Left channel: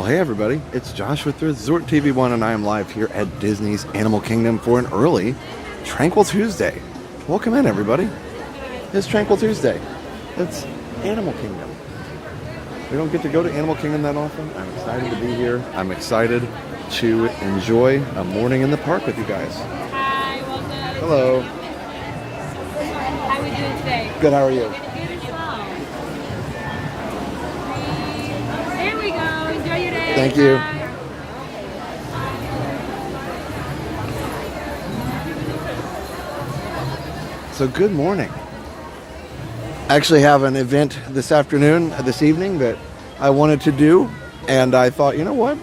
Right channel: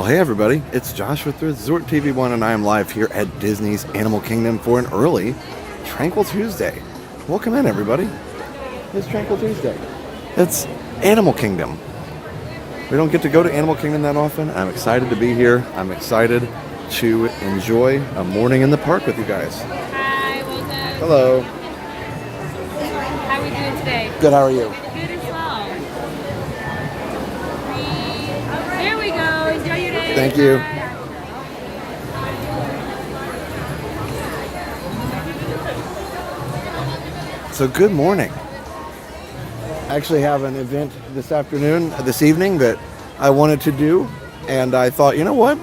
Well, hey everybody, it's Josh with Resort TV1 and I am live here at Disney's Animal Kingdom for an early Tranquil Tuesday. Welcome in everybody. It's Tranquil Tuesday. It's Animal Kingdom. We don't get to go to Animal Kingdom that often. I'm excited to be here. I'm excited to enjoy a morning in the park with you guys. Hi, welcome. Hello. How are we doing today? Good, how are you? Good as well. Here we go. Enjoy your day. Thank you. So good morning. I actually have an event this evening that I wanted to do, and I thought, you know what?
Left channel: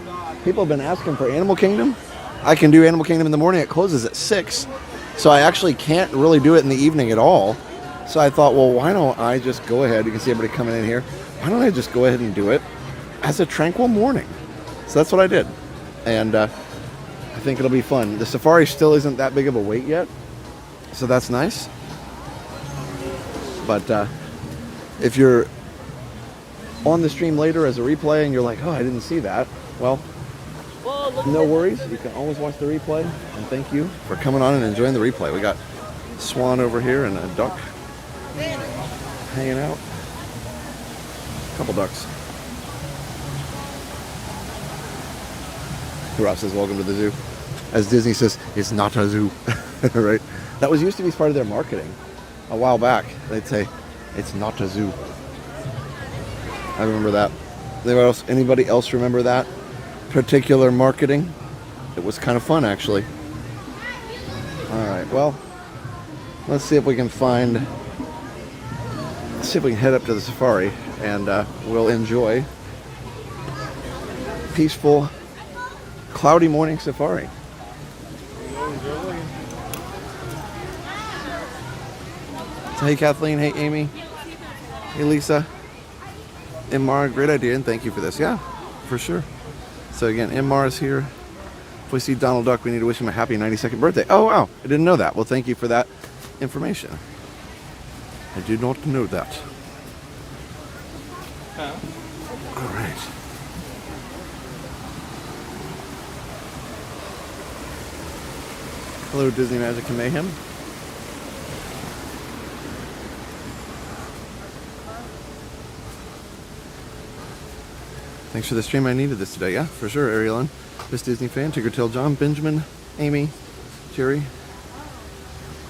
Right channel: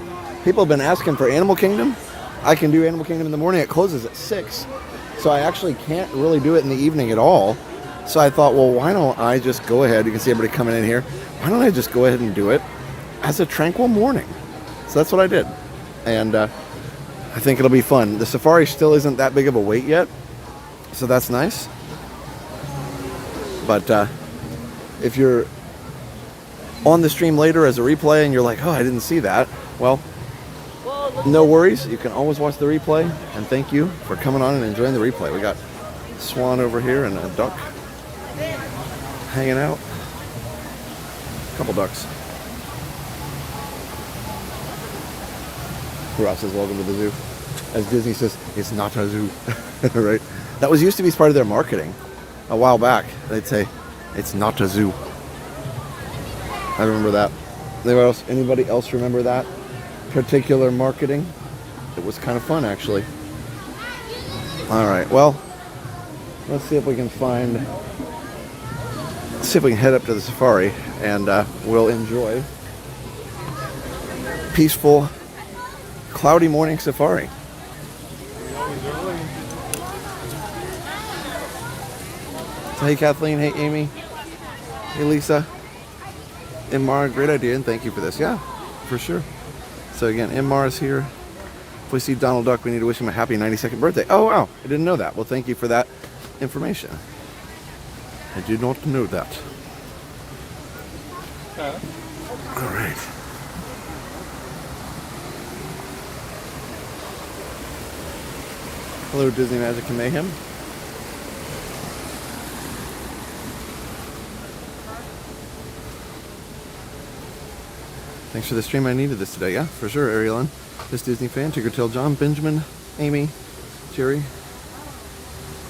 People have been asking for Animal Kingdom. I can do Animal Kingdom in the morning. It closes at 6, so I actually can't really do it in the evening at all. So I thought, well, why don't I just go ahead? You can see everybody coming in here. Why don't I just go ahead and do it as a tranquil morning? So that's what I did, and I think it'll be fun. The safari still isn't that big of a wait yet, so that's nice. But if you're on the stream later as a replay and you're like, oh, I didn't see that, well, no worries. You can always watch the replay. And thank you for coming on and enjoying the replay. We got a swan over here and a duck hanging out. A couple ducks. Ross says, welcome to the zoo. As Disney says, it's not a zoo. Right? That was used to be part of their marketing. A while back, they'd say, it's not a zoo. I remember that. Anybody else remember that particular marketing? It was kind of fun, actually. All right, well, let's see if we can head up to the safari, and we'll enjoy peaceful, cloudy morning safari. So, hey Kathleen, hey Amy, hey Lisa, Mara, great idea, and thank you for this. Yeah, for sure. So again, Mara is here. If we see Donald Duck, we need to wish him a happy 92nd birthday. Oh wow, I didn't know that. Well, thank you for that information. I did not know that. All right. Hello, Disney Magic and Mayhem. Thanks for the stream. I needed this today. Yeah, for sure, Arielyn. This Disney fan. Tiggertail John, Benjamin, Amy, Jerry.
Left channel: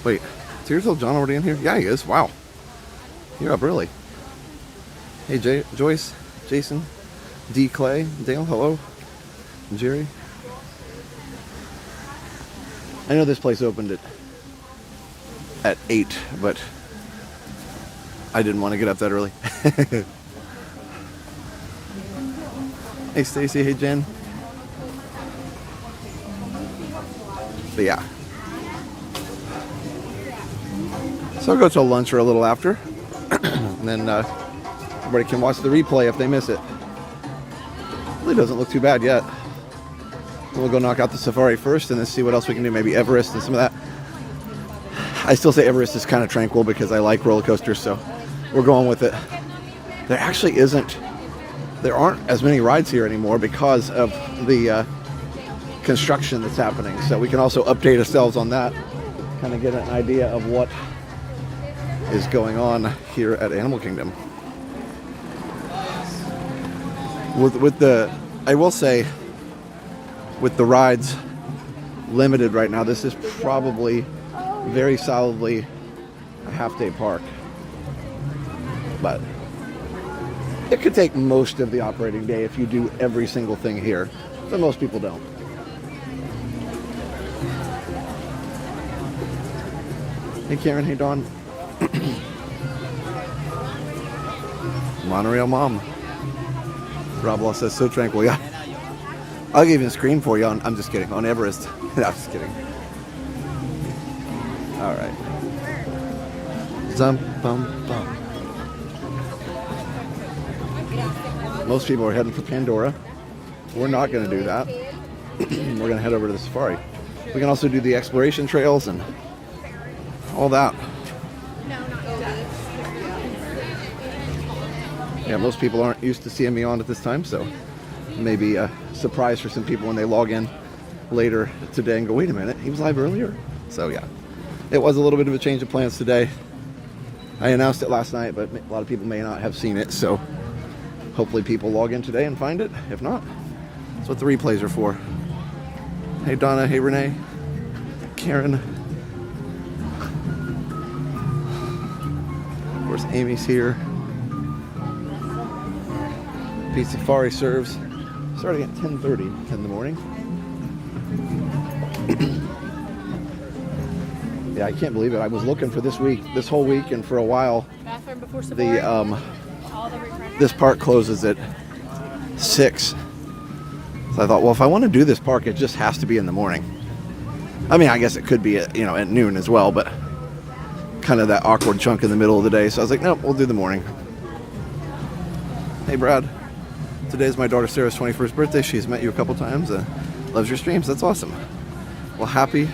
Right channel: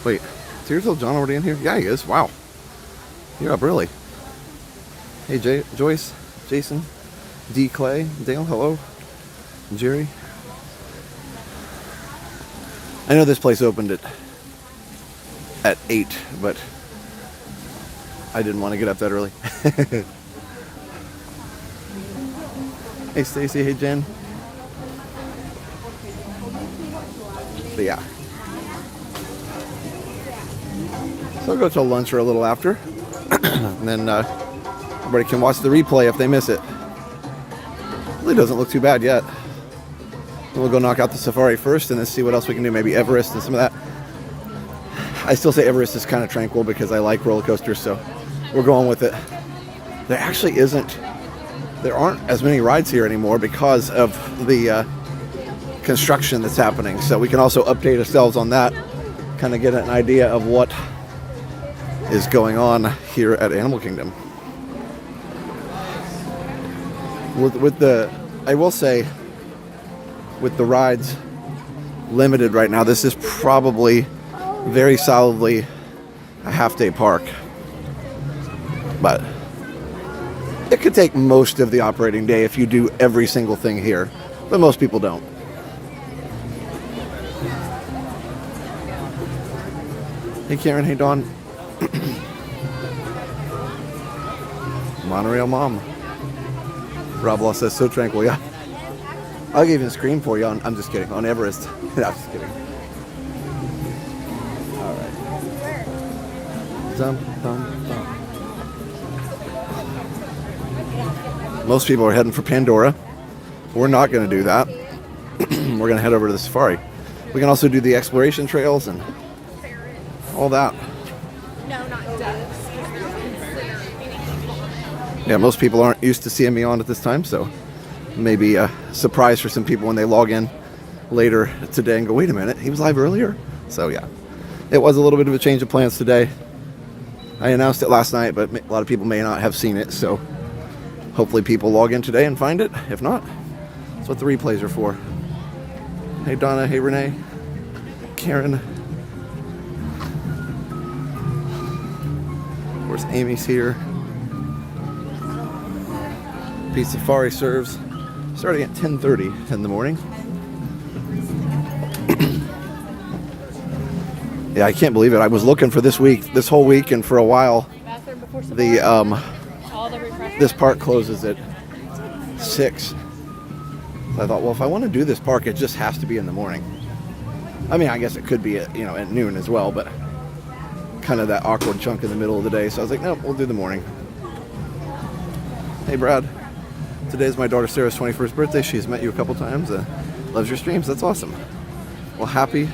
Wait, Tiggertail John already in here? Yeah, he is. Wow. You're up early. Hey, Joyce, Jason, D. Clay, Dale, hello. Jerry. I know this place opened at 8, but I didn't want to get up that early. Hey Stacy, hey Jen. But yeah. So I'll go till lunch or a little after. And then everybody can watch the replay if they miss it. Really doesn't look too bad yet. We'll go knock out the safari first and then see what else we can do. Maybe Everest and some of that. I still say Everest is kind of tranquil because I like roller coasters, so we're going with it. There aren't as many rides here anymore because of the construction that's happening. So we can also update ourselves on that, kind of get an idea of what is going on here at Animal Kingdom. I will say, with the rides limited right now, this is probably very solidly a half-day park. But it could take most of the operating day if you do every single thing here, but most people don't. Hey Karen, hey Dawn. Monorail Mom. Rob Law says, so tranquil, yeah. I'll even scream for you I'm just kidding, on Everest. No, I'm just kidding. All right. Zum, bum, bum. Most people are heading for Pandora. We're not going to do that. We're going to head over to the safari. We can also do the exploration trails and all that. Yeah, most people aren't used to seeing me on at this time, so maybe a surprise for some people when they log in later today and go, wait a minute, he was live earlier? So yeah, it was a little bit of a change of plans today. I announced it last night, but a lot of people may not have seen it, so hopefully people log in today and find it. If not, that's what the replays are for. Hey Donna, hey Renee, Karen. Of course, Amy's here. Pizza Safari serves starting at 10:30 in the morning. Yeah, I can't believe it. I was looking for this whole week, and for a while, this park closes at 6. So I thought, well, if I want to do this park, it just has to be in the morning. I mean, I guess it could be at noon as well, but kind of that awkward chunk in the middle of the day. So I was like, nope, we'll do the morning. Hey, Brad. Today is my daughter Sarah's 21st birthday. She's met you a couple times. Loves your streams. That's awesome. Well, happy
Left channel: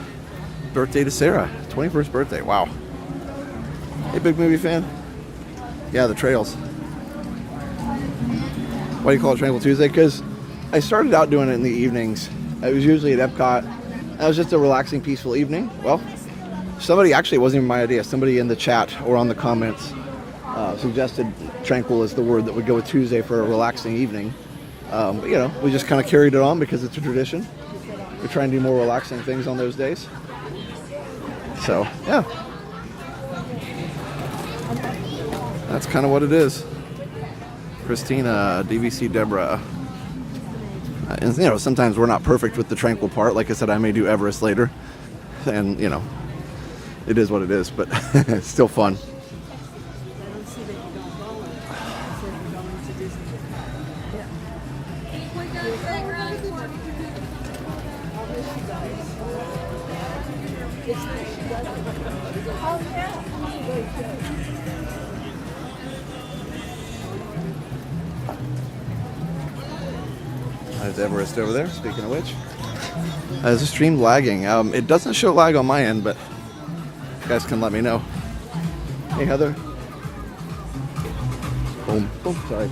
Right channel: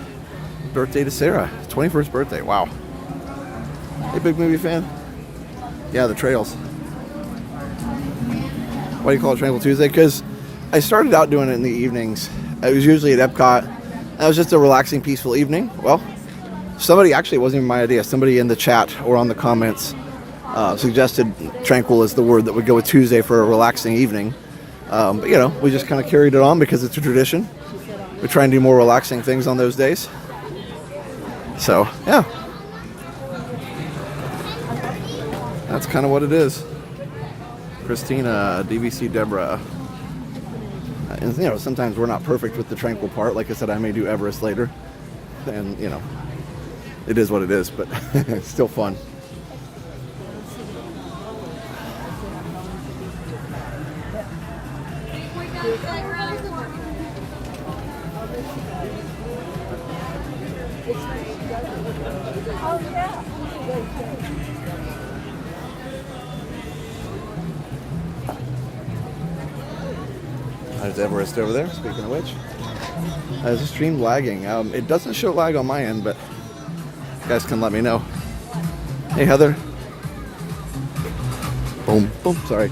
birthday to Sarah. 21st birthday. Wow. Hey, big movie fan. Yeah, the trails. Why do you call it Tranquil Tuesday? Because I started out doing it in the evenings. I was usually at Epcot. That was just a relaxing, peaceful evening. Well, somebody, actually, it wasn't even my idea. Somebody in the chat or on the comments suggested tranquil is the word that would go with Tuesday for a relaxing evening. But, we just kind of carried it on because it's a tradition. We try and do more relaxing things on those days. So, yeah. That's kind of what it is. Christina, DVC Deborah. And, sometimes we're not perfect with the tranquil part. Like I said, I may do Everest later. And, it is what it is, but it's still fun. There's Everest over there, speaking of which. Is the stream lagging? It doesn't show lag on my end, but you guys can let me know. Hey, Heather. Boom, boom, sorry.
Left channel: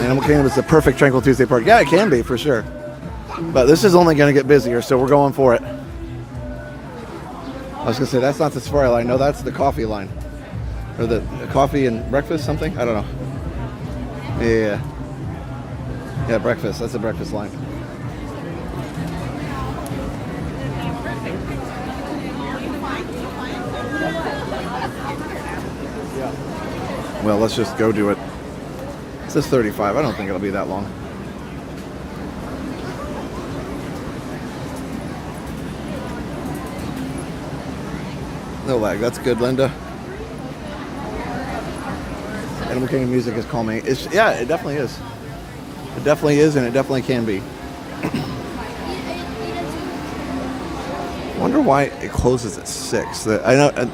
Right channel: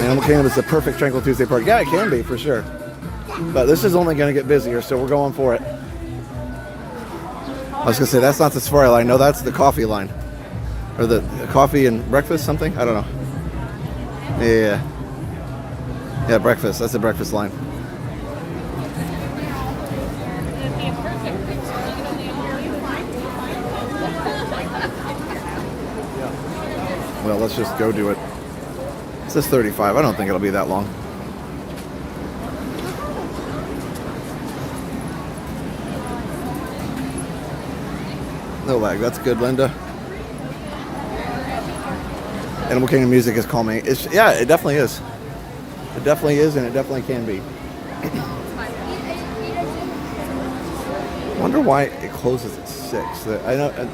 Animal Kingdom is the perfect Tranquil Tuesday park. Yeah, it can be, for sure. But this is only going to get busier, so we're going for it. I was going to say, that's not the Safari line. No, that's the coffee line. Or the coffee and breakfast, something? I don't know. Yeah. Yeah, breakfast. That's the breakfast line. Well, let's just go do it. It says 35. I don't think it'll be that long. No lag. That's good, Linda. Animal Kingdom music is calming. Yeah, it definitely is. It definitely is, and it definitely can be. I wonder why it closes at 6. I know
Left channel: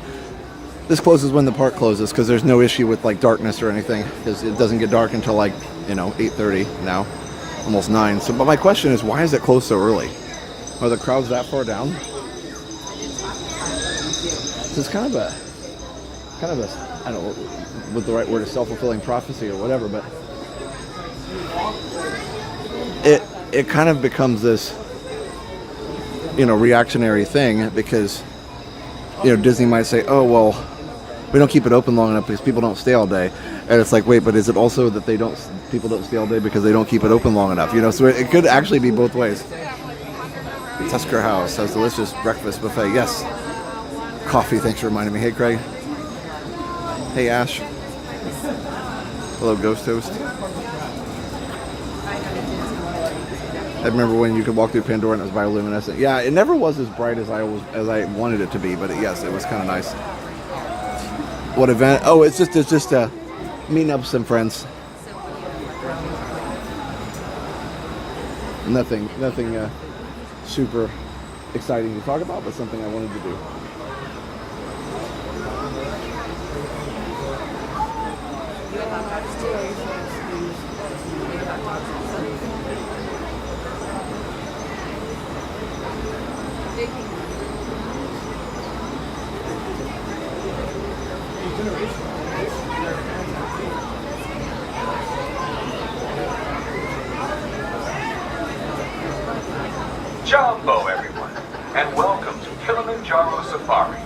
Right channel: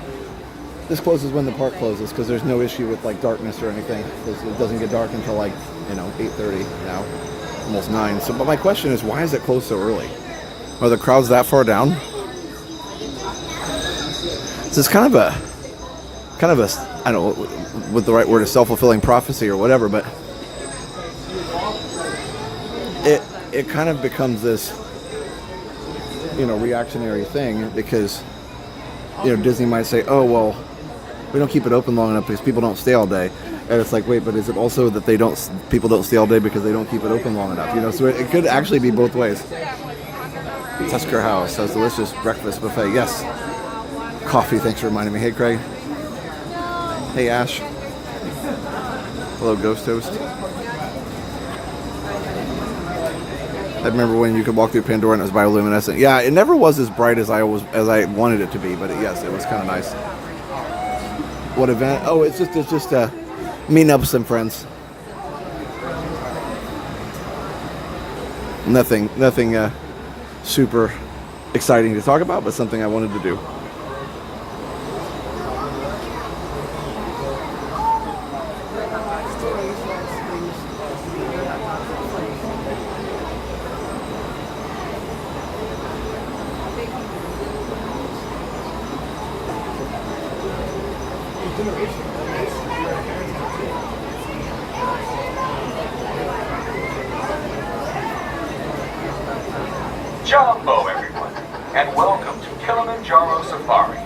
this closes when the park closes because there's no issue with like darkness or anything. It doesn't get dark until like 8:30 now, almost 9. So, but my question is, why is it closed so early? Are the crowds that far down? So it's kind of a I don't know what the right word is, self-fulfilling prophecy or whatever, but it kind of becomes this reactionary thing because Disney might say, oh well, we don't keep it open long enough because people don't stay all day. And it's like, wait, but is it also that people don't stay all day because they don't keep it open long enough? So it could actually be both ways. Tusker House has delicious breakfast buffet. Yes. Coffee, thanks for reminding me. Hey, Craig. Hey, Ash. Hello, Ghost Toast. I remember when you could walk through Pandora and it was bioluminescent. Yeah, it never was as bright as I wanted it to be, but yes, it was kind of nice. What event? Oh, it's just meeting up with some friends. Nothing super exciting to talk about, but something I wanted to do. Jumbo, everyone, and welcome to Kilimanjaro Safari.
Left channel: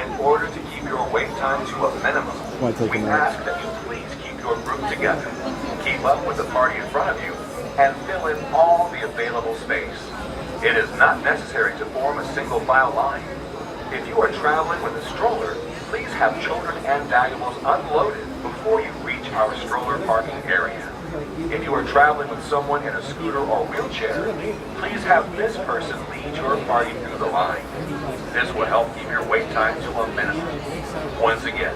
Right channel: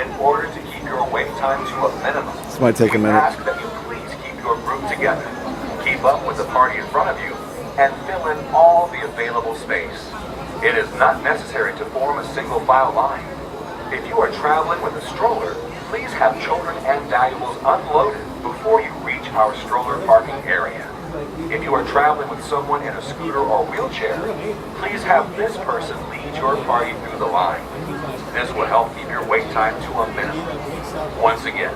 In order to keep your wait time to a minimum, This might take a we minute. ask that you please keep your group together, keep up with the party in front of you, and fill in all the available space. It is not necessary to form a single file line. If you are traveling with a stroller, please have children and valuables unloaded before you reach our stroller parking area. If you are traveling with someone in a scooter or wheelchair, please have this person lead your party through the line. This will help keep your wait time to a minimum. Once again,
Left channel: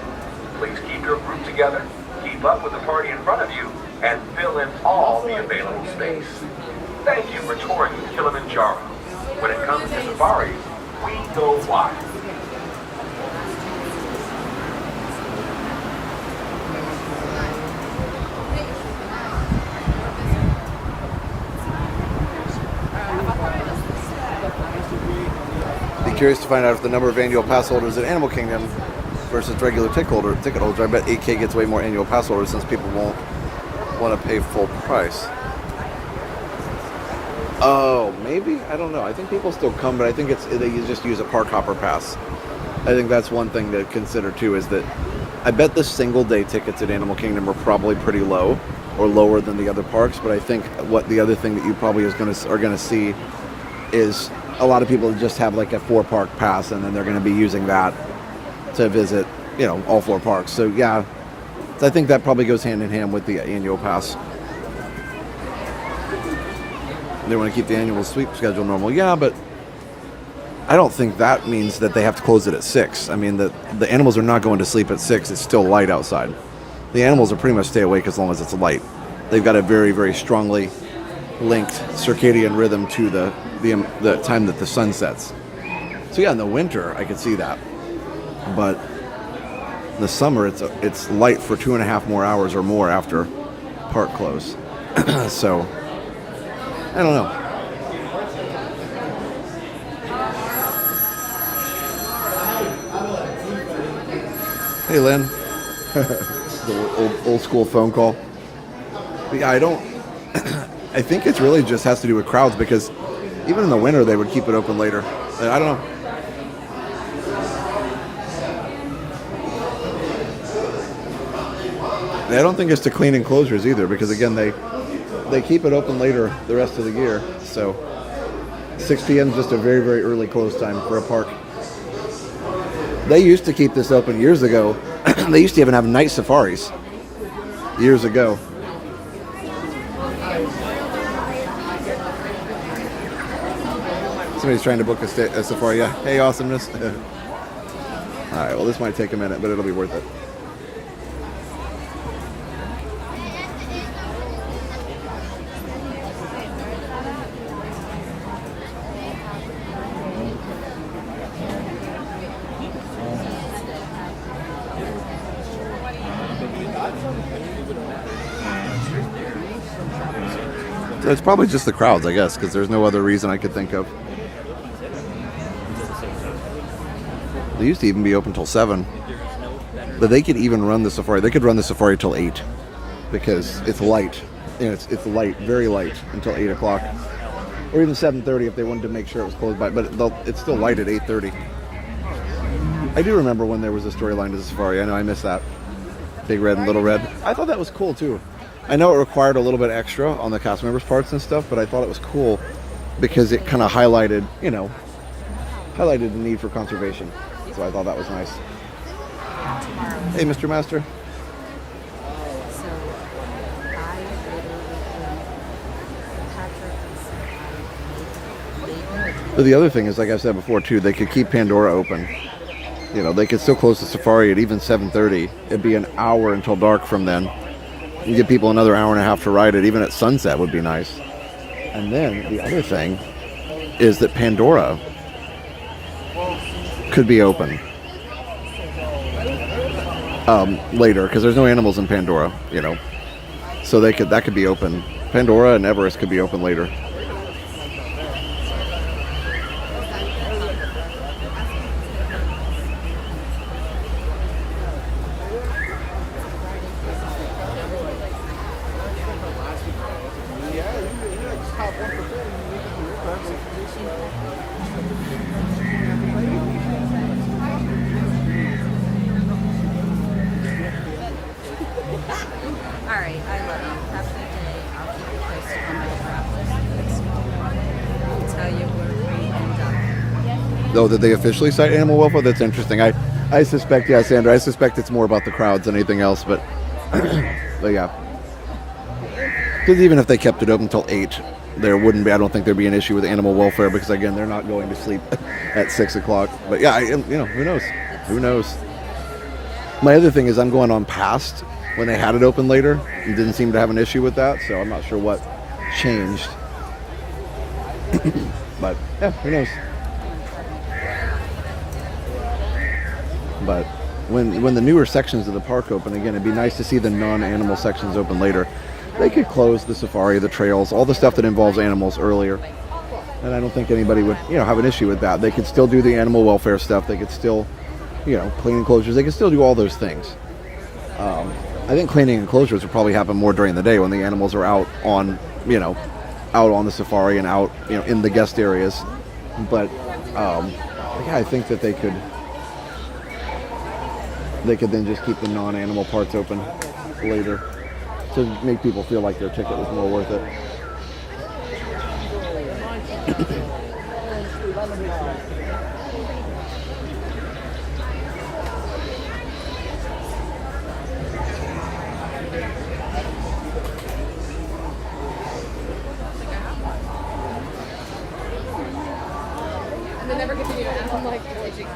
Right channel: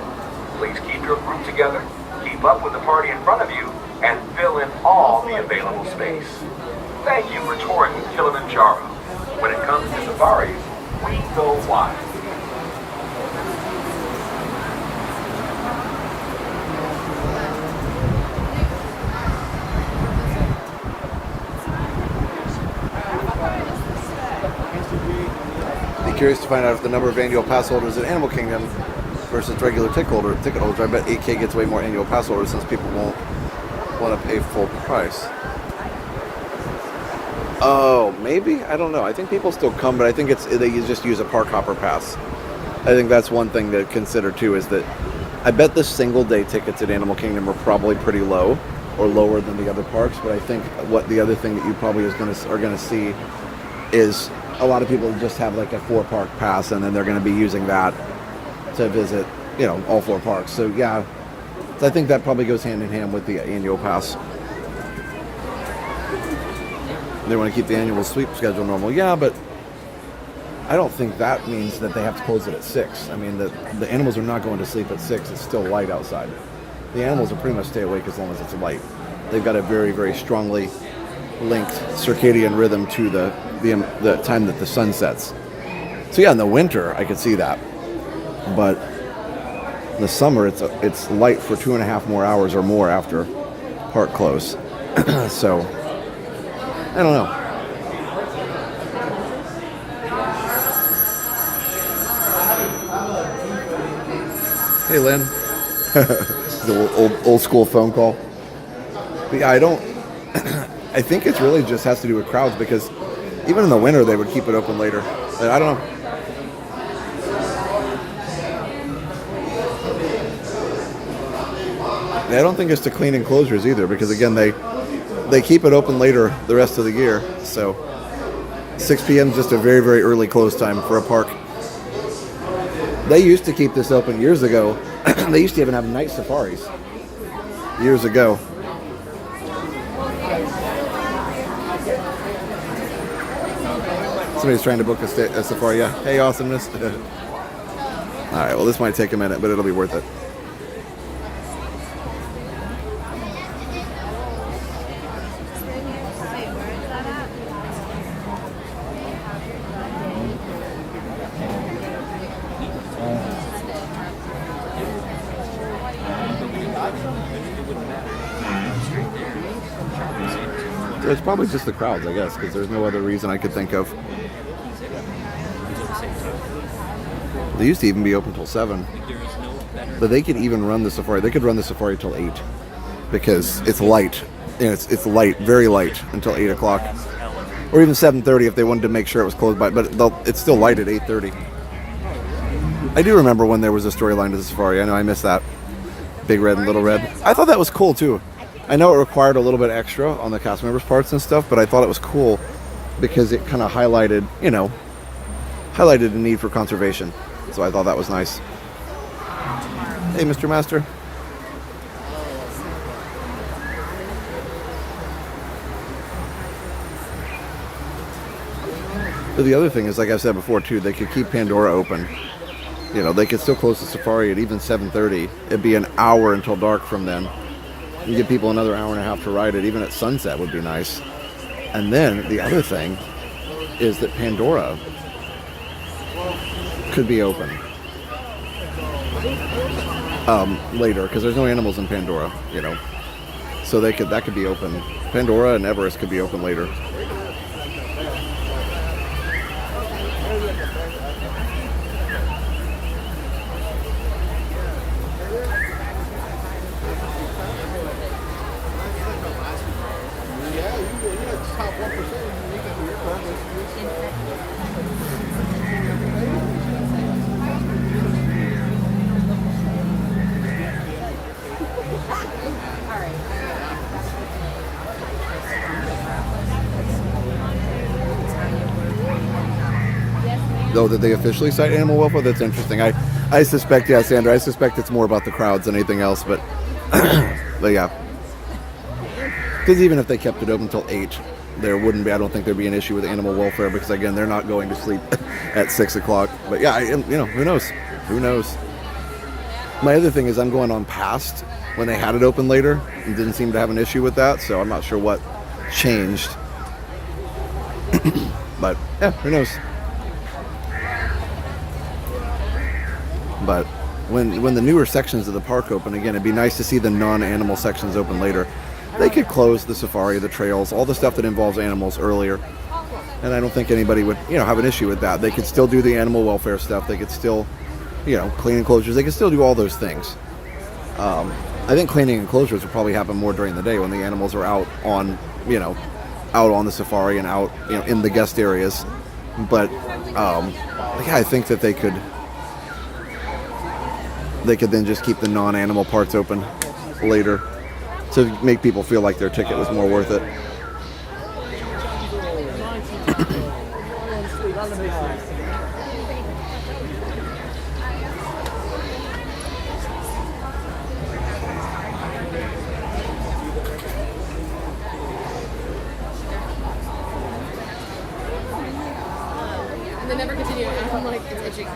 please keep your group together, keep up with the party in front of you, and fill in all the available space. Thank you for touring Kilimanjaro. When it comes to safaris, we go wild. Be curious to find out if the number of annual pass holders at Animal Kingdom versus regular ticket holders. I bet 8K gets way more annual pass holders since people won't want to pay full price. Oh, maybe? I don't know. I think people still come, but I think they just use a park hopper pass. I think that's one thing to consider too, is that I bet the single day tickets at Animal Kingdom are probably pretty low, or lower than the other parks, but I think what the other thing that you probably are going to see is a lot of people just have like a 4-park pass, and then they're going to be using that to visit, all 4 parks. So yeah, I think that probably goes hand in hand with the annual pass. They want to keep the annual sweep schedule normal. Yeah, but I don't think that means that they have to close it at 6. I mean, the animals are not going to sleep at 6. It's still light outside. The animals are pretty much stay awake as long as it's light. They've got a very, very strongly linked circadian rhythm to the time that the sun sets. So yeah, in the winter, I could see that. But in the summer, it's light for 2.5 more hours or more after park close. So I don't know. Hey, Lynn. The old school phone call. But yeah, I think it really just has to do with crowds, because even in the winter they would keep it open later. I don't know. And I don't think it's to clean enclosures either, because again, they keep it open later the rest of the year. So 6 p.m. is just a very, very early close time for a park. They used to keep this open years ago. They used to even have night safaris years ago. Somebody's trying to book a safari. Yeah. Hey, awesomeness. All right. Well, this might take a minute, but it'll be worth it. So it's probably just the crowds, I guess, because there's no other reason I could think of. They used to even be open till 7. But they could even run the safari. They could run the safari till 8, because it's light. And it's light, very light, until 8 o'clock. Or even 7:30 if they wanted to make sure it was closed by. But it's still light at 8:30. I do remember when there was a storyline to the safari. I know I missed that. Big Red and Little Red. I thought that was cool too. I know it required a little bit extra on the cast members' parts and stuff, but I thought it was cool because it kind of highlighted the need for conservation. So I thought that was nice. Hey, Mr. Master. But the other thing is, like I said before too, they could keep Pandora open. They could still close the safari at even 7:30. It'd be an hour until dark from then. You give people another hour and a half to ride it. Even at sunset would be nice. And then the other thing is that Pandora could be open later, because there's no animals in Pandora, so that could be open. Pandora and Everest could be open later. Oh, did they officially cite animal welfare? That's interesting. I suspect, yeah, Sandra, I suspect it's more about the crowds than anything else, but, but yeah. Because even if they kept it open until 8, there wouldn't be, I don't think there'd be an issue with animal welfare because, again, they're not going to sleep at 6 o'clock. But yeah, you know, who knows? Who knows? My other thing is I'm going on past when they had it open later and didn't seem to have an issue with that, so I'm not sure what changed. But yeah, who knows? But when the newer sections of the park open, again, it'd be nice to see the non-animal sections open later. They could close the safari, the trails, all the stuff that involves animals earlier. And I don't think anybody would, you know, have an issue with that. They could still do the animal welfare stuff. They could still, you know, clean enclosures. They could still do all those things. I think cleaning enclosures would probably happen more during the day when the animals are out on, you know, out on the safari and out, you know, in the guest areas. But yeah, I think that they could then just keep the non-animal parts open later to make people feel like their ticket was more worth it. And they never continue. And I'm like, it's itching.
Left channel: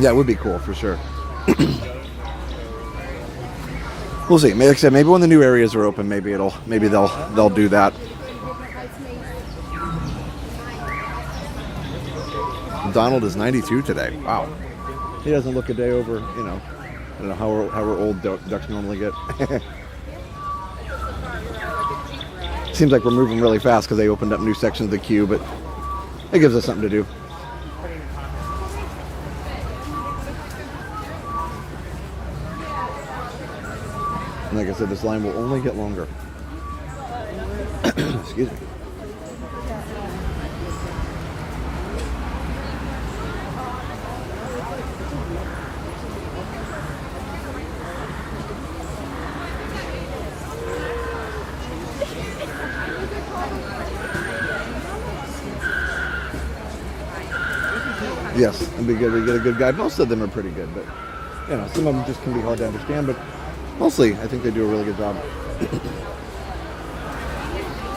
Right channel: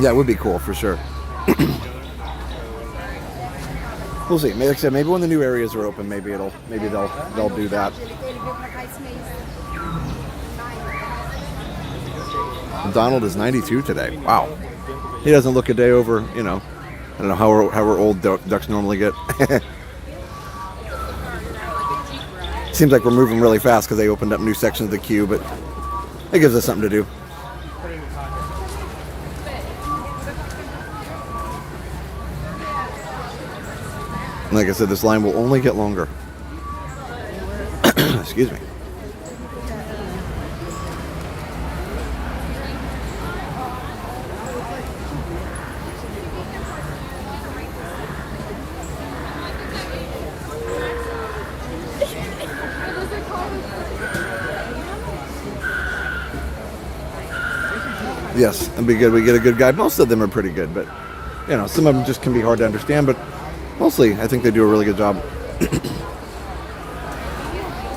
Yeah, it would be cool for sure. We'll see. Like I said, maybe when the new areas are open, maybe they'll do that. Donald is 92 today. Wow. He doesn't look a day over, you know, I don't know how old ducks normally get. Seems like we're moving really fast because they opened up new sections of the queue, but it gives us something to do. Like I said, this line will only get longer. Excuse me. Yes, that'd be good. We get a good guide. Most of them are pretty good, but you know, some of them just can be hard to understand, but mostly I think they do a really good job.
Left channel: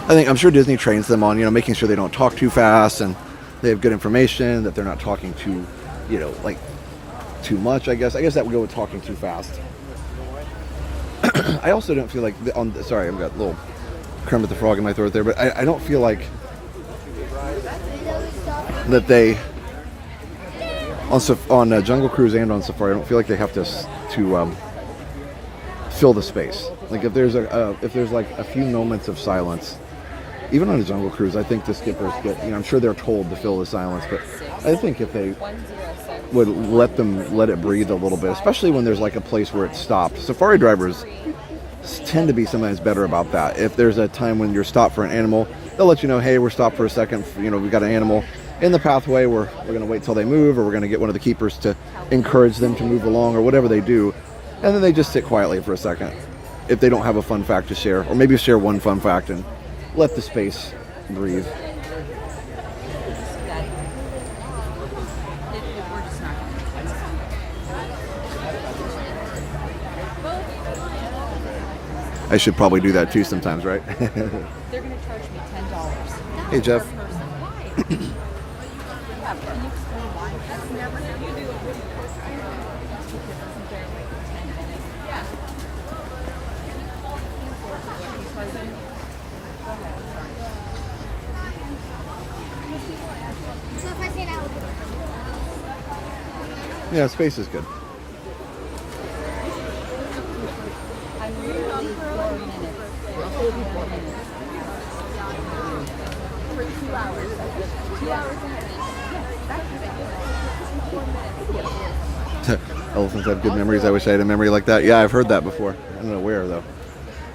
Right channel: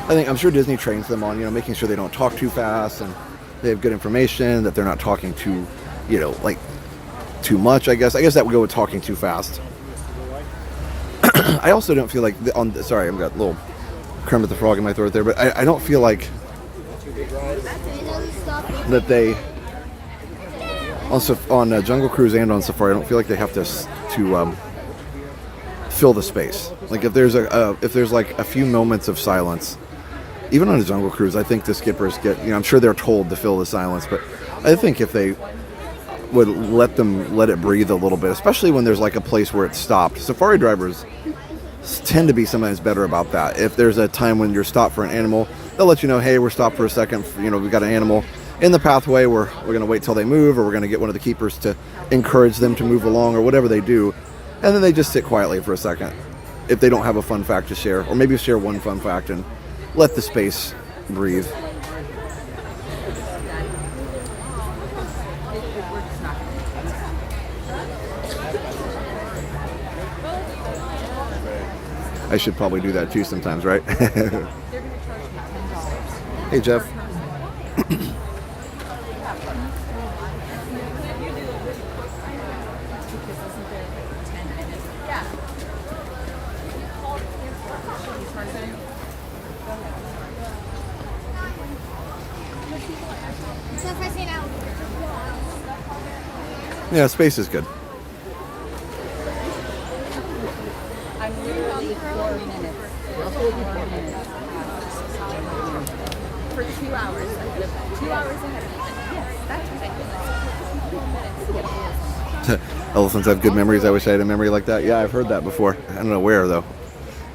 I'm sure Disney trains them on, you know, making sure they don't talk too fast and they have good information, that they're not talking too, you know, like too much, I guess. I guess that would go with talking too fast. I also don't feel like sorry, I've got a little Kermit the Frog in my throat there, but I don't feel like that they on Jungle Cruise and on Safari, I don't feel like they have to fill the space. Like if there's like a few moments of silence, even on a Jungle Cruise, I think the skippers get, you know, I'm sure they're told to fill the silence, but I think if they would let it breathe a little bit, especially when there's like a place where it's stopped. Safari drivers tend to be sometimes better about that. If there's a time when you're stopped for an animal, they'll let you know, hey, we're stopped for a second, you know, we've got an animal in the pathway, we're going to wait till they move, or we're going to get one of the keepers to encourage them to move along, or whatever they do, and then they just sit quietly for a second if they don't have a fun fact to share, or maybe share one fun fact and let the space breathe. I should probably do that too sometimes, right? They're going to charge me $10. Hey, Jeff. Yeah, space is good. For 2 hours. 2 hours ahead. Elephants have good memories. I wish I had a memory like that. Yeah, I've heard that before. I don't know where, though.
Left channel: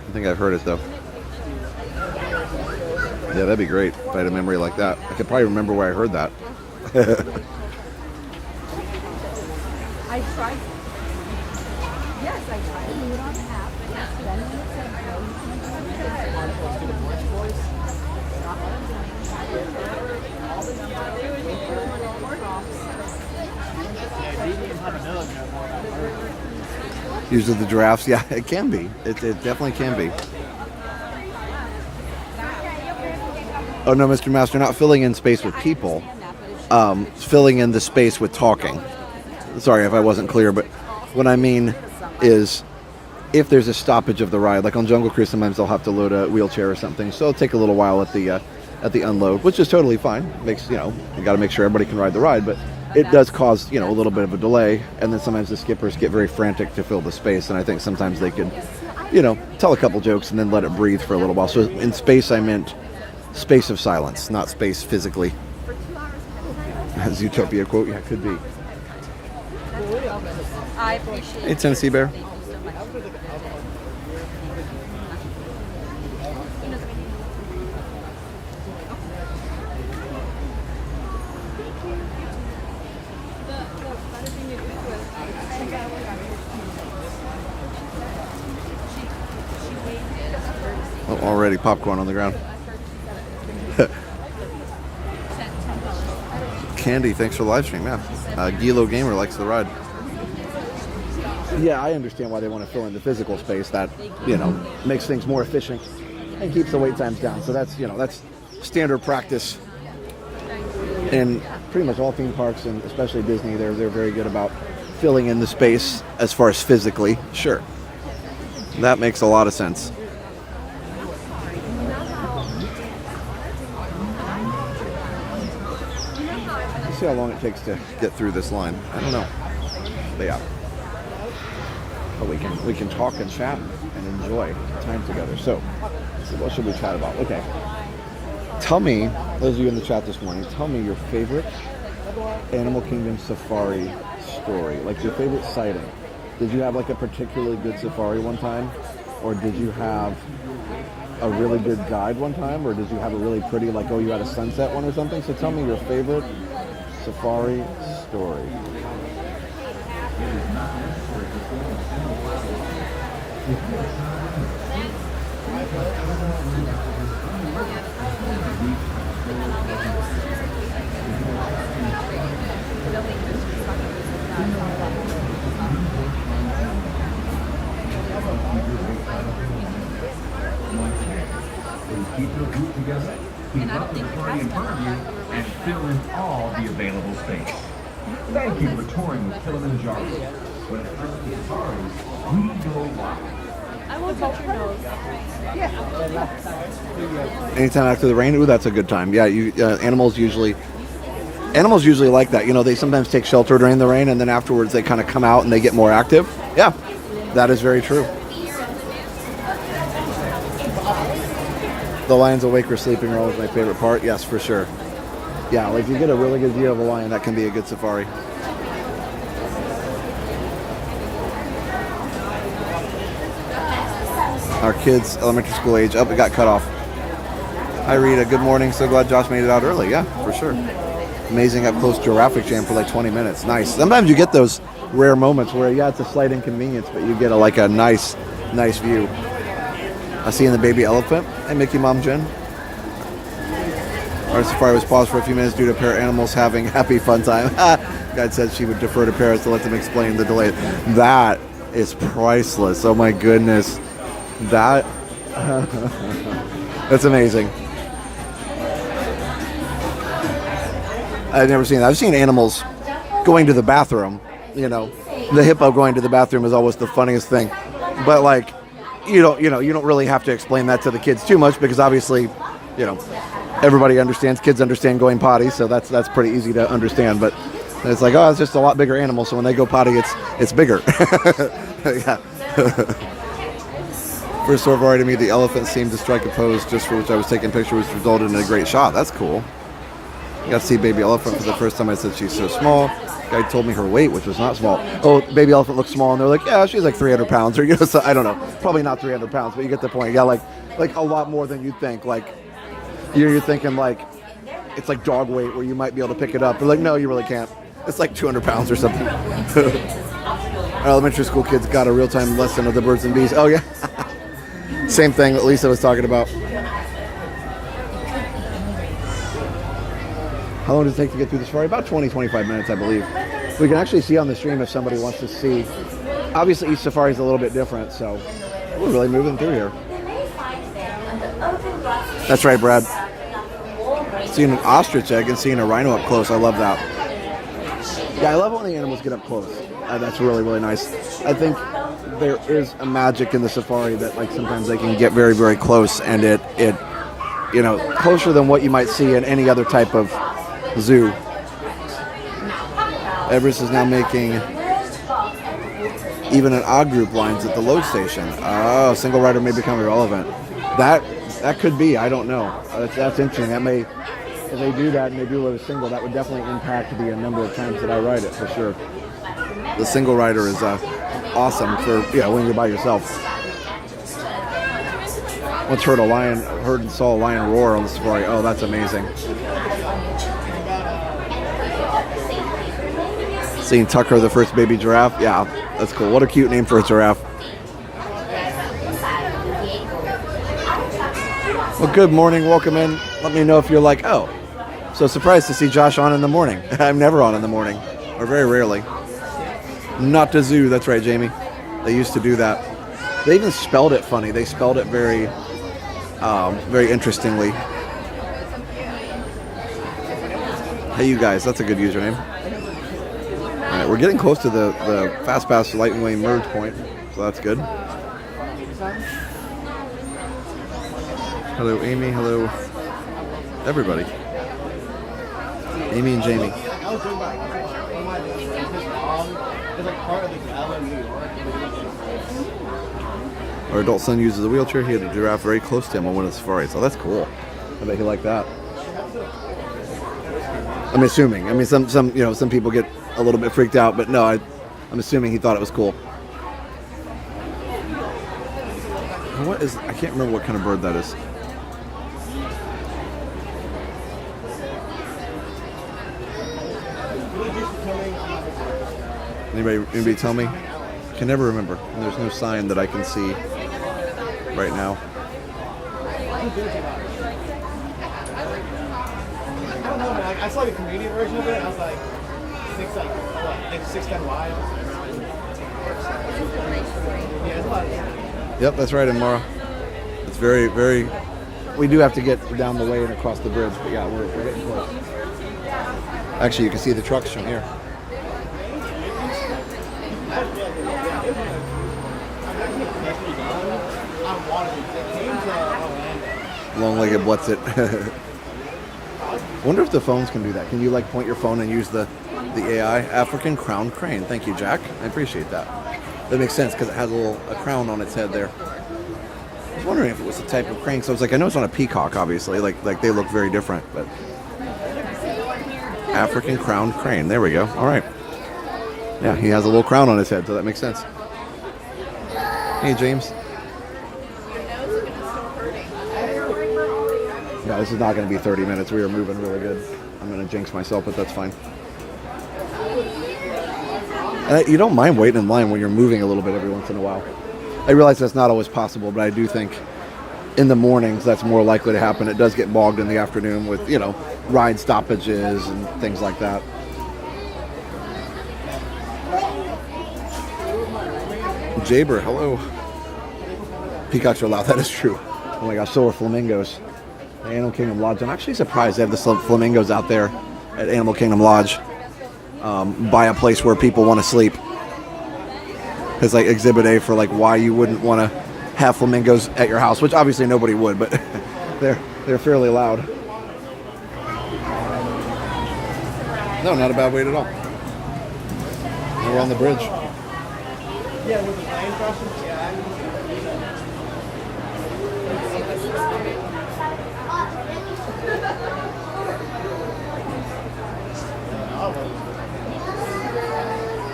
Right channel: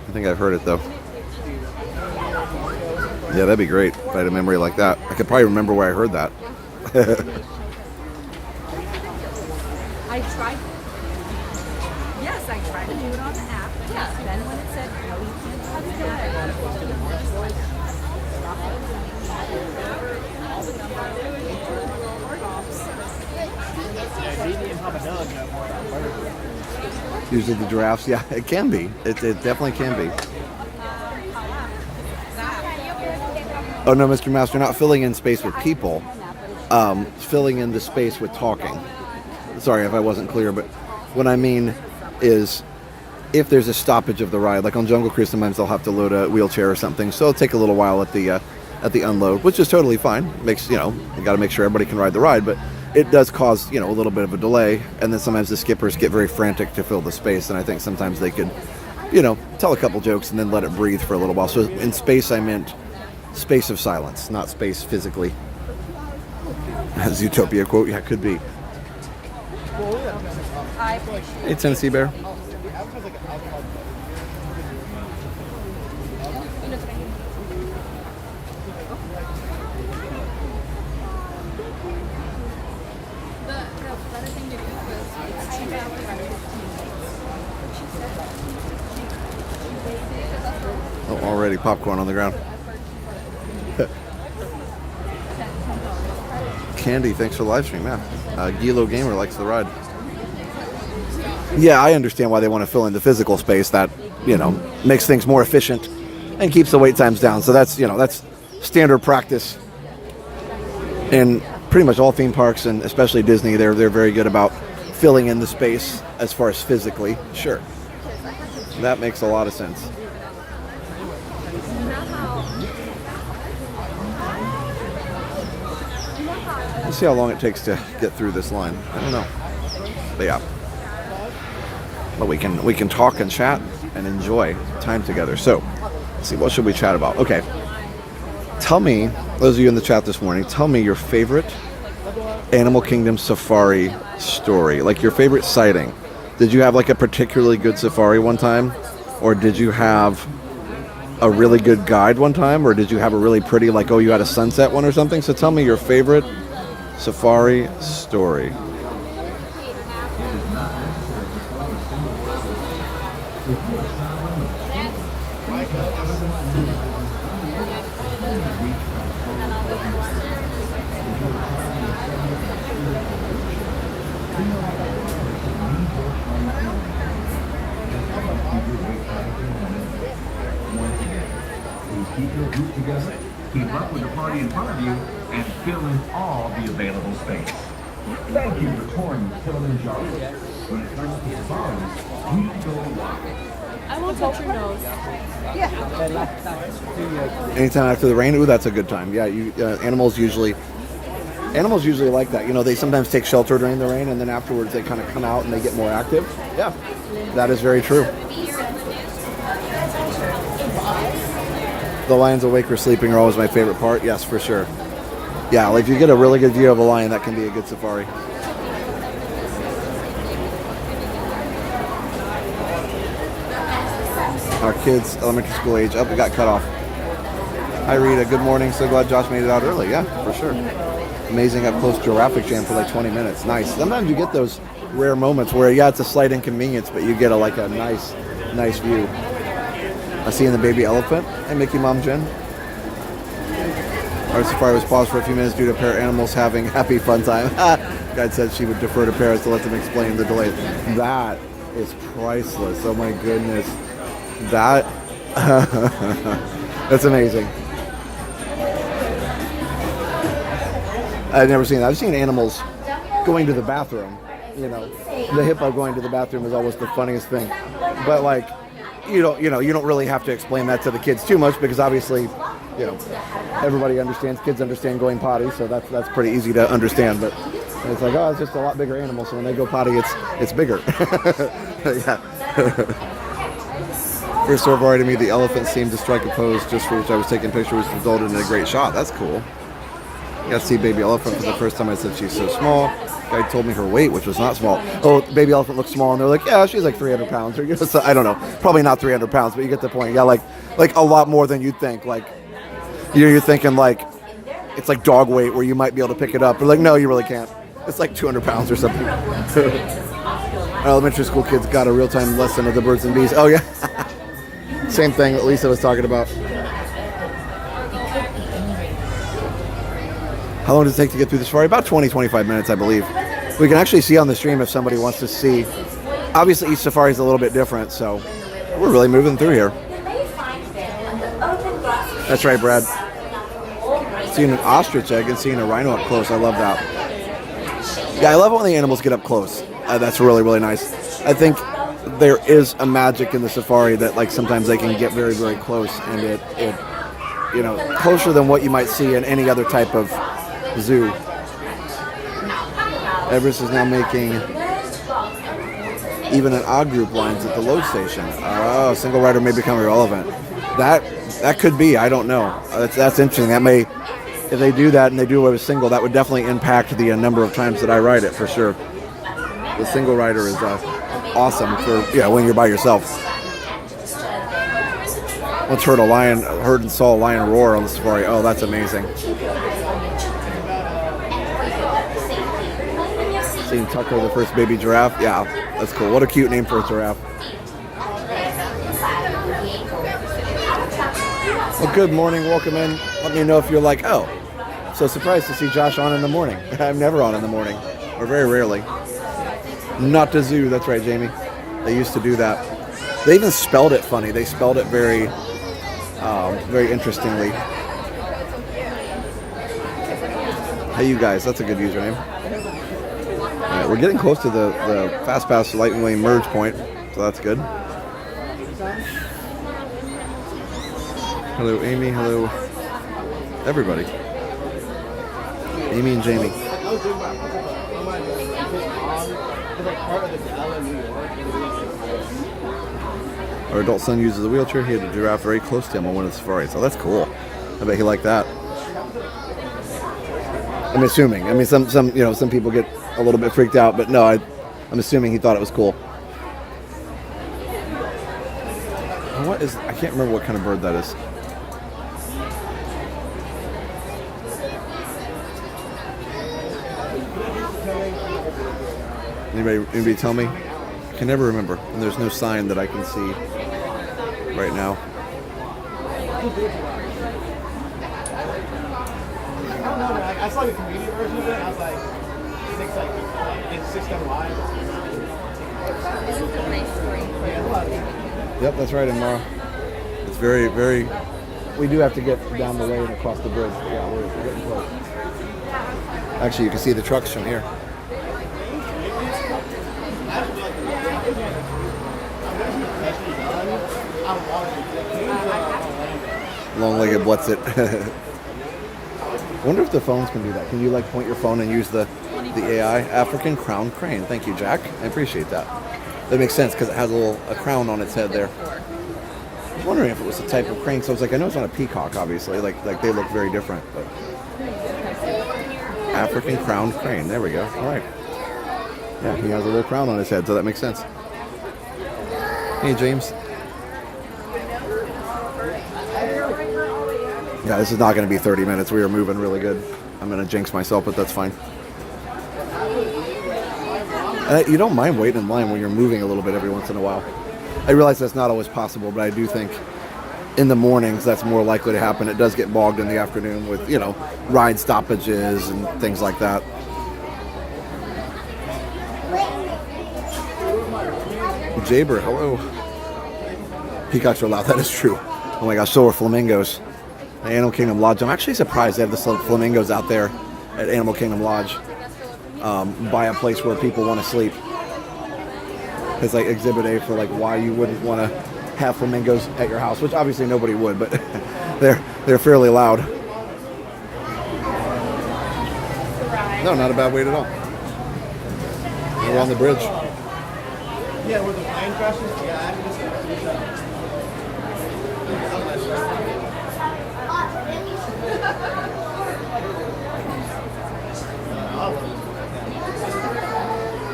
I think I've heard it, though. Yeah, that'd be great if I had a memory like that. I could probably remember where I heard that. I tried. Yes, I tried to do it on the app. Then when it said no, you can't do that, I got it. Stop doing all the numbers, all the prompts. Use of the giraffes. Yeah, it can be. It definitely can be. Oh no, Mr. Master, not filling in space with people. Filling in the space with talking. Sorry if I wasn't clear, but what I mean is if there's a stoppage of the ride, like on Jungle Cruise, sometimes they'll have to load a wheelchair or something, so it'll take a little while at the unload, which is totally fine. Makes, you got to make sure everybody can ride the ride, but it does cause, a little bit of a delay, and then sometimes the skippers get very frantic to fill the space, and I think sometimes they could, tell a couple jokes and then let it breathe for a little while. So in space, I meant space of silence, not space physically. Zootopia quote, yeah, it could be. Hey, Tennessee Bear. Oh, already popcorn on the ground. Candy, thanks for the live stream. Yeah, Gilo Gamer likes the ride. Yeah, I understand why they want to fill in the physical space. That makes things more efficient and keeps the wait times down. So that's that's standard practice in pretty much all theme parks, and especially Disney. They're very good about filling in the space as far as physically. Sure, that makes a lot of sense. See how long it takes to get through this line. I don't know. But yeah. But we can talk and chat and enjoy time together. So, let's see, what should we chat about? Okay. Tell me, those of you in the chat this morning, tell me your favorite Animal Kingdom safari story. Like your favorite sighting. Did you have like a particularly good safari one time? Or did you have a really good guide one time? Or did you have a really pretty, like, oh, you had a sunset one or something? So tell me your favorite safari story. Keep your group together, keep up with the party in front of you, and fill in all the available space. Thank you for touring with Kilimanjaro. When it comes to safaris, we go wild. I will touch your nose. Anytime after the rain, ooh, that's a good time. Yeah, animals usually like that. They sometimes take shelter during the rain, and then afterwards they kind of come out and they get more active. Yeah, that is very true. The lions awake or sleeping are always my favorite part. Yes, for sure. Yeah, like if you get a really good view of a lion, that can be a good safari. Our kids, elementary school age. Oh, we got cut off. Hi, Rita. Good morning. So glad Josh made it out early. Yeah, for sure. Amazing up close to a traffic jam for like 20 minutes. Nice. Sometimes you get those rare moments where, yeah, it's a slight inconvenience, but you get a nice view. I see in the baby elephant. Hey, Mickey Mom Jen. Our safari was paused for a few minutes due to parrot animals having happy fun time. Guide said she would defer to parrots to let them explain the delay. That is priceless. Oh my goodness. That's amazing. I've never seen that. I've seen animals going to the bathroom. The hippo going to the bathroom is always the funniest thing. But like, you don't really have to explain that to the kids too much, because obviously, everybody understands. Kids understand going potty, so that's pretty easy to understand. But it's like, oh, it's just a lot bigger animal, so when they go potty, it's bigger. Yeah. First safari to me, the elephant seemed to strike a pose just for which I was taking pictures, which resulted in a great shot. That's cool. Got to see baby elephant for the first time. I said she's so small. Guy told me her weight, which was not small. Oh, baby elephant looks small, and they're like, yeah, she's like 300 pounds, or you know, so, I don't know, probably not 300 pounds, but you get the point. Yeah, like a lot more than you'd think. Like you're thinking like it's like dog weight, where you might be able to pick it up, but like no, you really can't. It's like 200 pounds or something. Elementary school kids got a real-time lesson of the birds and bees. Oh yeah, same thing that Lisa was talking about. How long does it take to get through the safari? About 20-25 minutes, I believe. We can actually see on the stream if somebody wants to see. Obviously, each safari is a little bit different, so we're really moving through here. That's right, Brad. Seeing an ostrich egg and seeing a rhino up close, I love that. Yeah, I love it when the animals get up close. That's really, really nice. I think there is a magic in the safari that, like, sometimes they can get very, very close, and it you know, closer than what you might see in any other type of zoo. Everest is now making even an odd group lines at the load station. Oh, single rider may become irrelevant. That could be. I don't know. That's interesting. That may, if they do that and they do away with single, that would definitely impact the number of times that I ride it for sure. The single rider is awesome for when you're by yourself. Once heard and saw a lion roar on the safari. Oh, that's amazing. Seeing Tucker, the first baby giraffe. Yeah, that's cool. What a cute name for a giraffe. Well, good morning. Welcome in. Let me know if you're like, oh, so surprised to see Josh on in the morning. I'm never on in the morning, or very rarely. Not the zoo. That's right, Jamie. They used to do that. They even spelled it funny. They spelled it very, very interestingly. Hey, you guys. That's a good username. All right, we're getting close to the Fast Pass Lightning Lane merge point, so that's good. Hello, Amy. Hello, everybody. Amy and Jamie. Our adult son uses a wheelchair. He had a giraffe very close to him on one of the safaris. So that's cool. I bet he liked that. I'm assuming. I mean, some people get a little bit freaked out, but no, I'm assuming he thought it was cool. What is? I can't remember what kind of bird that is. Anybody tell me? I can never remember. And there's no sign that I can see right now. I don't know. I saw the Canadian version of it. I was like, it's 6'10" wide. Yep, that's right, Amara. It's very, very. We do have to get down the way and across the bridge, but yeah, we're getting close. Actually, you can see the trucks from here. Long-legged what's it? Wonder if the phones can do that. Can you like point your phone and use the AI? African crowned crane. Thank you, Jack. I appreciate that. That makes sense because it has a crown on its head there. I was wondering if it was the type of crane. So I was like, I know it's on a peacock, obviously. Like they look very different, but African crowned crane. There we go. All right. Yeah, he has a little crown on his head, so that makes sense. Hey, James. Yeah, this is not going to be 30 minutes. We are moving really good. I'm going to jinx myself, but that's fine. And you don't mind waiting in line when you're moving a little bit every once in a while. I realize that's not always possible, but I do think in the mornings that's more likely to happen. It does get bogged in the afternoon with, ride stoppages and things like that. Jaber, hello. Peacocks are loud. That is true. Oh my gosh, so are flamingos. The Animal Kingdom Lodge. I'm actually surprised they have the flamingos out there at Animal Kingdom Lodge by a place where people want to sleep. It's like Exhibit A for like why you wouldn't want to have flamingos at your house, which obviously nobody would, but they're fairly loud. No, not a bad wait at all. And we're on the bridge. Yeah, with the lion dresses, yeah.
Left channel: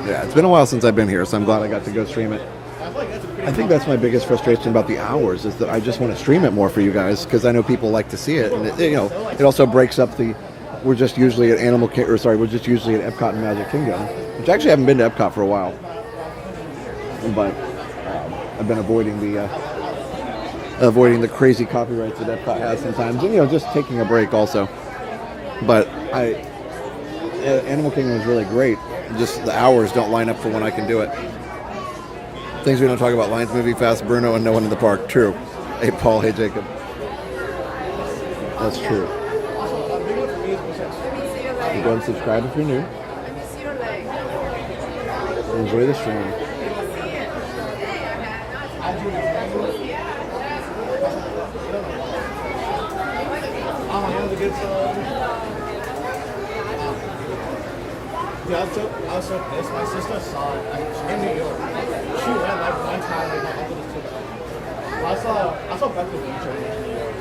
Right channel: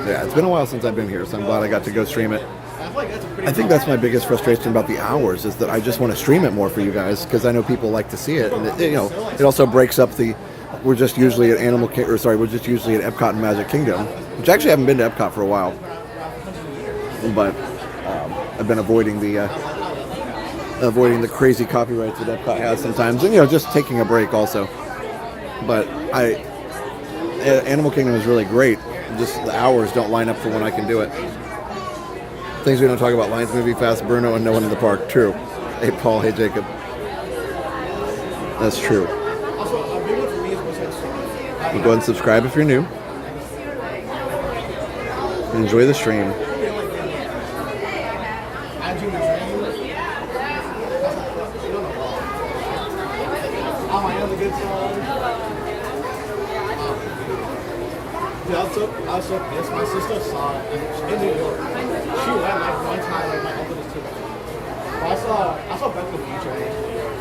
Yeah, it's been a while since I've been here, so I'm glad I got to go stream it. I think that's my biggest frustration about the hours is that I just want to stream it more for you guys because I know people like to see it, and it also breaks up the. We're just usually at we're just usually at Epcot and Magic Kingdom, which I actually haven't been to Epcot for a while, but I've been avoiding the crazy copyrights that Epcot has sometimes, and just taking a break also. But Animal Kingdom is really great. Just the hours don't line up for when I can do it. Things we don't talk about: Lions movie, Fast, Bruno, and no one in the park. True. Hey Paul. Hey Jacob. That's true. You go and subscribe if you're new. Enjoy the stream. I was so pissed. My sister saw it in New York. She went like one time, like my uncle just took her. Well, I saw Back to the Future in New York.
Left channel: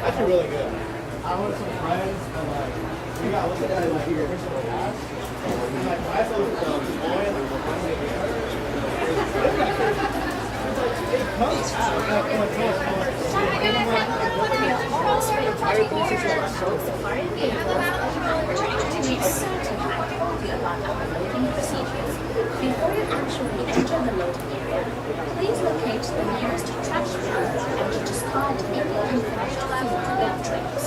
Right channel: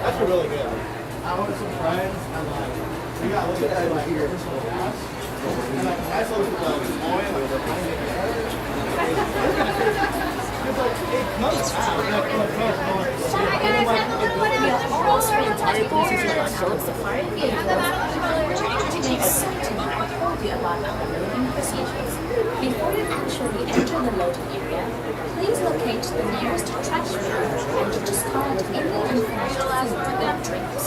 Actually really good. I went with some friends and like we got looked at it like your original house. And like I saw the toy and we were trying to get it. It's like it comes out and like Before you actually enter the loading area, please locate the nearest trash bin and discard any unfinished food or drinks.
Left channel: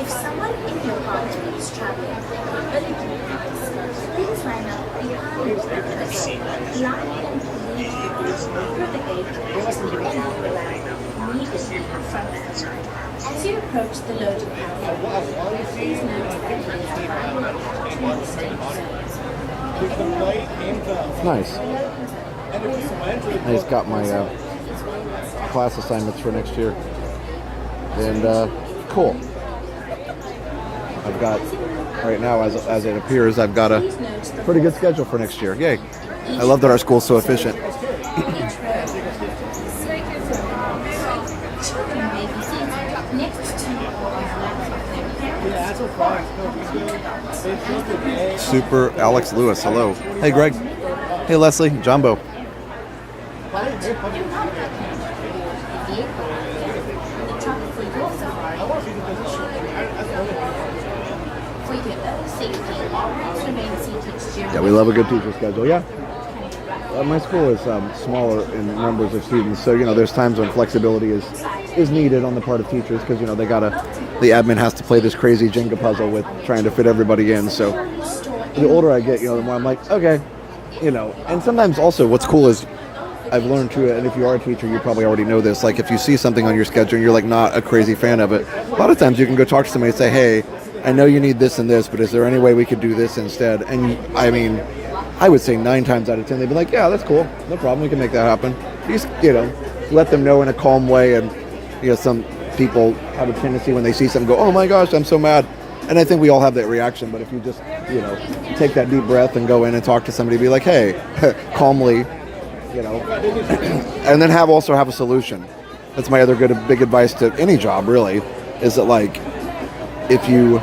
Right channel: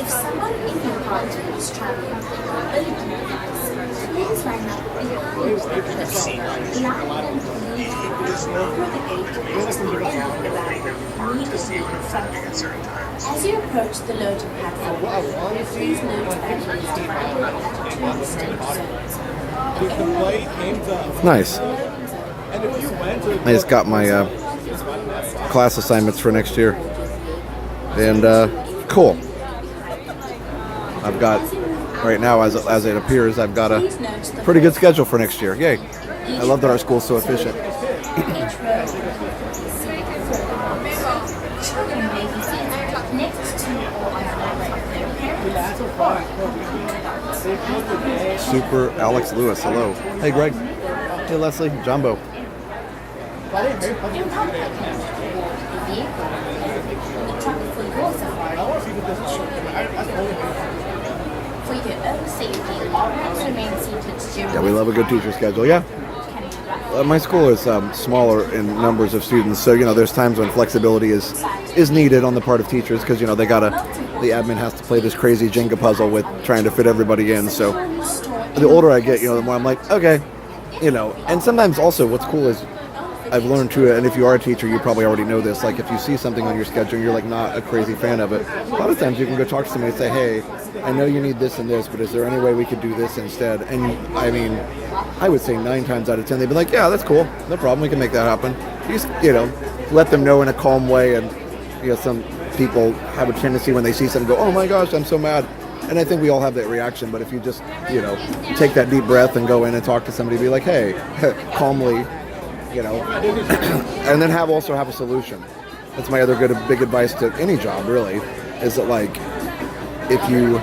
If someone in your party is traveling with a mobility device, please line up behind the person. Line and leave through the gate and remove the bag immediately in front of you. As you approach the loading platform, please note that there is divided into two distinct zones. Nice. I just got my class assignments for next year, and cool. I've got right now, as it appears, I've got a pretty good schedule for next year. Yay! I love that our school's so efficient. Super Alex Lewis, hello. Hey Greg. Hey Leslie, Jumbo. Yeah, we love a good teacher schedule. Yeah. My school is smaller in numbers of students, so there's times when flexibility is needed on the part of teachers because the admin has to play this crazy Jenga puzzle with trying to fit everybody in. So the older I get, the more I'm like, okay, And sometimes also, what's cool is I've learned too, and if you are a teacher, you probably already know this. Like if you see something on your schedule and you're like not a crazy fan of it, a lot of times you can go talk to somebody and say, hey, I know you need this and this, but is there any way we could do this instead? And I mean, I would say 9 times out of 10, they'd be like, yeah, that's cool. No problem. We can make that happen. Just, let them know in a calm way. And, some people have a tendency when they see something go, oh my gosh, I'm so mad. And I think we all have that reaction. But if you just, take that deep breath and go in and talk to somebody, be like, hey, calmly, and then also have a solution. That's my other big advice to any job, really, is that like, if you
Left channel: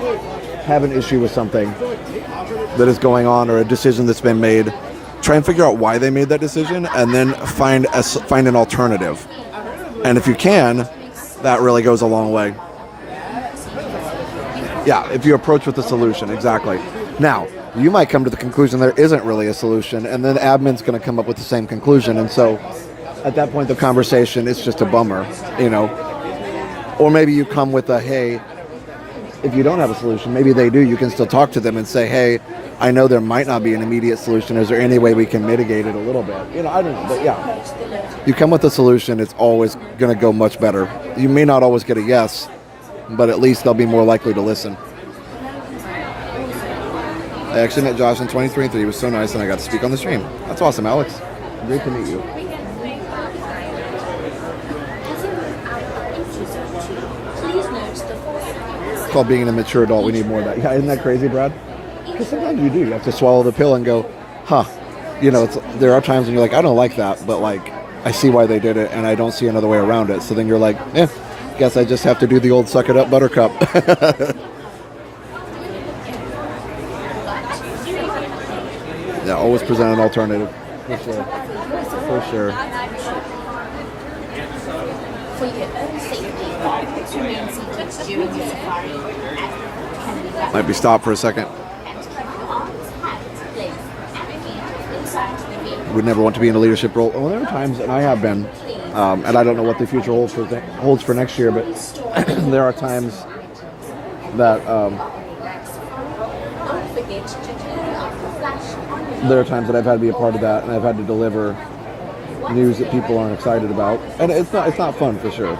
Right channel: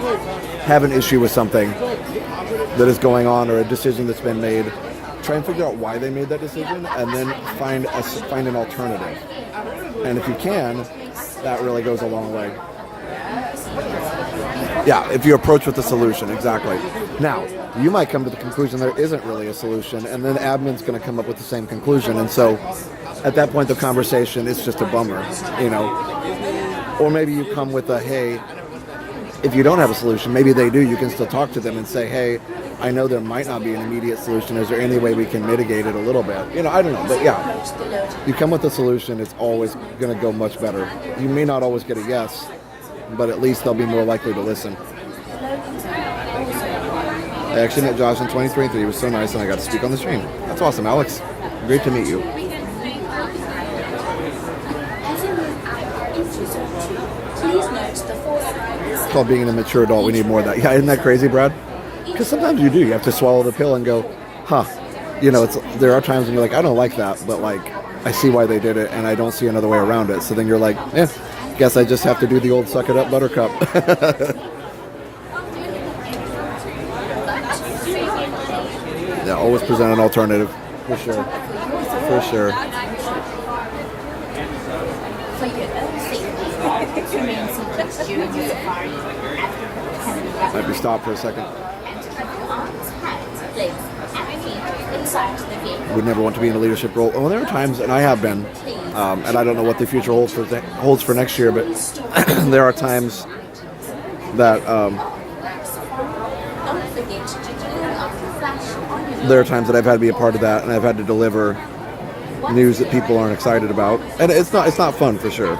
have an issue with something that is going on or a decision that's been made, try and figure out why they made that decision and then find an alternative. And if you can, that really goes a long way. Yeah, if you approach with a solution, exactly. Now, you might come to the conclusion there isn't really a solution, and then admin's going to come up with the same conclusion. And so at that point, the conversation is just a bummer, Or maybe you come with a, hey, if you don't have a solution, maybe they do, you can still talk to them and say, hey, I know there might not be an immediate solution. Is there any way we can mitigate it a little bit? I don't know. But yeah, you come with a solution, it's always going to go much better. You may not always get a yes, but at least they'll be more likely to listen. I actually met Josh in 2023. He was so nice, and I got to speak on the stream. That's awesome, Alex. Great to meet you. It's called being a mature adult. We need more of that. Yeah, isn't that crazy, Brad? Because sometimes you do. You have to swallow the pill and go, huh. There are times when you're like, I don't like that, but like, I see why they did it, and I don't see another way around it. So then you're like, guess I just have to do the old suck it up buttercup. Yeah, always present an alternative. For sure. For sure. For your own safety, remain seated during the safari. Might be stopped for a second. And keep your arms, hands, legs, and feet inside the vehicle. Would never want to be in a leadership role. Well, there are times, and I have been, and I don't know what the future holds for next year, but there are times that Don't forget to turn off the flash on your there are times that I've had to be a part of that, and I've had to deliver news that people aren't excited about, and it's not fun for sure.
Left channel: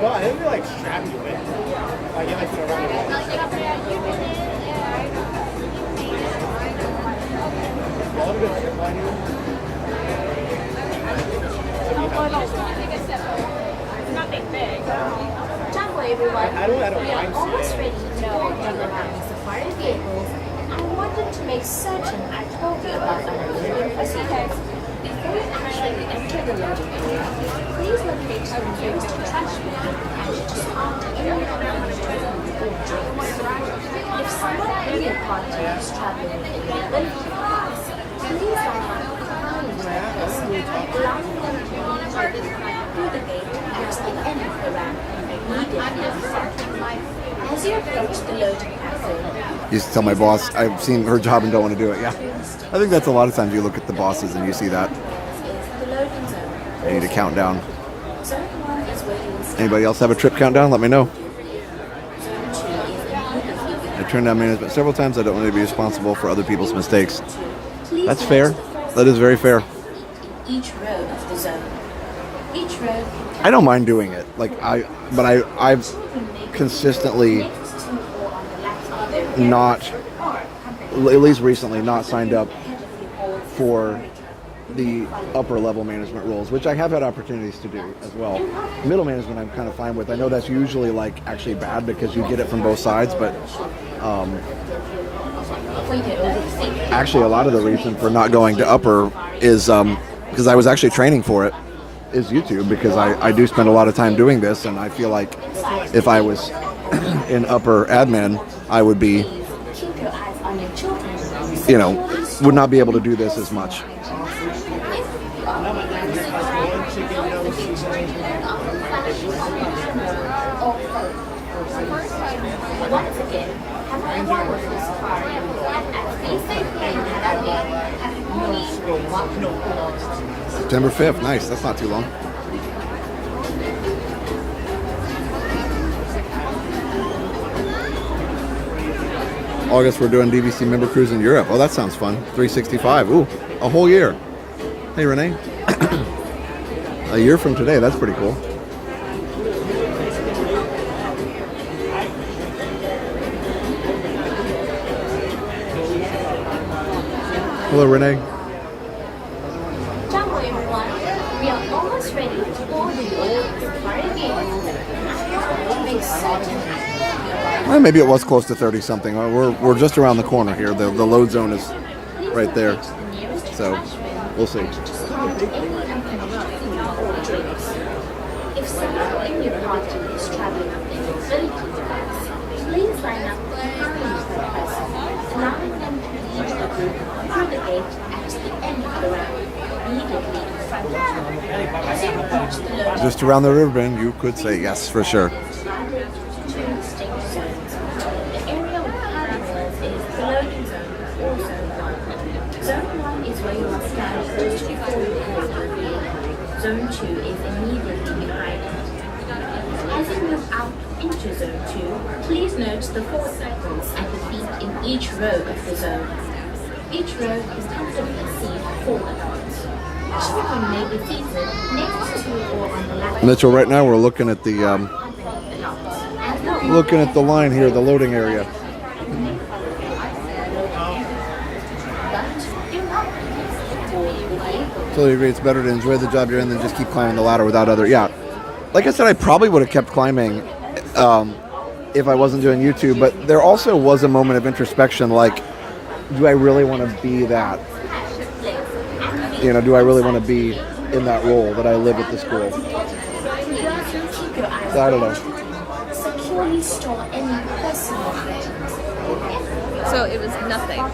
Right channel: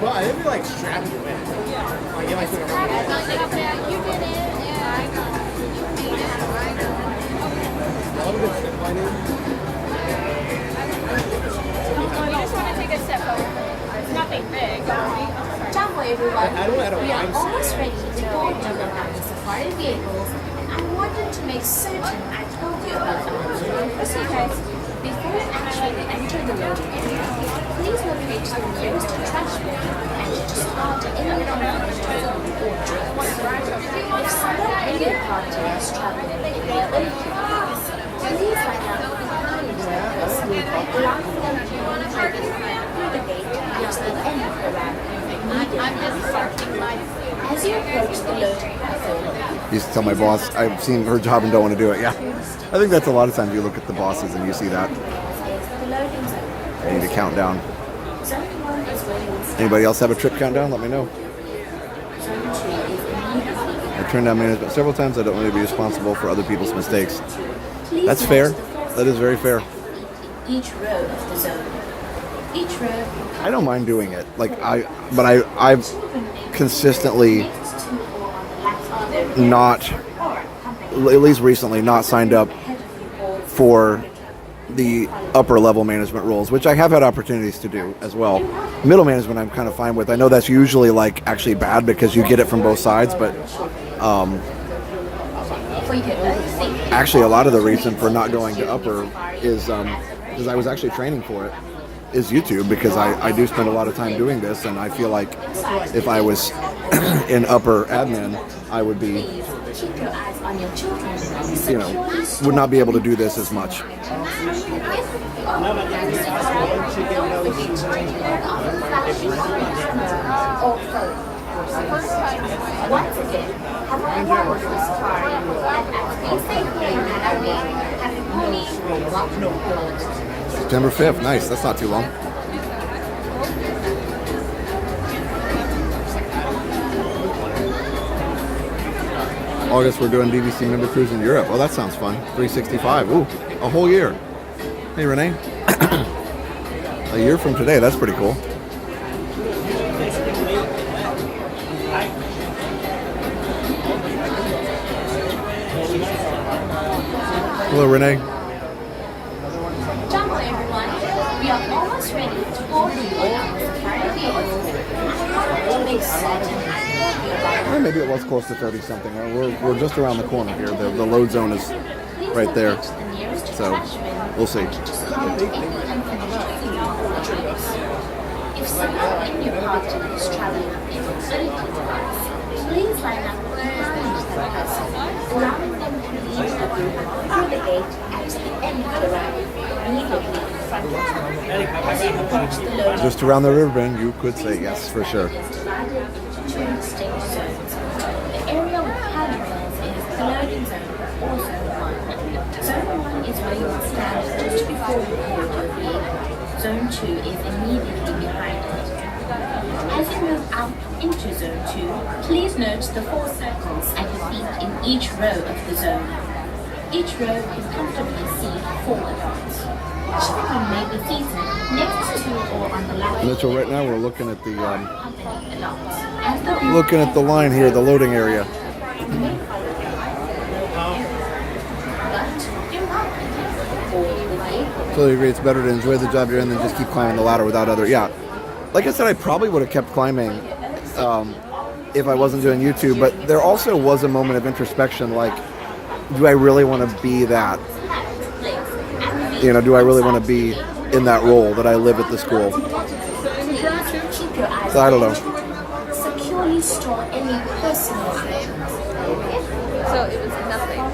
Well, I didn't like strap you in. Like, you like sit around the way. All the good strip lining. Don't worry, everyone. I don't at a We are wine almost stand. ready to board you around the safari vehicles, and I wanted to make certain I told you about them. Before you actually enter the loading area, please locate the nearest trash bin and discard any unfinished food or drinks. If someone in your party is traveling in their own cars, please line up behind the workers, allowing them to be taken through the gate at the end of the ramp, immediately in front of you. As you approach the loading platform, Used to tell my boss I've seen her job and don't want to do it. Yeah, I think that's a lot of times you look at the bosses and you see that. is the loading zone. I need a countdown. Zone 1 is where you will stand. Anybody else have a trip countdown? Let me know. Zone 2 is immediately I turned down management several times. I don't want to be responsible for other people's mistakes. Please That's note fair. the first That is very fair. in each row of the zone. Each row I don't mind doing it. I've consistently not, at least recently, not signed up for the upper level management roles, which I have had opportunities to do as well. Middle management I'm kind of fine with. I know that's usually like actually bad because you get it from both sides, but for your own safety. actually a lot of the reason for not going to upper is because I was actually training for it is YouTube, because I do spend a lot of time doing this, and I feel like if I was in upper admin, I would be, Keep your eyes on your children. would not be able to do this as much. Once again, have a wonderful safari, and as we say here in Malawi, September 5th, nice. That's not too long. August, we're doing DVC member cruise in Europe. Oh, that sounds fun. 365. Ooh, a whole year. Hey, Renee. A year from today. That's pretty cool. Hello, Renee. Jungle everyone, we are almost ready to board you on the safari vehicle. I wanted to make certain I told you about Well, maybe it was close to 30 something. We're just around the corner here. The load zone is right there. the nearest So trash bin. we'll see. Discard any unfinished food or drinks. If someone in your party is traveling in an electric device, please line up behind the person, allowing them to leave the group through the gate at the end of the ramp, immediately in front of you. As you approach the loading Just around the river bend, you could say yes for sure. is divided into two distinct zones. The area with handrails is the loading zone, or Zone 1. Zone 1 is where you will stand just before you board your vehicle. Zone 2 is immediately behind it. As you move out into Zone 2, please note the 4 circles at the feet in each row of the zone. Each row can comfortably seat 4 adults. Children may be seated next to or on the left. Mitchell, right now we're looking at the And looking at the line here, the loading area. Totally agree. It's better to enjoy the job you're in than just keep climbing the ladder without other. Yeah. Like I said, I probably would have kept climbing if I wasn't doing YouTube. But there also was a moment of introspection. Like, do I really want to be that? You know, do I really want to be in that role that I live at the school? So I don't know. Securely store any personal items. So it was nothing.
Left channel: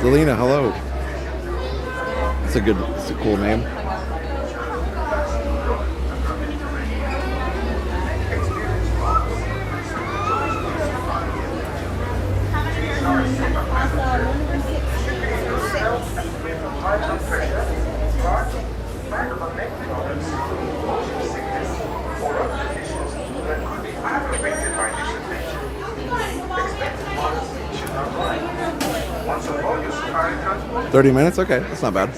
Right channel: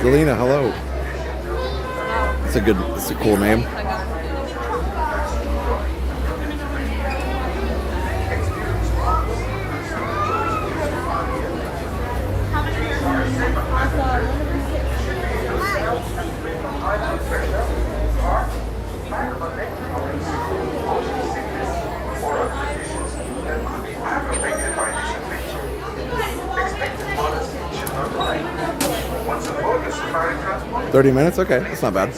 Zelina, hello. It's a cool name. Once aboard the safari transport, 30 minutes? Okay, that's not bad.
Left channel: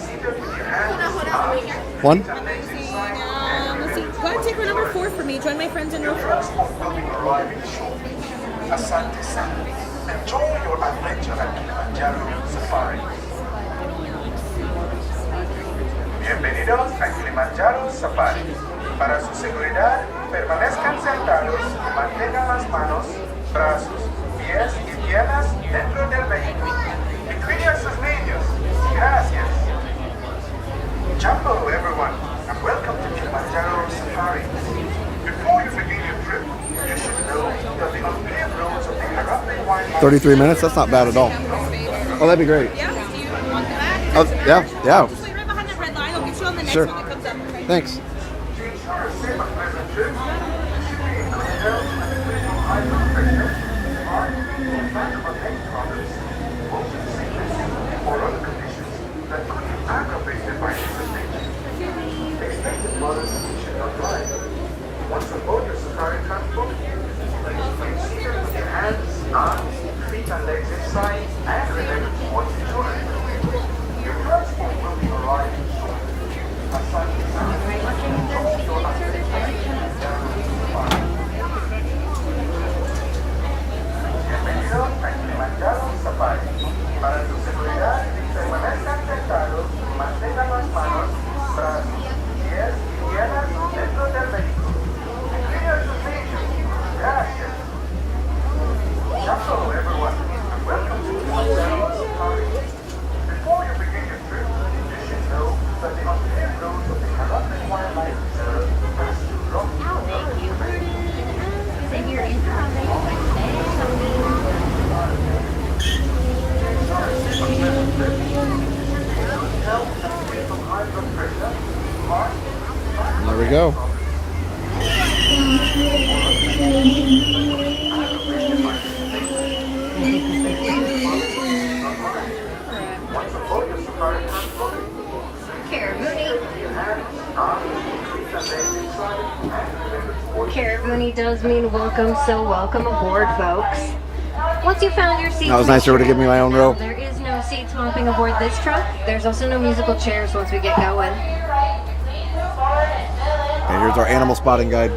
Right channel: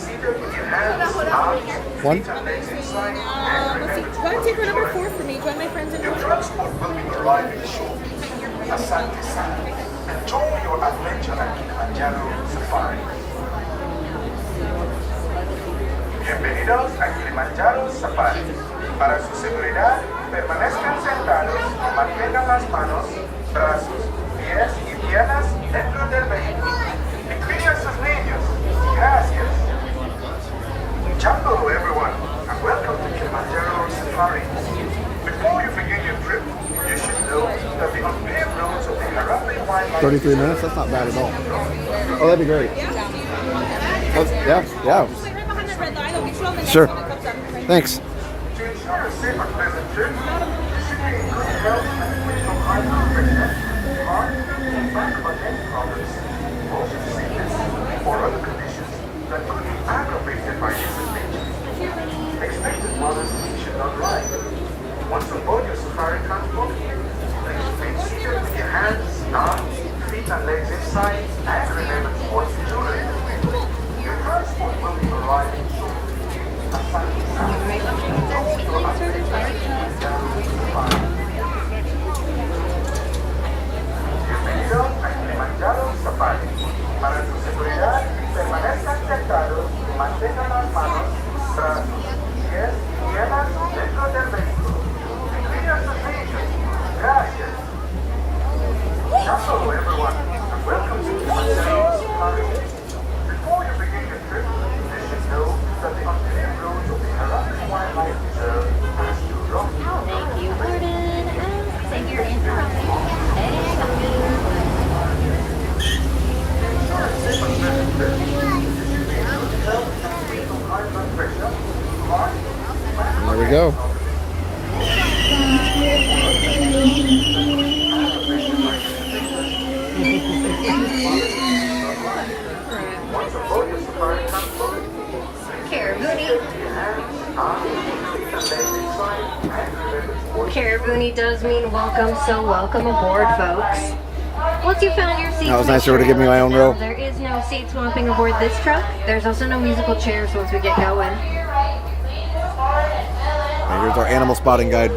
One? Let's see. Go ahead and take her number 4 for me. Join my friends in row 4. transport will be arriving shortly. Asante sana. Enjoy your adventure at Kilimanjaro Safari. Bienvenidos a Kilimanjaro Safari. Para su seguridad, permanezcan sentados y mantengan las manos, brazos, pies y piernas dentro del vehículo. Y cuiden a sus niños. Gracias. Jumbo, everyone, and welcome to Kilimanjaro Safari. Before you begin your trip, you should know that the unpaved roads of the Harambe Wildlife 33 minutes? That's not bad at all. Oh, that'd be great. Oh, yeah, yeah. Wait right behind that red line. I'll get you on the next Sure. one that comes up. Thanks. or other conditions that could be aggravated by infestation. Expected mothers should not drive. Once aboard your safari transport, please remain seated with your hands, arms, feet and legs inside and remember to watch the children. Your transport will be arriving shortly. Aside Bienvenidos a Kilimanjaro Safari. Para su seguridad, permanezcan sentados y mantengan las manos, brazos, pies y piernas dentro del vehículo. Y cuiden a sus niños. Gracias. Hello, everyone, and welcome to Kilimanjaro Safari. Before you begin your trip, you should know that the unpaved roads of the Harambe Wildlife Reserve pass through rocky There we go. Caraboonie does mean welcome, so welcome aboard, folks. Once you found your seats, That was nice of her to give me my own row. there is no seats mopping aboard this truck. There's also no musical chairs once we get going. And here's our animal spotting guide.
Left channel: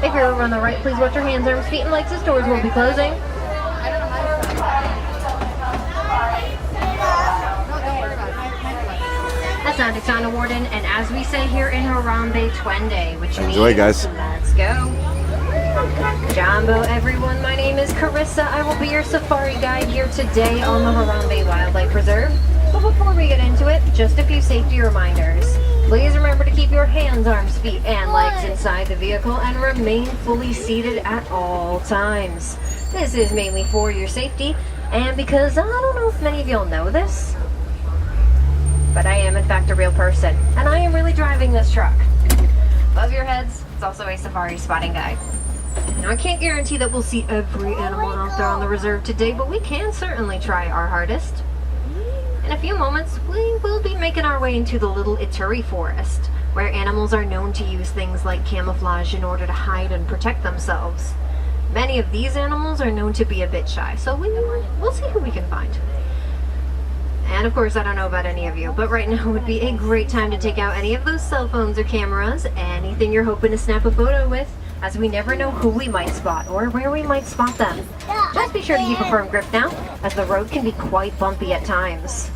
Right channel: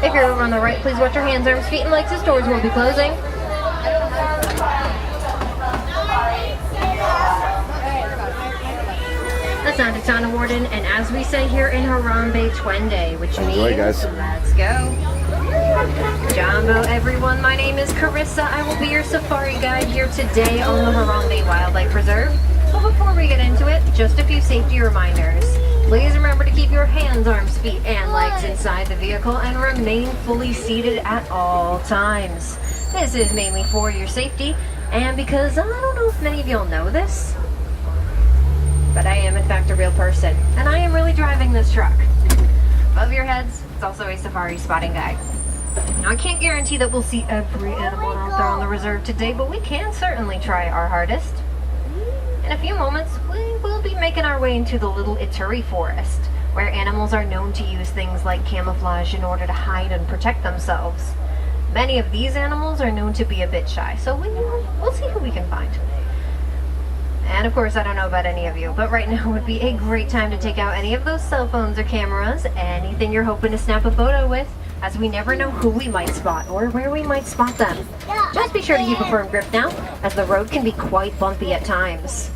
If you're over on the right, please watch your hands, arms, feet, and legs as doors will be closing. Asante Sana Warden, and as we say here in Harambe, Twende, which Enjoy, means, guys. let's go. Jumbo, everyone, my name is Carissa. I will be your safari guide here today on the Harambe Wildlife Reserve. But before we get into it, just a few safety reminders. Please remember to keep your hands, arms, feet, and legs inside the vehicle and remain fully seated at all times. This is mainly for your safety, and because I don't know if many of y'all know this, but I am in fact a real person, and I am really driving this truck. Above your heads, it's also a safari spotting guide. Now I can't guarantee that we'll see every animal out there on the reserve today, but we can certainly try our hardest. In a few moments, we will be making our way into the Little Ituri Forest, where animals are known to use things like camouflage in order to hide and protect themselves. Many of these animals are known to be a bit shy, so we'll see who we can find. And of course, I don't know about any of you, but right now would be a great time to take out any of those cell phones or cameras, anything you're hoping to snap a photo with, as we never know who we might spot or where we might spot them. Just be sure to keep a firm grip now, as the road can be quite bumpy at times.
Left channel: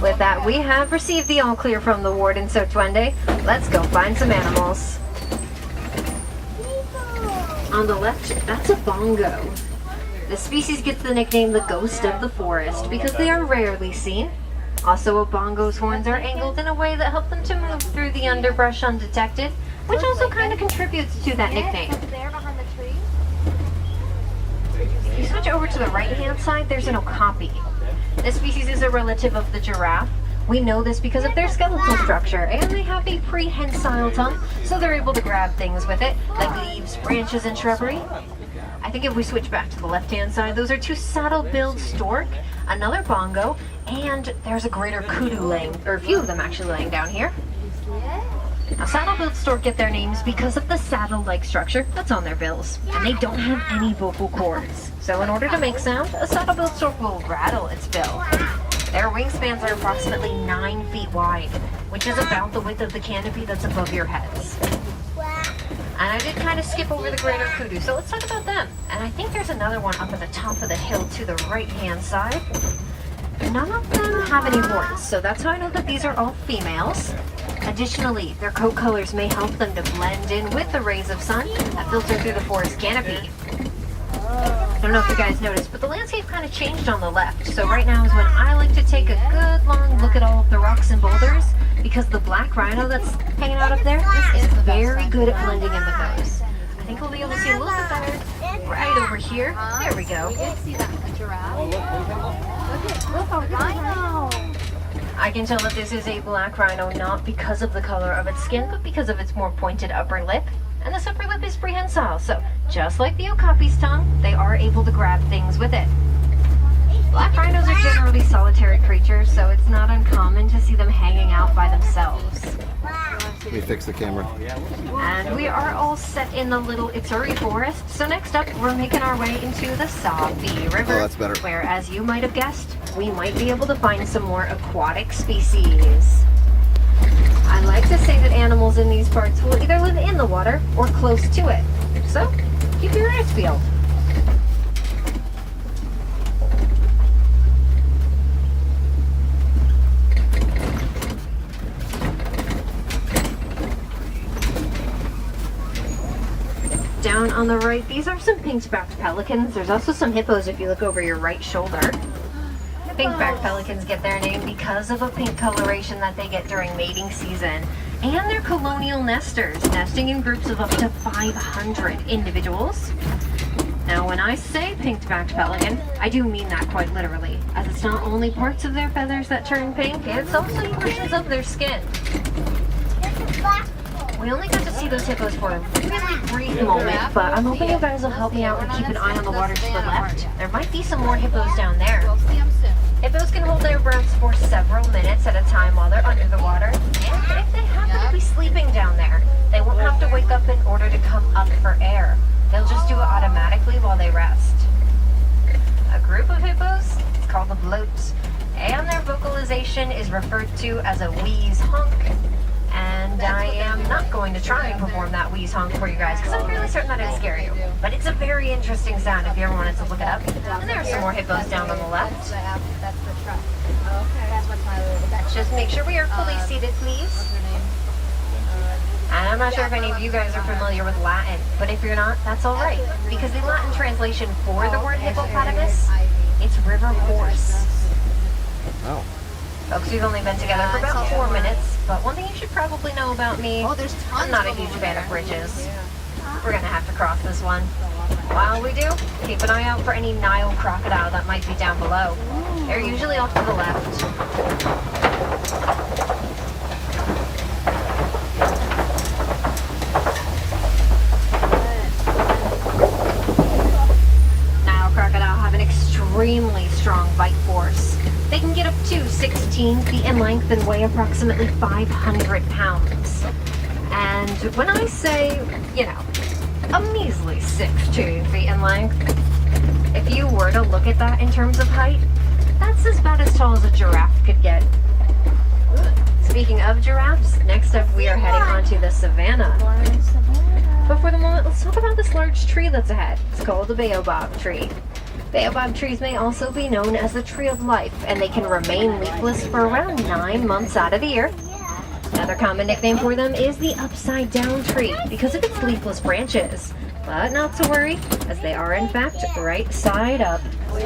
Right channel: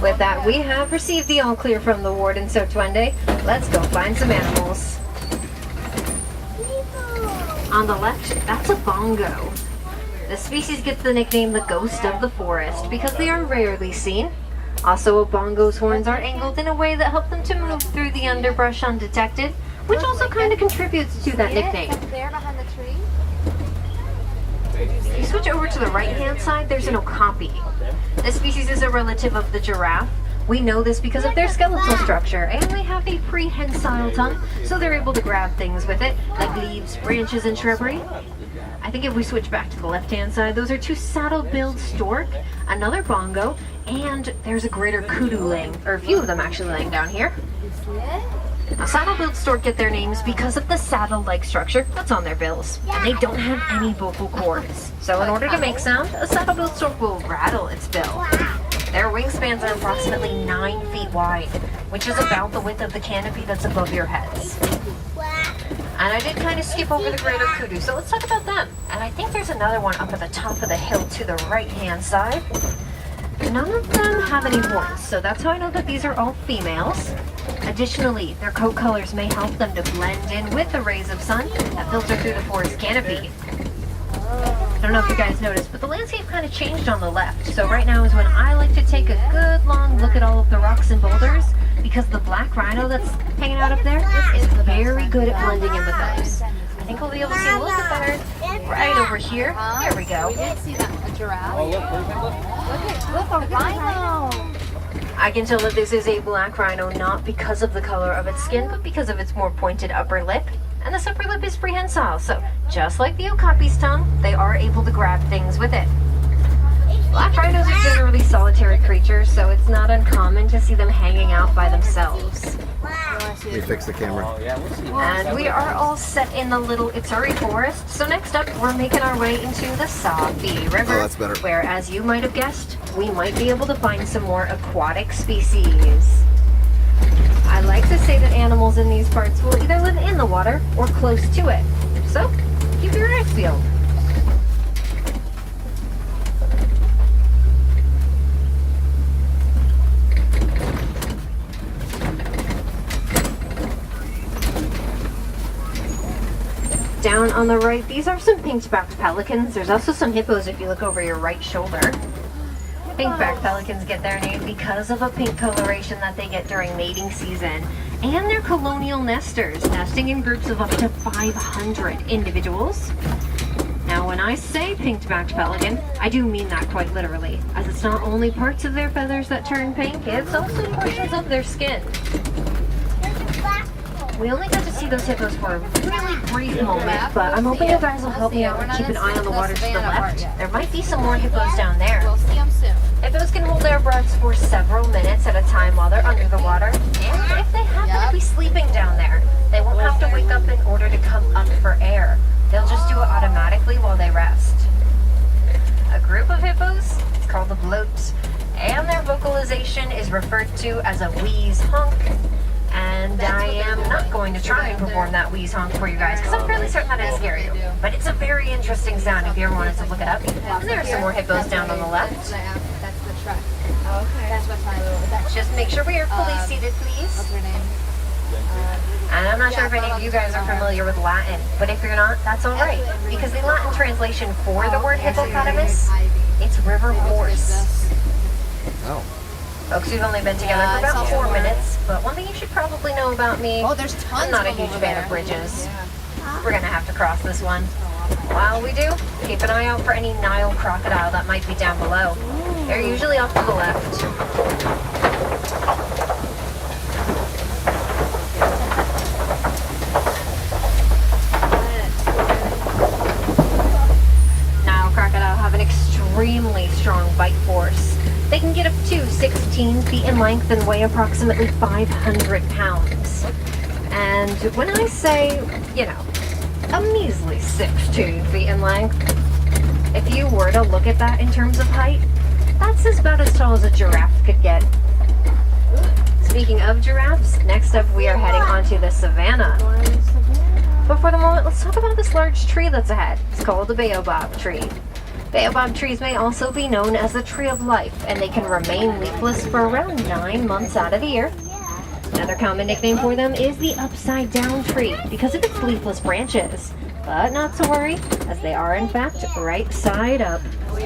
With that, we have received the all clear from the warden, so Twende, let's go find some animals. On the left, that's a bongo. The species gets the nickname the ghost of the forest because they are rarely seen. Also, a bongo's horns are angled in a way that help them to move through the underbrush undetected, which also kind of contributes to that nickname. There behind the tree. If you switch over to the right-hand side, there's an okapi. This species is a relative of the giraffe. We know this because of their skeletal structure, and they have a prehensile tongue, so they're able to grab things with it, like leaves, branches, and shrubbery. I think if we switch back to the left-hand side, those are two saddle-billed stork, another bongo, and there's a greater kudu laying, or a few of them actually laying down here. Now, saddle-billed stork get their names because of the saddle-like structure that's on their bills, and they don't have any vocal cords. So in order to make sound, a saddle-billed stork will rattle its bill. Their wingspans are approximately 9 feet wide, which is about the width of the canopy that's above your heads. And I did kind of skip over the greater kudu, so let's talk about them. And I think there's another one up at the top of the hill to the right-hand side. None of them have any horns, so that's how I know that these are all females. Additionally, their coat colors may help them to blend in with the rays of sun that filter through the forest canopy. I don't know if you guys noticed, but the landscape kind of changed on the left. So right now is when I like to take a good long look at all of the rocks and boulders, because the black rhino that's hanging out up there is very good at blending in with those. I think we'll be able to see a little bit better right over here. There we go. See the giraffe. Look, a rhino. I can tell that this is a black rhino not because of the color of its skin, but because of its more pointed upper lip. And this upper lip is prehensile, so just like the okapi's tongue, they are able to grab things with it. Black rhinos are generally solitary creatures, so it's not uncommon to see them hanging out by themselves. Let me fix the camera. And we are all set in the Little Ituri Forest, so next up we're making our way into the Sabi River. Oh, that's better. Where, as you might have guessed, we might be able to find some more aquatic species. I like to say that animals in these parts will either live in the water or close to it, so keep your eyes peeled. Down on the right, these are some pink-backed pelicans. There's also some hippos if you look over your right shoulder. Pink-backed pelicans get their name because of a pink coloration that they get during mating season. And they're colonial nesters, nesting in groups of up to 500 individuals. Now, when I say pink-backed pelican, I do mean that quite literally, as it's not only parts of their feathers that turn pink, it's also portions of their skin. We only got to see those hippos for a really brief moment, but I'm hoping you guys will help me out and keep an eye on the water to the left. There might be some more hippos down there. We'll see them soon. Hippos can hold their breaths for several minutes at a time while they're under the water, and if they happen to be sleeping down there, they won't have to wake up in order to come up for air. They'll just do it automatically while they rest. A group of hippos is called a bloat, and their vocalization is referred to as a wheeze honk. And I am not going to try and perform that wheeze honk for you guys because I'm fairly certain that it'll scare you. But it's a very interesting sound if you ever wanted to look it up. And there are some more hippos down on the left. That's the truck. Okay. That's what my little. Just make sure we are fully seated, please. What's her name? And I'm not sure if any of you guys are familiar with Latin, but if you're not, that's all right. Because the Latin translation for the word hippopotamus, it's river horse. Oh. Folks, we've only been together for about 4 minutes, but one thing you should probably know about me, There's tons I'm not a of them huge over fan there. of bridges. We're gonna have to cross this one. While we do, keep an eye out for any Nile crocodile that might be down below. They're usually off to the left. Nile crocodile have an extremely strong bite force. They can get up to 16 feet in length and weigh approximately 500 pounds. And when I say, a measly 16 feet in length, if you were to look at that in terms of height, that's about as tall as a giraffe could get. Speaking of giraffes, next up we are heading onto the savannah. But for the moment, let's talk about this large tree that's ahead. It's called the baobab tree. Baobab trees may also be known as the tree of life, and they can remain leafless for around 9 months out of the year. Another common nickname for them is the upside down tree because of its leafless branches. But not to worry, as they are in fact right side up. We're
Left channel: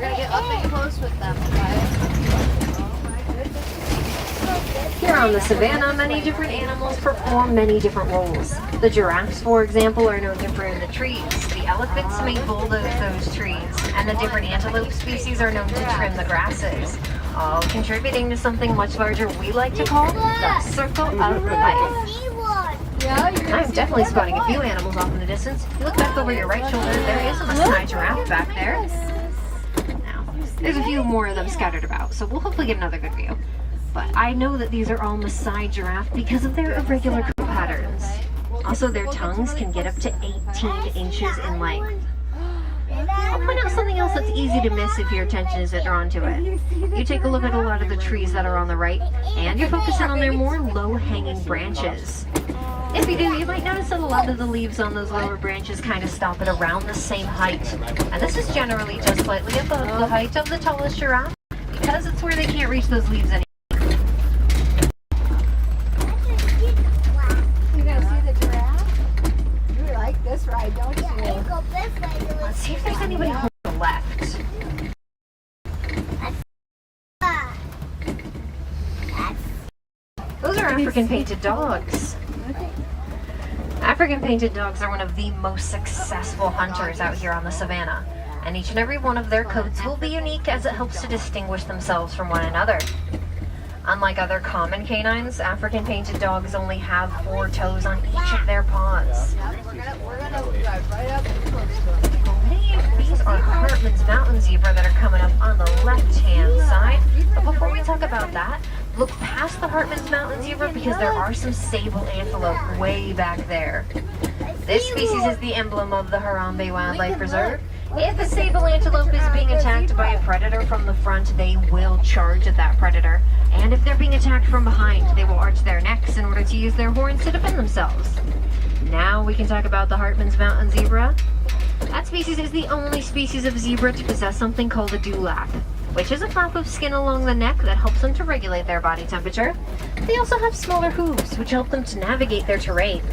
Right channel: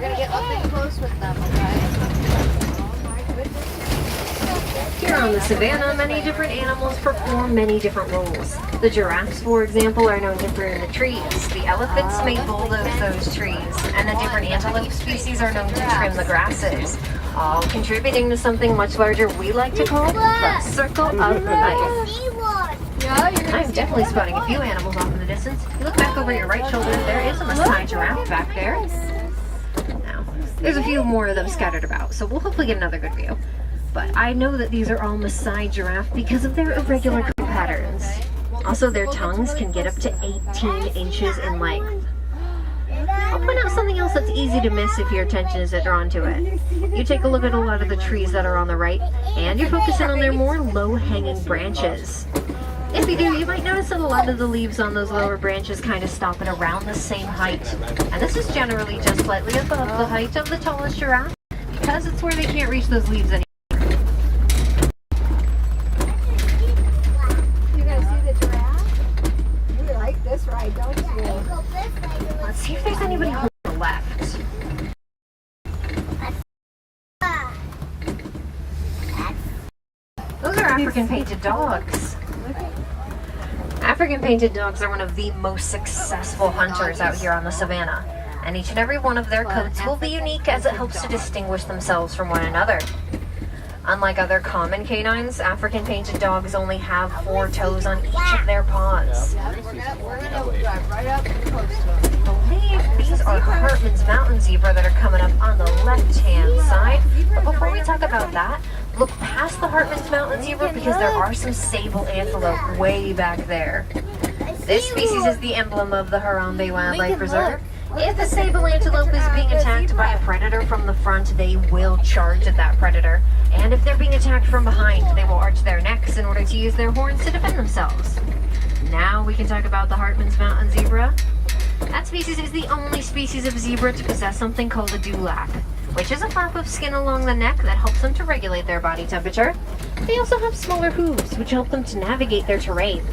gonna get up and close with them, Here on the savannah, many different animals perform many different roles. The giraffes, for example, are known to prune the trees. The elephants may bulldoze those trees. And the different antelope species are known to trim the grasses. All contributing to something much larger we like to call the circle of life. I'm definitely spotting a few animals off in the distance. You look back over your right shoulder, there is a Maasai giraffe back there. Now, there's a few more of them scattered about, so we'll hopefully get another good view. But I know that these are all Maasai giraffe because of their irregular coat patterns. Also, their tongues can get up to 18 inches in length. I'll point out something else that's easy to miss if your attention isn't drawn to it. You take a look at a lot of the trees that are on the right, and you're focusing on their more low-hanging branches. If you do, you might notice that a lot of the leaves on those lower branches kind of stop at around the same height. And this is generally just slightly above the height of the tallest giraffe, because it's where they can't reach those leaves anymore. You gonna see the giraffe? You like this ride, don't you? Let's see if there's anybody on the left. Those are African painted dogs. African painted dogs are one of the most successful hunters out here on the savannah, and each and every one of their coats will be unique as it helps to distinguish themselves from one another. Unlike other common canines, African painted dogs only have 4 toes on each of their paws. We're gonna drive right up and close to them. I believe these are Hartman's mountain zebra that are coming up on the left-hand side. But before we talk about that, look past the Hartman's mountain zebra because there are some sable antelope way back there. This species is the emblem of the Harambe Wildlife Reserve. If a sable antelope is being attacked by a predator from the front, they will charge at that predator. And if they're being attacked from behind, they will arch their necks in order to use their horns to defend themselves. Now we can talk about the Hartman's mountain zebra. That species is the only species of zebra to possess something called a dewlap, which is a flap of skin along the neck that helps them to regulate their body temperature. They also have smaller hooves, which help them to navigate their terrain.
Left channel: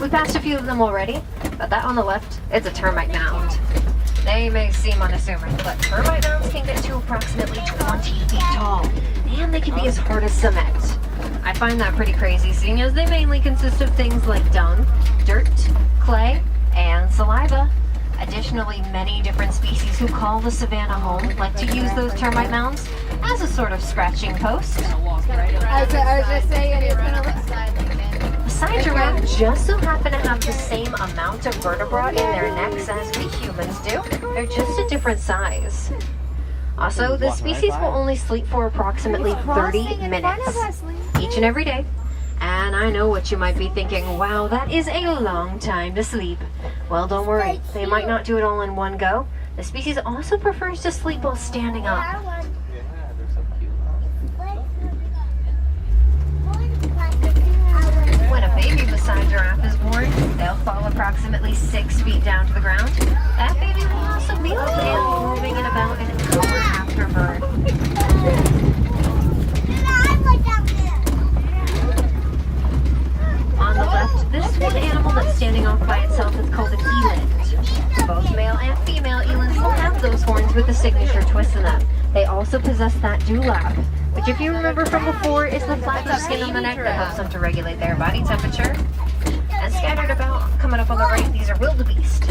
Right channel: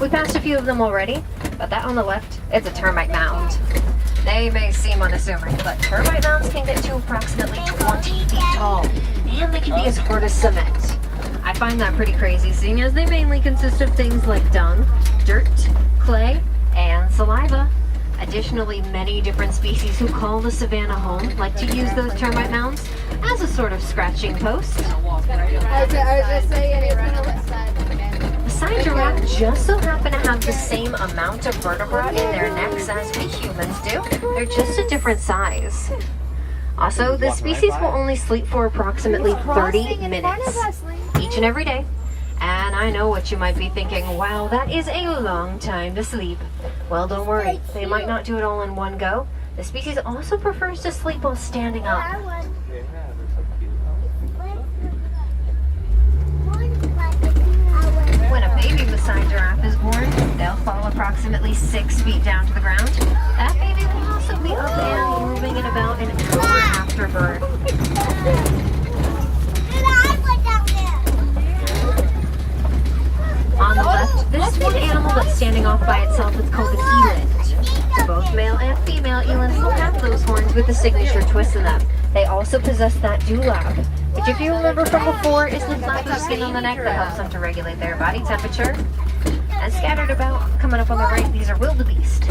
We passed a few of them already, but that on the left, it's a termite mound. They may seem unassuming, but termite mounds can get to approximately 20 feet tall, and they can be as hard as cement. I find that pretty crazy, seeing as they mainly consist of things like dung, dirt, clay, and saliva. Additionally, many different species who call the savannah home like to use those termite mounds as a sort of scratching post. I was just saying it's gonna look sad again. Maasai giraffe just so happen to have the same amount of vertebra in their necks as we humans do. They're just a different size. Also, this species will only sleep for approximately 30 minutes each and every day. And I know what you might be thinking, wow, that is a long time to sleep. Well, don't worry, they might not do it all in one go. The species also prefers to sleep while standing up. When a baby Maasai giraffe is born, they'll fall approximately 6 feet down to the ground. That baby will also be up and moving in about an hour after birth. On the left, this one animal that's standing off by itself is called an eland. Both male and female elands will have those horns with a signature twist in them. They also possess that dewlap, which if you remember from before is the flap of skin on the neck that helps them to regulate their body temperature. And scattered about, coming up on the right, these are wildebeest.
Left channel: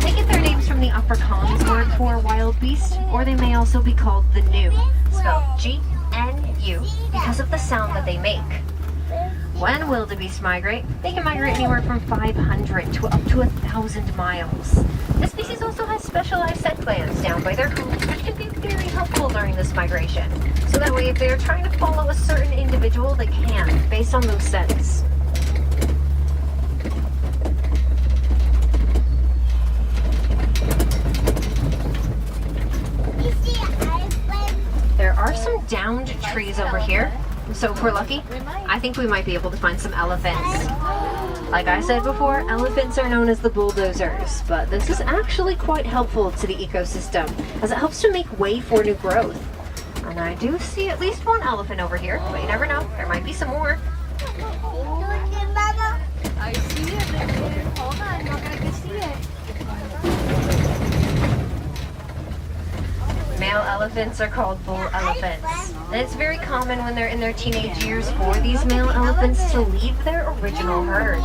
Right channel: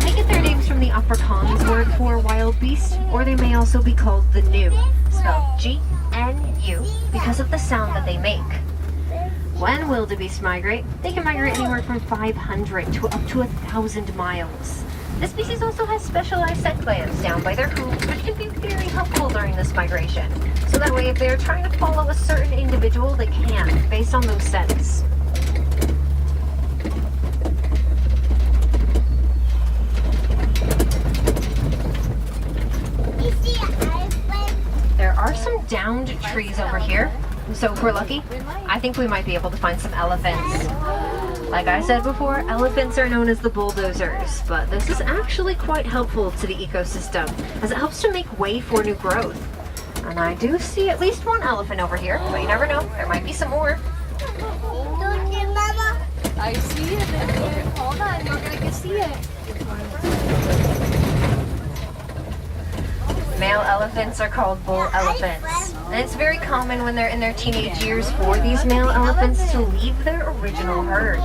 They get their names from the Afrikaans word for wild beast, or they may also be called the gnu, spelled G-N-U, because of the sound that they make. When wildebeest migrate, they can migrate anywhere from 500 to up to 1,000 miles. This species also has specialized scent glands down by their hooves, which can be very helpful during this migration. So that way, if they're trying to follow a certain individual, they can, based on those scents. There are some downed trees over here, so if we're lucky, I think we might be able to find some elephants. Like I said before, elephants are known as the bulldozers, but this is actually quite helpful to the ecosystem, as it helps to make way for new growth. And I do see at least one elephant over here, but you never know, there might be some more. I see it, baby. Hold on, look, I can see it. Male elephants are called bull elephants. And it's very common when they're in their teenage years for these male elephants to leave their original herds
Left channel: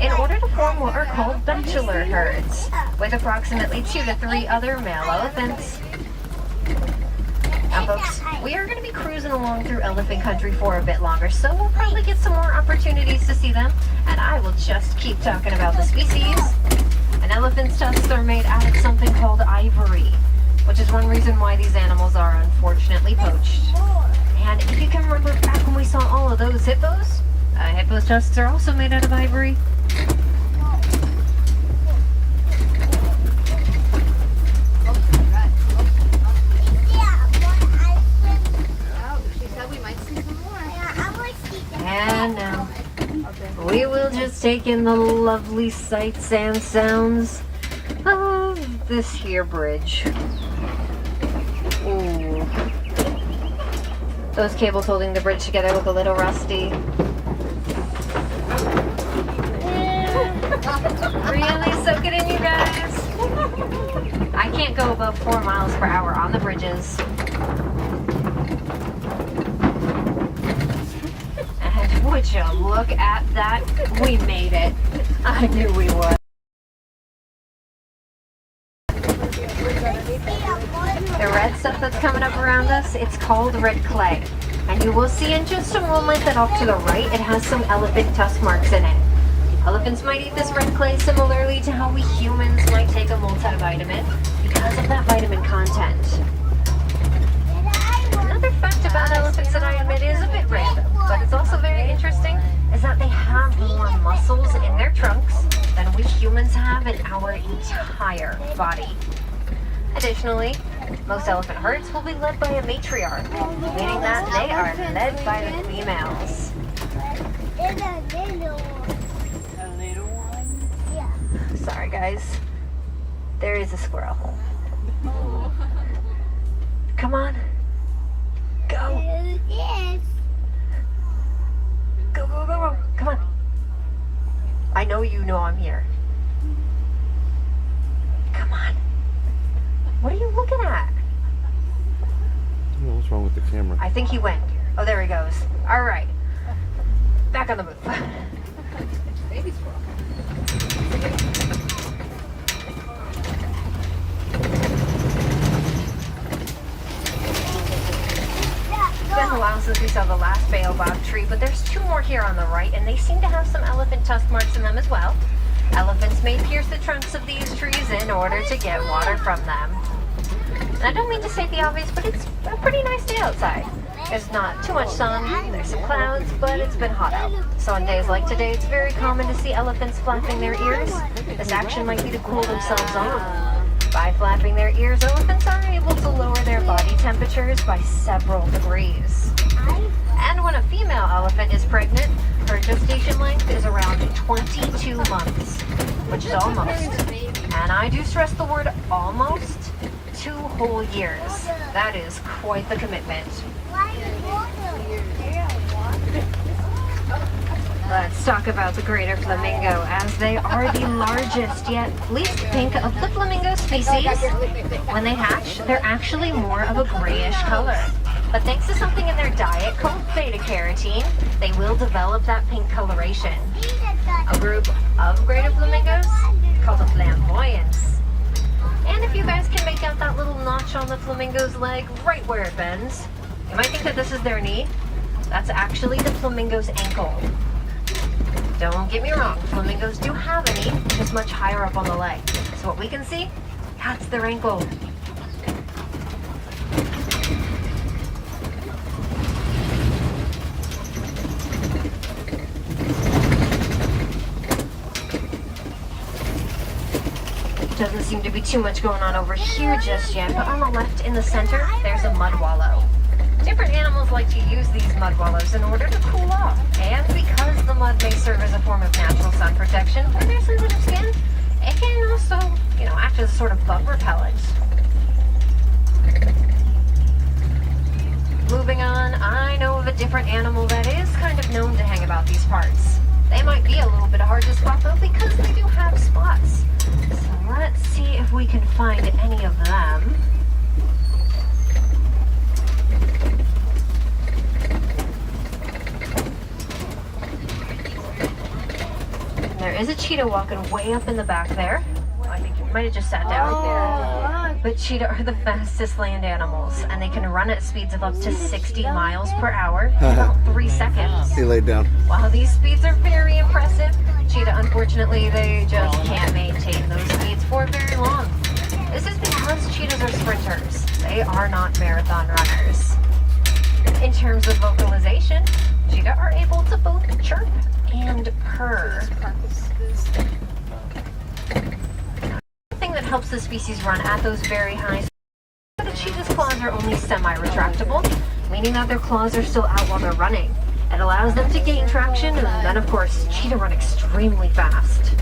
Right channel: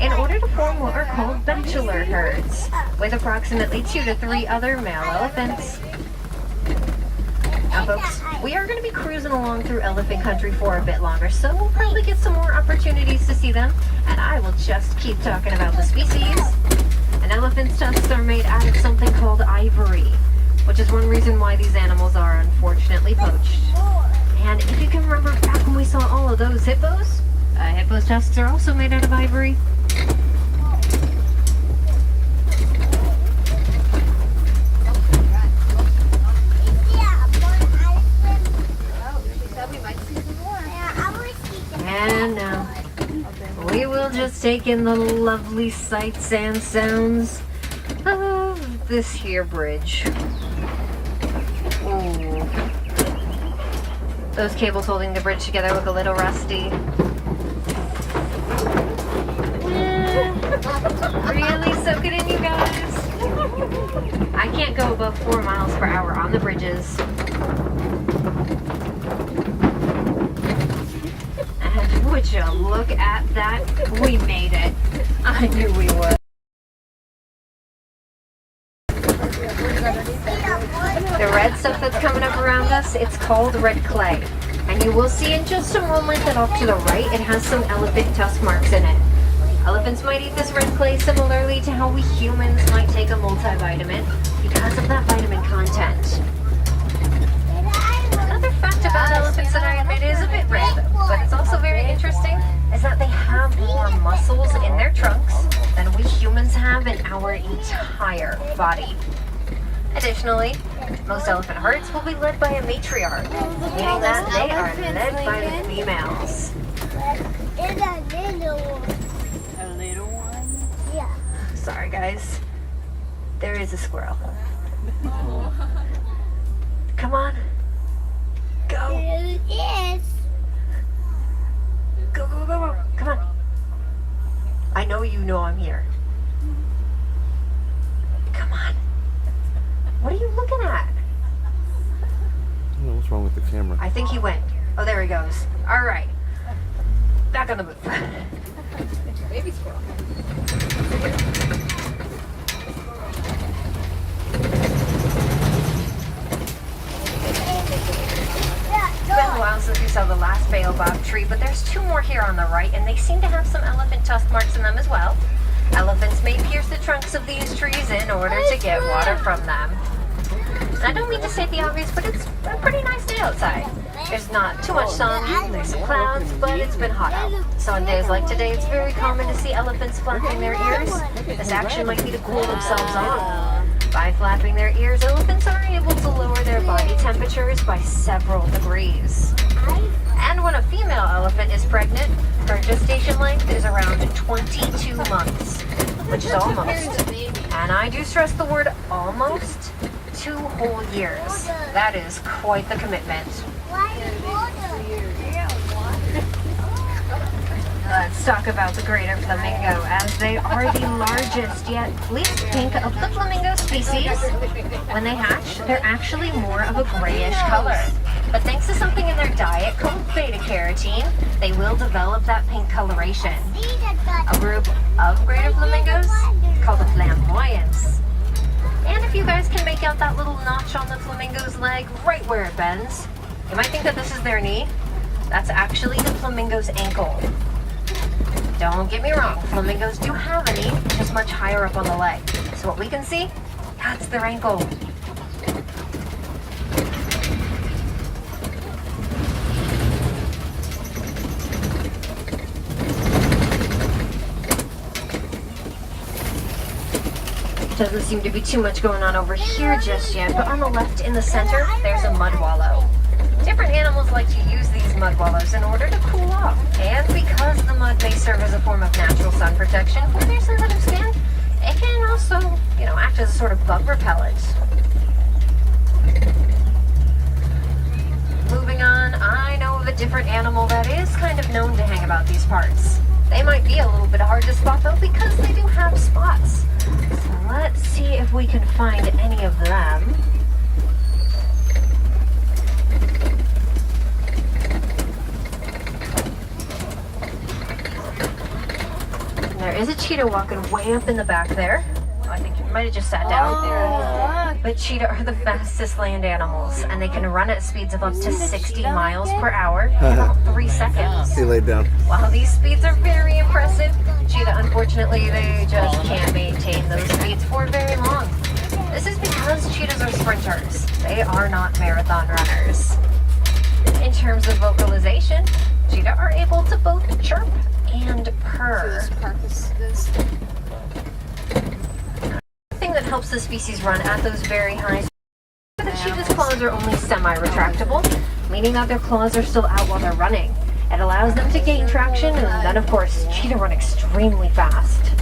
in order to form what are called bachelor herds, with approximately 2 to 3 other male elephants. Now folks, we are going to be cruising along through elephant country for a bit longer, so we'll probably get some more opportunities to see them, and I will just keep talking about the species. An elephant's tusks are made out of something called ivory, which is one reason why these animals are unfortunately poached. And if you can remember back when we saw all of those hippos, hippo's tusks are also made out of ivory. And now, we will just take in the lovely sights and sounds of this here bridge. Ooh. Those cables holding the bridge together look a little rusty. Really soak it in, you guys. I can't go above 4 miles per hour on the bridges. And would you look at that? We made it. I knew we would. The red stuff that's coming up around us, it's called red clay. And you will see in just a moment that off to the right, it has some elephant tusk marks in it. Elephants might eat this red clay similarly to how we humans might take a multivitamin because of that vitamin content. Another fact about elephants that I admit is a bit random, but it's also very interesting, is that they have more muscles in their trunks than we humans have in our entire body. Additionally, most elephant herds will be led by a matriarch, meaning that they are led by the females. A little one? Yeah. Sorry guys, there is a squirrel. Come on, go. Yes. Go, go, go, go, come on. I know you know I'm here. Come on. What are you looking at? I don't know what's wrong with the camera. I think he went. Oh, there he goes. All right. Back on the move. Baby squirrel. It's been a while since we saw the last baobab tree, but there's 2 more here on the right, and they seem to have some elephant tusk marks in them as well. Elephants may pierce the trunks of these trees in order to get water from them. And I don't mean to state the obvious, but it's a pretty nice day outside. There's not too much sun, there's some clouds, but it's been hot out. So on days like today, it's very common to see elephants flapping their ears. This action might be to cool themselves off. By flapping their ears, elephants are able to lower their body temperatures by several degrees. And when a female elephant is pregnant, her gestation length is around 22 months, which is almost, and I do stress the word almost, 2 whole years. That is quite the commitment. Let's talk about the greater flamingo, as they are the largest yet least pink of the flamingo species. When they hatch, they're actually more of a grayish color. But thanks to something in their diet called beta-carotene, they will develop that pink coloration. A group of greater flamingos called the flamboyants. And if you guys can make out that little notch on the flamingo's leg right where it bends, you might think that this is their knee. That's actually the flamingo's ankle. Don't get me wrong, flamingos do have a knee, just much higher up on the leg. So what we can see, that's their ankle. Doesn't seem to be too much going on over here just yet, but on the left in the center, there's a mud wallow. Different animals like to use these mud wallows in order to cool off, and because the mud may serve as a form of natural sun protection for their sensitive skin, it can also, act as a sort of bug repellent. Moving on, I know of a different animal that is kind of known to hang about these parts. They might be a little bit hard to spot though because they do have spots. So let's see if we can find any of them. There is a cheetah walking way up in the back there. I think it might have just sat down. But cheetah are the fastest land animals, and they can run at speeds of up to 60 miles per hour in about 3 seconds. He laid down. While these speeds are very impressive, cheetah, unfortunately, they just can't maintain those speeds for very long. This is because cheetahs are sprinters. They are not marathon runners. In terms of vocalization, cheetah are able to both chirp and purr. The thing that helps the species run at those very high speeds, the cheetah's claws are only semi-retractable, meaning that their claws are still out while they're running. It allows them to gain traction, and then of course, cheetah run extremely fast.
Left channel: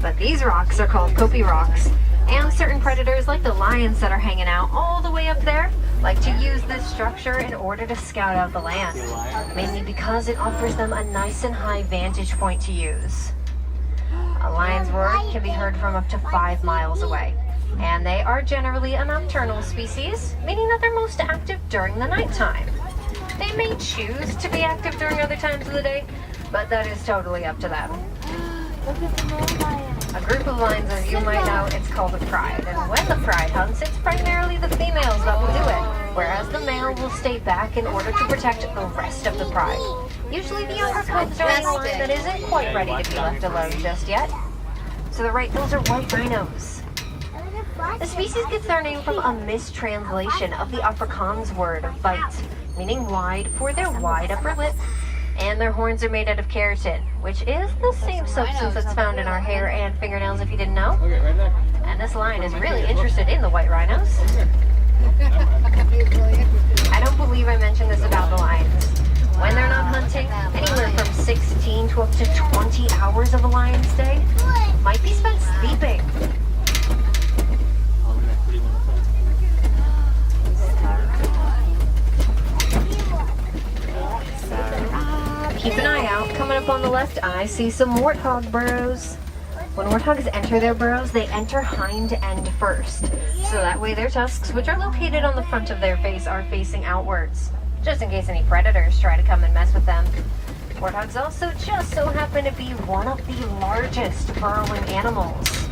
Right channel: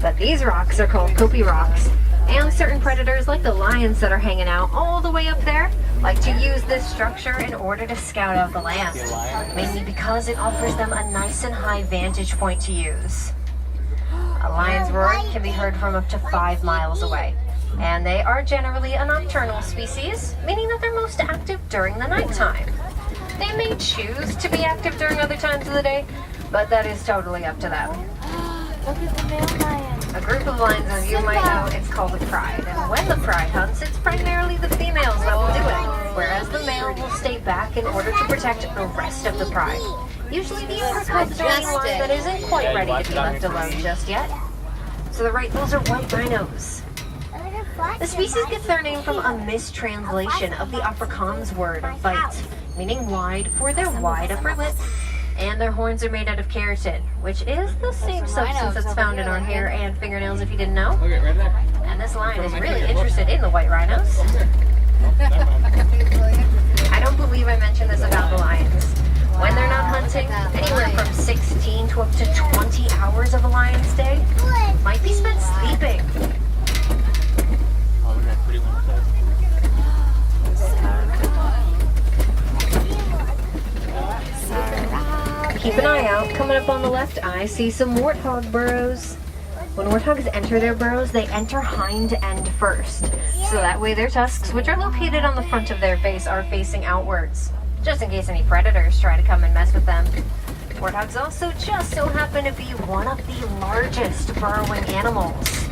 But these rocks are called kopi rocks, and certain predators like the lions that are hanging out all the way up there like to use this structure in order to scout out the land, mainly because it offers them a nice and high vantage point to use. A lion's roar can be heard from up to 5 miles away, and they are generally a nocturnal species, meaning that they're most active during the nighttime. They may choose to be active during other times of the day, but that is totally up to them. Look at the man lion. A group of lions, as you might know, it's called a pride. And when the pride hunts, it's primarily the females that will do it, whereas the male will stay back in order to protect the rest of the pride. Usually the younger cubs are in a line that isn't quite ready to be left alone just yet. So those are white rhinos. The species gets their name from a mistranslation of the Afrikaans word vite, meaning wide for their wide upper lip. And their horns are made out of keratin, which is the same substance that's found in our hair and fingernails, if you didn't know. Okay, right there. And this lion is really interested in the white rhinos. I don't believe I mentioned this about the lions. When they're not hunting, anywhere from 16 to up to 20 hours of a lion's day might be spent sleeping. Keep an eye out. Coming up on the left, I see some warthog burrows. When warthogs enter their burrows, they enter hind end first. So that way their tusks, which are located on the front of their face, are facing outwards, just in case any predators try to come and mess with them. Warthogs also just so happen to be one of the largest burrowing animals.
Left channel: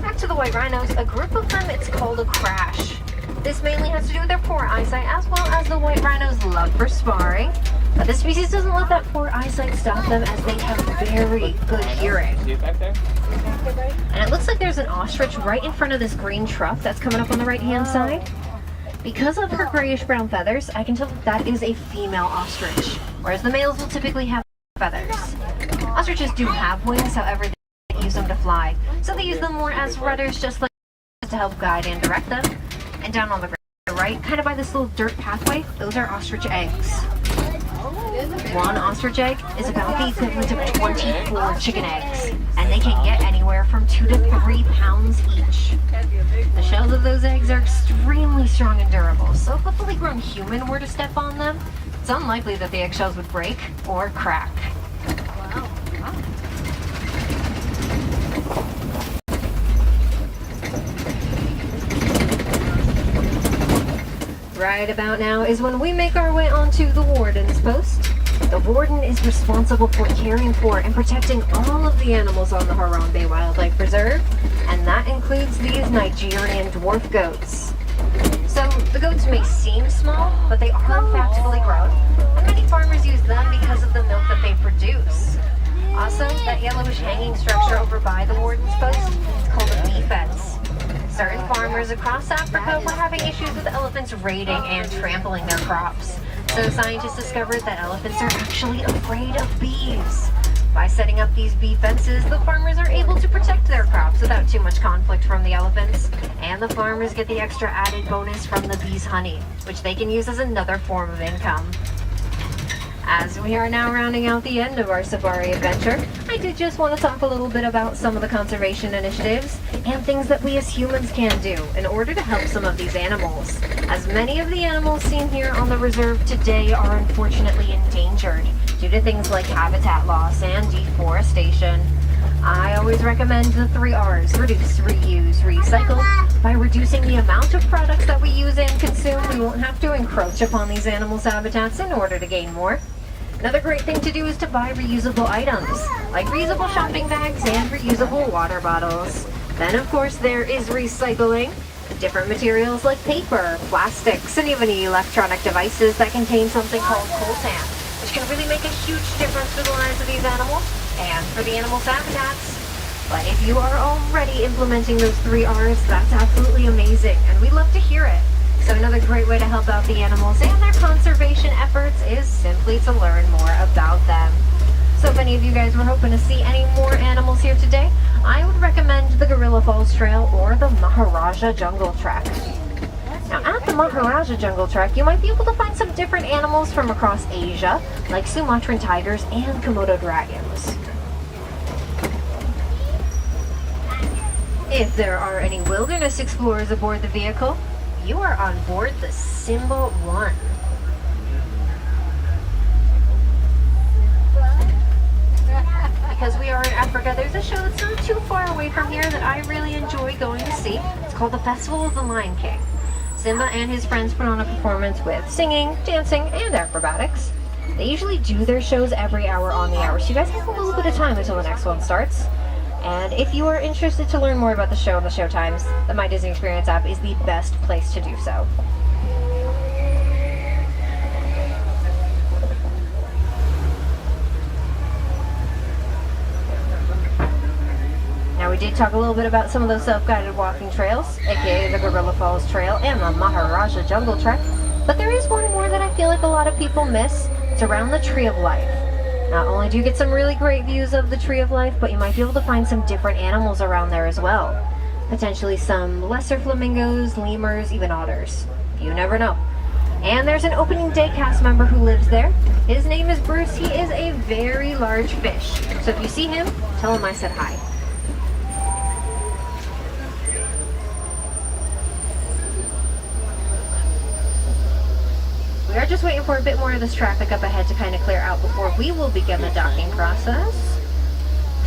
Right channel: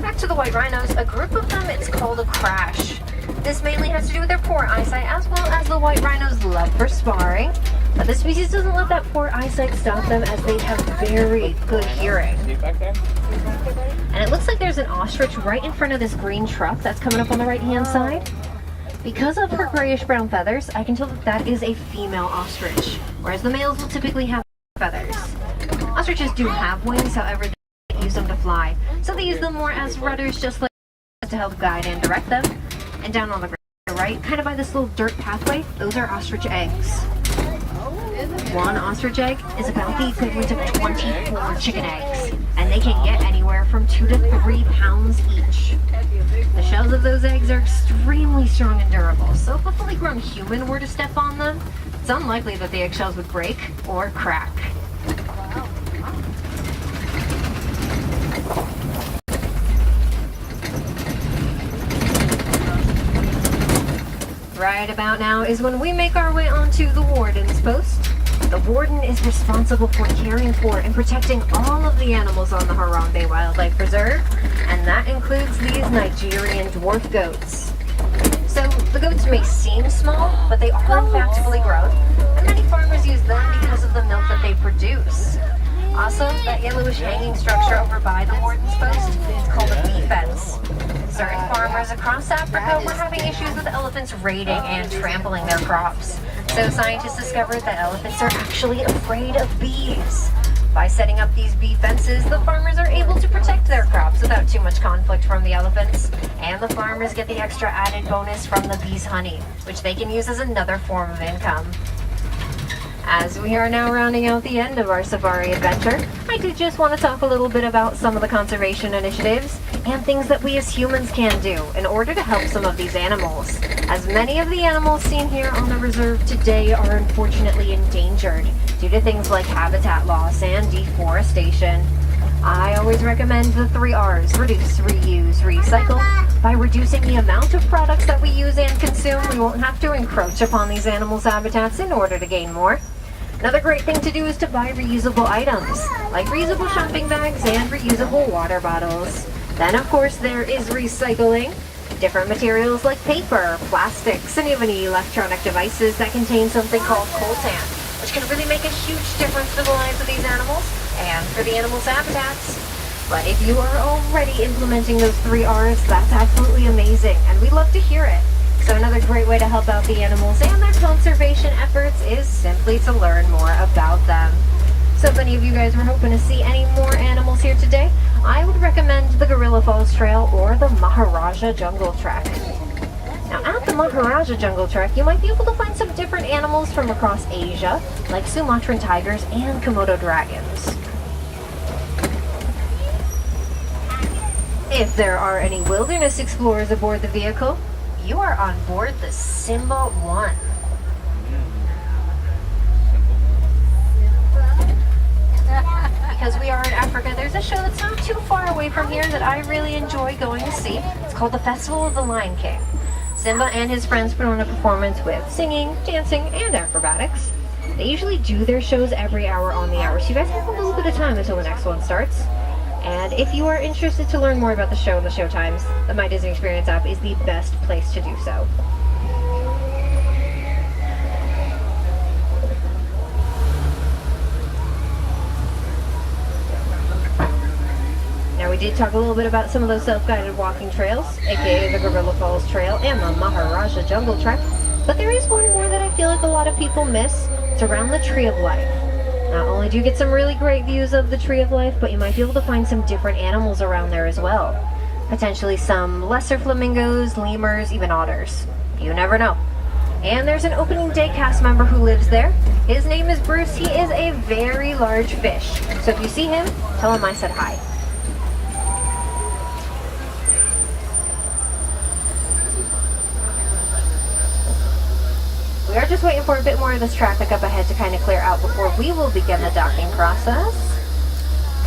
Back to the white rhinos, a group of them, it's called a crash. This mainly has to do with their poor eyesight, as well as the white rhino's love for sparring. But the species doesn't let that poor eyesight stop them, as they have very good hearing. See it back there? And it looks like there's an ostrich right in front of this green truck that's coming up on the right-hand side. Because of her grayish-brown feathers, I can tell that that is a female ostrich, whereas the males will typically have feathers. Ostriches do have wings, however, they don't use them to fly, so they use them more as rudders, just like to help guide and direct them. And down on the right, kind of by this little dirt pathway, those are ostrich eggs. One ostrich egg is about the equivalent of 24 chicken eggs, and they can get anywhere from 2 to 3 pounds each. The shells of those eggs are extremely strong and durable, so if a fully grown human were to step on them, it's unlikely that the eggshells would break or crack. Right about now is when we make our way onto the warden's post. The warden is responsible for caring for and protecting all of the animals on the Harambe Wildlife Preserve, and that includes these Nigerian dwarf goats. So The goats may seem small, but they are in fact fully grown, and many farmers use them because of the milk that they produce. Also, that yellowish hanging structure over by the warden's post is called a bee fence. Certain farmers across Africa were having issues with elephants raiding and trampling their crops. So scientists discovered that elephants are actually afraid of bees. By setting up these bee fences, the farmers are able to protect their crops without too much conflict from the elephants. And the farmers get the extra added bonus from the bees' honey, which they can use as another form of income. As we are now rounding out the end of our safari adventure, I did just want to talk a little bit about some of the conservation initiatives and things that we as humans can do in order to help some of these animals. As many of the animals seen here on the reserve today are unfortunately endangered due to things like habitat loss and deforestation. I always recommend the 3 R's: reduce, reuse, recycle. By reducing the amount of products that we use and consume, we won't have to encroach upon these animals' habitats in order to gain more. Another great thing to do is to buy reusable items, like reusable shopping bags and reusable water bottles. Then of course there is recycling. Different materials like paper, plastics, and even electronic devices that contain something called coltan, which can really make a huge difference for the lives of these animals and for the animals' habitats. But if you are already implementing those 3 R's, that's absolutely amazing, and we love to hear it. So another great way to help out the animals and their conservation efforts is simply to learn more about them. So if any of you guys were hoping to see any more animals here today, I would recommend the Gorilla Falls Trail or the Maharaja Jungle Trek. Now at the Maharaja Jungle Trek, you might be able to find some different animals from across Asia, like Sumatran tigers and Komodo dragons. If there are any wilderness explorers aboard the vehicle, you are on board the Simba 1. Because we are in Africa, there's a show that's not too far away from here that I really enjoy going to see. It's called the Festival of the Lion King. Simba and his friends put on a performance with singing, dancing, and acrobatics. They usually do their shows every hour on the hour, so you guys have a little bit of time until the next one starts. And if you are interested to learn more about the show and the show times, the My Disney Experience app is the best place to do so. Now we did talk a little bit about some of those self-guided walking trails, aka the Gorilla Falls Trail and the Maharaja Jungle Trek, but there is one more that I feel like a lot of people miss. It's around the Tree of Life. Not only do you get some really great views of the Tree of Life, but you might be able to find some different animals around there as well. Potentially some lesser flamingos, lemurs, even otters. You never know. And there's an opening day cast member who lives there. His name is Bruce. He is a very large fish. So if you see him, tell him I said hi. We are just waiting for a bit more of this traffic up ahead to kind of clear out before we will begin the docking process.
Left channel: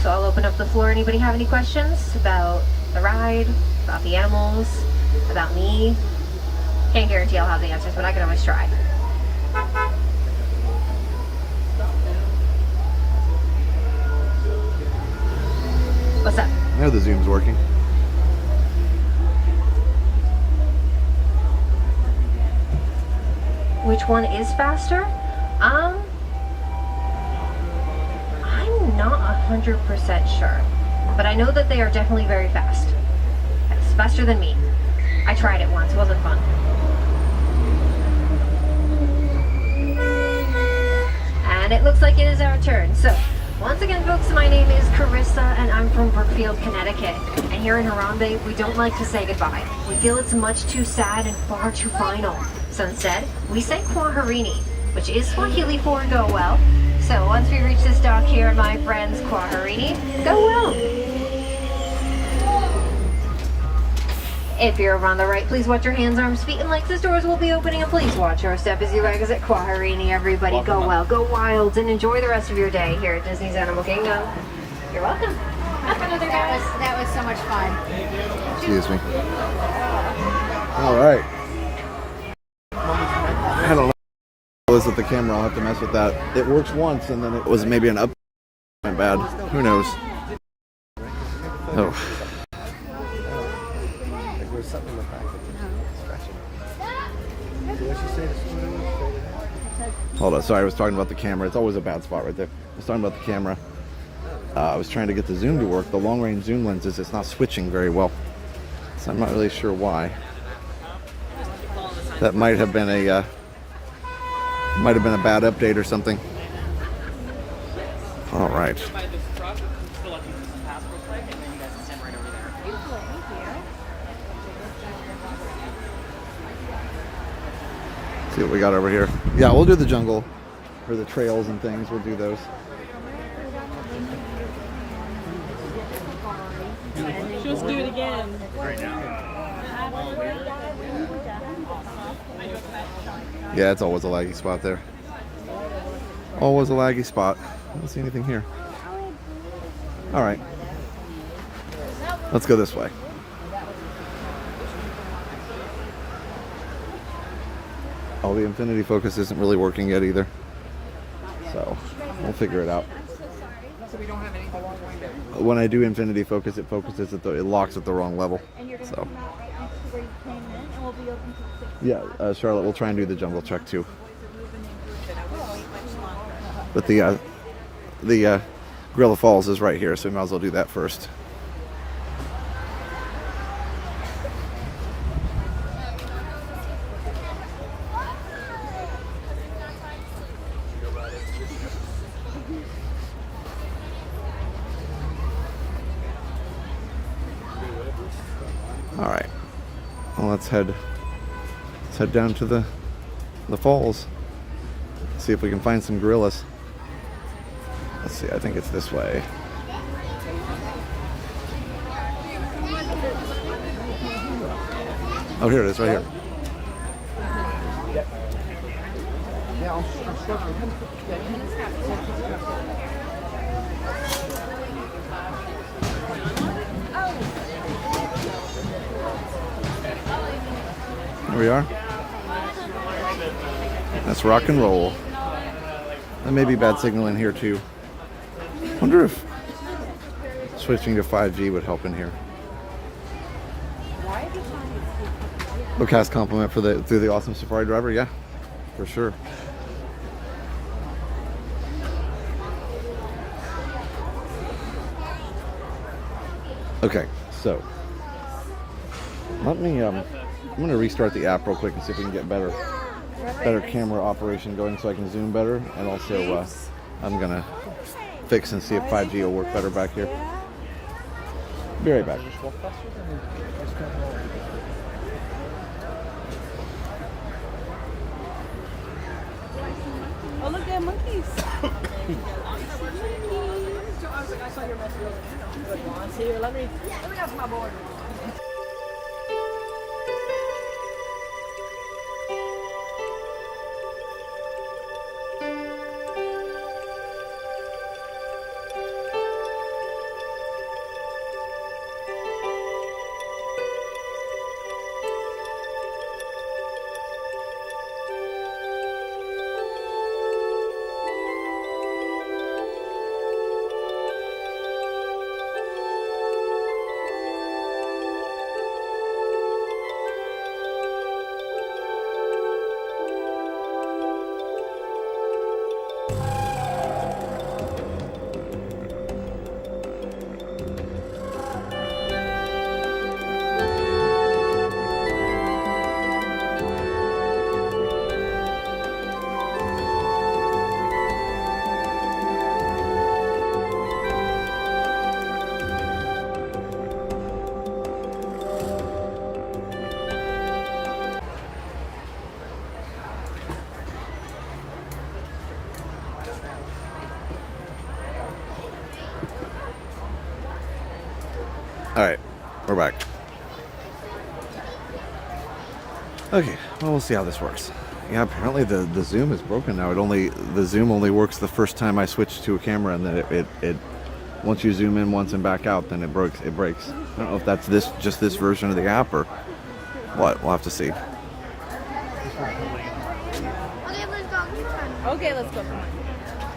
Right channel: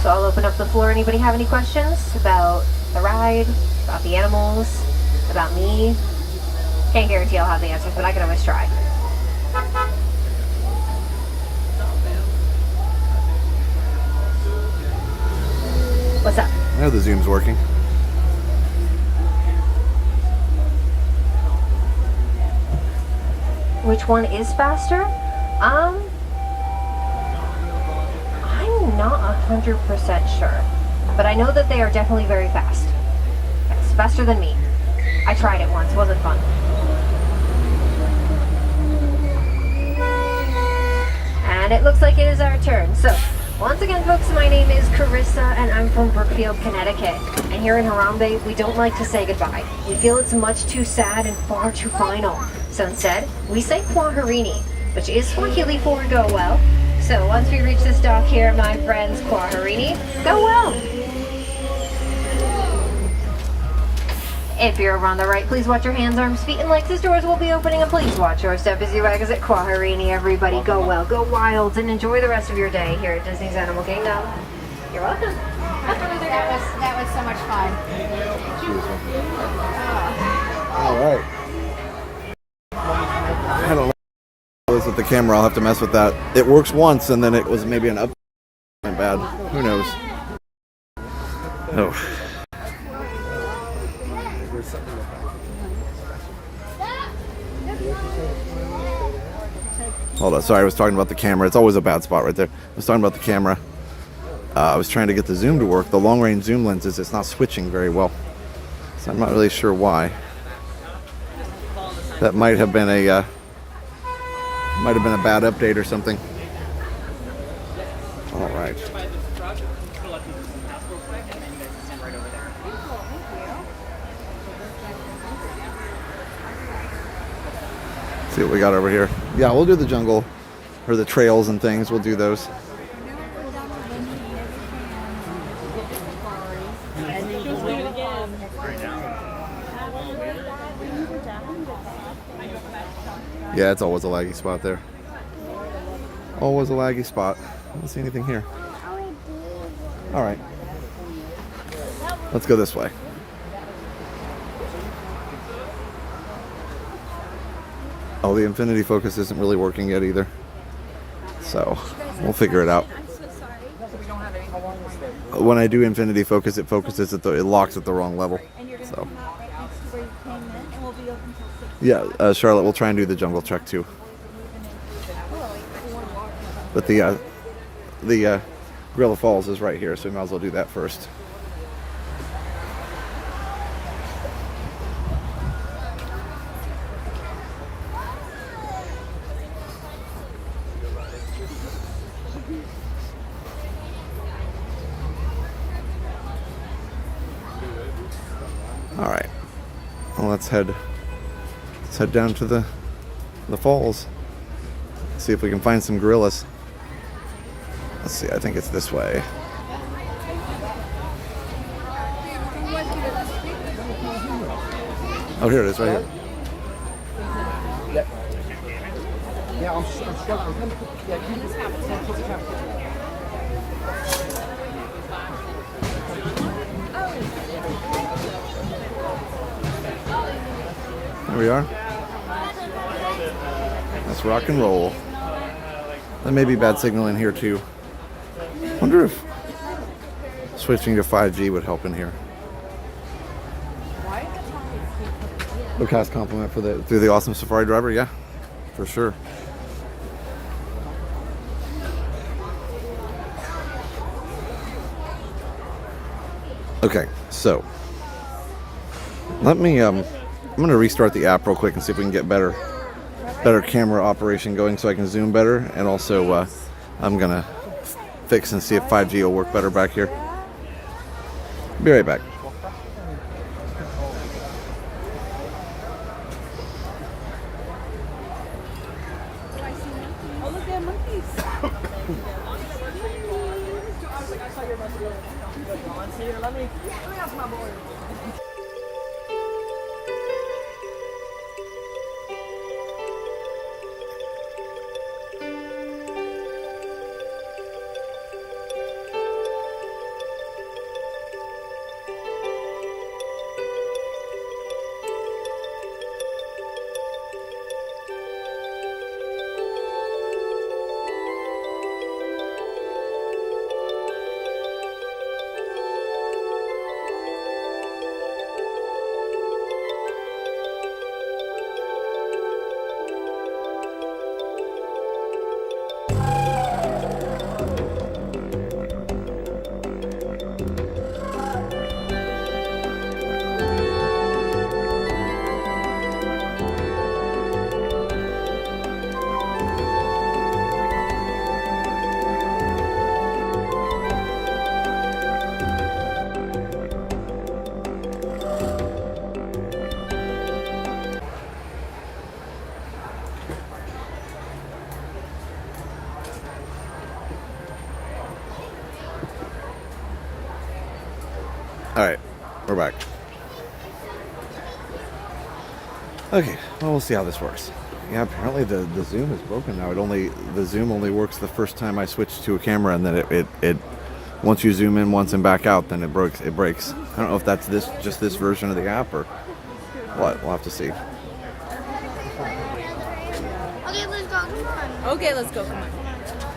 So I'll open up the floor. Anybody have any questions about the ride, about the animals, about me? Can't guarantee I'll have the answers, but I can always try. What's up? I know the zoom's working. Which one is faster? I'm not 100% sure, but I know that they are definitely very fast. Yes, faster than me. I tried it once, wasn't fun. And it looks like it is our turn. So, once again folks, my name is Carissa and I'm from Brookfield, Connecticut. And here in Harambe, we don't like to say goodbye. We feel it's much too sad and far too final. So instead, we say Kwaherini, which is Swahili for go well. So once we reach this dock here, my friends, Kwaherini, go well. If you're on the right, please watch your hands, arms, feet, and legs. The doors will be opening, and please watch your step as you exit Kwaherini. Everybody, go well, go wild, and enjoy the rest of your day here at Disney's Animal Kingdom. You're welcome. That was so much fun. Excuse me. All right. I had a lot with the camera. I'll have to mess with that. It works once, and then it was maybe an up. My bad. Who knows? Oh. Hold on, sorry, I was talking about the camera. It's always a bad spot right there. I was talking about the camera. I was trying to get the zoom to work. The long-range zoom lenses, it's not switching very well. So I'm not really sure why. That might have been a bad update or something. All right. See what we got over here. Yeah, we'll do the jungle or the trails and things. We'll do those. Just do it again. Yeah, it's always a laggy spot there. Always a laggy spot. I don't see anything here. All right. Let's go this way. Oh, the infinity focus isn't really working yet either. So we'll figure it out. When I do infinity focus, it focuses at it locks at the wrong level. So yeah, Charlotte, we'll try and do the jungle trek too. But the Gorilla Falls is right here, so we might as well do that first. All right, well, let's head down to the falls. See if we can find some gorillas. Let's see, I think it's this way. Oh, here it is, right here. There we are. Let's rock and roll. There may be bad signal in here too. Wonder if switching to 5G would help in here. Cast compliment for through the awesome Safari driver, yeah, for sure. Okay, so let me I'm gonna restart the app real quick and see if we can get better camera operation going so I can zoom better, and also I'm gonna fix and see if 5G will work better back here. Be right back. Oh, look at monkeys. Let me ask my boy. All right, we're back. Okay, well, we'll see how this works. Yeah, apparently the zoom is broken now. The zoom only works the first time I switch to a camera, and then it once you zoom in once and back out, then it breaks. I don't know if that's just this version of the app or what. We'll have to see. Okay, let's go.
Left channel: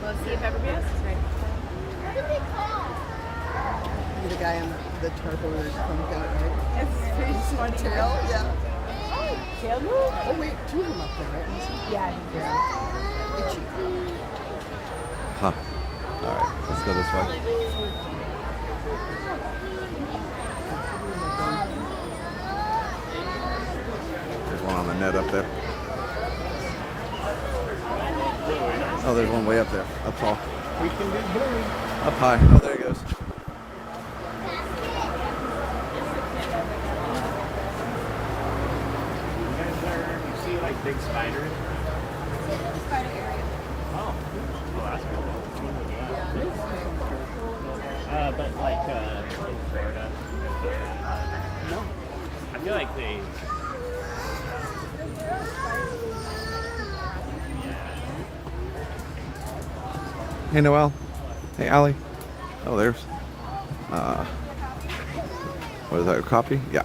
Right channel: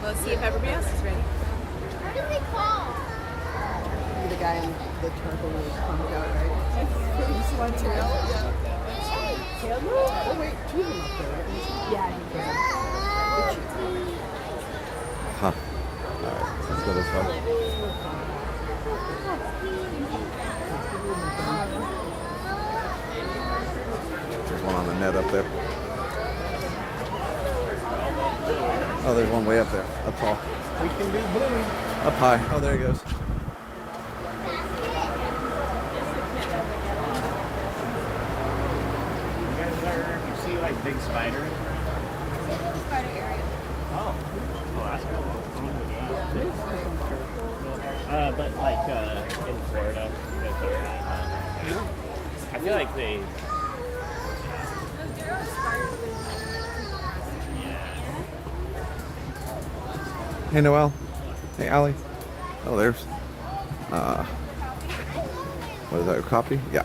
Let's see if everybody else is ready. What do we call? The guy in the turtle is from Goat, right? It's pretty sweaty. Hey, Oh wait, two of them up there, right? Yeah, yeah. Huh. All right, let's go this way. There's one on the net up there. Oh, there's one way up there, up tall. We can do blue. Up high. Oh, there he goes. You see like big spiders? Oh, that's cool. But like in Florida, I feel like they. Hey, Noelle. Hey, Allie. Oh, there's. What is that? A copy? Yeah.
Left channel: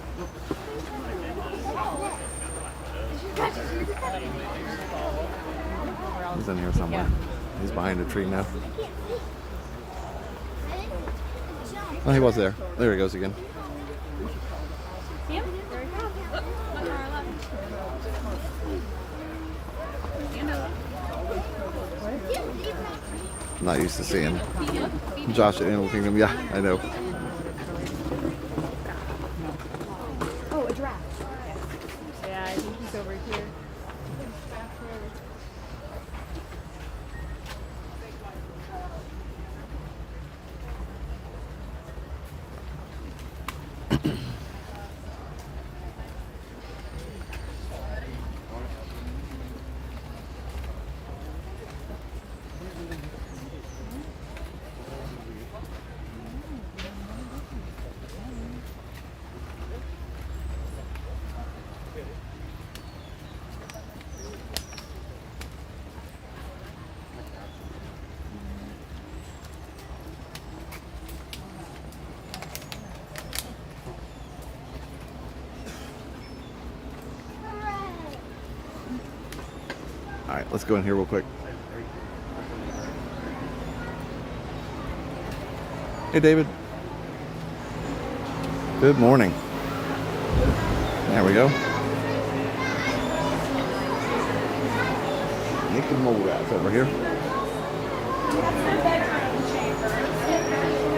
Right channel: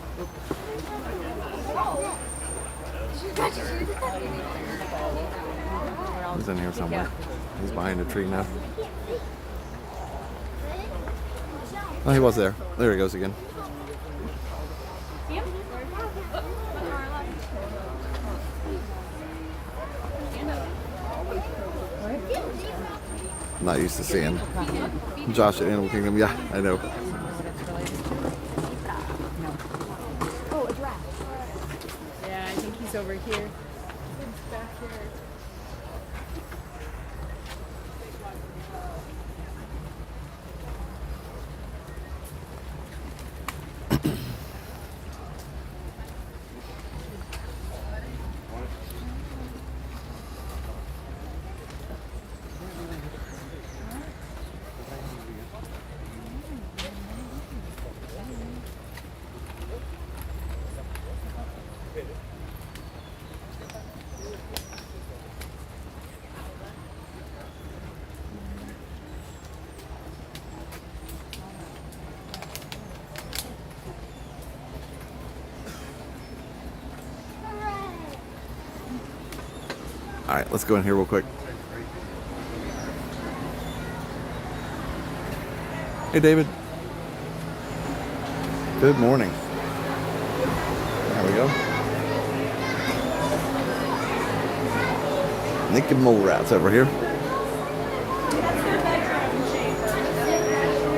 He's in here somewhere. He's behind a tree now. Oh, he was there. There he goes again. I'm not used to seeing Josh at Animal Kingdom. Yeah, I know. Oh, a giraffe. Yeah, I think he's over here. He's back there. All right, let's go in here real quick. Hey, David. Good morning. There we go. Naked mole rats over here. That's their bedroom chamber.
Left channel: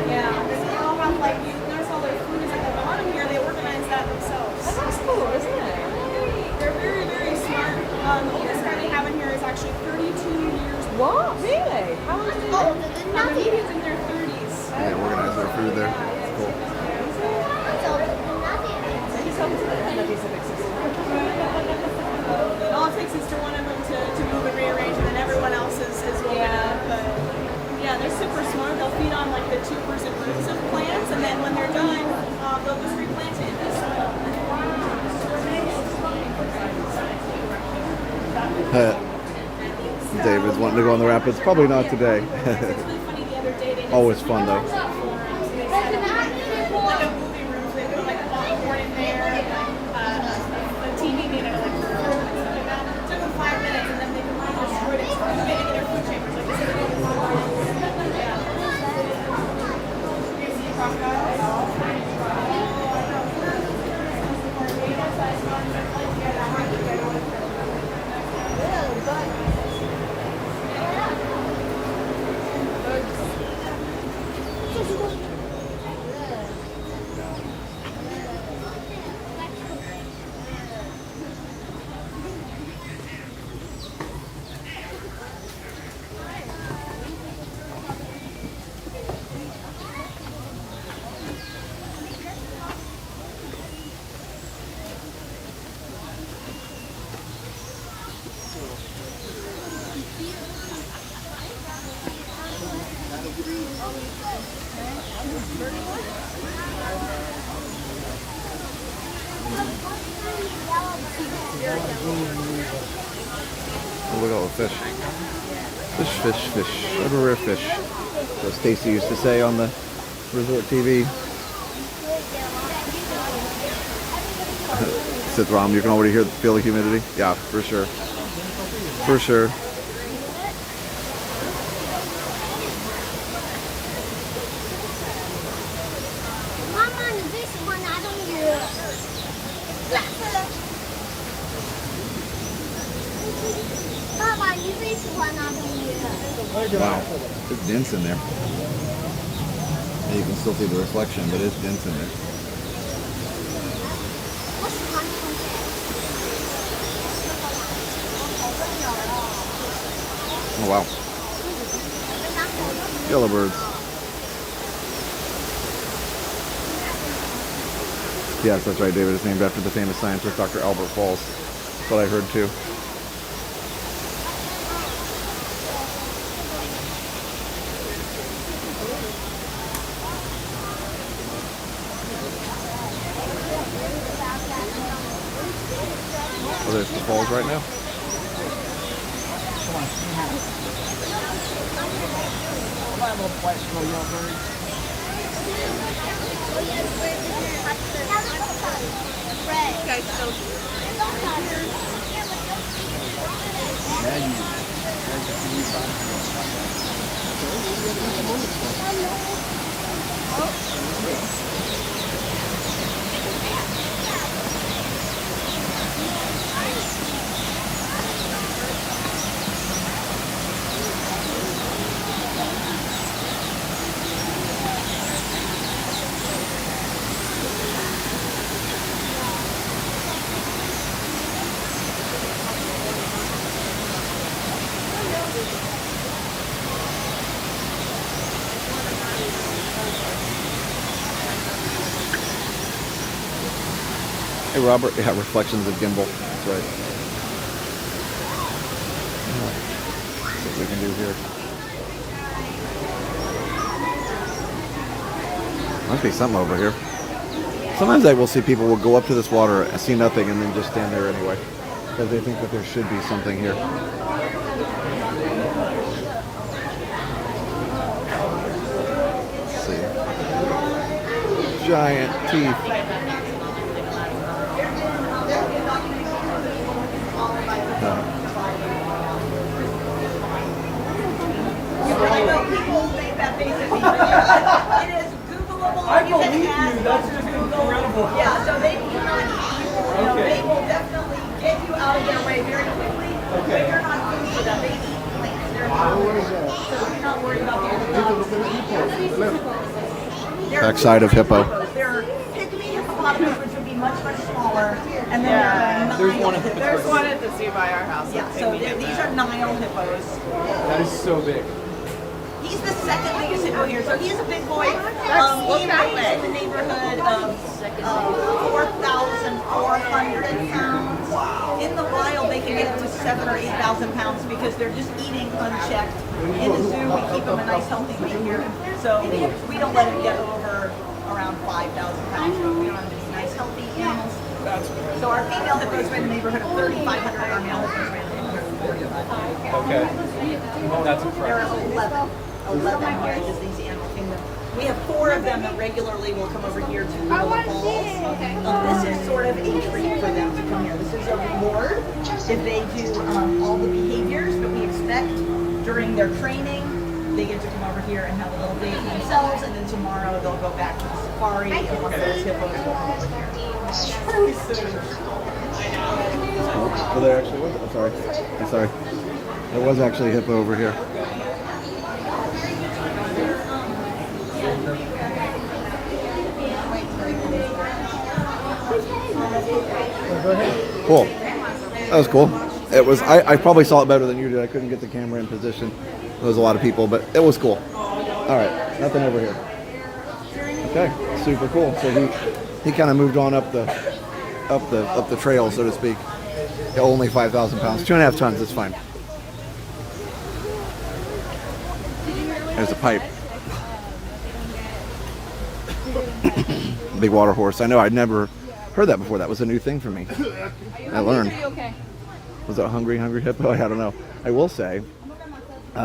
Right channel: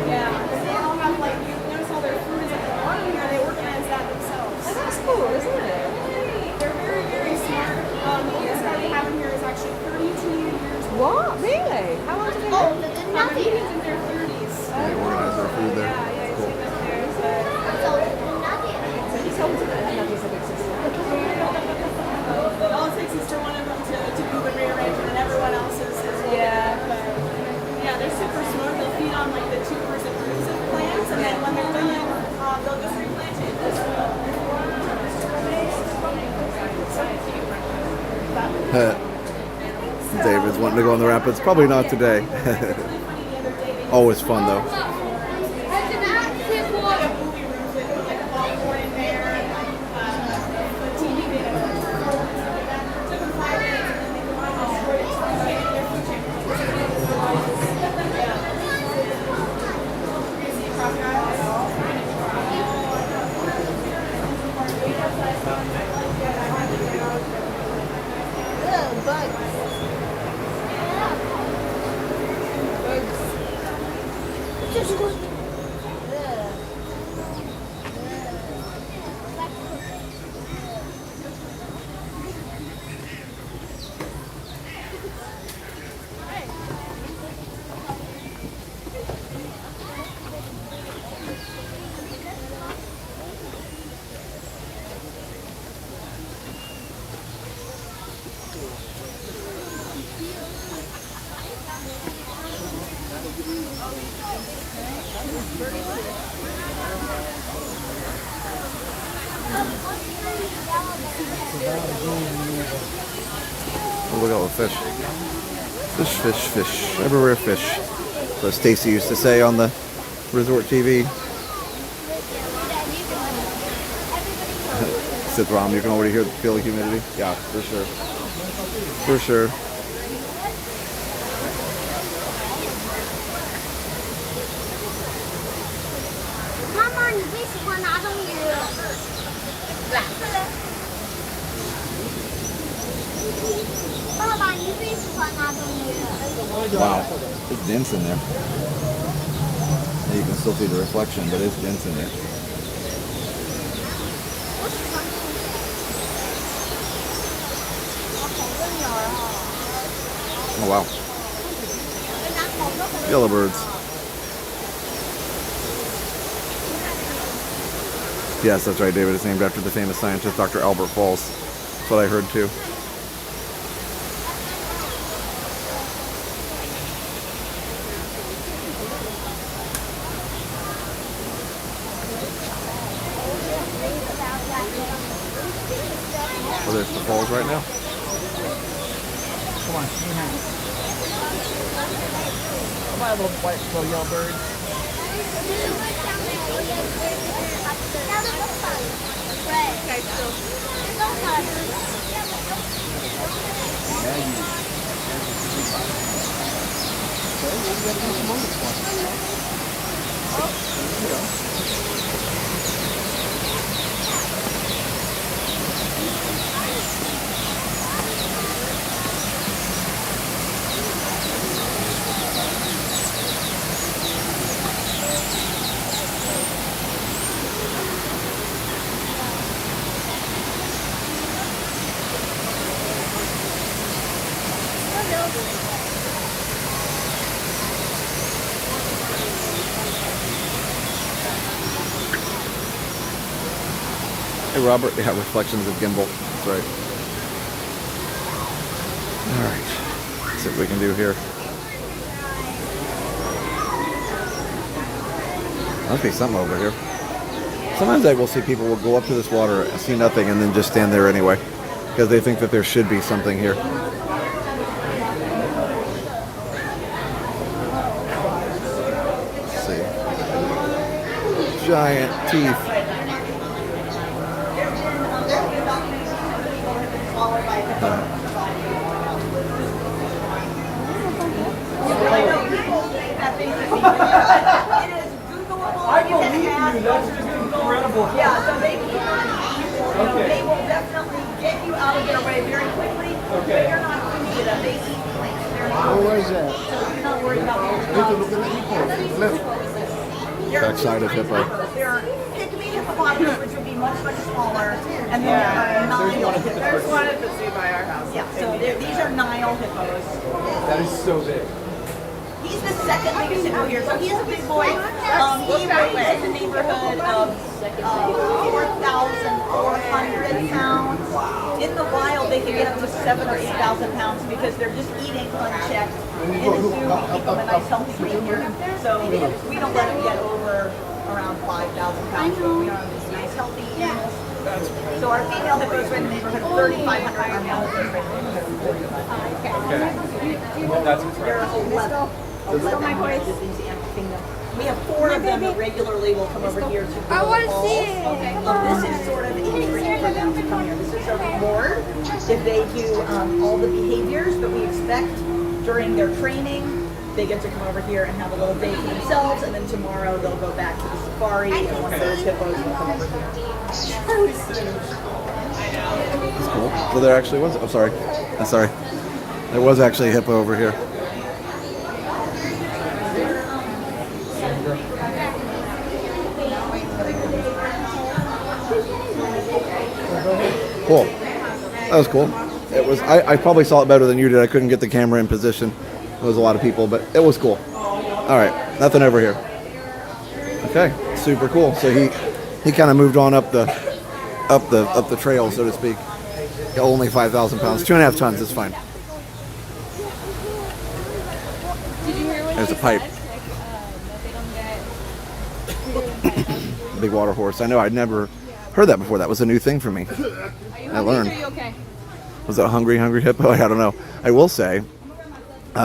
Yeah, they all have like, you notice all their food is at the bottom here, they organize that themselves. Oh, that's cool, isn't it? They're very, very smart. The oldest guy they have in here is actually 32 years old. What? Really? How long did Oh, the babies in their 30s. They organize their food there. Cool. All it takes is to one of them to move and rearrange, and then everyone else is will Yeah. yeah, they're super smart. They'll feed on like the tubers and roots of plants, and then when they're done, they'll just replant it. David's wanting to go on the rapids. Probably not today. Always fun though. Oh, look at all the fish. Fish, fish, fish. Everywhere fish. As Stacy used to say on the resort TV. Said Rom, you can already feel the humidity. Yeah, for sure. For sure. Wow, it's dense in there. And you can still see the reflection, but it's dense in there. Oh wow. Yellowbirds. Yes, that's right, David. It's named after the famous scientist Dr. Albert Falls. That's what I heard too. Oh, there's the falls right now. Hey Robert, yeah, reflections of gimbal. That's right. Alright. Let's see what we can do here. Must be something over here. Sometimes I will see people will go up to this water, see nothing, and then just stand there anyway. Because they think that there should be something here. Let's see. Giant teeth. I believe you. That's just incredible. Yeah, so they cannot eat. Okay. They will definitely get you out of their way very quickly. Okay. You're not food for them. They eat things. Where is that? So you're not worried about the Backside of hippo. They're pygmy hippopotamus, which would be much, much smaller. And then there are Nile hippos. There's one at the zoo by our house. Yeah, so these are Nile hippos. That is so big. He's the second biggest hippo here, so he's a big boy. He weighs in the neighborhood of 4,400 pounds. In the wild, they can get up to 7,000 or 8,000 pounds because they're just eating unchecked. In the zoo, we keep them a nice healthy weight here, so we don't let them get over around 5,000 pounds. We don't have these nice healthy animals. So our female hippos are in the neighborhood of 3,500. Our male hippos are in the neighborhood of 4,500. Okay. Well, that's There are incredible. 11 varieties in the animal kingdom. We have 4 of them that regularly will come over here to the falls. This is sort of a treat for them to come here. This is a reward if they do all the behaviors that we expect during their training. They get to come over here and have a little day for themselves, and then tomorrow they'll go back to the safari, and one of those hippos will come over here. That's cool. Well, there actually was. I'm sorry. I'm sorry. There was actually a hippo over here. Cool. That was cool. It was. I probably saw it better than you did. I couldn't get the camera in position. There was a lot of people, but it was cool. All right, nothing over here. Okay, super cool. So he kind of moved on up the trail, so to speak. Only 5,000 pounds, 2.5 tons. It's fine. There's a pipe. Big water horse. I know. I'd never heard that before. That was a new thing for me. I learned. Was that a hungry hippo? I don't know. I will say,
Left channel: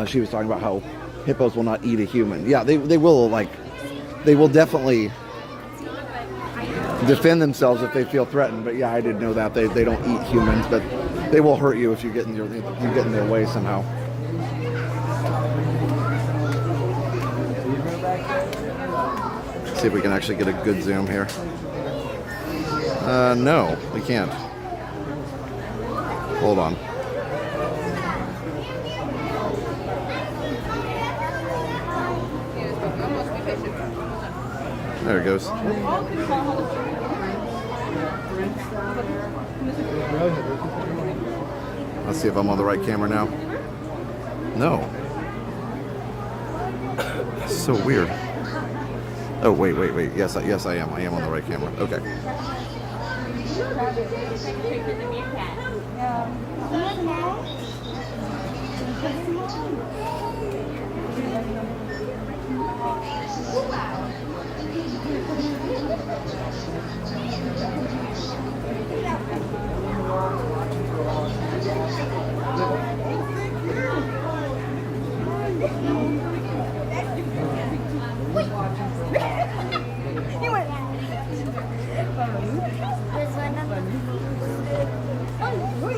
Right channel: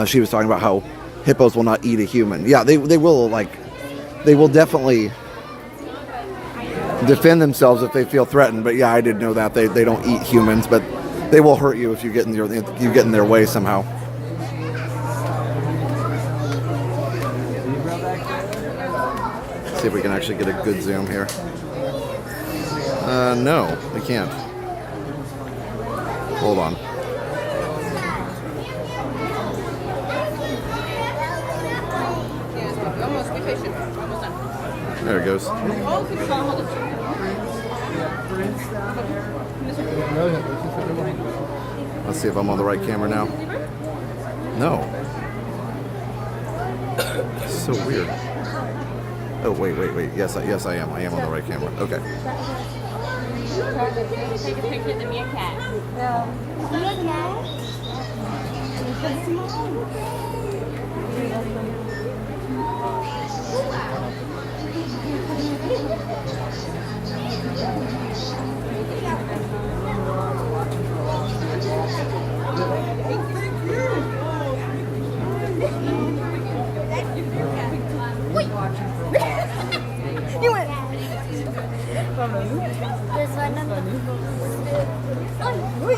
she was talking about how hippos will not eat a human. Yeah, they will definitely defend themselves if they feel threatened. But yeah, I did know that they don't eat humans, but they will hurt you if you get in their way somehow. See if we can actually get a good zoom here. No, we can't. Hold on. There it goes. Let's see if I'm on the right camera now. No. It's so weird. Oh, wait. Yes, I am. I am on the right camera. Okay.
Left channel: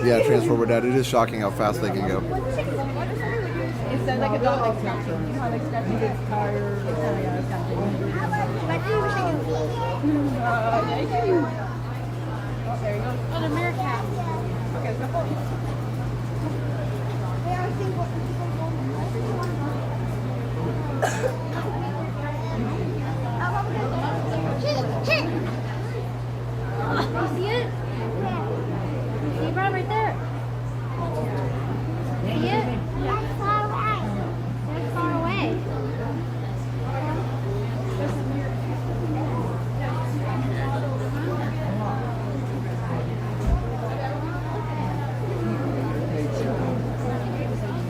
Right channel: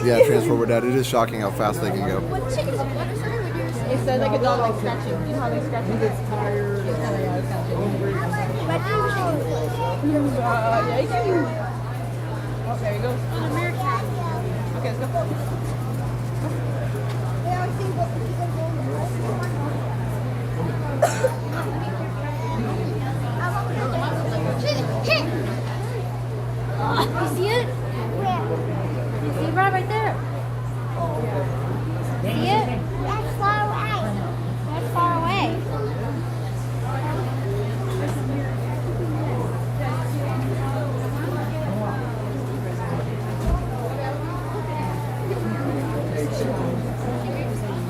Yeah, Transformer Dad, it is shocking how fast they can go. It says like a dog like scratching. You know how they scratch? He gets tired. Oh, there you go. Okay, let's go. You see it? See it right there? See it? That's far away. That's far away.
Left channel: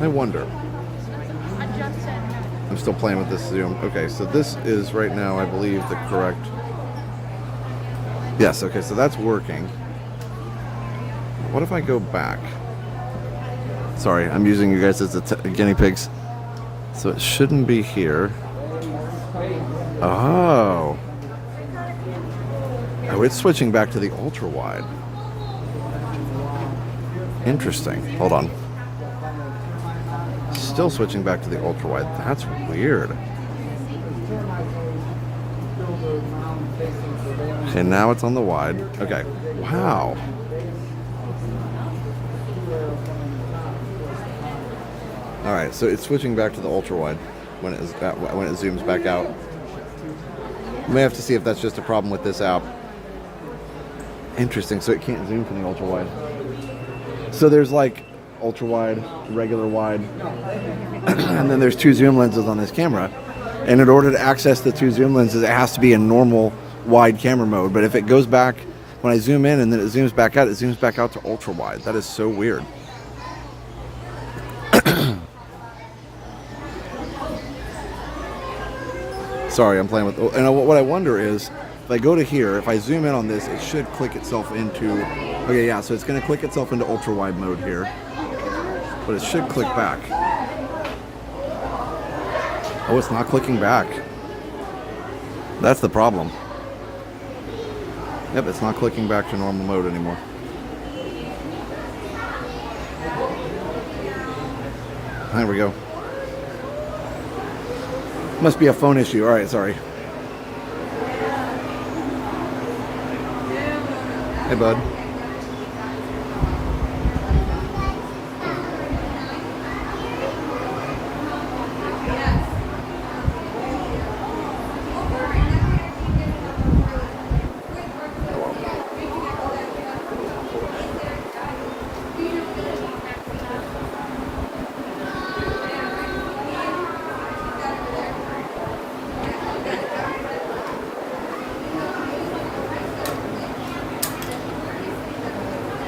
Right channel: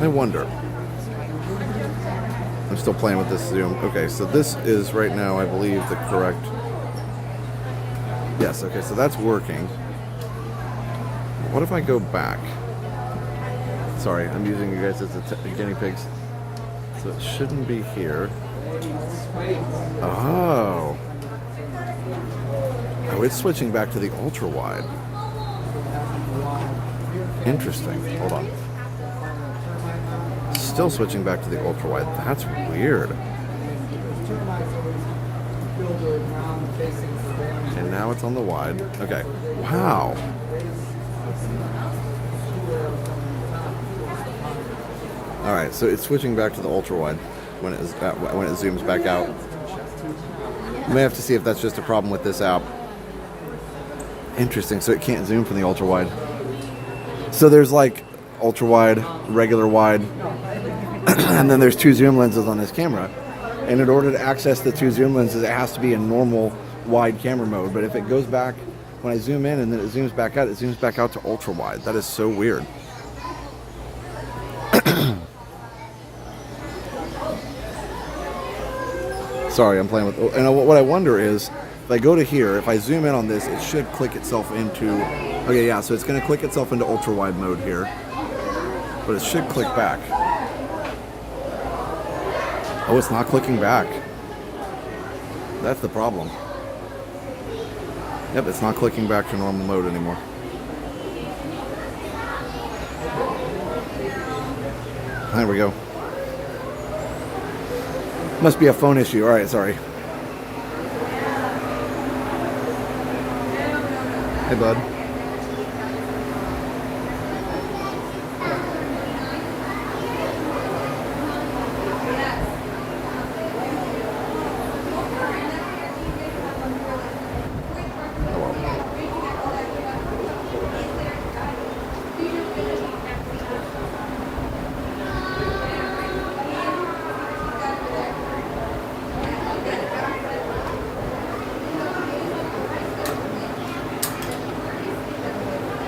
I wonder. I'm still playing with this zoom. Okay, so this is right now, I believe, the correct... Yes, okay, so that's working. What if I go back? Sorry, I'm using you guys as the guinea pigs. So it shouldn't be here. Oh. Oh, it's switching back to the ultra wide. Interesting. Hold on. Still switching back to the ultra wide. That's weird. Okay, now it's on the wide. Okay. Wow. All right, so it's switching back to the ultra wide when it zooms back out. You may have to see if that's just a problem with this app. Interesting. So it can't zoom from the ultra wide. So there's like ultra wide, regular wide, and then there's two zoom lenses on this camera. And in order to access the two zoom lenses, it has to be in normal wide camera mode. But if it goes back, when I zoom in and then it zooms back out, it zooms back out to ultra wide. That is so weird. Sorry, I'm playing with... And what I wonder is, if I go to here, if I zoom in on this, it should click itself into... Okay, yeah, so it's going to click itself into ultra wide mode here. But it should click back. Oh, it's not clicking back. That's the problem. Yep, it's not clicking back to normal mode anymore. There we go. Must be a phone issue. All right, sorry. Hey, bud.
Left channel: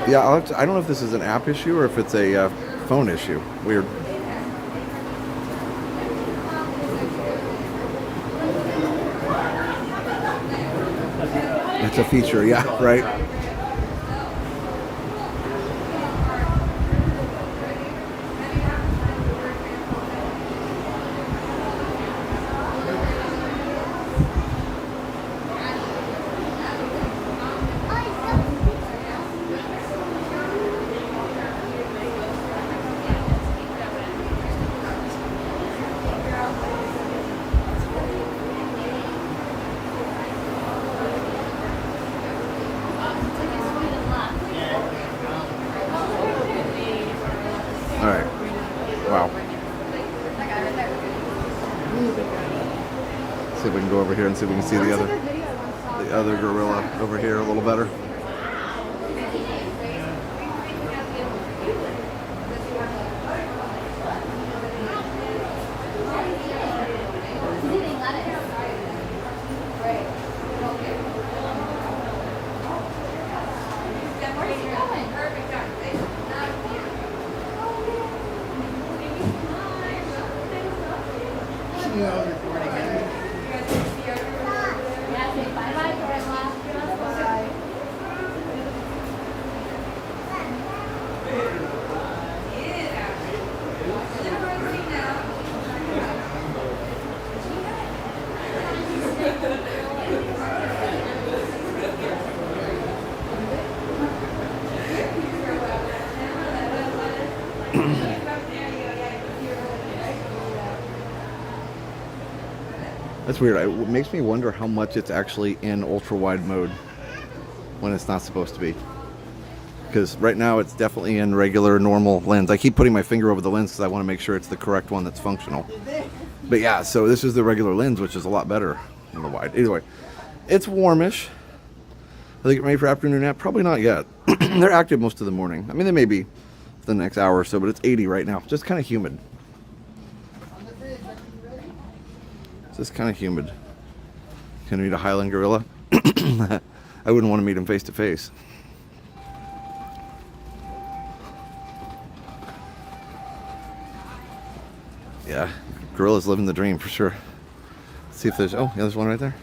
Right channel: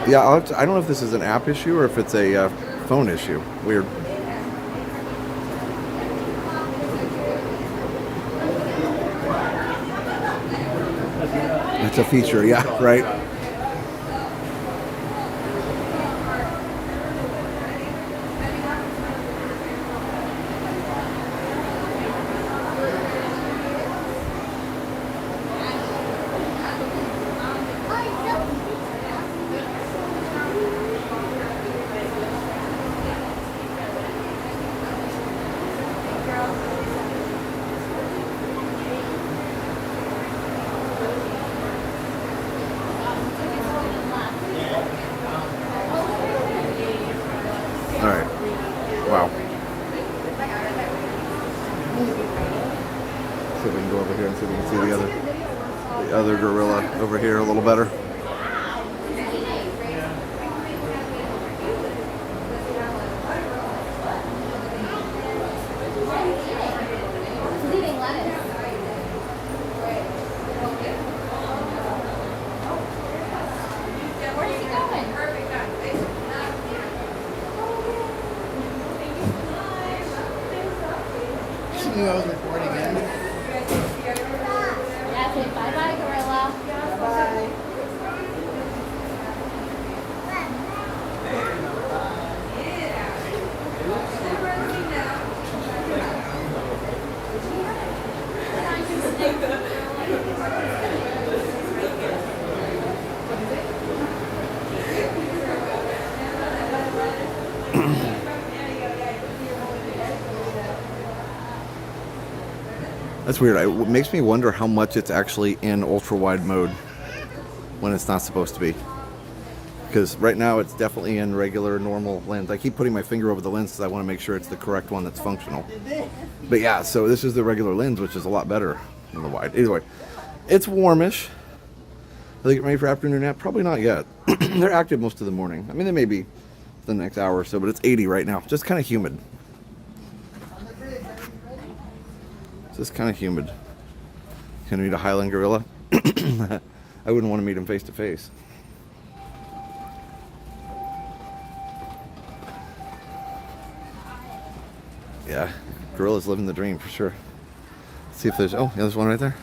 Yeah, I don't know if this is an app issue or if it's a phone issue. Weird. It's a feature, yeah, right? All right. Wow. See if we can go over here and see if we can see the other. the other gorilla over here a little better. That's weird. It makes me wonder how much it's actually in ultra wide mode when it's not supposed to be. Because right now it's definitely in regular normal lens. I keep putting my finger over the lens because I want to make sure it's the correct one that's functional. But yeah, so this is the regular lens, which is a lot better than the wide. Either way, it's warmish. Are they getting ready for afternoon nap? Probably not yet. They're active most of the morning. I mean, they may be the next hour or so, but it's 80 right now. Just kind of humid. Just kind of humid. Can I meet a Highland gorilla? I wouldn't want to meet him face to face. Yeah, gorillas living the dream for sure. Let's see if there's, oh, yeah, there's one right there.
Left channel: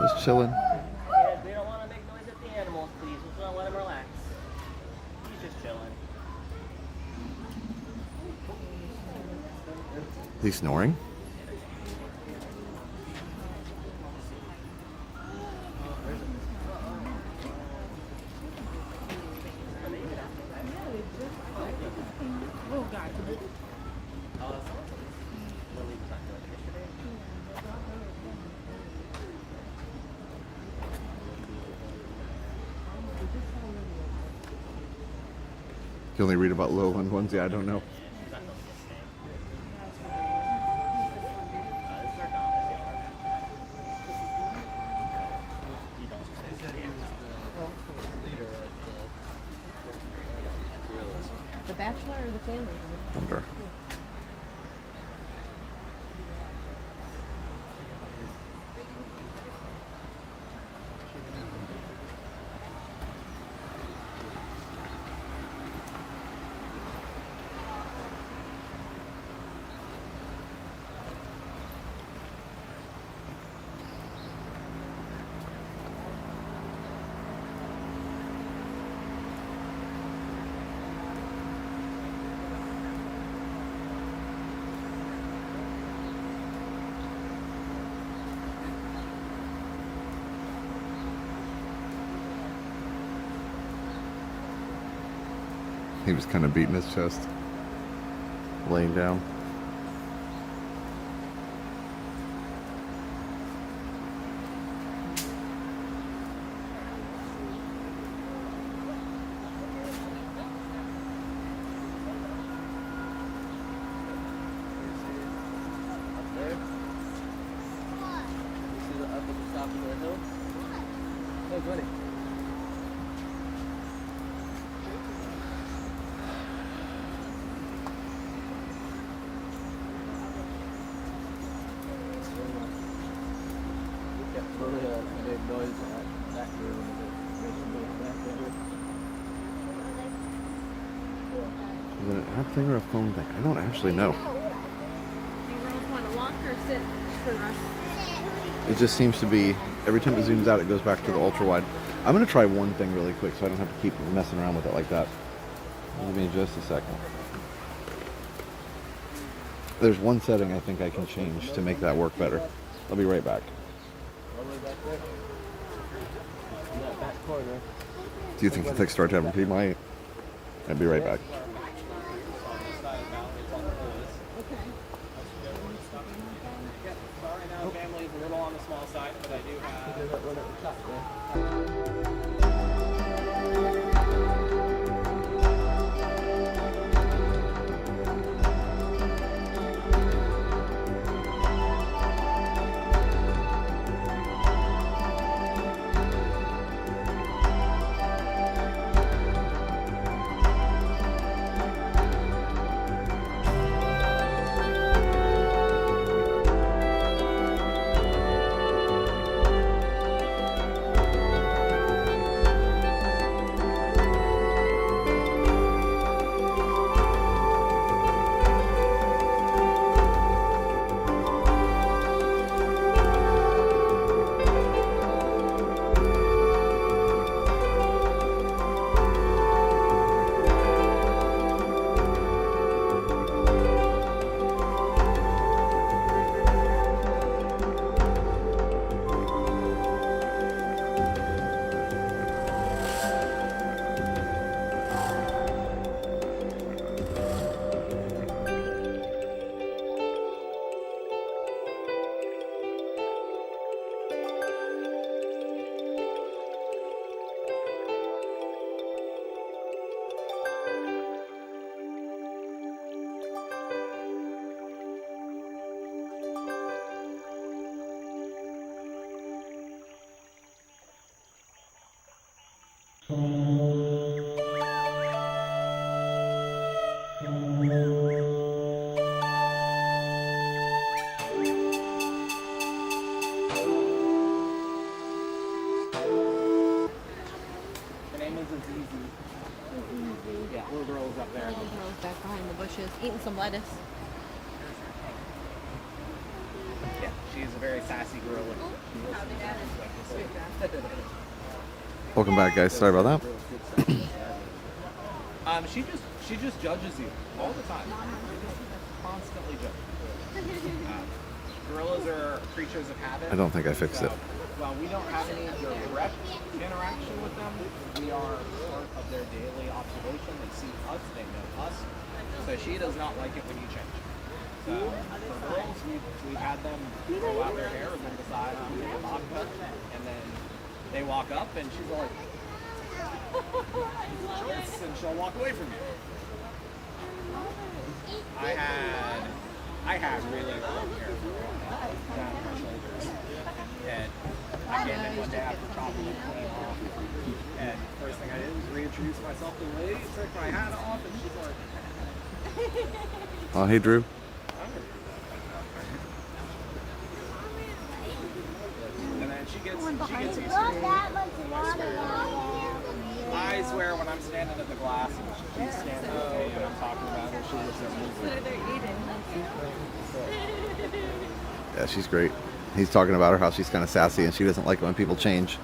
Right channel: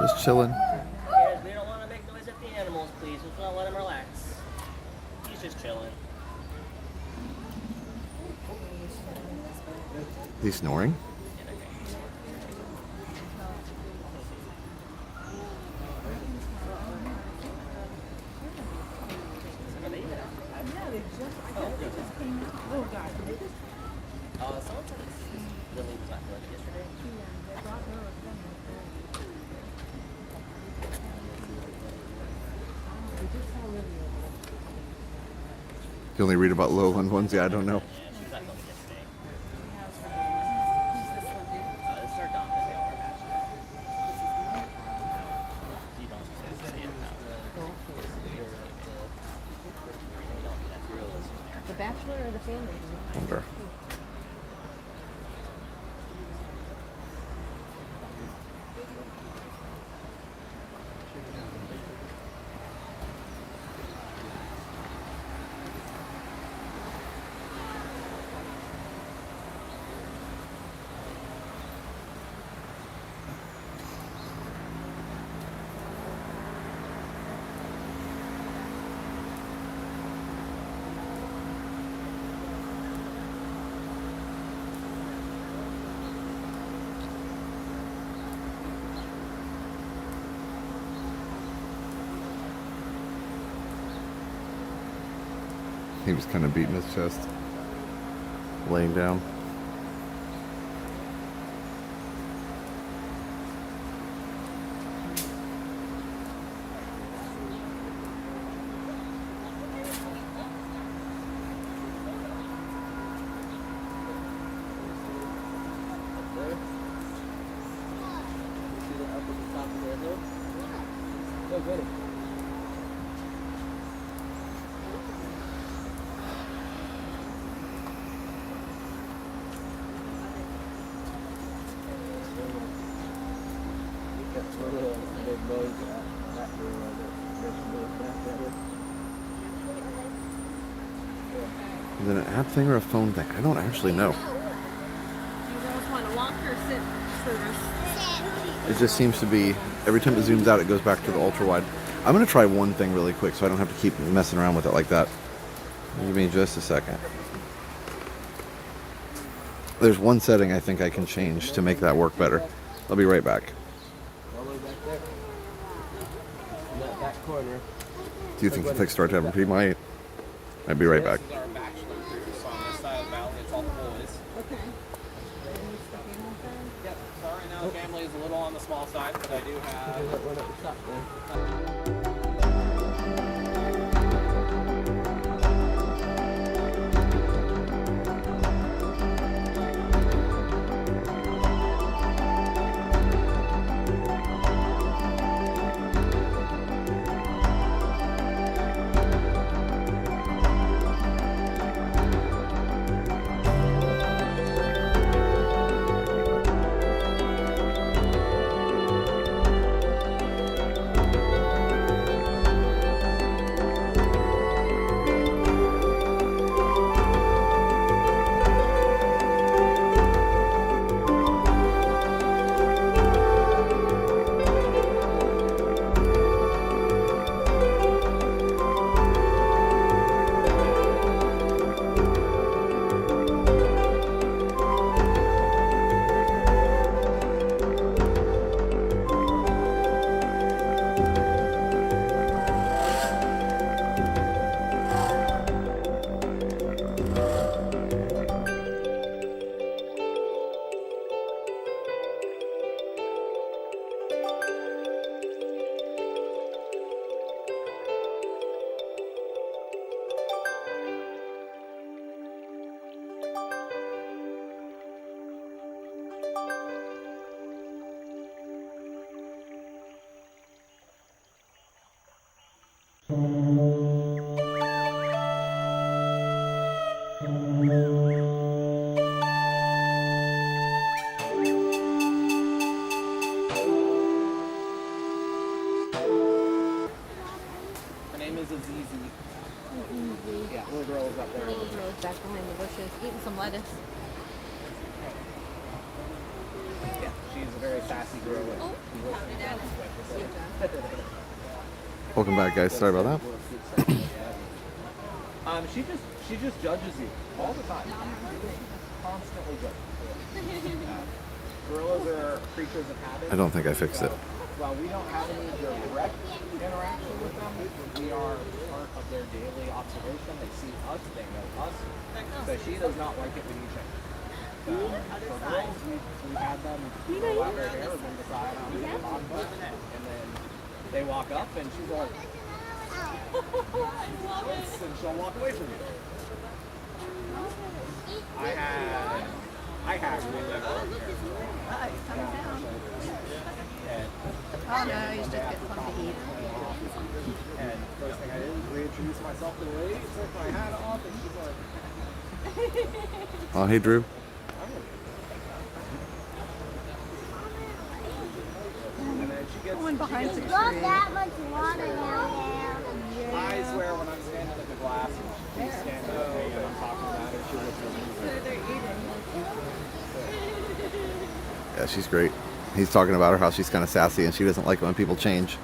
Just chilling. Yeah, we don't want to make noise at the animals, please. We just want to let him relax. He's just chilling. He's snoring. You only read about lowland ones? Yeah, I don't know. The bachelor or the family? Wonder. He was kind of beating his chest, laying down. Is it an app thing or a phone thing? I don't actually know. It just seems to be, every time it zooms out, it goes back to the ultra wide. I'm going to try one thing really quick so I don't have to keep messing around with it like that. Give me just a second. There's one setting I think I can change to make that work better. I'll be right back. Do you think the things start to have a might? I'll be right back. Family's a little on the small side, but I do have. is a ZZ. Yeah, little girl is up there. Little girl's back behind the bushes, eating some lettuce. Yeah, she's a very sassy girl. Welcome back, guys. Sorry about that. She just judges you all the time. Constantly judges. Gorillas are creatures of habit. I don't think I fixed it. Well, we don't have any direct interaction with them. We are part of their daily observation. They see us, they know us. So she does not like it when you change. So for girls, we've had them grow out their hair, been beside on the bottom button, and then they walk up and she's like, I love it. And she'll walk away from you. I had really long hair down my shoulders. And Just get some to eat. and first thing I did was reintroduce myself to the lady, took my hat off, and she's like, Oh, hey, Drew. and then she gets used to it. I swear when I'm standing at the glass and she's standing with me and I'm talking about her, she looks at me. Yeah, she's great. He's talking about her, how she's kind of sassy and she doesn't like it when people change.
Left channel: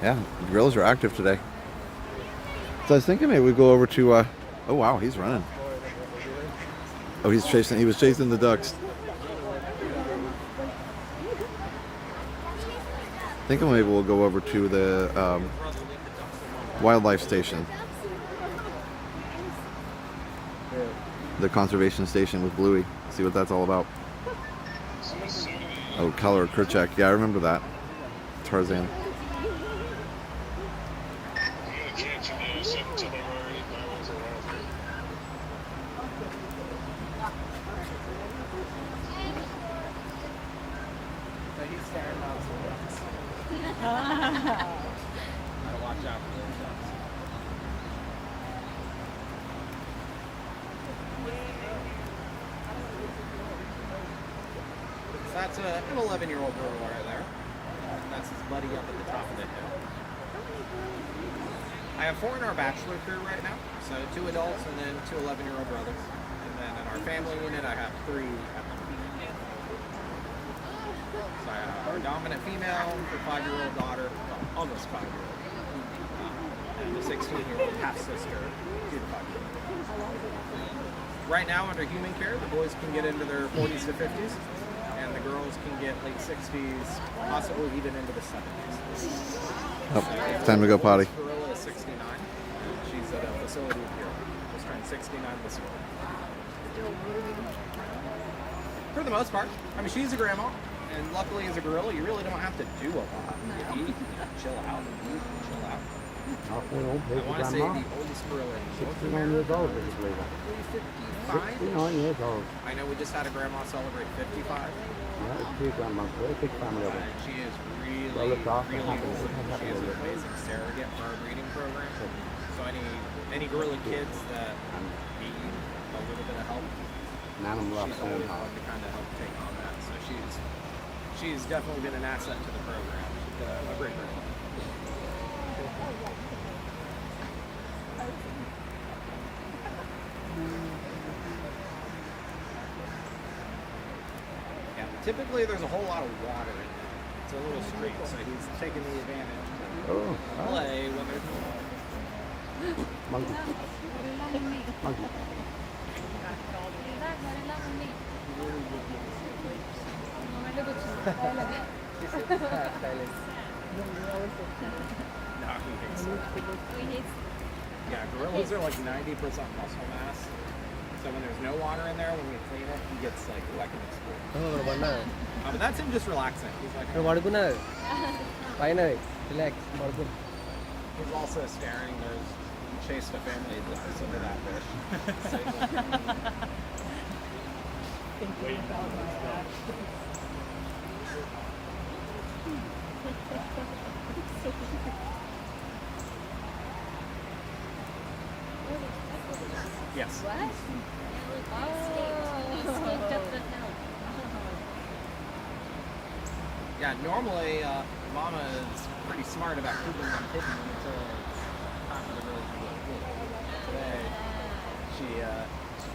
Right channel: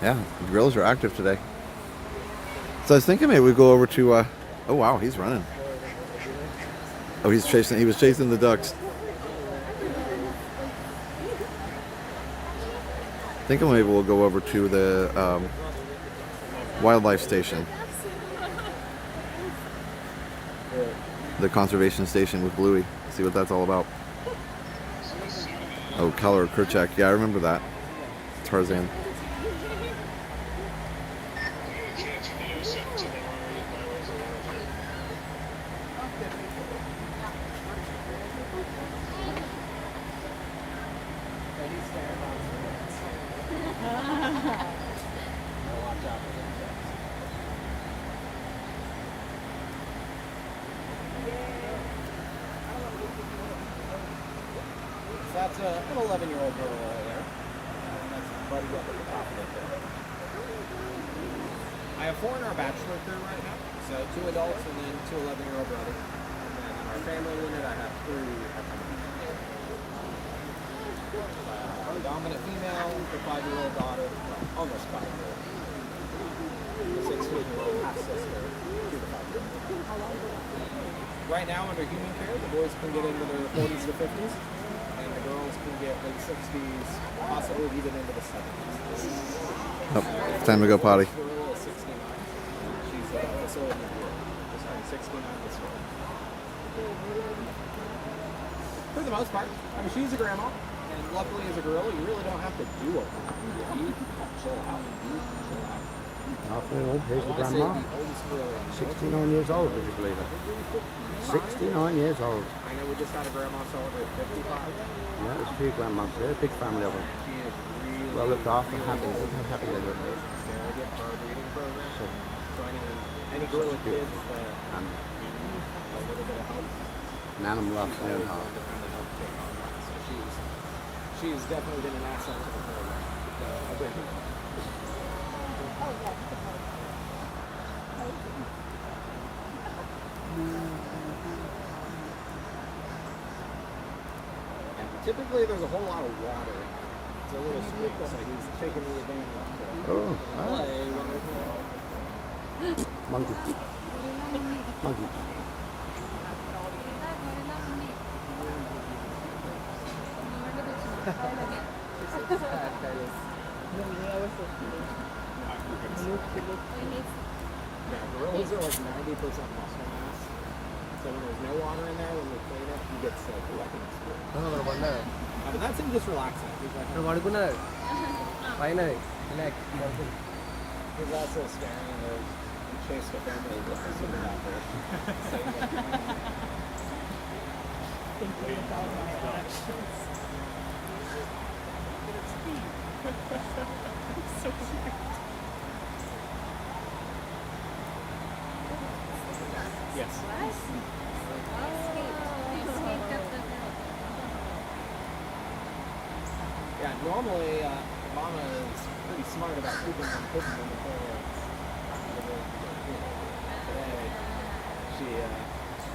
Yeah, the gorillas are active today. So I was thinking maybe we go over to, oh wow, he's running. Oh, he was chasing the ducks. Thinking maybe we'll go over to the wildlife station. The conservation station with Bluey. See what that's all about. Oh, Color Kerchak. Yeah, I remember that. Tarzan. So that's an 11-year-old girl right there. And that's his buddy up at the top of the hill. I have 4 in our bachelor crew right now. So 2 adults and then 2 11-year-old brothers. And then in our family unit, I have 3 at the moment. So I have our dominant female, the 5-year-old daughter, well, almost 5-year-old. The 16-year-old half-sister to the 5-year-old. Right now, under human care, the boys can get into their 40s to 50s. And the girls can get late 60s, possibly even into the 70s. Oh, it's time to go potty. Gorilla is 69. She's a facility here. Just turned 69 this year. For the most part. I mean, she's a grandma. And luckily, as a gorilla, you really don't have to do a lot. You eat, chill out, chill out. Halfway home, here's I the want to say grandma. the oldest gorilla. 69 years old, would you believe it? 69 years old. I know we just had a grandma celebrate 55. Yeah, there's 2 grandmas there, big family of them. She is really, Well looked after, really happy, old. happy She has little. an amazing surrogate for our breeding program. So any gorilla kids that need a little bit of help, An animal loves she's always one to kind of help take on that. So she's definitely been an asset to the program. A great girl. Typically, there's a whole lot of water. It's a little street, so he's taking the advantage to play when there's no water. Monkey. Monkey. Yeah, gorillas are like 90% muscle mass. So when there's no water in there, when we clean it, he gets like wet and explode. But that's him just relaxing. He's like, he's also scaring those chase the family just to super that fish. Yes. Yeah, normally Mama is pretty smart about keeping them hidden until today she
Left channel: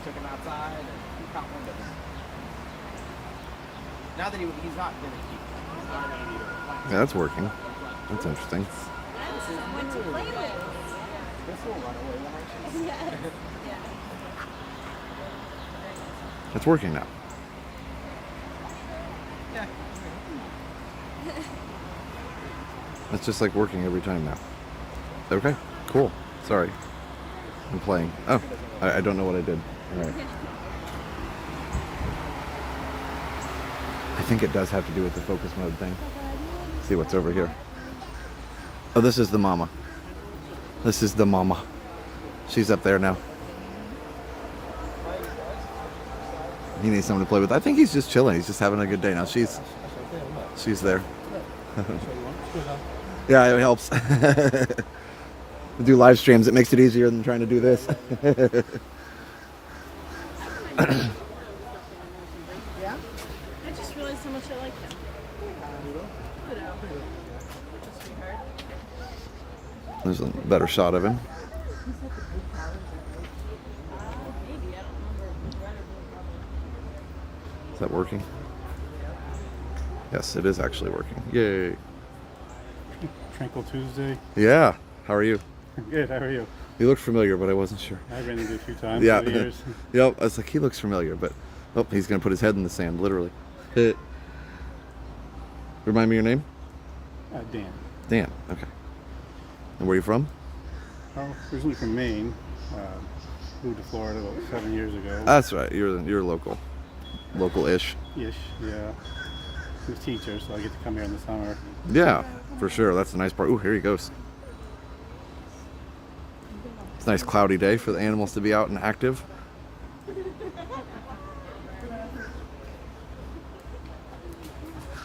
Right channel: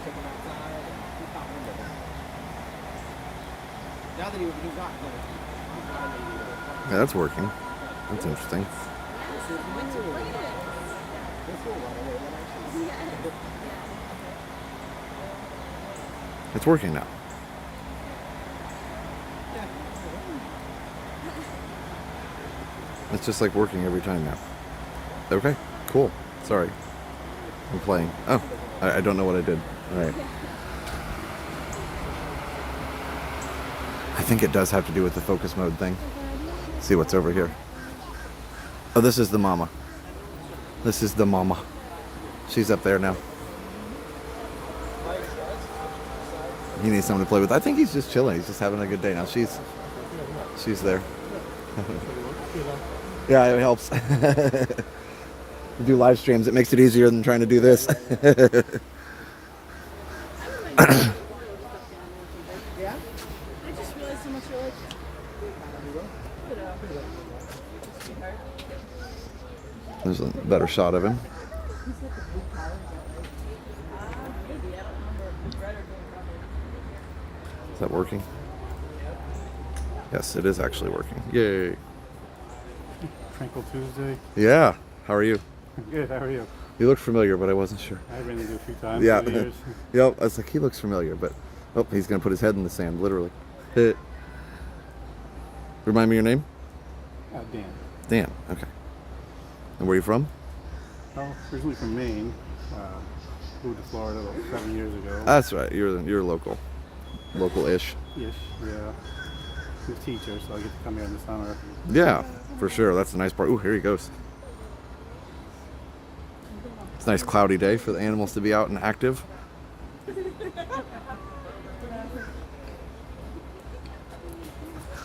took him outside and he caught wind of him. Now that he's not going to keep, he's not going to Yeah, that's working. That's interesting. It's working now. It's just like working every time now. Okay, cool. Sorry. I'm playing. Oh, I don't know what I did. All right. I think it does have to do with the focus mode thing. Let's see what's over here. Oh, this is the mama. This is the mama. She's up there now. He needs someone to play with. I think he's just chilling. He's just having a good day now. She's there. Yeah, it helps. Do live streams. It makes it easier than trying to do this. There's a better shot of him. Is that working? Yes, it is actually working. Yay. Tranquil Tuesday. Yeah. How are you? Good, how are you? You look familiar, but I wasn't sure. I've been in it a few times Yeah. over the years. Yep. I was like, he looks familiar, but oh, he's gonna put his head in the sand, literally. Remind me your name? Dan. Dan. Okay. And where are you from? I'm originally from Maine. Moved to Florida about 7 years ago. That's right. You're local, local-ish. Ish, yeah. I'm a teacher, so I get to come here in the summer. Yeah, for sure. That's the nice part. Ooh, here he goes. It's a nice cloudy day for the animals to be out and active.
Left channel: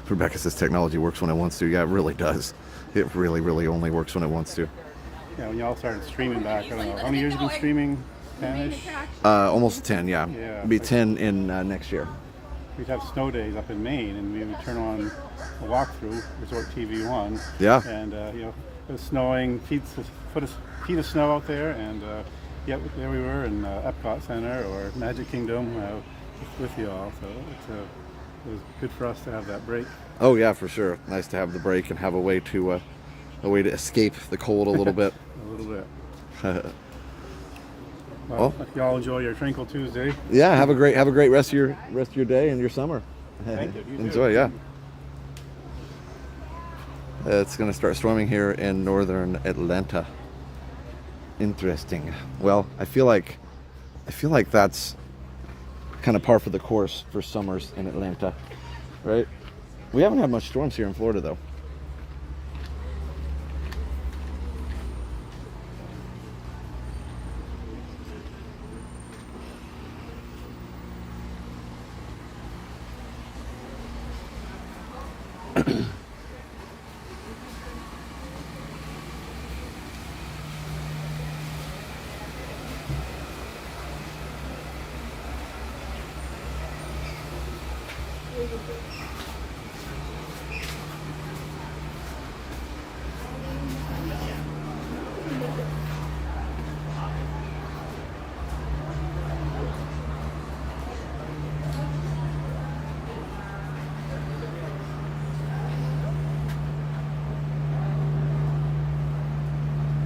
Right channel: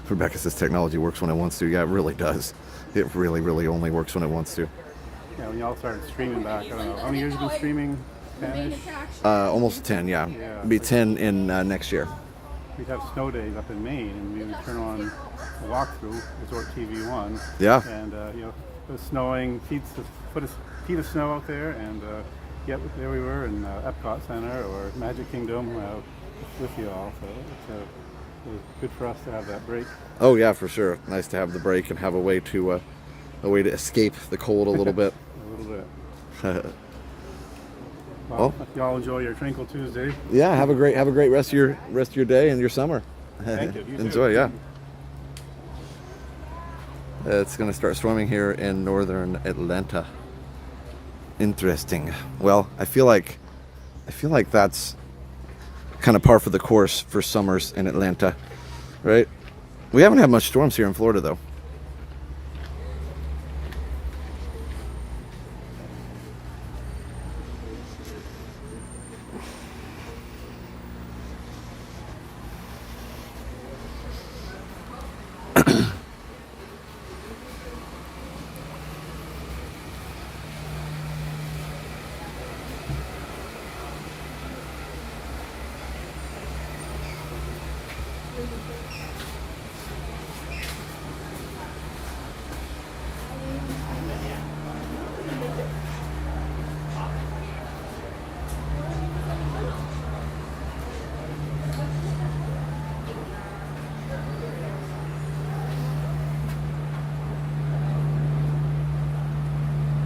Rebecca says technology works when it wants to. Yeah, it really does. It really, really only works when it wants to. Yeah, when y'all started streaming back, I don't know, how many years have you been streaming? 10-ish? Almost 10, yeah. It'll be 10 in next year. We'd have snow days up in Maine, and we would turn on a walkthrough, Resort TV 1. Yeah. And, it was snowing, feet of snow out there, and yeah, there we were in Epcot Center or Magic Kingdom with you all. So it was good for us to have that break. Oh yeah, for sure. Nice to have the break and have a way to escape the cold a little bit. A little bit. Well, y'all enjoy your Tranquil Tuesday. Yeah, have a great rest of your day and your summer. Thank you. Enjoy, yeah. It's going to start storming here in northern Atlanta. Interesting. Well, I feel like that's kind of par for the course for summers in Atlanta, right? We haven't had much storms here in Florida though.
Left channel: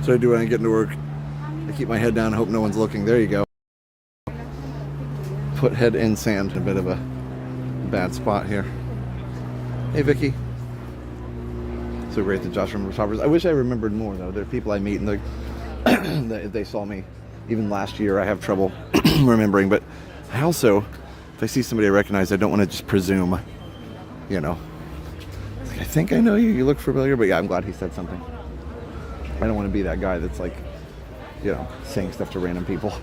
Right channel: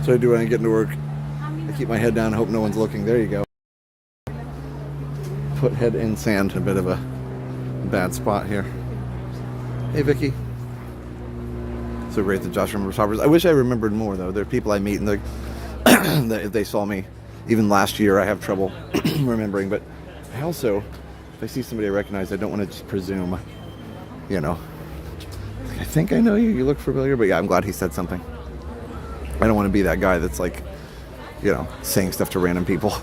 So I do when I get into work. I keep my head down, I hope no one's looking. There you go. Put head in sand, a bit of a bad spot here. Hey Vicky. So great that Josh remembers Hoppers. I wish I remembered more though. There are people I meet and if they saw me even last year, I have trouble remembering. But I also, if I see somebody I recognize, I don't want to just presume, you know. I think I know you, you look familiar, but yeah, I'm glad he said something. I don't want to be that guy that's like, you know, saying stuff to random people.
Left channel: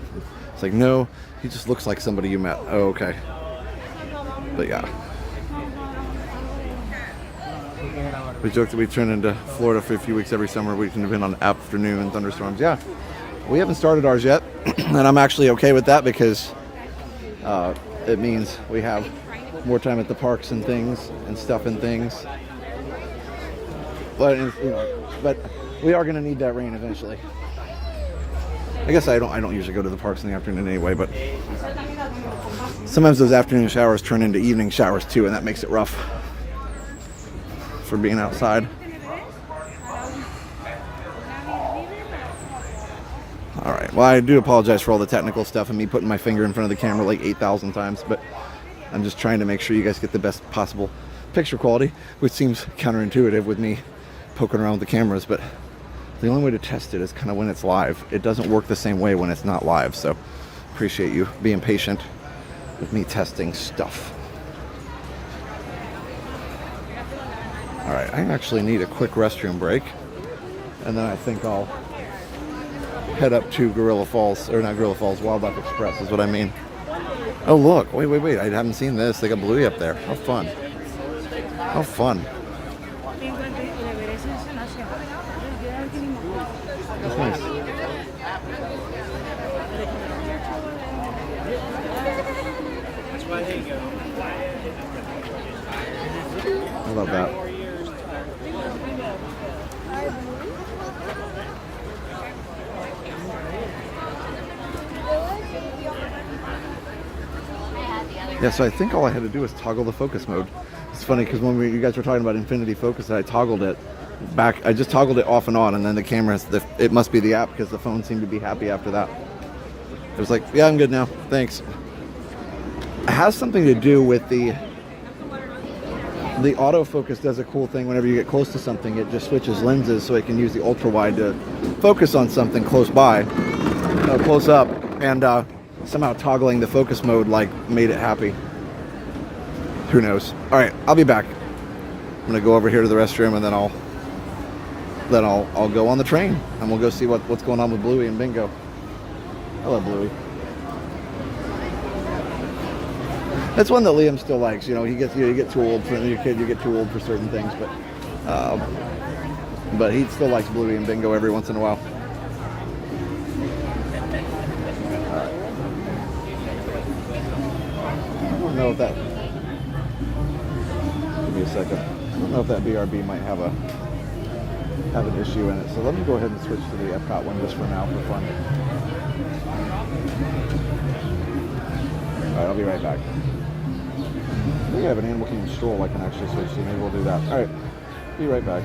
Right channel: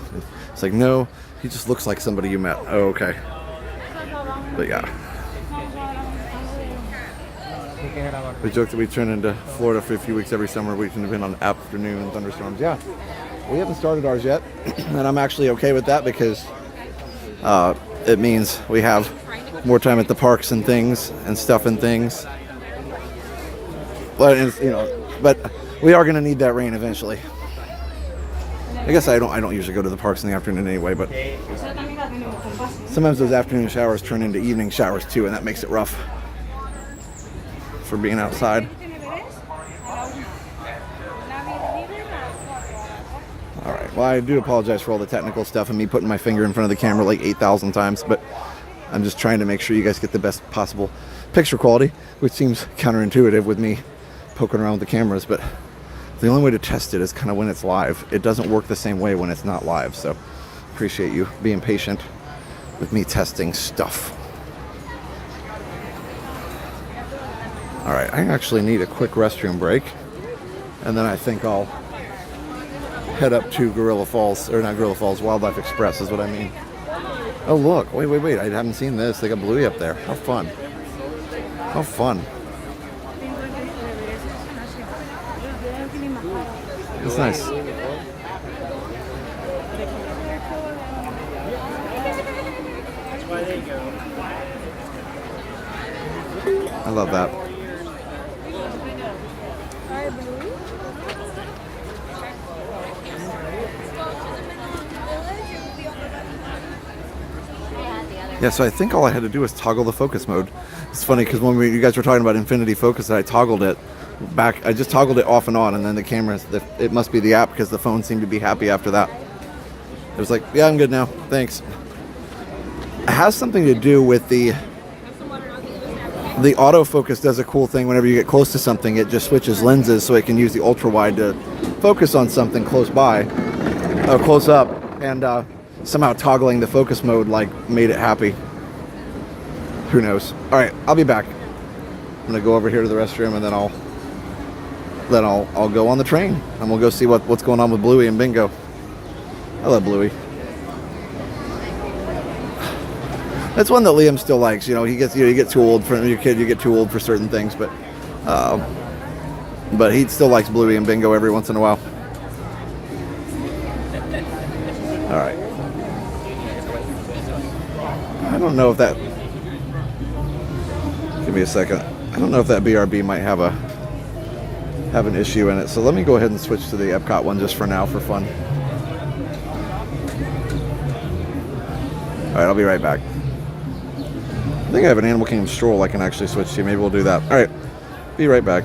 It's like, no, he just looks like somebody you met. Oh, okay. But yeah. We joked that we turn into Florida for a few weeks every summer. We can depend on afternoon thunderstorms. Yeah, we haven't started ours yet, and I'm actually okay with that because it means we have more time at the parks and things and stuff and things. But but we are going to need that rain eventually. I guess I don't usually go to the parks in the afternoon anyway, but sometimes those afternoon showers turn into evening showers too, and that makes it rough for being outside. All right. Well, I do apologize for all the technical stuff and me putting my finger in front of the camera like 8,000 times, but I'm just trying to make sure you guys get the best possible picture quality, which seems counterintuitive with me poking around with the cameras, but the only way to test it is kind of when it's live. It doesn't work the same way when it's not live, so appreciate you being patient with me testing stuff. All right, I actually need a quick restroom break, and then I think I'll head up to Gorilla Falls, or not Gorilla Falls, Wildlife Express is what I mean. Oh look, wait, I haven't seen this. They got Bluey up there. How fun. How fun. It's nice. I love that. Yeah, so I think all I had to do was toggle the focus mode. It's funny because when you guys were talking about infinity focus, I toggled it back. I just toggled it off and on, and then the camera, it must be the app because the phone seemed to be happy after that. It was like, yeah, I'm good now. Thanks. It has something to do with the autofocus does a cool thing. Whenever you get close to something, it just switches lenses so it can use the ultra wide to focus on something close by, close up, and somehow toggling the focus mode like made it happy. Who knows? All right, I'll be back. I'm gonna go over here to the restroom, and then I'll go on the train, and we'll go see what's going on with Bluey and Bingo. I love Bluey. That's one that Liam still likes. You know, you get too old for your kid. You get too old for certain things, but he still likes Bluey and Bingo every once in a while. All right. I don't know if that. Give me a second. I don't know if that BRB might have an issue in it. So let me go ahead and switch to the Epcot one just for now, for fun. All right, I'll be right back. I think I have an Animal Kingdom stroll I can actually switch to. Maybe we'll do that. All right, be right back.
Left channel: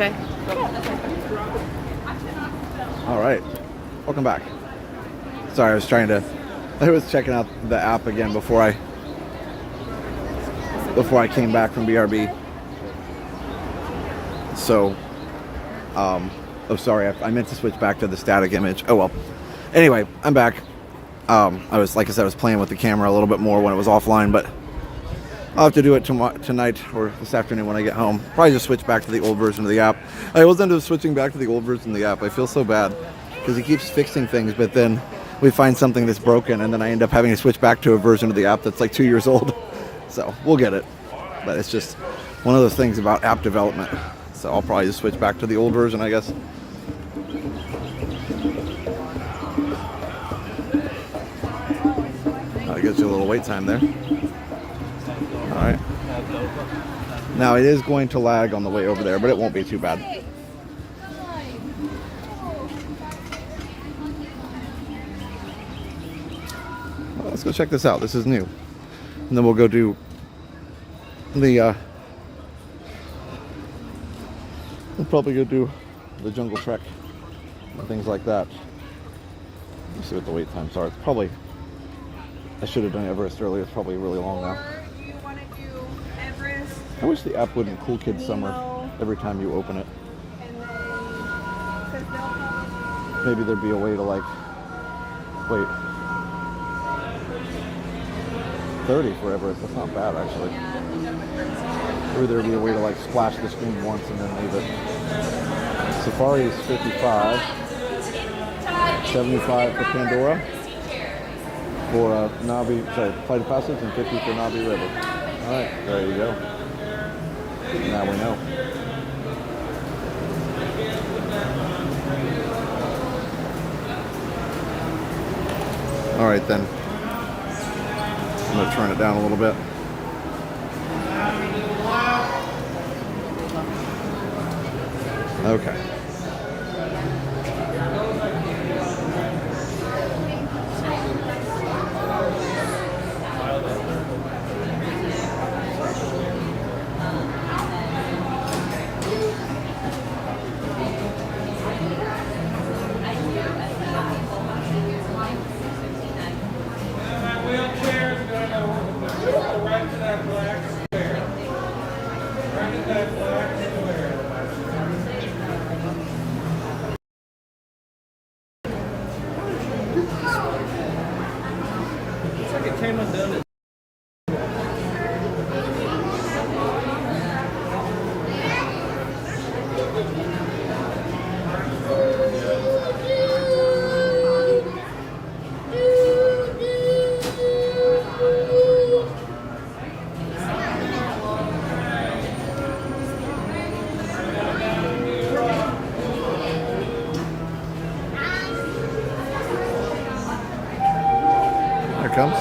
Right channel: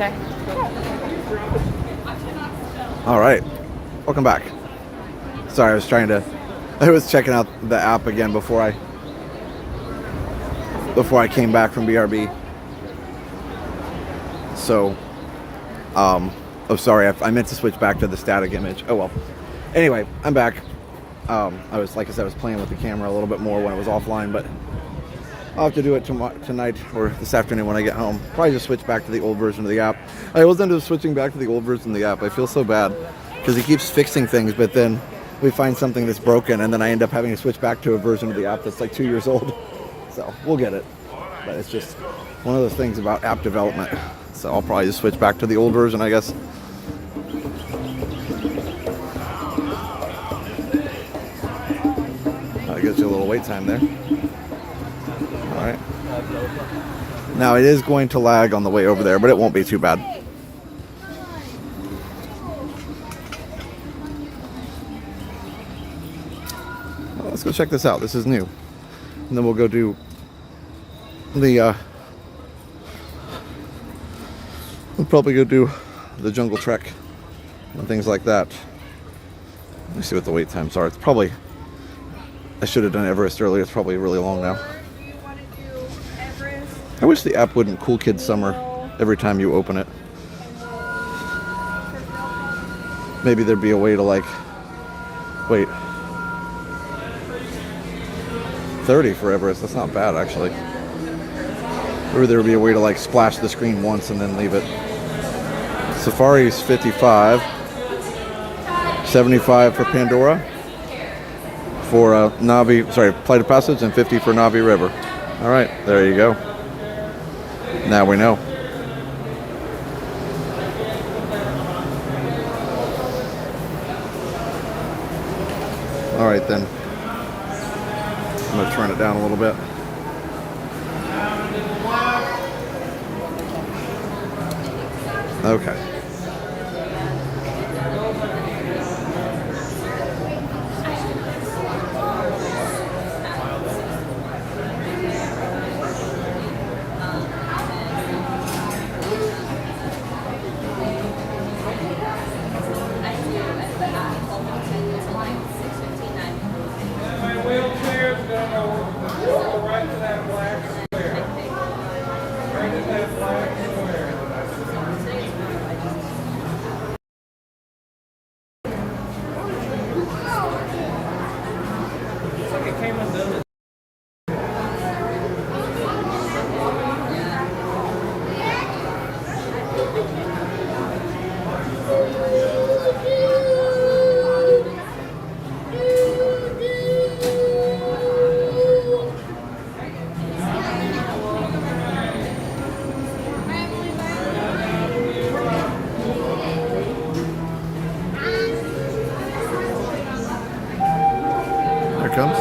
Okay. All right, welcome back. Sorry, I was checking out the app again before I came back from BRB. So, oh sorry, I meant to switch back to the static image. Oh well. Anyway, I'm back. I was, like I said, I was playing with the camera a little bit more when it was offline, but I'll have to do it tonight or this afternoon when I get home. Probably just switch back to the old version of the app. I was into switching back to the old version of the app. I feel so bad because he keeps fixing things, but then we find something that's broken, and then I end up having to switch back to a version of the app that's like 2 years old. So we'll get it. But it's just one of those things about app development. So I'll probably just switch back to the old version, I guess. That gives you a little wait time there. All right. Now it is going to lag on the way over there, but it won't be too bad. Well, let's go check this out. This is new. And then we'll go do the we'll probably go do the jungle trek and things like that. Let me see what the wait times are. It's probably, I should have done Everest earlier. It's probably really long now. I wish the app wouldn't Cool Kids Summer every time you open it. Maybe there'd be a way to like, wait, 30 for Everest. That's not bad actually. Or there would be a way to like splash the screen once and then leave it. Safari's 55, 75 for Pandora, for Flight of Passage, and 50 for Navi River. All right, there you go. Now we know. All right then. I'm gonna turn it down a little bit. Okay. There it comes.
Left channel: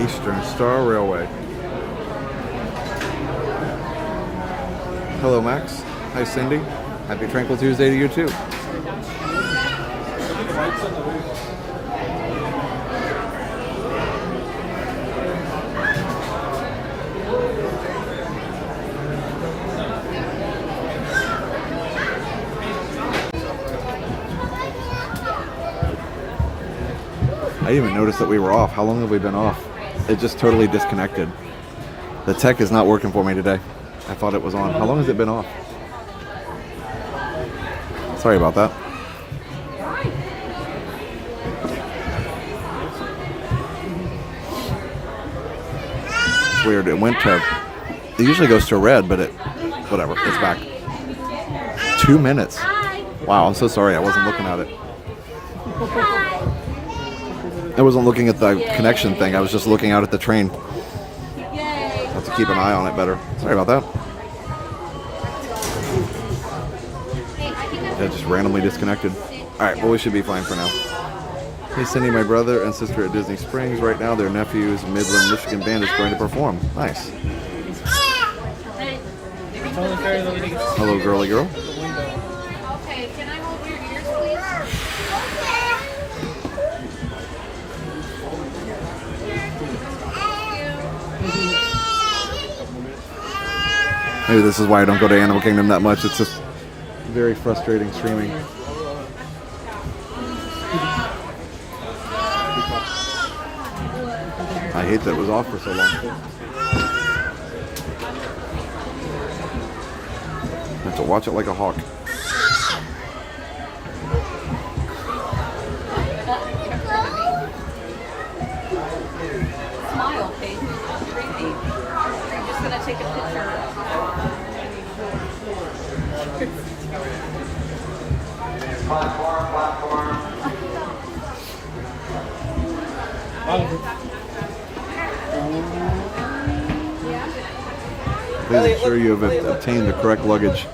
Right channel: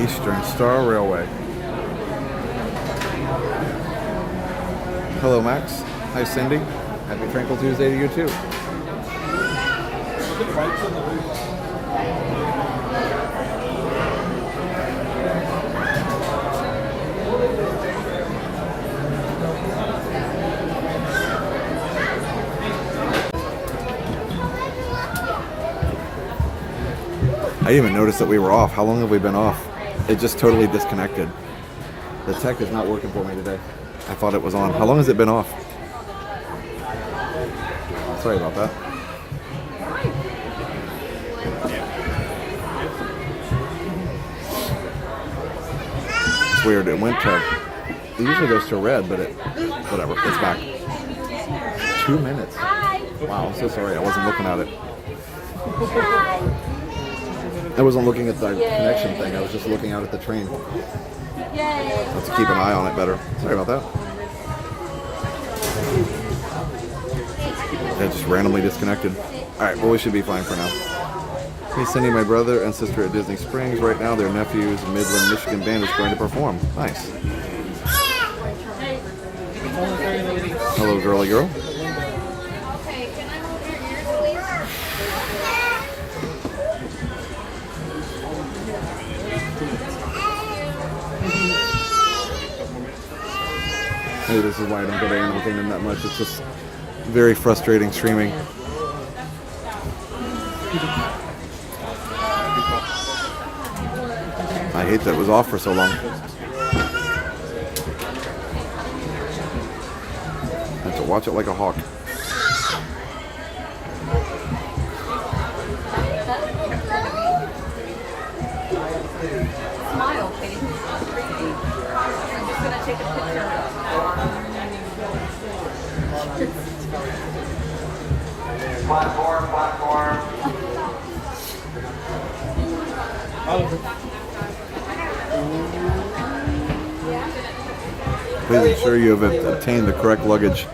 Eastern Star Railway. Hello, Max. Hi, Cindy. Happy Tranquil Tuesday to you, too. I didn't even notice that we were off. How long have we been off? It just totally disconnected. The tech is not working for me today. I thought it was on. How long has it been off? Sorry about that. It's weird. It went to... It usually goes to red, but it... Whatever. It's back. 2 minutes. Wow, I'm so sorry. I wasn't looking at it. I wasn't looking at the connection thing. I was just looking out at the train. I have to keep an eye on it better. Sorry about that. It just randomly disconnected. Alright, well, we should be fine for now. Hey, Cindy, my brother and sister at Disney Springs. Right now, their nephew's Midland, Michigan band is going to perform. Nice. Hello, girly girl. Okay, can I hold your ears, please? Maybe this is why I don't go to Animal Kingdom that much. It's just very frustrating streaming. I hate that it was off for so long. I have to watch it like a hawk. Smile, Kate. I'm just gonna take a picture. Platform. Please ensure you have obtained the correct luggage.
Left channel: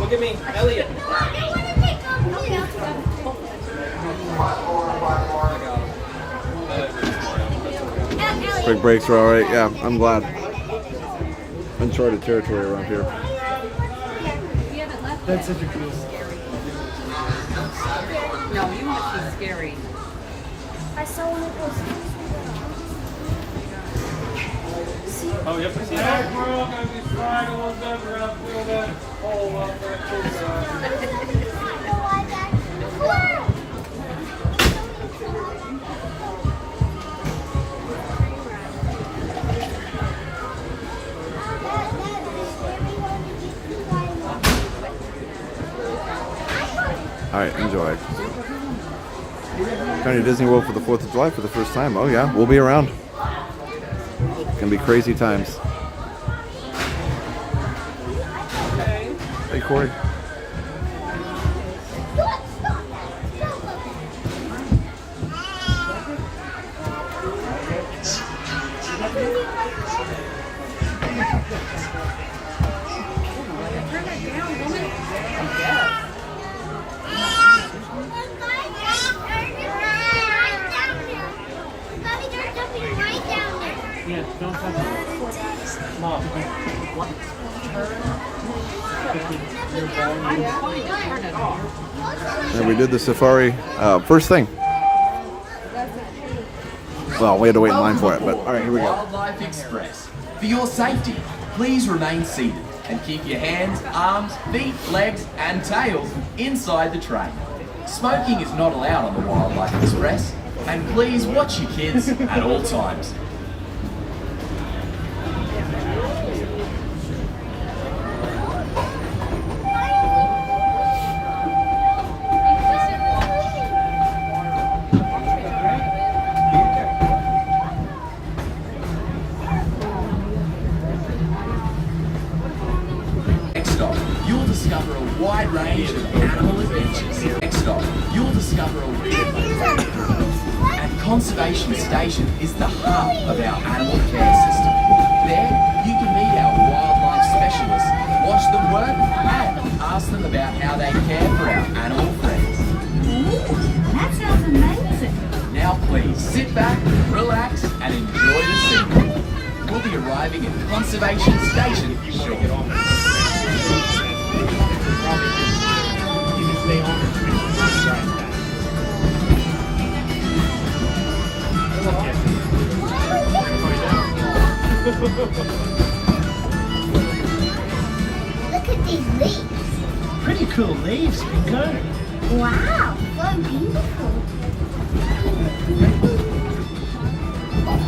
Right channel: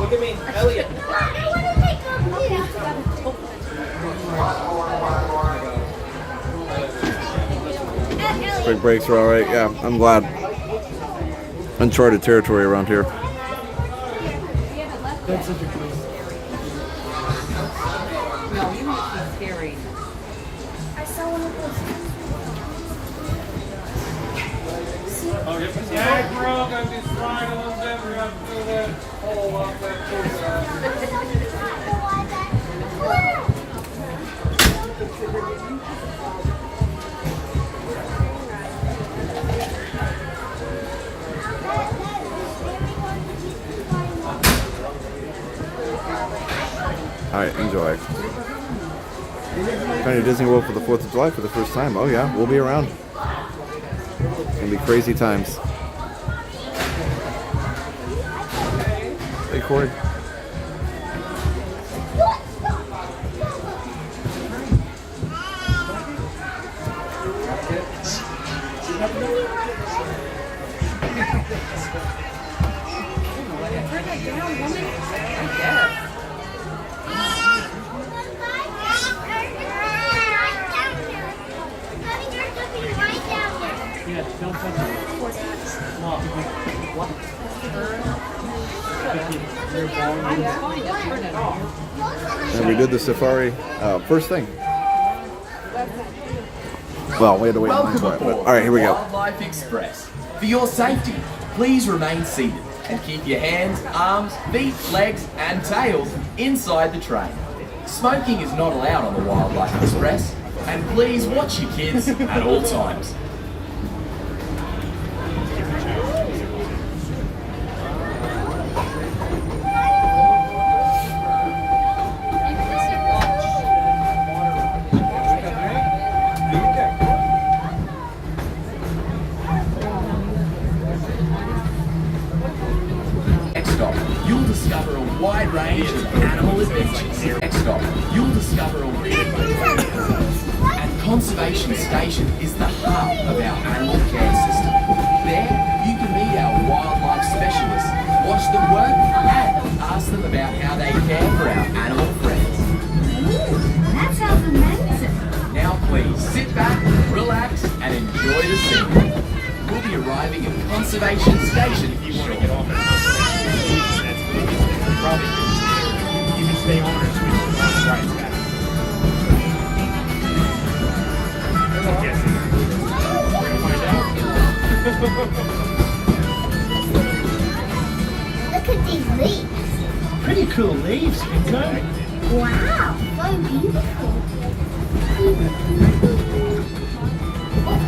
Look at me, Elliot. Quick breaks are alright. Yeah, I'm glad. Uncharted territory around here. That's such a cool. No, you must be scary. I saw one of those. Oh, yep. Yeah, bro, gotta be sliding a little bit. We're gonna feel that hole up there. Alright, enjoy. Going to Disney World for the 4th of July for the first time. Oh yeah, we'll be around. It's going to be crazy times. Hey, Corey. Turn that down, woman. Yes. And we did the safari first thing. Well, we had to wait in line for it, but alright, here we go. Wildlife Express. For your safety, please remain seated and keep your hands, arms, feet, legs and tails inside the train. Smoking is not allowed on the Wildlife Express, and please watch your kids at all times. Next stop, you'll discover a wide range of animal adventures. Next stop, you'll discover a and Conservation Station is the hub of our animal care system. There, you can meet our wildlife specialists, watch them work, and ask them about how they care for our animal friends. That sounds amazing. Now please sit back, relax, and enjoy the scene. We'll be arriving at Conservation Station shortly. You can stay on it. Look at these leaves. Pretty cool leaves, Bingo. Wow, so beautiful.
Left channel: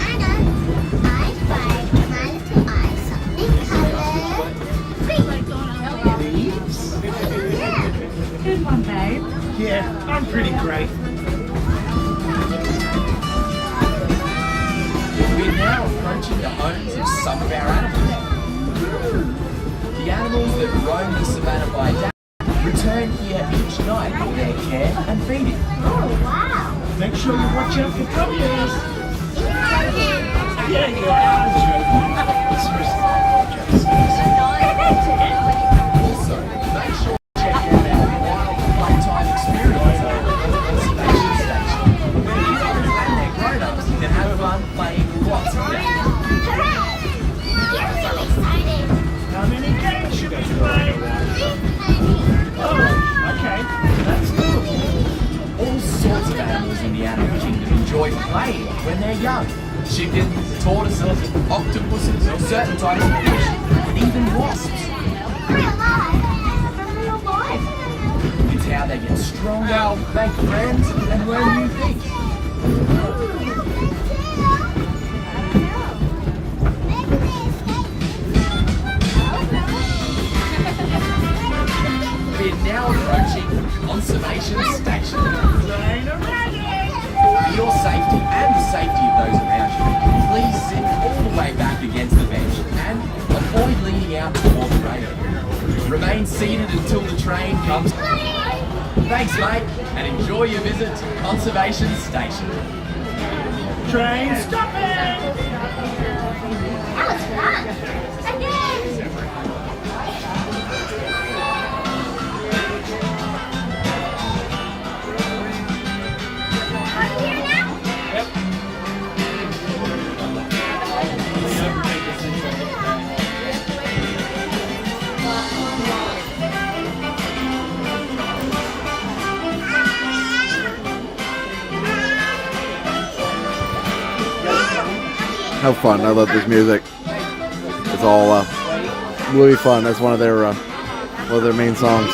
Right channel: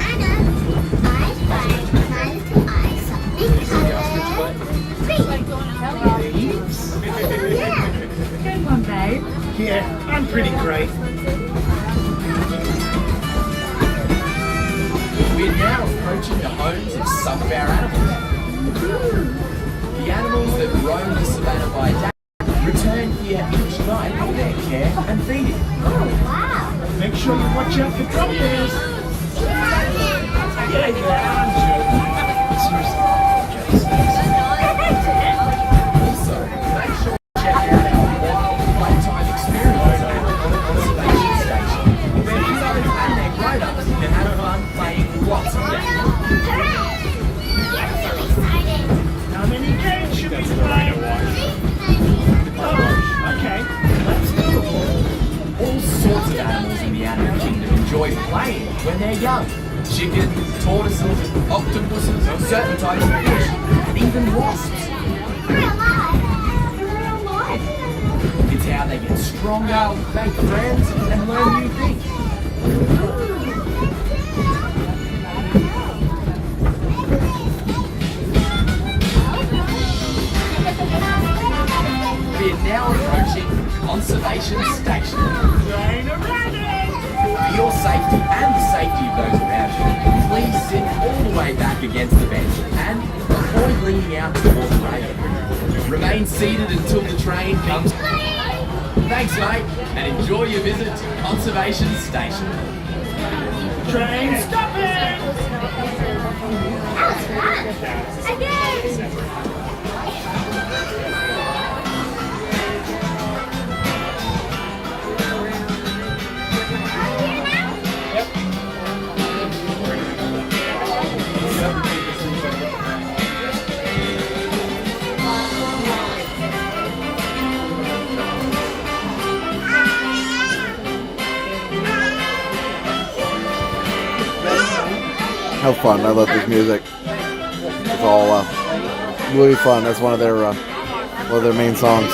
Anna, I find my little eye something colored pink. Leaves? Yeah. Good one, babe. Yeah, I'm pretty great. We're now approaching the homes of some of our animals. The animals that roam the savannah by day return here each night for their care and feeding. Oh, wow. Make sure you watch out for drop bears. Yeah, I'm joking. Also, make sure to check out our wild playtime experience at the conservation station, where kiddos and their grown-ups can have fun playing lots of games. Hooray! Yes, so exciting. How many games should we play? Oh, okay. That's doable. All sorts of animals in the animal kingdom enjoy playing when they're young. Chickens, tortoises, octopuses, or certain types of fish, and even wasps. Real life. Real life. It's how they get stronger, make friends, and learn new things. We're now approaching Conservation Station. For your safety and the safety of those around you, please sit all the way back against the bench and avoid leaning out toward the rail. Remain seated until the train comes. Thanks, mate, and enjoy your visit to Conservation Station. Train stopping! That was fun. Again. How fun. I love this music. It's all really fun. That's one of their main songs.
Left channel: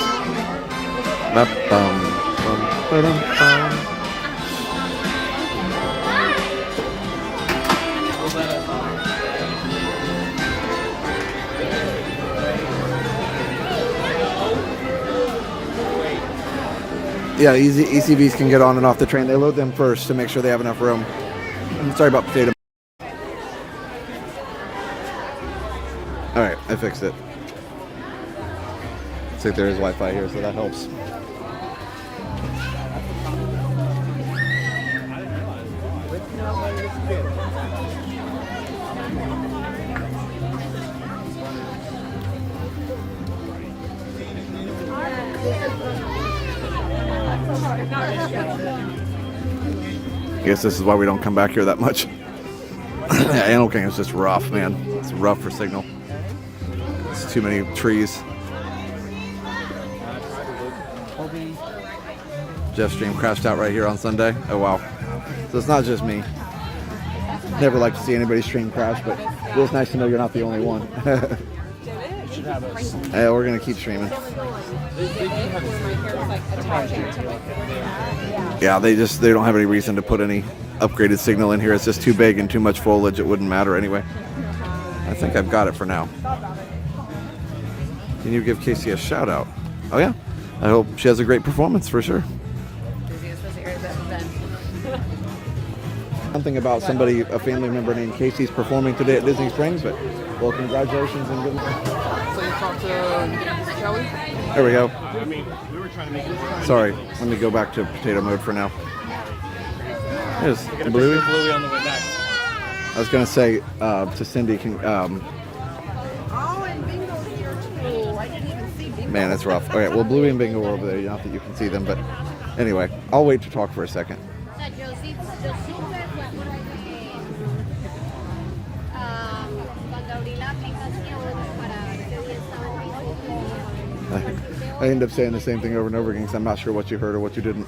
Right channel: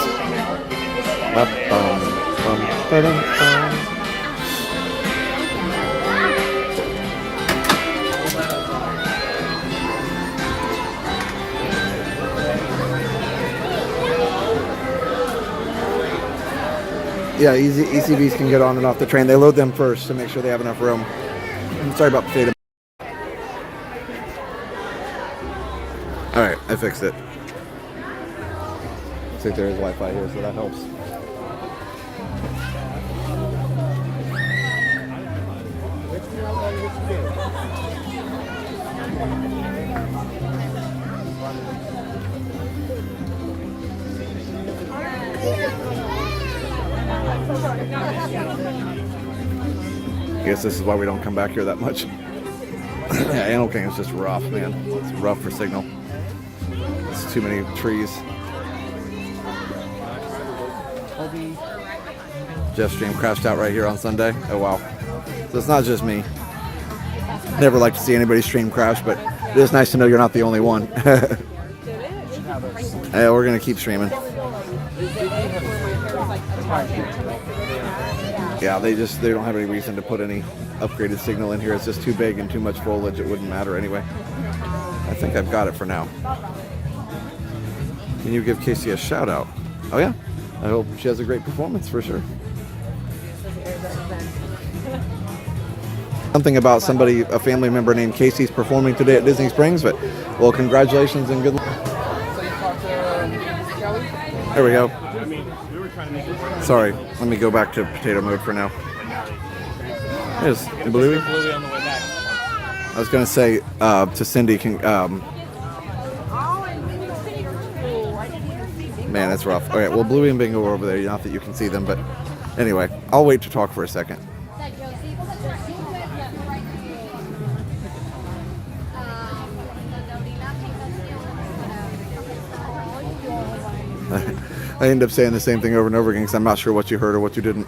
Yeah, ECVs can get on and off the train. They load them first to make sure they have enough room. I'm sorry about potato. Alright, I fixed it. Looks like there is Wi-Fi here, so that helps. I guess this is why we don't come back here that much. Yeah, Animal Kingdom is just rough, man. It's rough for signal. It's too many trees. Jeff's stream crashed out right here on Sunday. Oh wow. So it's not just me. Never like to see anybody's stream crash, but it is nice to know you're not the only one. Yeah, we're gonna keep streaming. Yeah, they don't have any reason to put any upgraded signal in here. It's just too big and too much foliage. It wouldn't matter anyway. I think I've got it for now. Can you give Casey a shout out? Oh yeah. I hope she has a great performance for sure. Something about somebody, a family member named Casey's performing today at Disney Springs, but well, congratulations and good luck. There we go. Sorry, let me go back to potato mode for now. There's Bluey. I was gonna say to Cindy, man, it's rough. Okay, well, Bluey and Bingo are over there. Not that you can see them, but anyway, I'll wait to talk for a second. I end up saying the same thing over and over again because I'm not sure what you heard or what you didn't.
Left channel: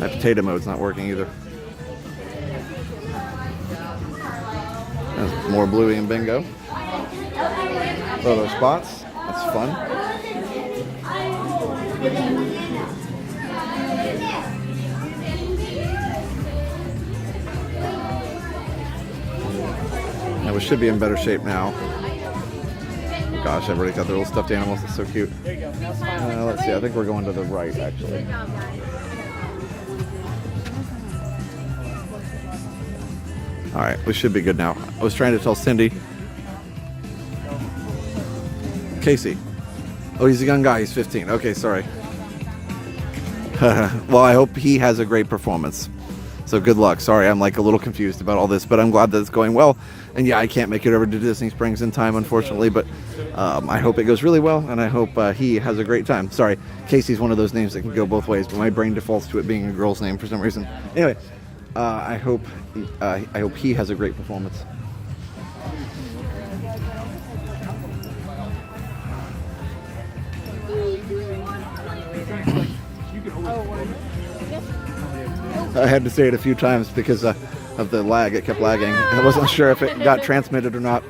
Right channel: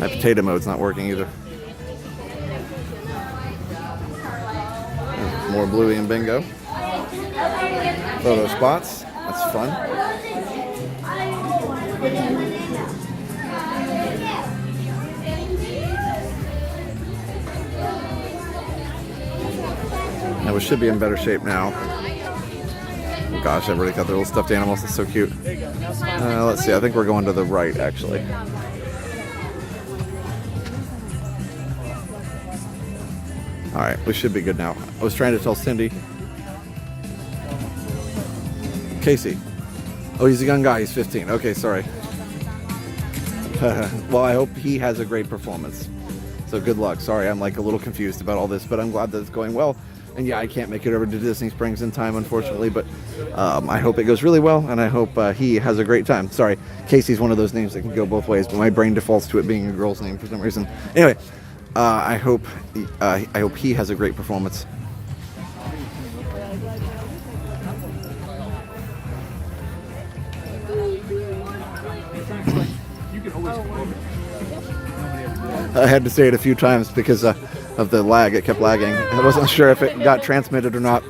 My potato mode's not working either. More Bluey and Bingo. Photo spots. That's fun. Now we should be in better shape now. Oh gosh, everybody got their little stuffed animals. It's so cute. Let's see. I think we're going to the right, actually. All right, we should be good now. I was trying to tell Cindy. Casey. Oh, he's a young guy. He's 15. Okay, sorry. Well, I hope he has a great performance. So good luck. Sorry, I'm like a little confused about all this, but I'm glad that it's going well. And yeah, I can't make it over to Disney Springs in time, unfortunately, but I hope it goes really well, and I hope he has a great time. Sorry, Casey's one of those names that can go both ways, but my brain defaults to it being a girl's name for some reason. Anyway, I hope he has a great performance. I had to say it a few times because of the lag. It kept lagging. I wasn't sure if it got transmitted or not.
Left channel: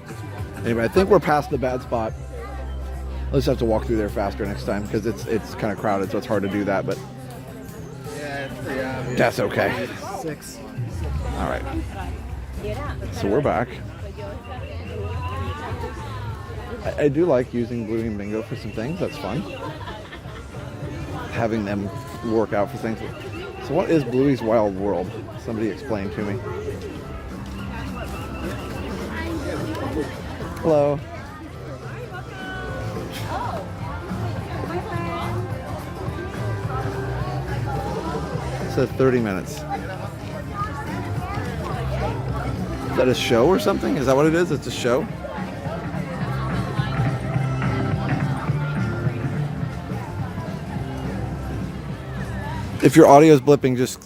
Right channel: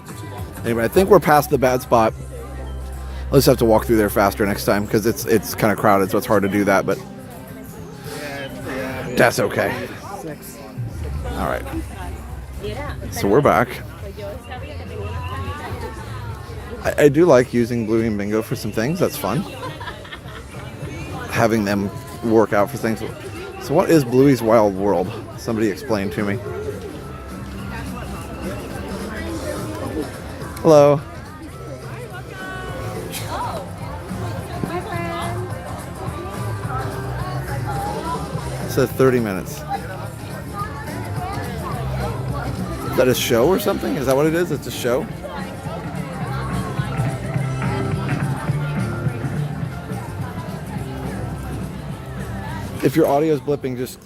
Anyway, I think we're past the bad spot. I'll just have to walk through there faster next time because it's kind of crowded, so it's hard to do that, but that's okay. All right. So we're back. I do like using Bluey and Bingo for some things. That's fun. Having them work out for things. So what is Bluey's Wild World? Somebody explain to me. Hello. It says 30 minutes. Is that a show or something? Is that what it is? It's a show? If your audio is blipping, just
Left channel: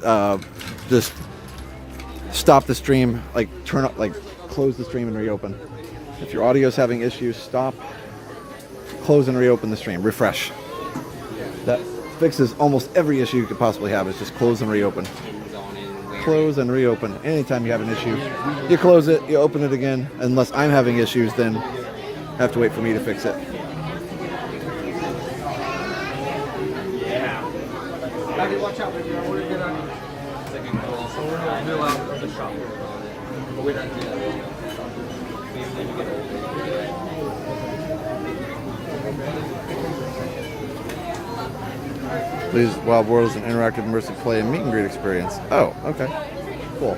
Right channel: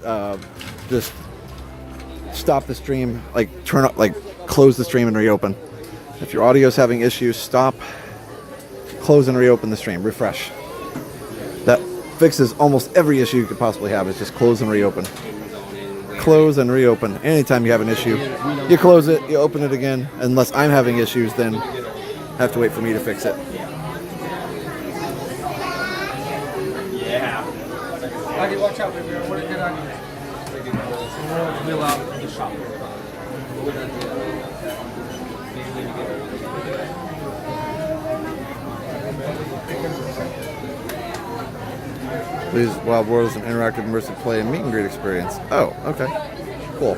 stop the stream, like turn up, like close the stream and reopen. If your audio is having issues, stop, close and reopen the stream, refresh. That fixes almost every issue you could possibly have. It's just close and reopen. Close and reopen. Anytime you have an issue, you close it, you open it again. Unless I'm having issues, then have to wait for me to fix it. Watch out, Bluey's Wild World is an interactive immersive play and meet and greet experience. Oh, okay. Cool.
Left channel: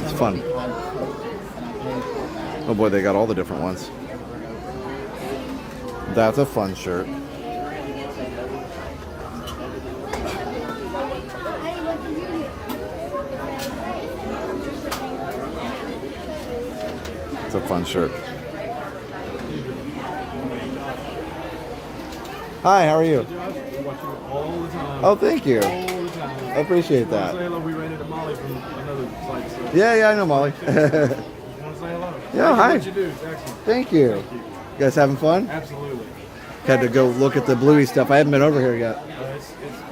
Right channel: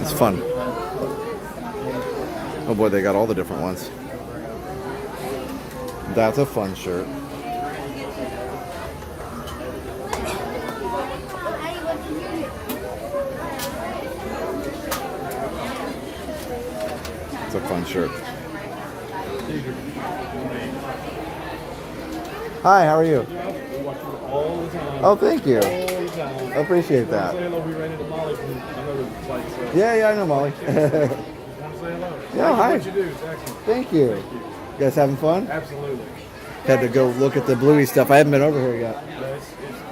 It's fun. Oh boy, they got all the different ones. That's a fun shirt. It's a fun shirt. Hi, how are you? Oh, thank you. I appreciate that. Yeah, I know Molly. Yeah, hi. Thank you. You guys having fun? Absolutely. Had to go look at the Bluey stuff. I haven't been over here yet.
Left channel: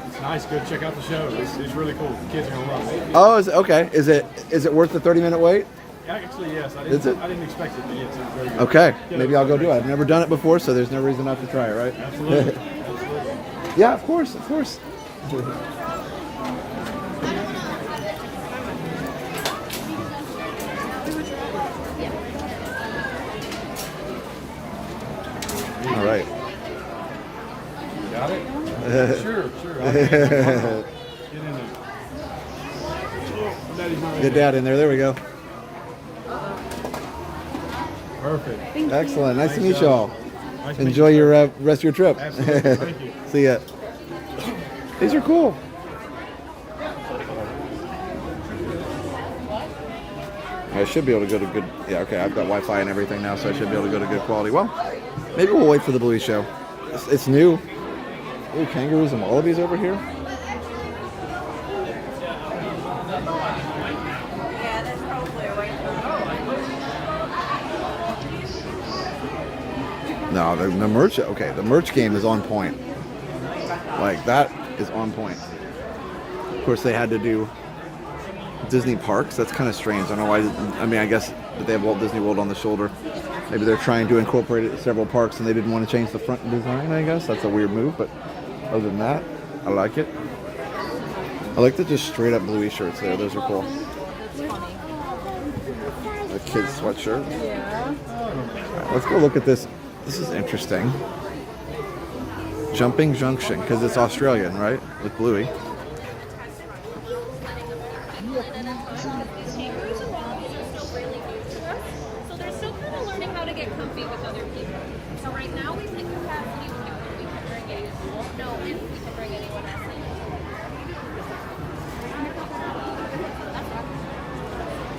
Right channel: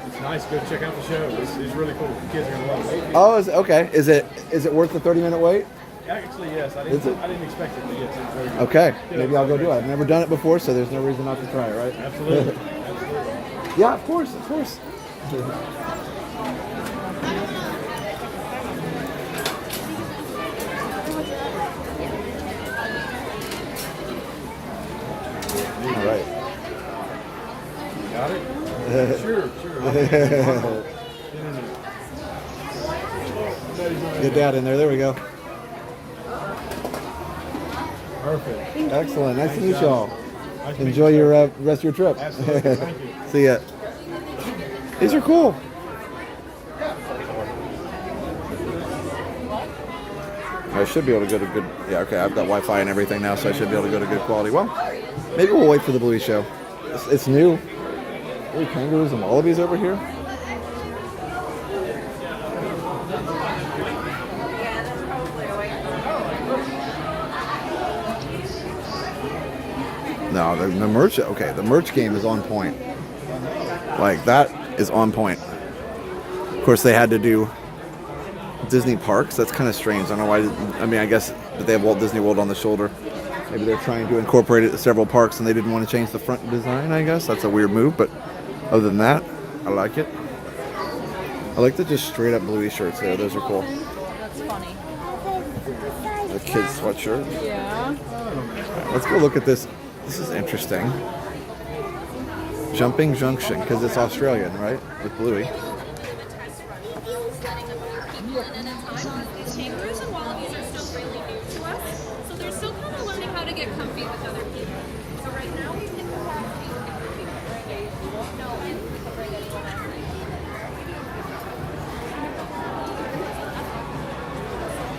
It's nice. Go check out the show. It's really cool. The kids are gonna love it. Oh, okay. Is it worth the 30-minute wait? Actually, yes. I didn't expect it to get to very good. Okay. Maybe I'll go do it. I've never done it before, so there's no reason not to try it, right? Absolutely. Yeah, of course. All right. Got it? Sure. Get Dad in there. There we go. Perfect. Excellent. Nice to meet you all. Enjoy your rest of your trip. Absolutely. Thank you. See ya. These are cool. I should be able to go to good... Yeah, okay, I've got Wi-Fi and everything now, so I should be able to go to good quality. Well, maybe we'll wait for the Bluey show. It's new. Ooh, kangaroos and wallabies over here. No, the merch... Okay, the merch game is on point. Like, that is on point. Of course, they had to do Disney parks. That's kind of strange. I don't know why. I mean, I guess that they have Walt Disney World on the shoulder. Maybe they're trying to incorporate it to several parks and they didn't want to change the front design, I guess. That's a weird move, but other than that, I like it. I like the just straight up bluey shirts there. Those are cool. That's funny. The kids sweatshirt. Yeah. All right, let's go look at this. This is interesting. Jumping Junction, because it's Australian, right? With bluey. These kangaroos and wallabies are still really new to us, so they're still kind of learning how to get comfy with other people. So right now we think capacity we can bring it. We won't know if we can bring anyone else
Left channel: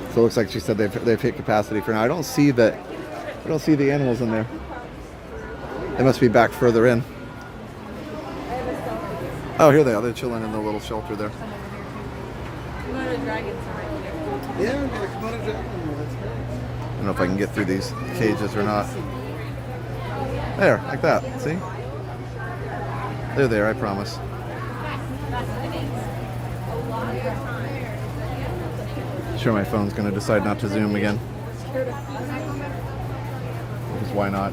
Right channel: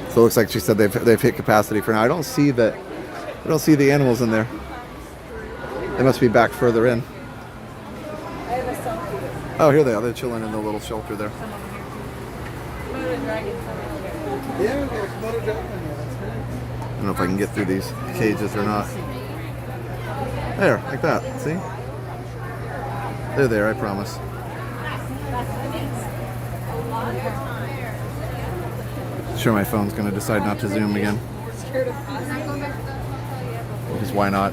in. So it looks like she said they've hit capacity for now. I don't see the animals in there. They must be back further in. Oh, here they are. They're chilling in the little shelter there. I don't know if I can get through these cages or not. There, like that. See? They're there, I promise. Sure, my phone's going to decide not to zoom again. Because why not?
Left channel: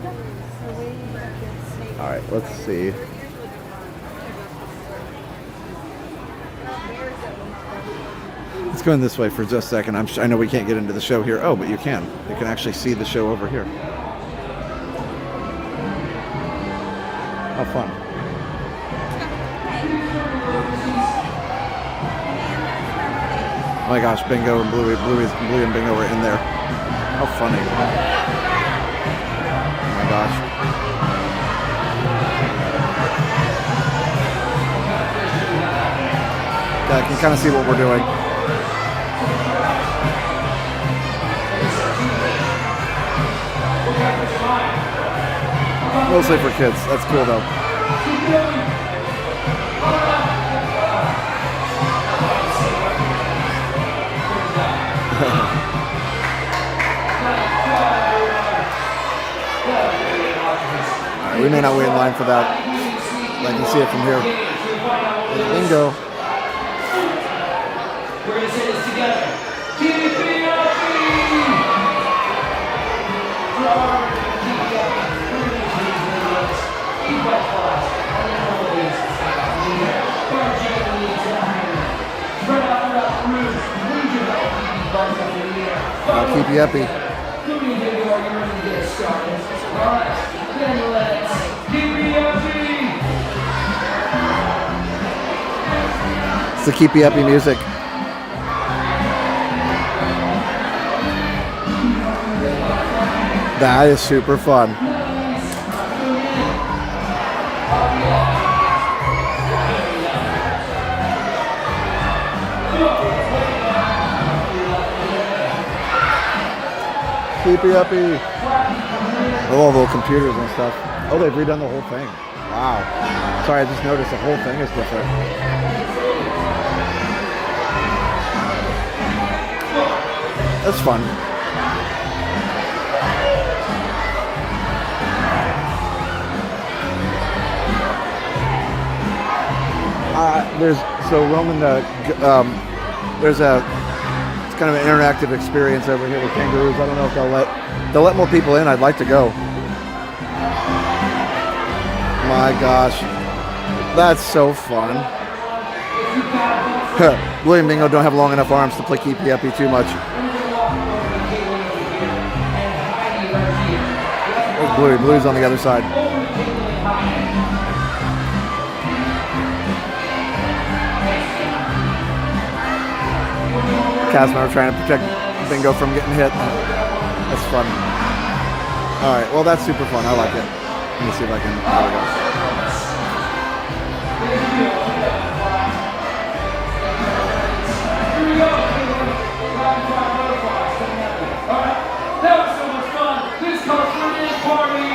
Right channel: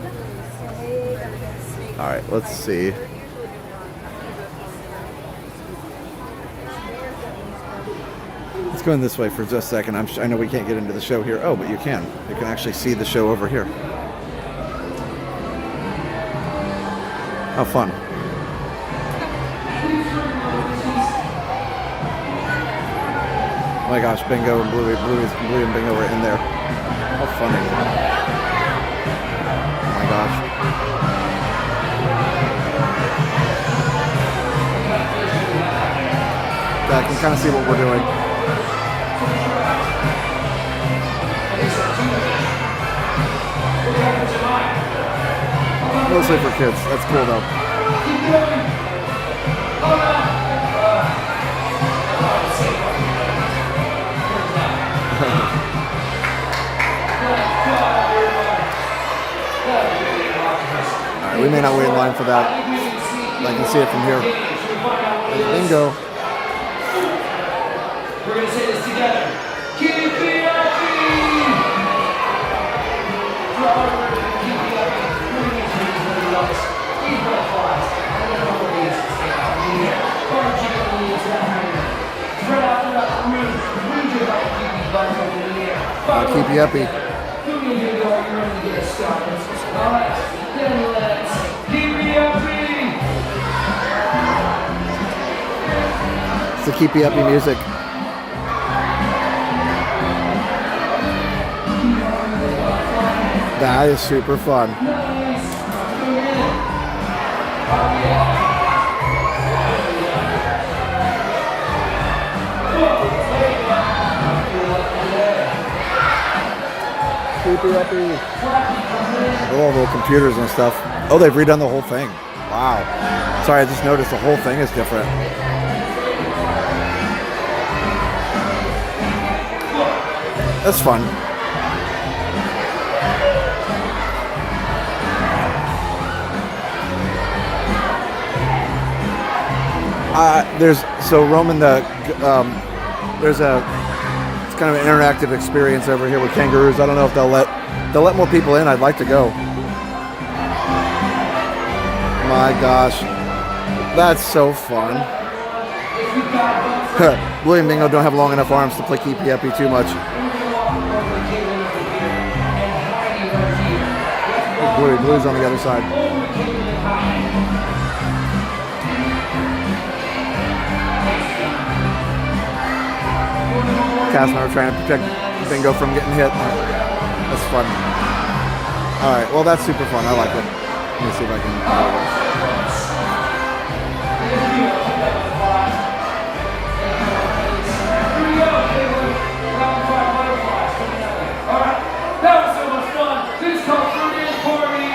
Alright, let's see. Let's go in this way for just a second. I know we can't get into the show here. Oh, but you can. You can actually see the show over here. How fun. Oh my gosh, Bingo and Bluey and Bingo are in there. How funny. Oh my gosh. Yeah, I can kind of see what we're doing. Mostly for kids. That's cool though. Alright, we may not wait in line for that. I can see it from here. Bingo. We're going to say this together. Keep it happy! I'll keep you happy. Alright, then let's keep you happy! It's the Keep You Happy music. That is super fun. Keep You Happy. Oh, little computers and stuff. Oh, they've redone the whole thing. Wow. Sorry, I just noticed the whole thing is different. That's fun. There's it's kind of an interactive experience over here with kangaroos. I don't know if they'll let more people in. I'd like to go. My gosh, that's so fun. William Bingo don't have long enough arms to play Keep You Happy too much. There's Blue's on the other side. Cass and I are trying to protect Bingo from getting hit. That's fun. Alright, well that's super fun. I like it. Let me see if I can. There we go. Alright, that was so much fun. Please come through in for me.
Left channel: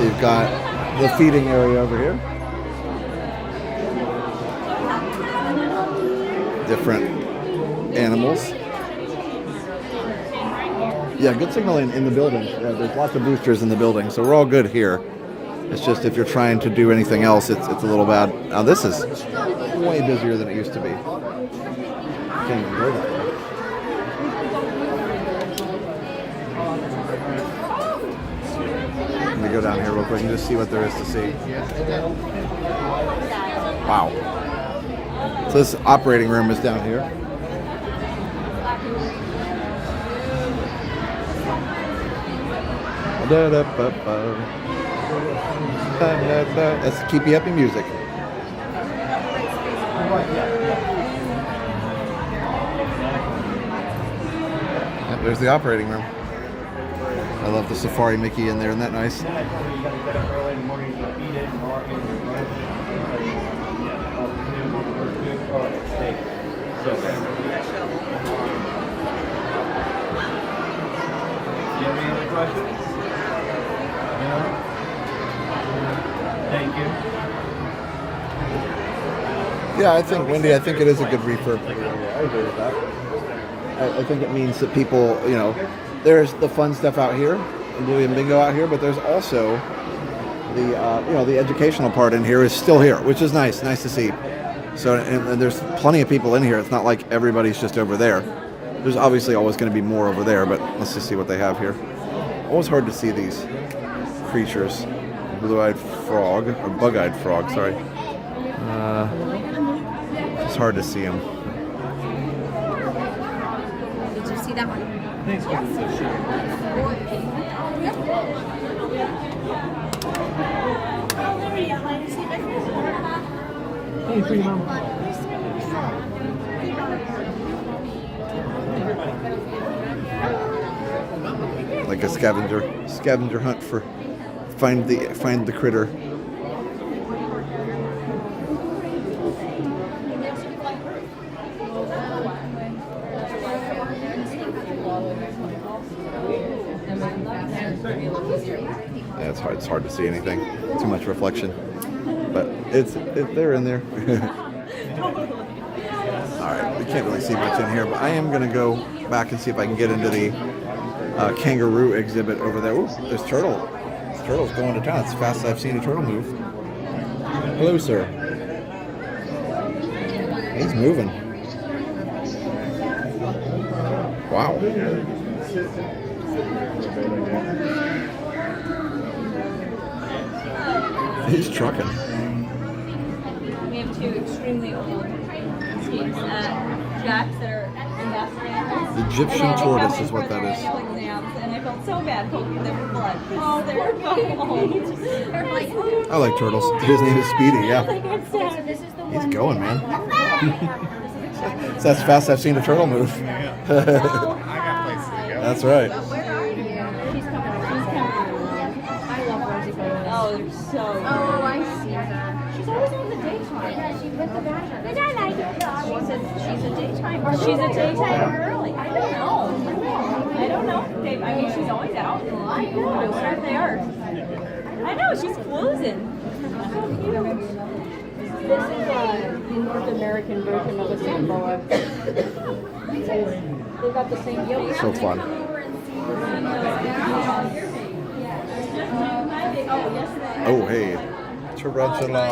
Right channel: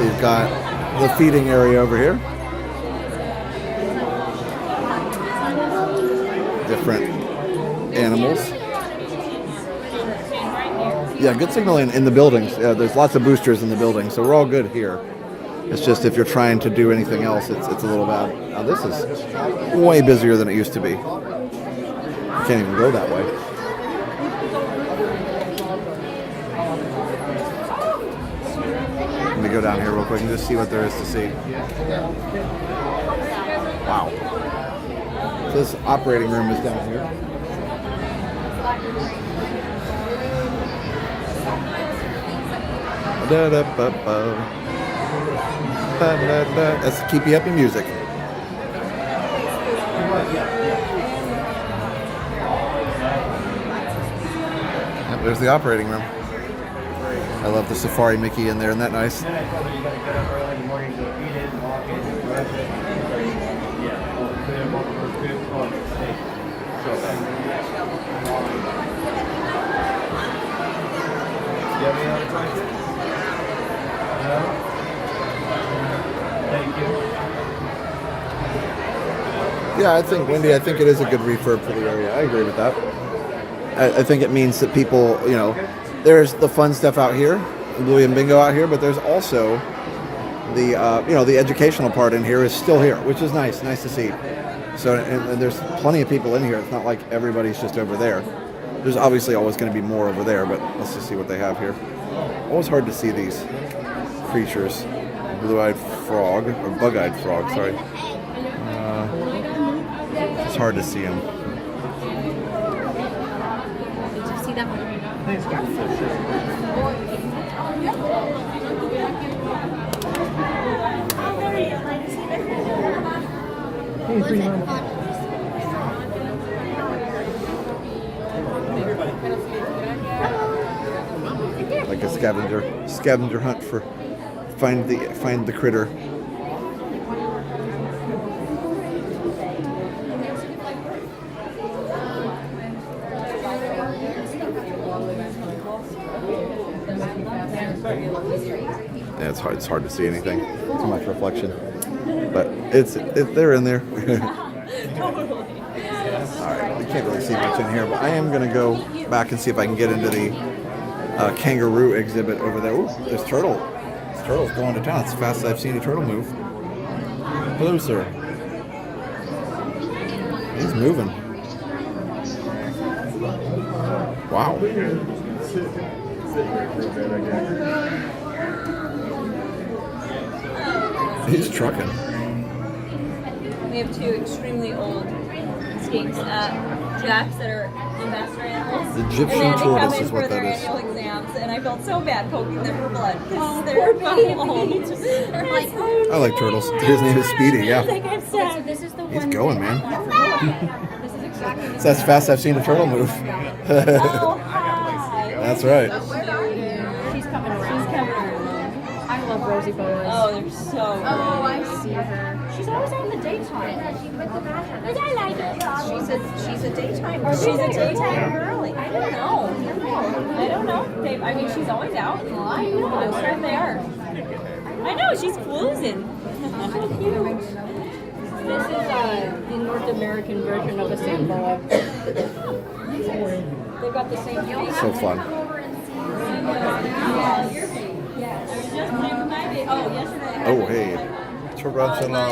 You've got the feeding area over here. different animals. Yeah, good signal in the buildings. Yeah, there's lots of boosters in the buildings, so we're all good here. It's just if you're trying to do anything else, it's a little bad. Now this is way busier than it used to be. You can't even go that way. Let me go down here real quick and just see what there is to see. Wow. So this operating room is down here. That's keep you up in music. Yep, there's the operating room. I love the Safari Mickey in there. Isn't that nice? Yeah, I think, Wendy, I think it is a good refurb for the area. I agree with that. I think it means that people, you know, there's the fun stuff out here, Bluey and Bingo out here, but there's also the, you know, the educational part in here is still here, which is nice to see. So, and there's plenty of people in here. It's not like everybody's just over there. There's obviously always going to be more over there, but let's just see what they have here. Always hard to see these creatures. Blue-eyed frog, or bug-eyed frog, sorry. It's hard to see them. Did you see that one? Like a scavenger hunt for find the critter. Yeah, it's hard to see anything. Too much reflection. But they're in there. Alright, we can't really see much in here, but I am gonna go back and see if I can get into the kangaroo exhibit over there. Ooh, there's turtle. This turtle's going to town. It's the fastest I've seen a turtle move. Hello, sir. He's moving. Wow. He's trucking. We have two extremely old skinks, jacks that are ambassador animals. The Egyptian tortoise is what that is. Exams, and I felt so bad poking them for blood because they're old. I like turtles. His name is Speedy, yeah. So this is the He's going, man. So that's fast I've seen a turtle move. That's right. She's coming. I love Rosie Bones. Oh, they're so good. Oh, I see her. She's always on the daytime. She's a daytime. She's a daytime girly. I don't know. I mean, she's always out. I'm sure they are. I know, she's closing. This is the North American version of a St. Boa. They've got the same deal. So fun. Oh, hey. Tarantula.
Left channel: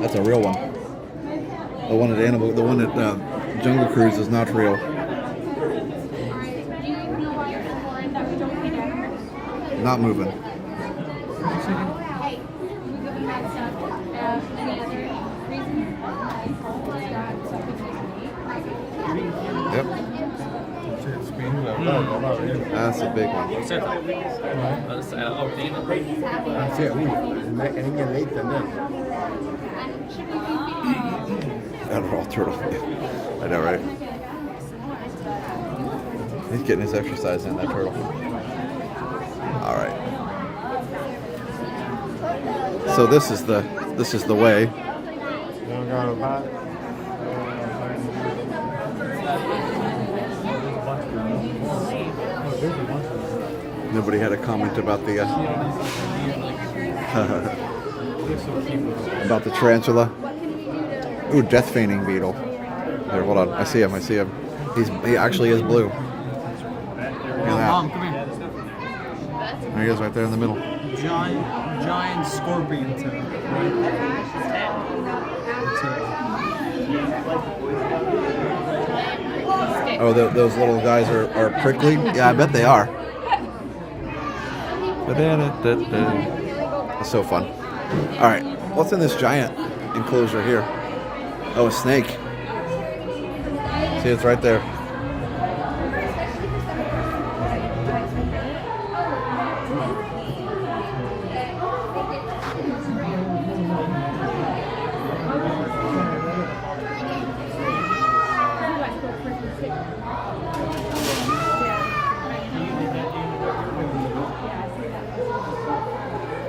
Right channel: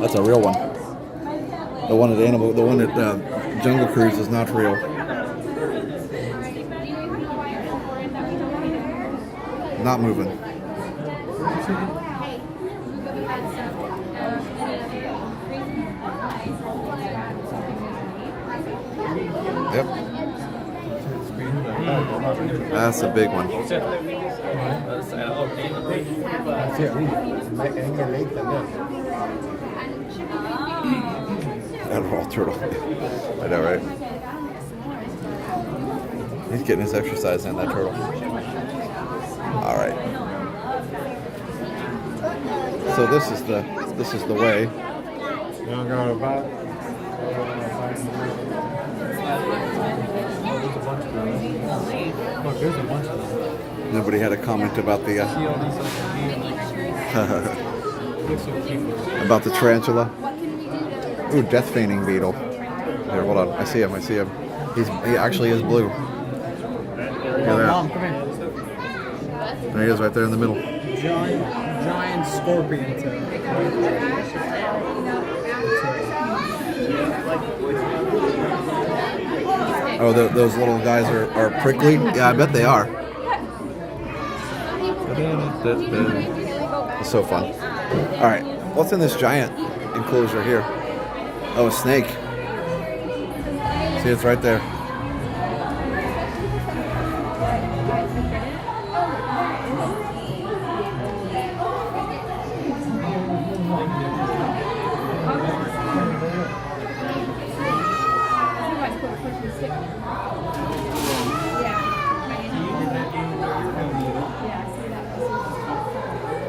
That's a real one. The one at Jungle Cruise is not real. Not moving. Yep. That's a big one. Adderall turtle. I know, right? He's getting his exercise in, that turtle. All right. So this is the way. Nobody had a comment about the about the tarantula. Ooh, death feigning beetle. Here, hold on. I see him. He actually is blue. Look at that. Mom, come here. There he is, right there in the middle. Giant scorpion tail. Oh, those little guys are prickly? Yeah, I bet they are. It's so fun. All right, what's in this giant enclosure here? Oh, a snake. See, it's right there.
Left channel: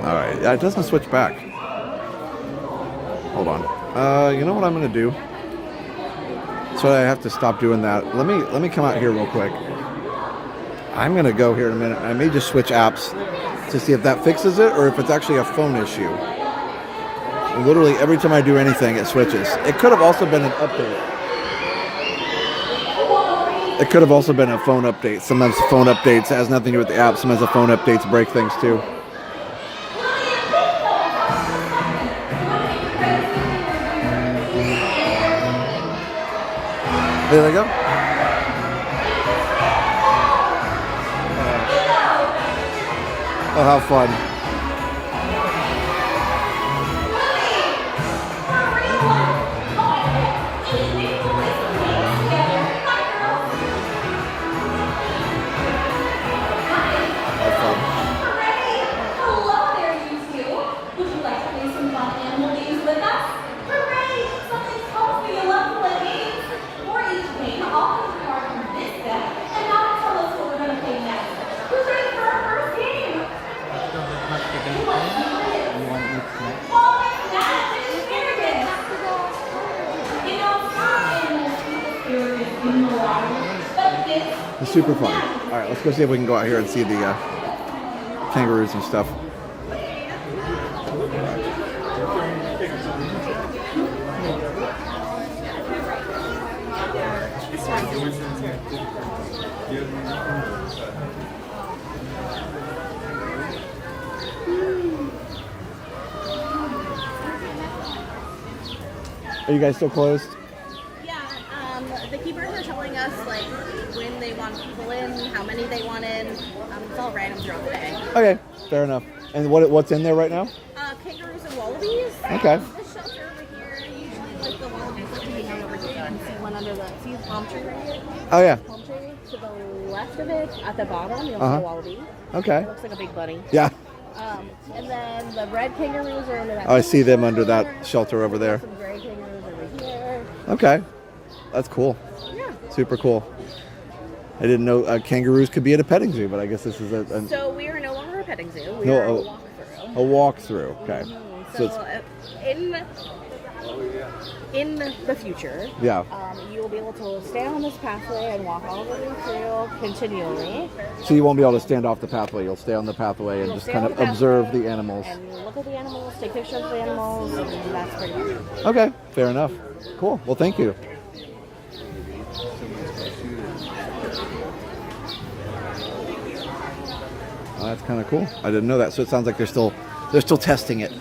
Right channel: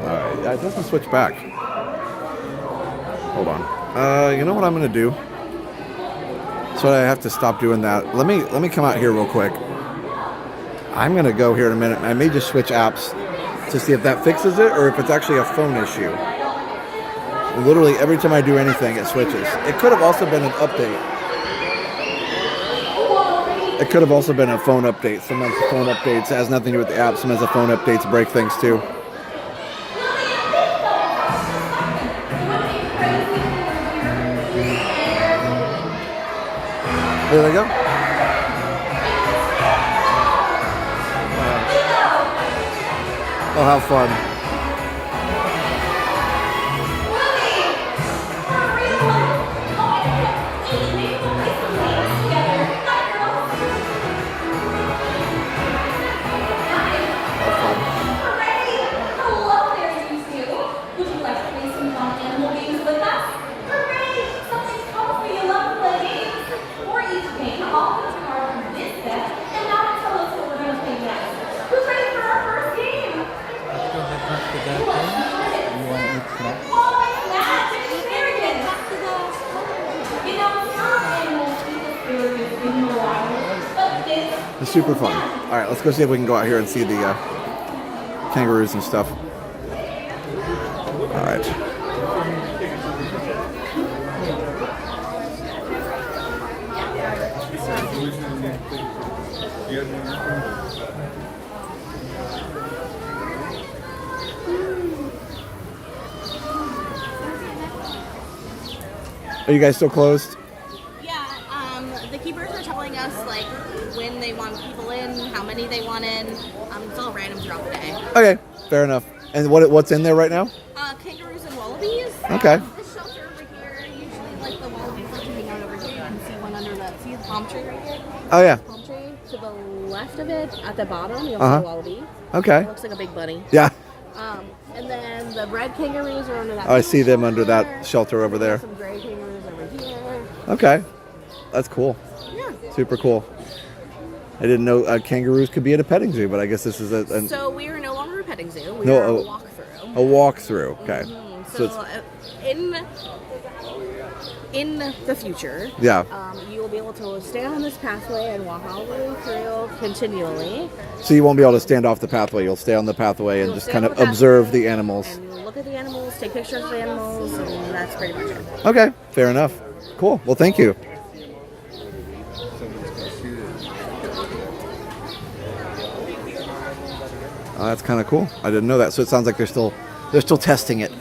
All right, it doesn't switch back. Hold on. You know what I'm gonna do? So I have to stop doing that. Let me come out here real quick. I'm gonna go here in a minute. I may just switch apps to see if that fixes it or if it's actually a phone issue. Literally every time I do anything, it switches. It could have also been an update. It could have also been a phone update. Sometimes phone updates has nothing to do with the app. Sometimes the phone updates break things too. There they go. Oh, how fun. It's super fun. All right, let's go see if we can go out here and see the kangaroos and stuff. All right. Are you guys still closed? Yeah, the keepers are telling us like when they want people in, how many they want in. It's all random throughout the day. Okay, fair enough. And what's in there right now? Kangaroos and wallabies. Okay. This shelter over here, usually like the wallabies like to hang out over here. You can see one under the palm tree right here. Oh yeah. Palm tree to the left of it, at the bottom, you'll see a wallaby. Okay. It looks like a big bunny. Yeah. And then the red kangaroos are under that. Oh, I see them under that shelter over there. Some gray kangaroos over here. Okay. That's cool. Yeah. Super cool. I didn't know kangaroos could be at a petting zoo, but I guess this is a So we are no longer a petting zoo. We are a walkthrough. A walkthrough. Okay. So in the future, yeah, you will be able to stay on this pathway and walk all the way through continually. So you won't be able to stand off the pathway. You'll stay on the pathway and just kind of observe the animals. And you'll look at the animals, take pictures of the animals, and that's pretty much it. Okay, fair enough. Cool. Well, thank you. Oh, that's kind of cool. I didn't know that. So it sounds like they're still testing it.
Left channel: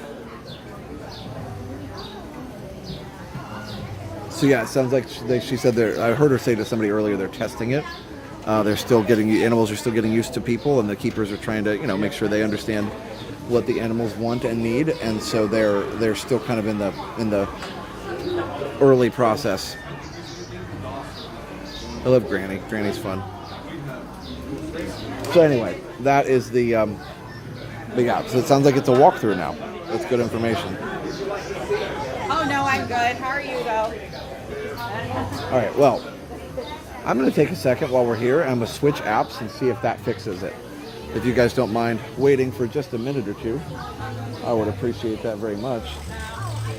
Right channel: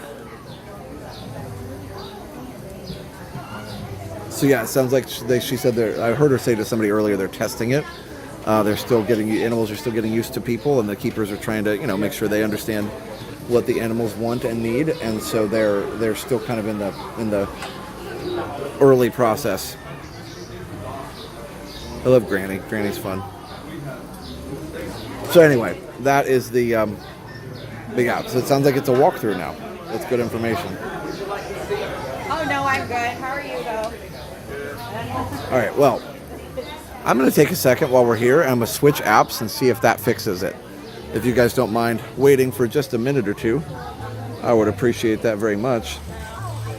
So yeah, it sounds like she said I heard her say to somebody earlier they're testing it. They're still getting the animals are still getting used to people, and the keepers are trying to make sure they understand what the animals want and need, and so they're still kind of in the early process. I love Granny. Granny's fun. So anyway, that is the big app. So it sounds like it's a walkthrough now. That's good information. Oh no, I'm good. How are you though? All right, well, I'm going to take a second while we're here, and I'm going to switch apps and see if that fixes it. If you guys don't mind waiting for just a minute or two, I would appreciate that very much.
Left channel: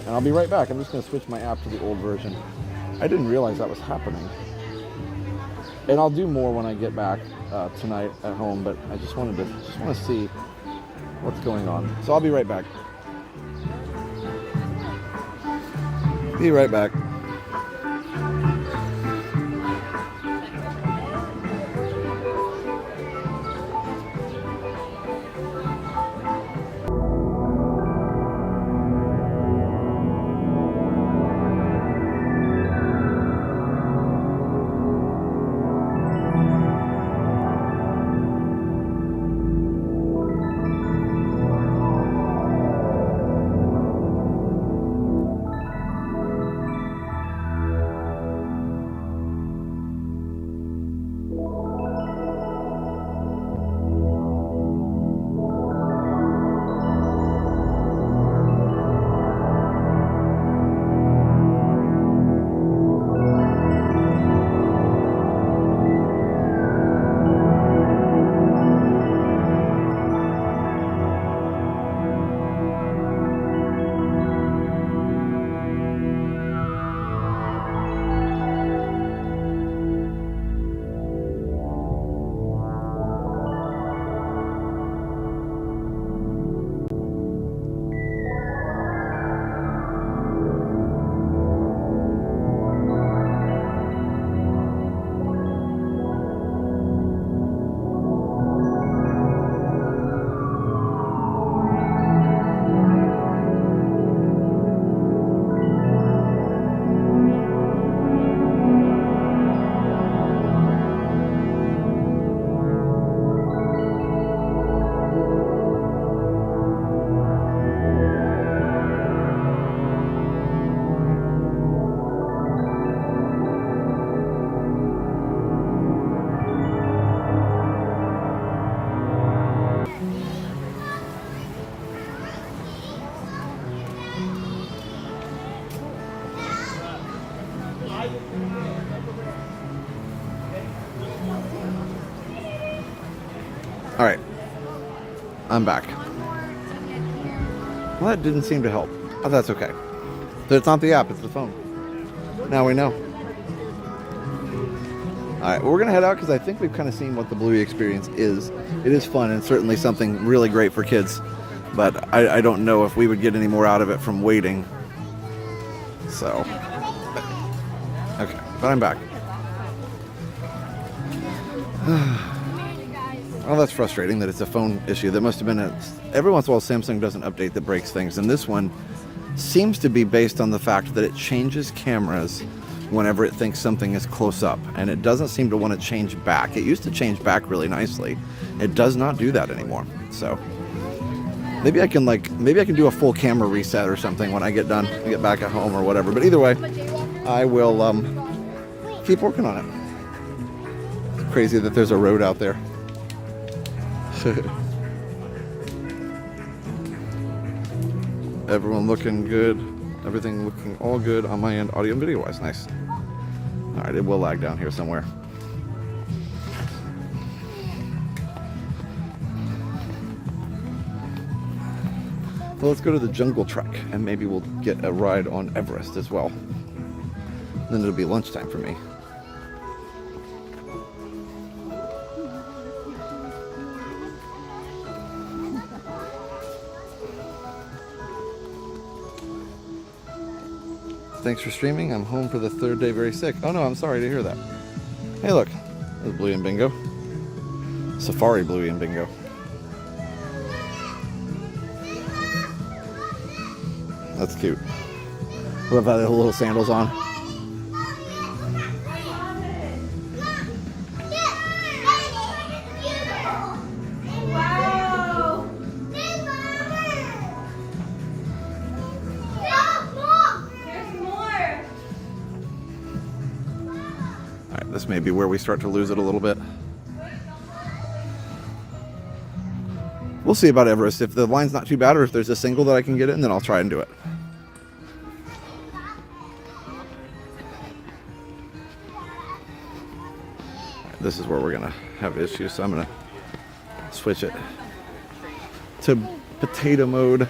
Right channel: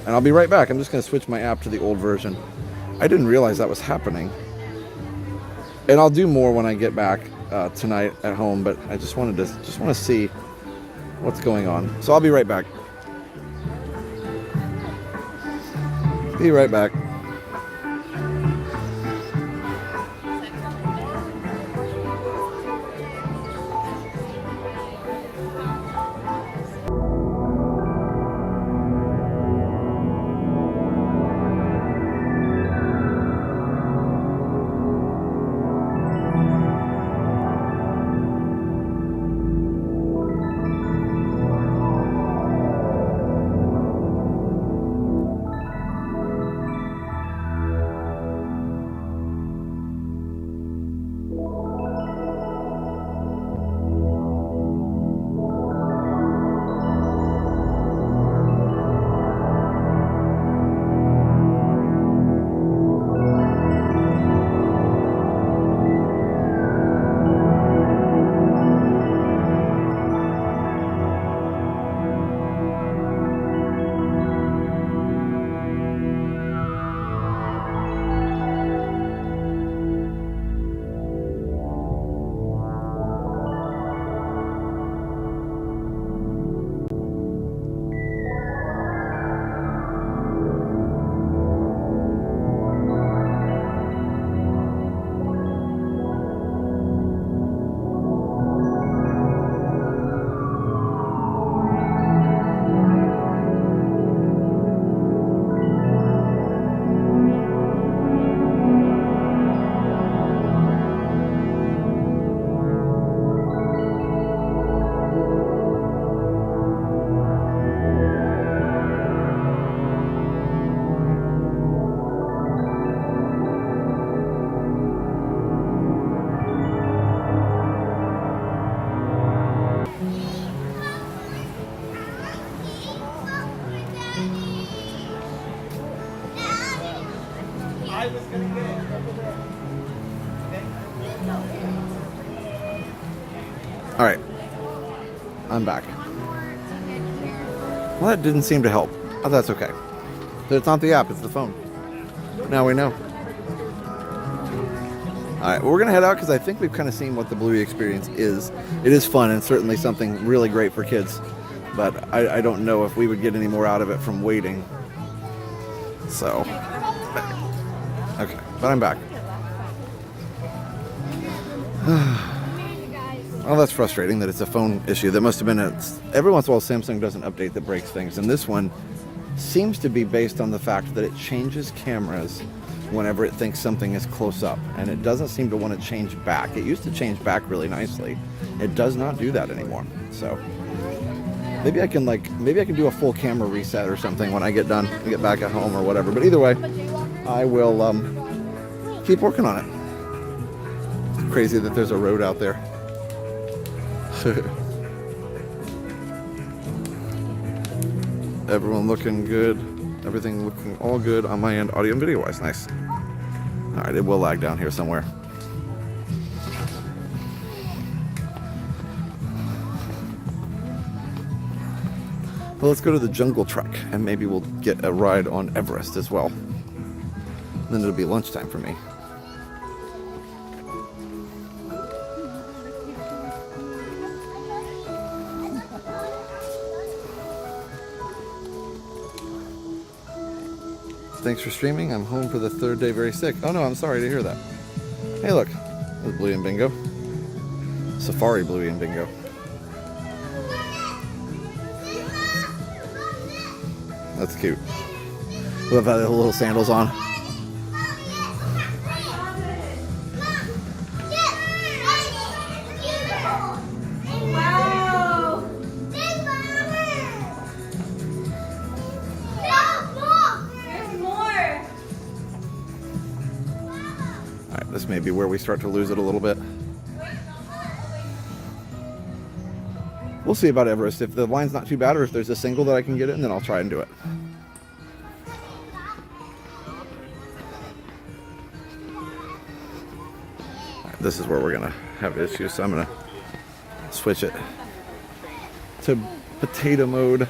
And I'll be right back. I'm just going to switch my app to the old version. I didn't realize that was happening. And I'll do more when I get back tonight at home, but I just want to see what's going on. So I'll be right back. Be right back. All right, I'm back. Well, that didn't seem to help. Oh, that's okay. But it's not the app, it's the phone. Now we know. All right, well, we're gonna head out because I think we've kind of seen what the Bluey experience is. It is fun and certainly something really great for kids, but I don't know if we would get any more out of it from waiting. So, okay, but I'm back. Well, that's frustrating that it's a phone issue. That must have been every once in a while Samsung does an update that breaks things, and this one seems to be based on the fact that it changes cameras whenever it thinks something is close up, and it doesn't seem to want to change back. It used to change back really nicely. It does not do that anymore. So maybe I can do a full camera reset or something when I get done, I get back at home or whatever. But either way, I will keep working on it. It's crazy that there's a road out there. Everyone looking good. Everything looking all good on my end, audio and video wise. Nice. All right, it will lag down here somewhere. Well, let's go to the jungle trek and maybe we'll get a ride on Everest as well. Then it'll be lunchtime for me. Thanks for streaming. I'm home for the third day very sick. Oh no, I'm sorry to hear that. Hey look, there's Bluey and Bingo. Safari Bluey and Bingo. That's cute. Love how they have little sandals on. This may be where we start to lose it a little bit. We'll see about Everest. If the line's not too bad or if there's a single that I can get in, then I'll try and do it. Right, this is where we're gonna have issues, so I'm gonna switch it to potato mode.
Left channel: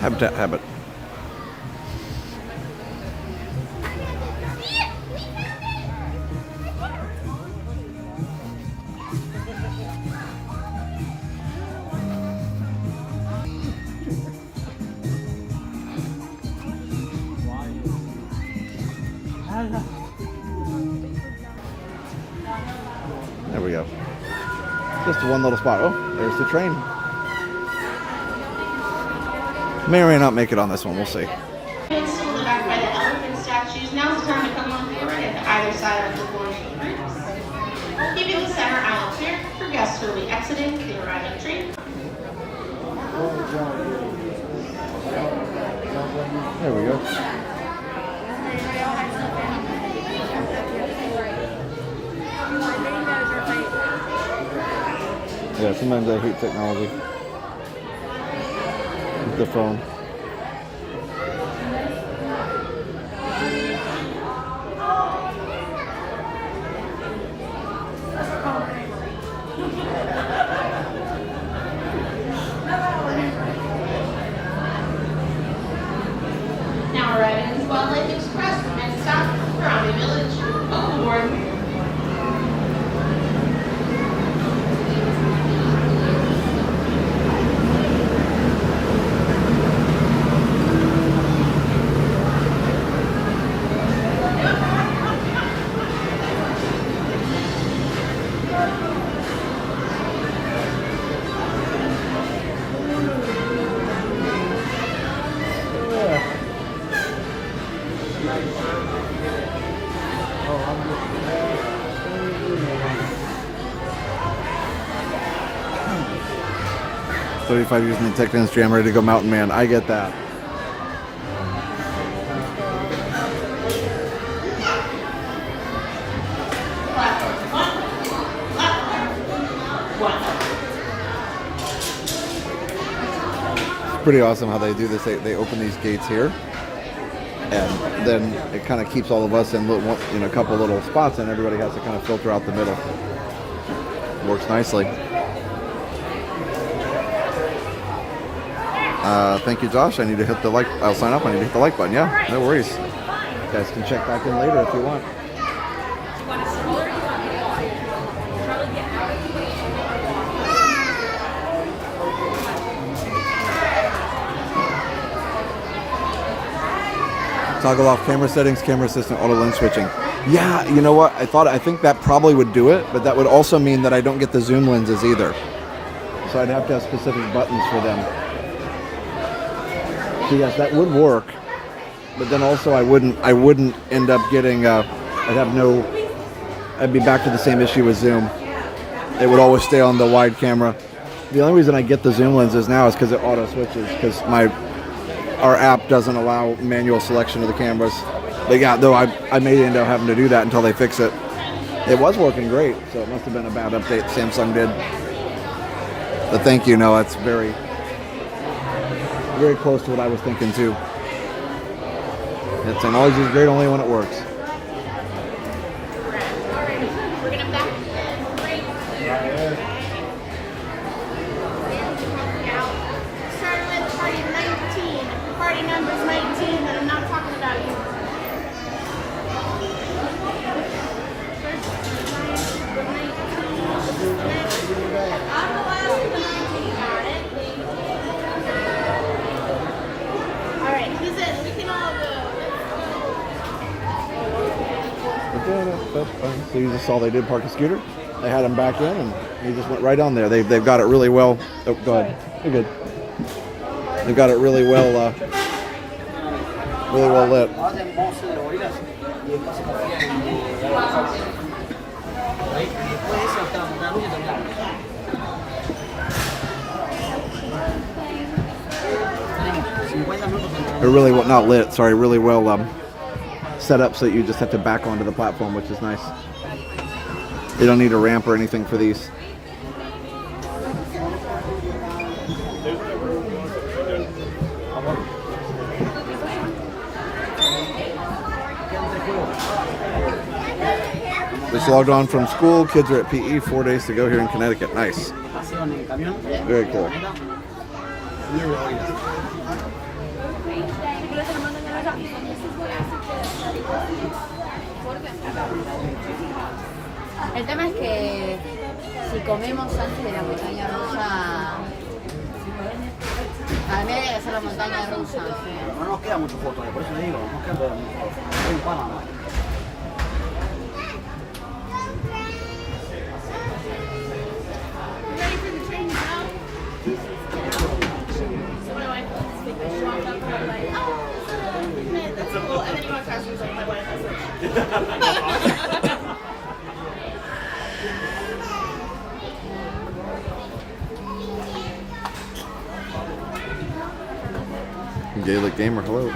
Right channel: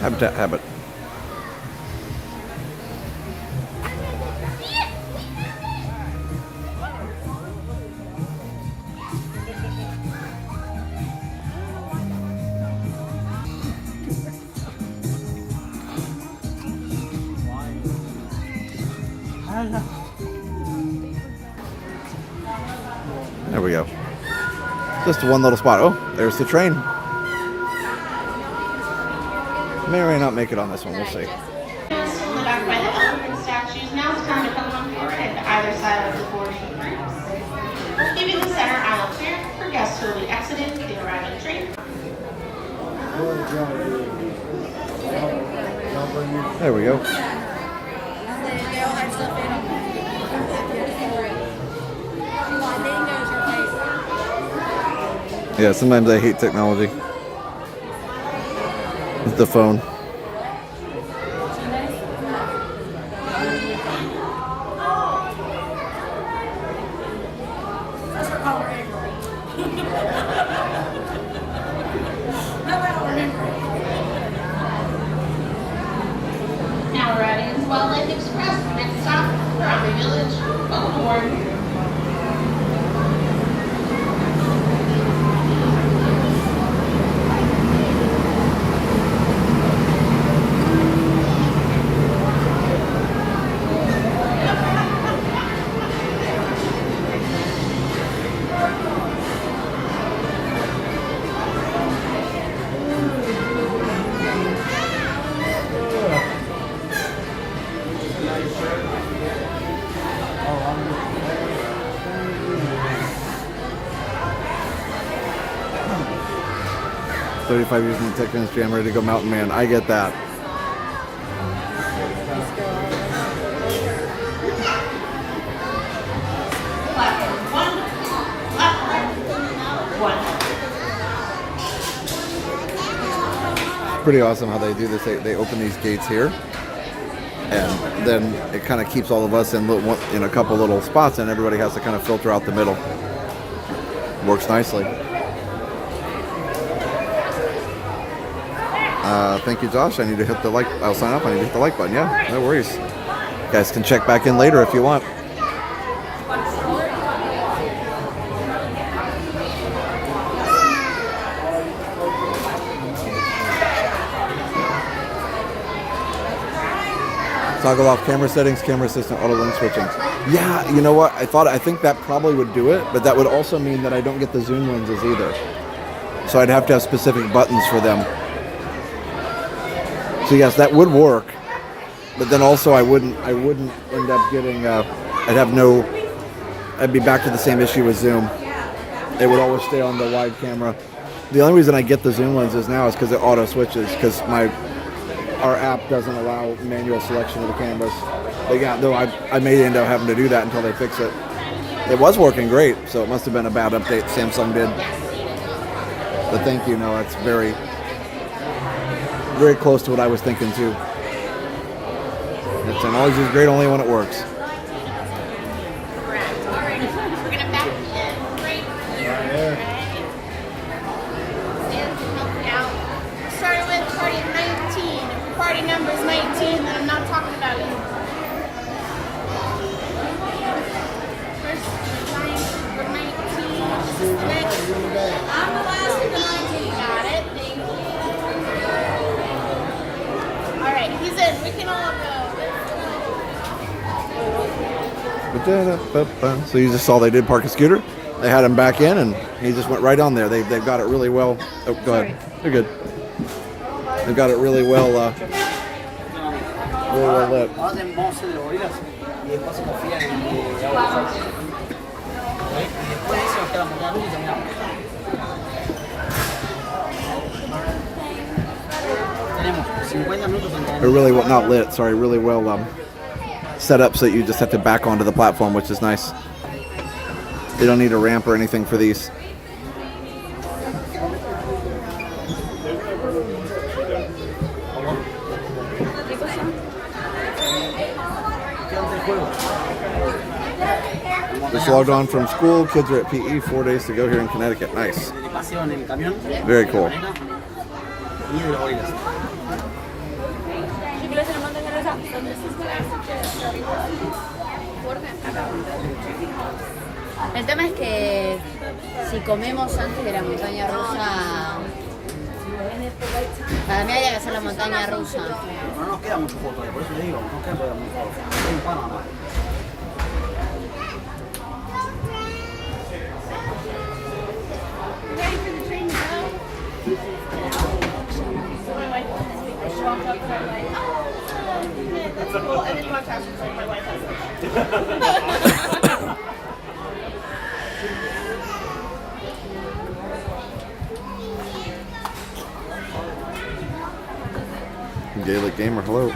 Habitat habit. There we go. Just one little spot. Oh, there's the train. May or may not make it on this one. We'll see. Stood back by the elephant statues. Now it's time to come on forward at either side of the four sheet groups. We'll give you the center aisle clear for guests who will be exiting the arriving train. There we go. Yeah, sometimes I hate technology. It's the phone. Now we're at Isabel Lake Express. Next stop, Harambe Village. Welcome aboard. $35 years in the tech industry, I'm ready to go mountain man. I get that. It's pretty awesome how they do this. They open these gates here and then it kind of keeps all of us in a couple little spots, and everybody has to kind of filter out the middle. Works nicely. Thank you, Josh. I need to hit the like. I'll sign up. I need to hit the like button. Yeah, no worries. You guys can check back in later if you want. Toggle off camera settings, camera assistant, auto lens switching. Yeah, you know what? I think that probably would do it, but that would also mean that I don't get the zoom lenses either. So I'd have to have specific buttons for them. So yes, that would work, but then also I wouldn't end up getting. I'd be back to the same issue with zoom. It would always stay on the wide camera. The only reason I get the zoom lenses now is because it auto switches, because our app doesn't allow manual selection of the cameras. But yeah, though I may end up having to do that until they fix it. It was working great, so it must have been a bad update Samsung did. But thank you, no, it's very, very close to what I was thinking too. Technology is great only when it works. So you just saw they did park a scooter. They had him back in, and he just went right on there. They've got it really well. Oh, go ahead. You're good. They've got it really well lit. They're really well, not lit. Sorry, really well set up so that you just have to back onto the platform, which is nice. They don't need a ramp or anything for these. Just logged on from school. Kids are at PE. 4 days to go here in Connecticut. Nice. Very cool. El tema es que si comemos antes de la montaña rusa, para mí habría que hacer la montaña rusa. No nos queda mucho foto, por eso le digo, no nos queda todavía mucho foto. Un pan nada más. Gaelic Gamer, hello.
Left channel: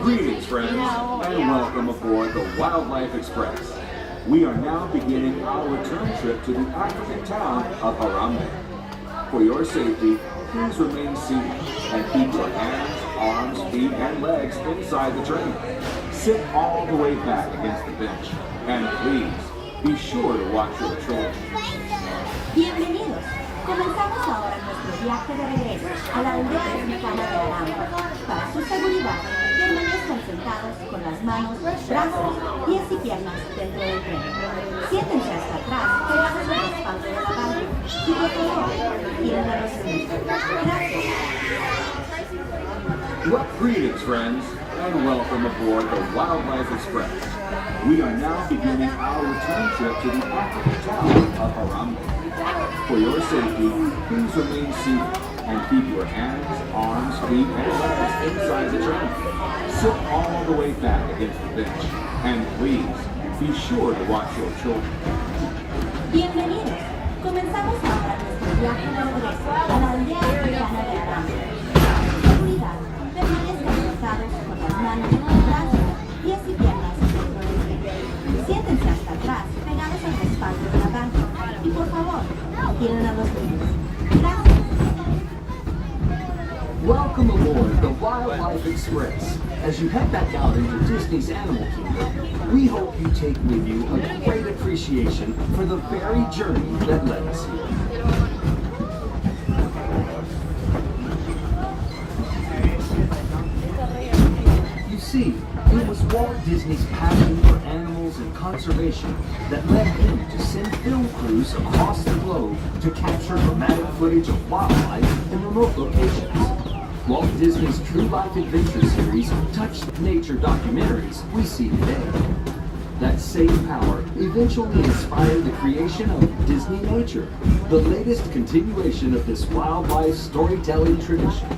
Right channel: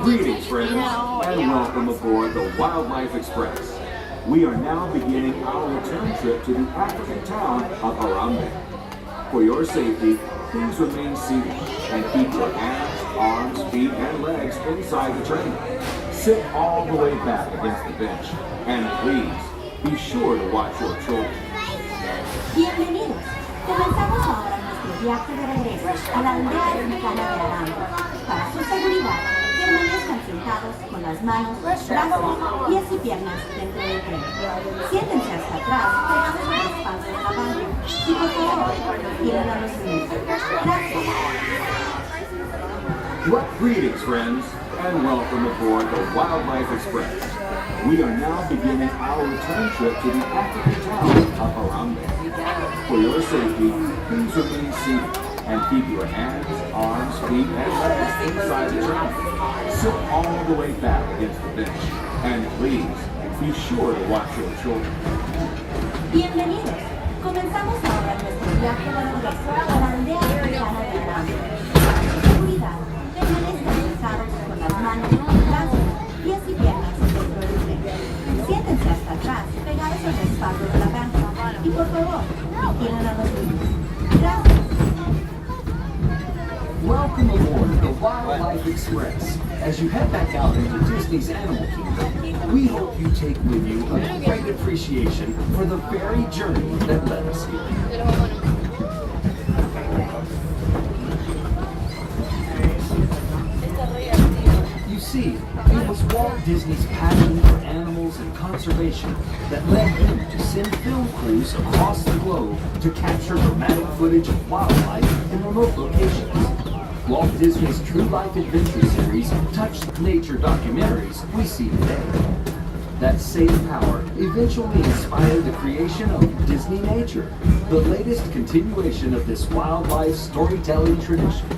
Greetings, friends, and welcome aboard the Wildlife Express. We are now beginning our return trip to the African town of Harambe. For your safety, please remain seated and keep your hands, arms, feet, and legs inside the train. Sit all the way back against the bench, and please be sure to watch your children. Bienvenidos. Comenzamos ahora nuestro viaje de regreso a la aldea africana de Harambe. Para su seguridad, permanezcan sentados con las manos, brazos, pies y piernas dentro del tren. Siéntense hasta atrás, pegados al respaldo de la banca. Y por favor, tienen a los demás. Gracias. Well, greetings, friends, and welcome aboard the Wildlife Express. We are now beginning our return trip to the African town of Harambe. For your safety, please remain seated and keep your hands, arms, feet, and legs inside the train. Sit all the way back against the bench, and please be sure to watch your children. Bienvenidos. Comenzamos ahora nuestro viaje de regreso a la aldea africana de Harambe. Para su seguridad, permanezcan sentados con las manos, brazos, pies y piernas dentro del tren. Siéntense hasta atrás, atiendan a los niños. Gracias. Welcome aboard the Wildlife Express. As you head back out into Disney's Animal Kingdom, we hope you take with you a great appreciation for the very journey that led us here. You see, it was Walt Disney's passion for animals and conservation that led him to send film crews across the globe to capture dramatic footage of wildlife in remote locations. Walt Disney's True Life Adventure series touched the nature documentaries we see today. That same power eventually inspired the creation of Disney Nature, the latest continuation of this wildlife storytelling tradition.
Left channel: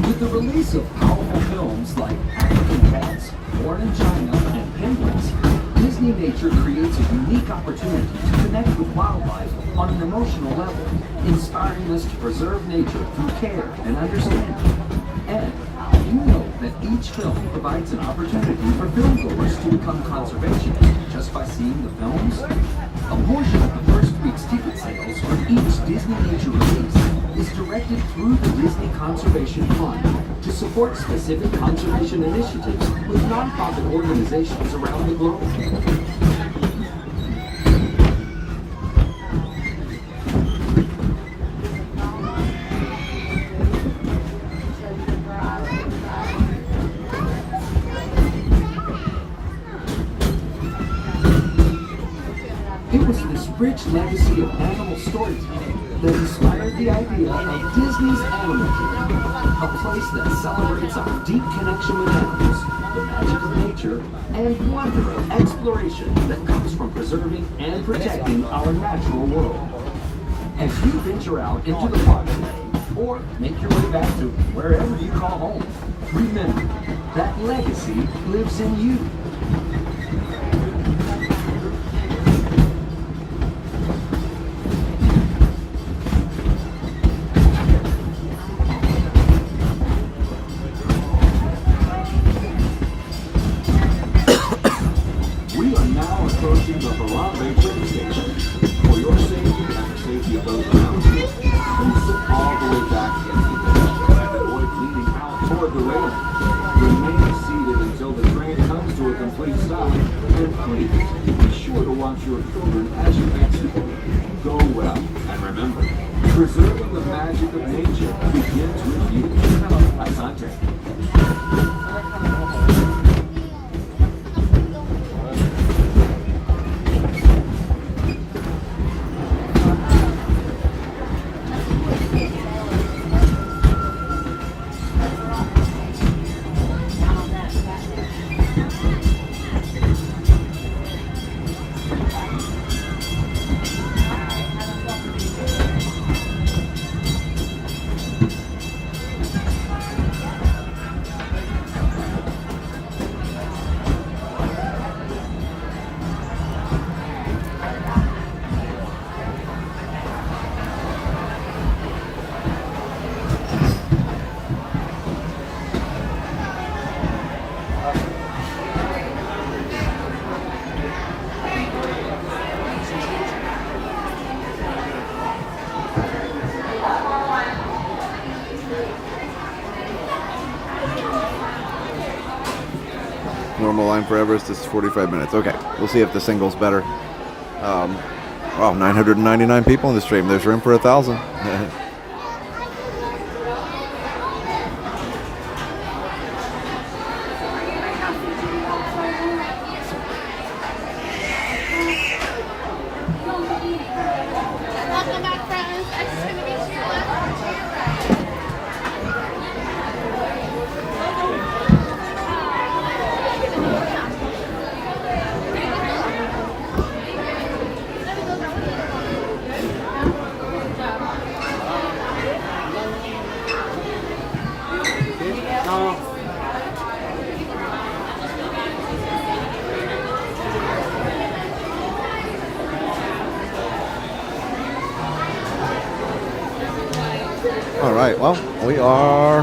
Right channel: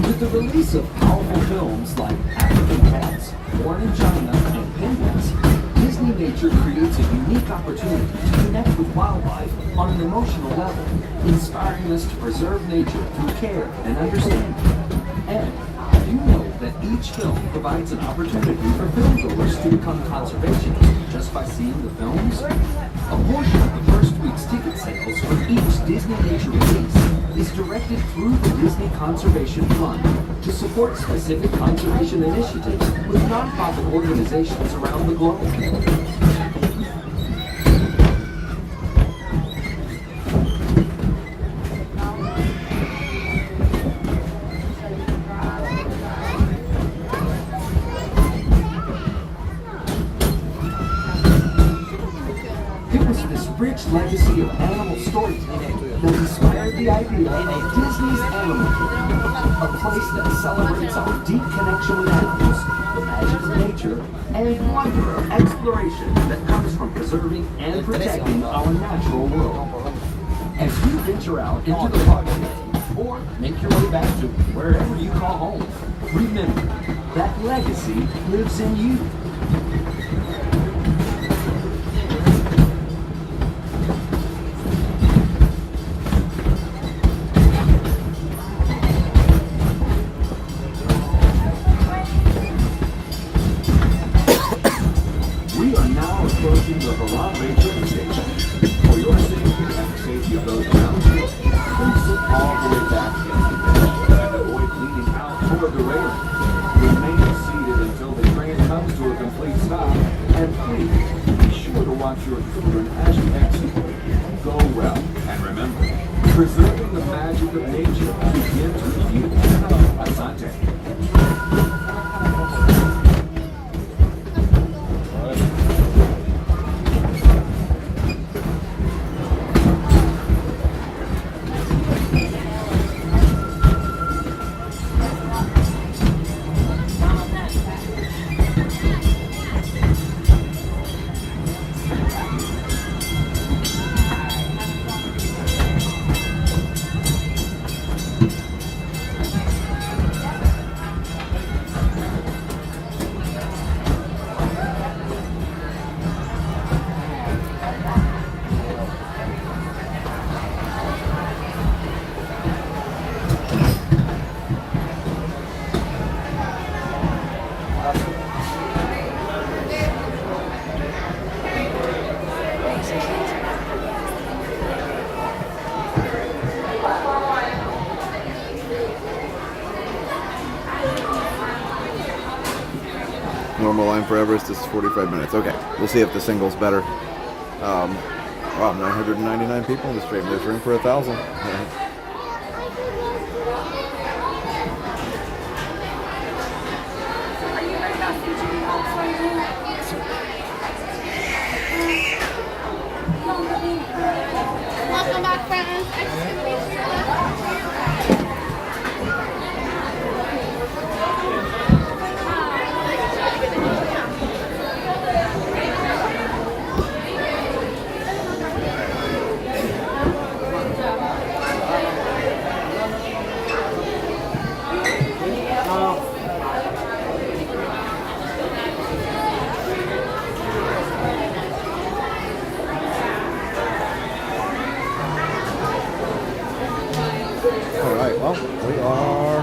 With the release of powerful films like African Cats, Born in China, and Penguins, Disney Nature creates a unique opportunity to connect with wildlife on an emotional level, inspiring us to preserve nature through care and understanding. And you know that each film provides an opportunity for filmgoers to become conservationists just by seeing the films? A portion of the first week's ticket sales for each Disney Nature release is directed through the Disney Conservation Fund to support specific conservation initiatives with nonprofit organizations around the globe. It was this rich legacy of animal storytelling that inspired the idea of Disney's Animal Kingdom, a place that celebrates our deep connection with animals, the magic of nature, and wonder of exploration that comes from preserving and protecting our natural world. As you venture out into the park today, or make your way back to wherever you call home, remember that legacy lives in you. We are now approaching the Harambe Train Station. For your safety and the safety of those around you, please sit all the way back against the bench and avoid leaning out toward the railing. Remain seated until the train comes to a complete stop, and please be sure to watch your children as you exit. Go well, and remember, preserving the magic of nature begins with you. Asante. Normal line for Everest is 45 minutes. Okay, we'll see if the single's better. Wow, 999 people in the stream. There's room for 1,000. Welcome back, friends. It's gonna be to your left. we are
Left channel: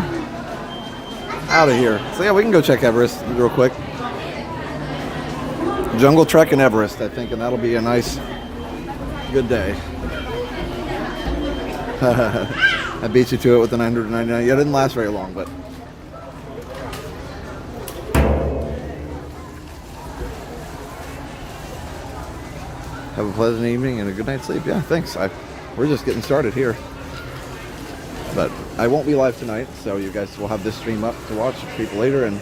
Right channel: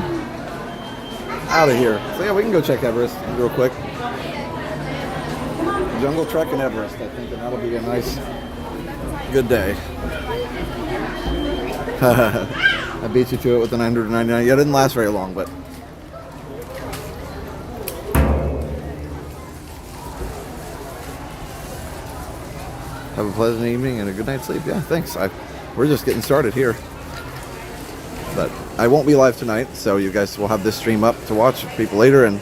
out of here. So yeah, we can go check Everest real quick. Jungle Trek in Everest, I think, and that'll be a nice, good day. I beat you to it with the 999. Yeah, it didn't last very long, but have a pleasant evening and a good night's sleep. Yeah, thanks. We're just getting started here. But I won't be live tonight, so you guys will have this stream up to watch people later. And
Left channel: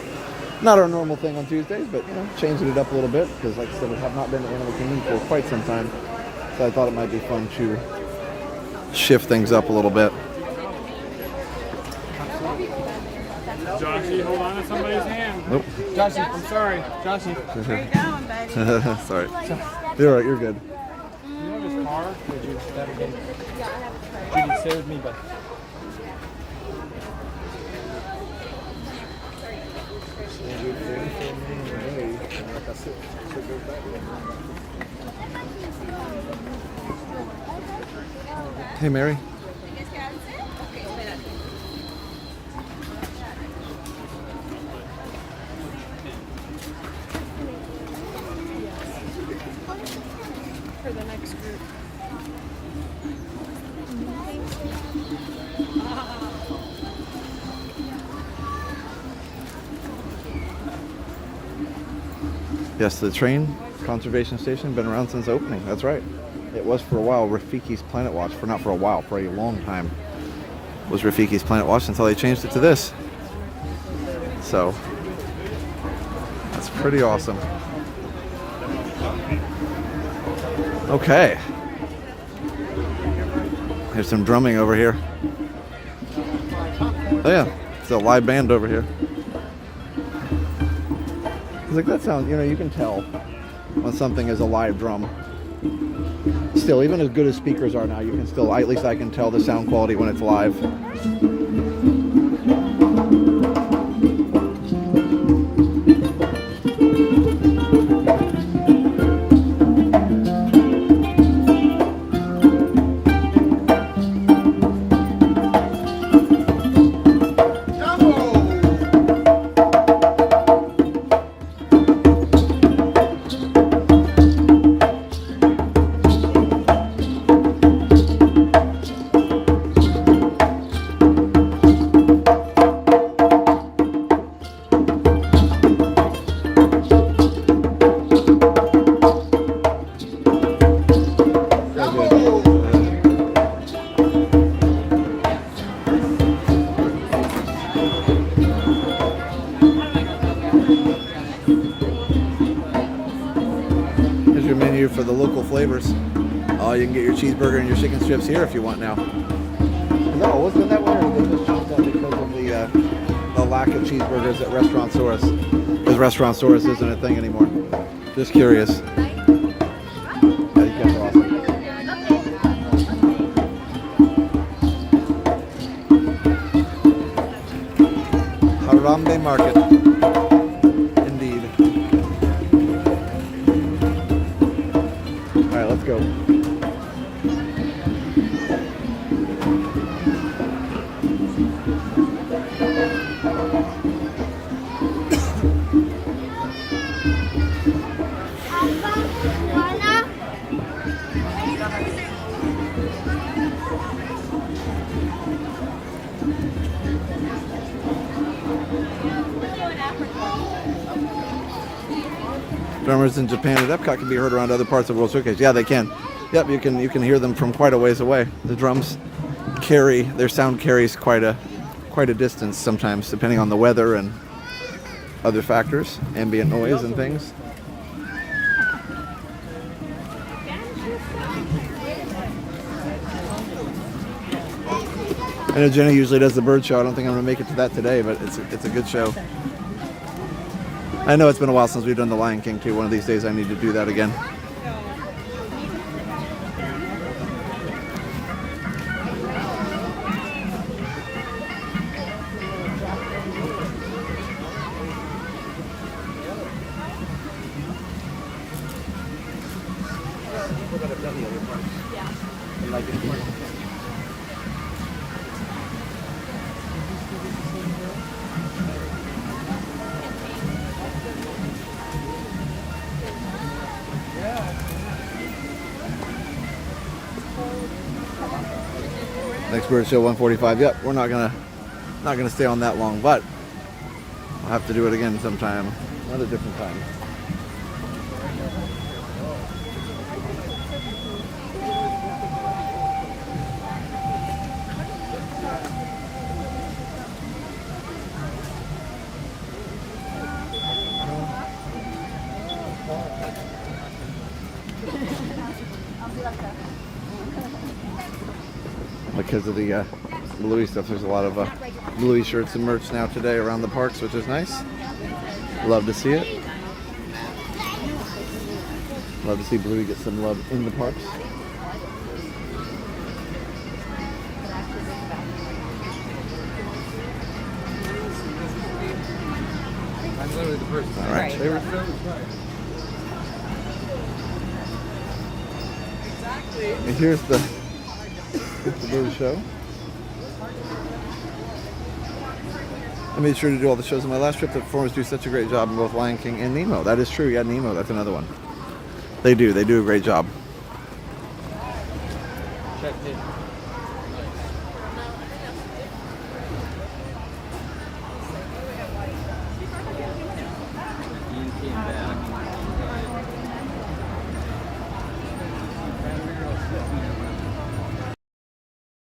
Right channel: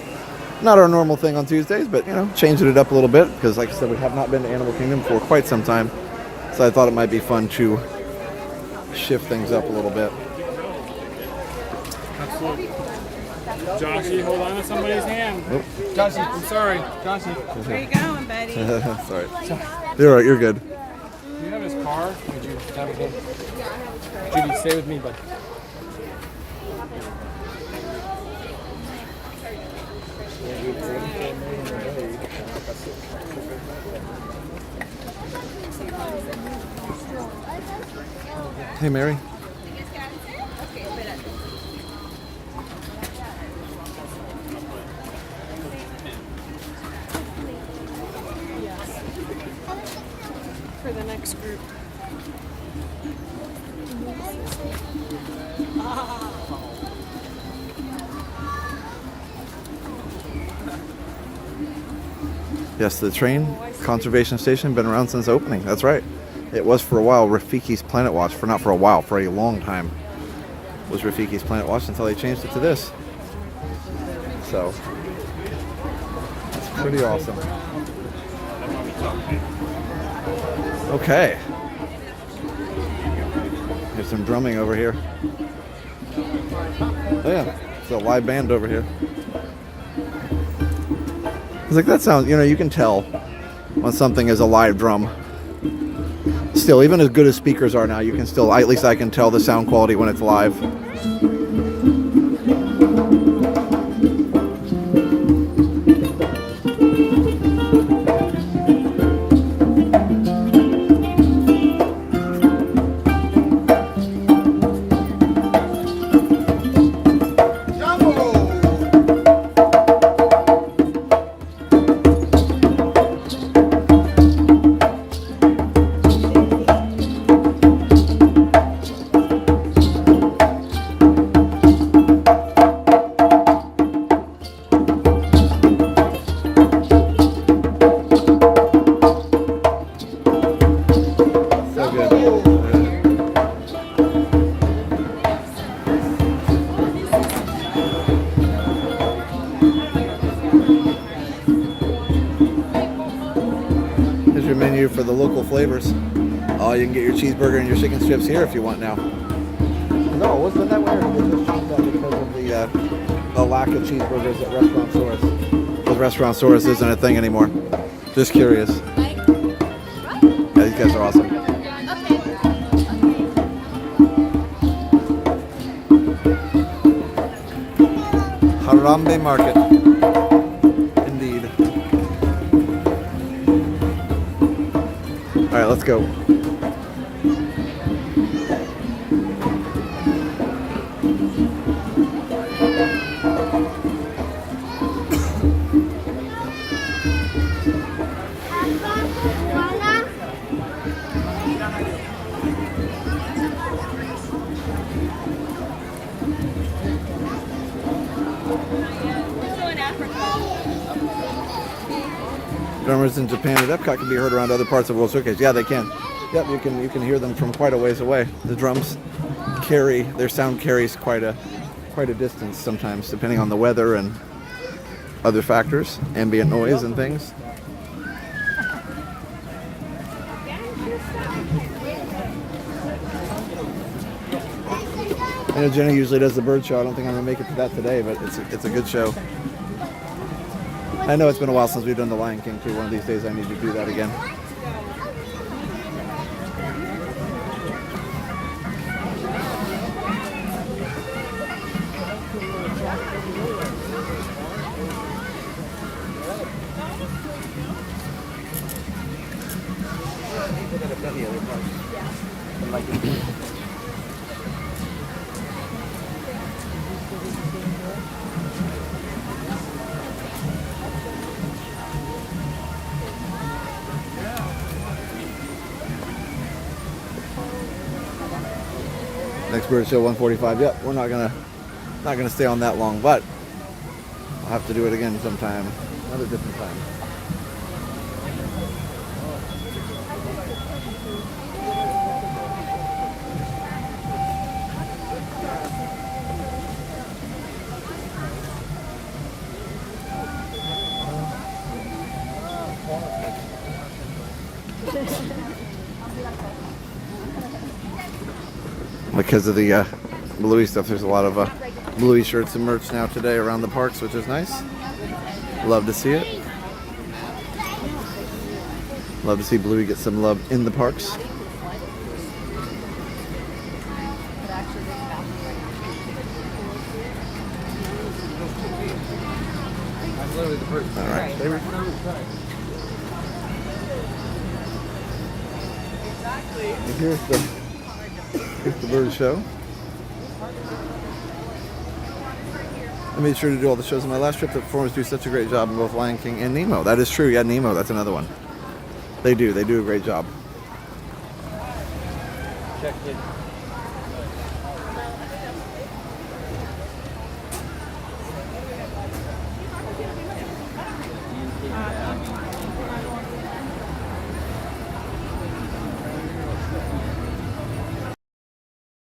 not our normal thing on Tuesdays, but, you know, changing it up a little bit. Because, like I said, we have not been to Animal Kingdom for quite some time. So I thought it might be fun to shift things up a little bit. Joshy, hold on to somebody's hand. Nope. Joshy, I'm sorry. Joshy. Where you going, buddy? Sorry. You're all right, you're good. Do you have his car? Would you have a good? Judy, stay with me, bud. Hey, Mary. For the next group. Yes, the train conservation station been around since opening. That's right. It was for a while Rafiki's Planet Watch. Not for a while, for a long time was Rafiki's Planet Watch until they changed it to this. So that's pretty awesome. Okay. There's some drumming over here. Oh yeah, it's a live band over here. It's like that sounds, you know, you can tell when something is a live drum. Still, even as good as speakers are now, you can still, at least I can tell the sound quality when it's live. For the local flavors. Oh, you can get your cheeseburger and your chicken strips here if you want now. No, wasn't that weird? They just changed that because of the lack of cheeseburgers at Restaurantsaurus. Because Restaurantsaurus isn't a thing anymore. Just curious. Yeah, these guys are awesome. Harambe Market. Indeed. All right, let's go. Drummers in Japan at Epcot can be heard around other parts of World Showcase. Yeah, they can. Yep, you can hear them from quite a ways away. The drums their sound carries quite a distance sometimes, depending on the weather and other factors, ambient noise and things. I know Jenny usually does the bird show. I don't think I'm gonna make it to that today, but it's a good show. I know it's been a while since we've done the Lion King too. One of these days I need to do that again. People that have done the other parts. And like Next bird show 1:45. Yep, we're not gonna stay on that long, but I'll have to do it again sometime, another different time. Because of the Bluey stuff, there's a lot of Bluey shirts and merch now today around the parks, which is nice. Love to see it. Love to see Bluey get some love in the parks. All right. And here's the bird show. I made sure to do all the shows on my last trip. The performers do such a great job in both Lion King and Nemo. That is true. Yeah, Nemo, that's another one. They do a great job.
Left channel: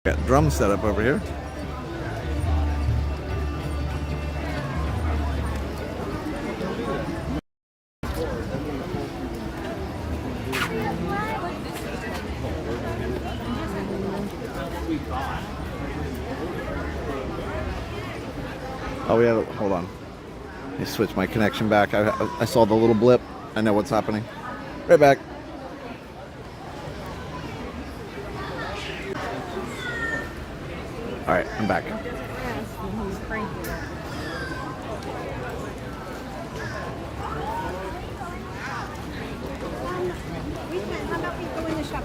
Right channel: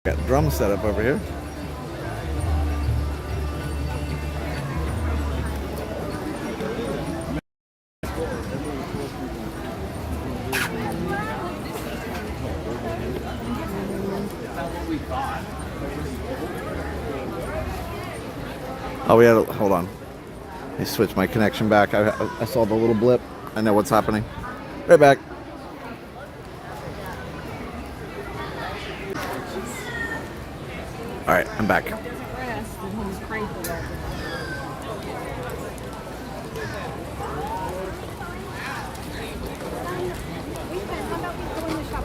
Got drums set up over here. Oh, we had a, hold on. Let me switch my connection back. I saw the little blip. I know what's happening. Right back. All right, I'm back.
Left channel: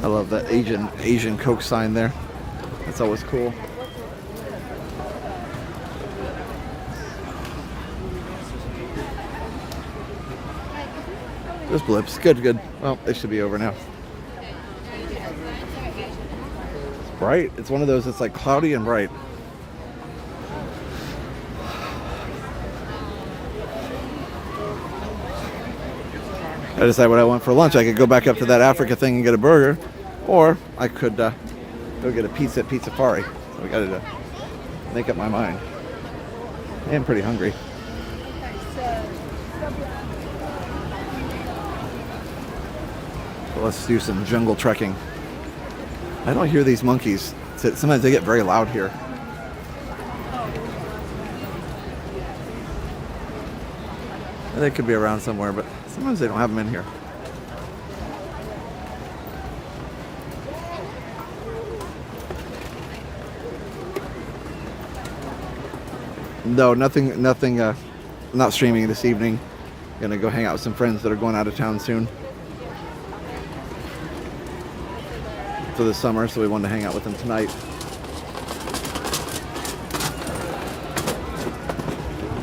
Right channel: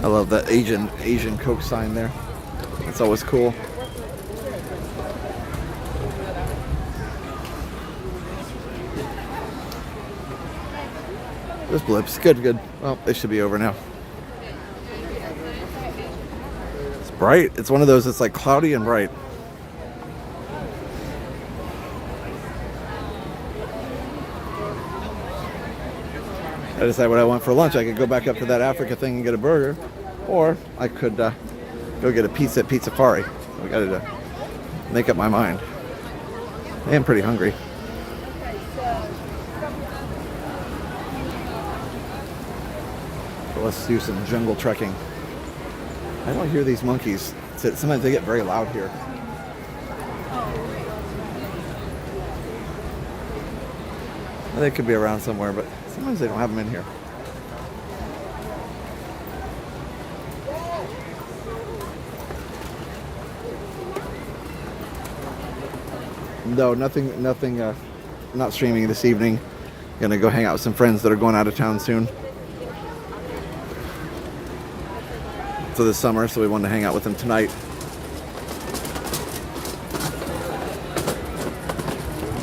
I love that Asian Coke sign there. That's always cool. Those blips, good. Well, they should be over now. It's bright. It's one of those that's like cloudy and bright. I decide what I want for lunch. I could go back up to that Africa thing and get a burger, or I could go get a pizza at Pizza Safari. So I got to make up my mind. I am pretty hungry. So let's do some jungle trekking. I don't hear these monkeys. Sometimes they get very loud here. They could be around somewhere, but sometimes they don't have them in here. No, nothing, not streaming this evening. Gonna go hang out with some friends that are going out of town soon for the summer, so we wanted to hang out with them tonight.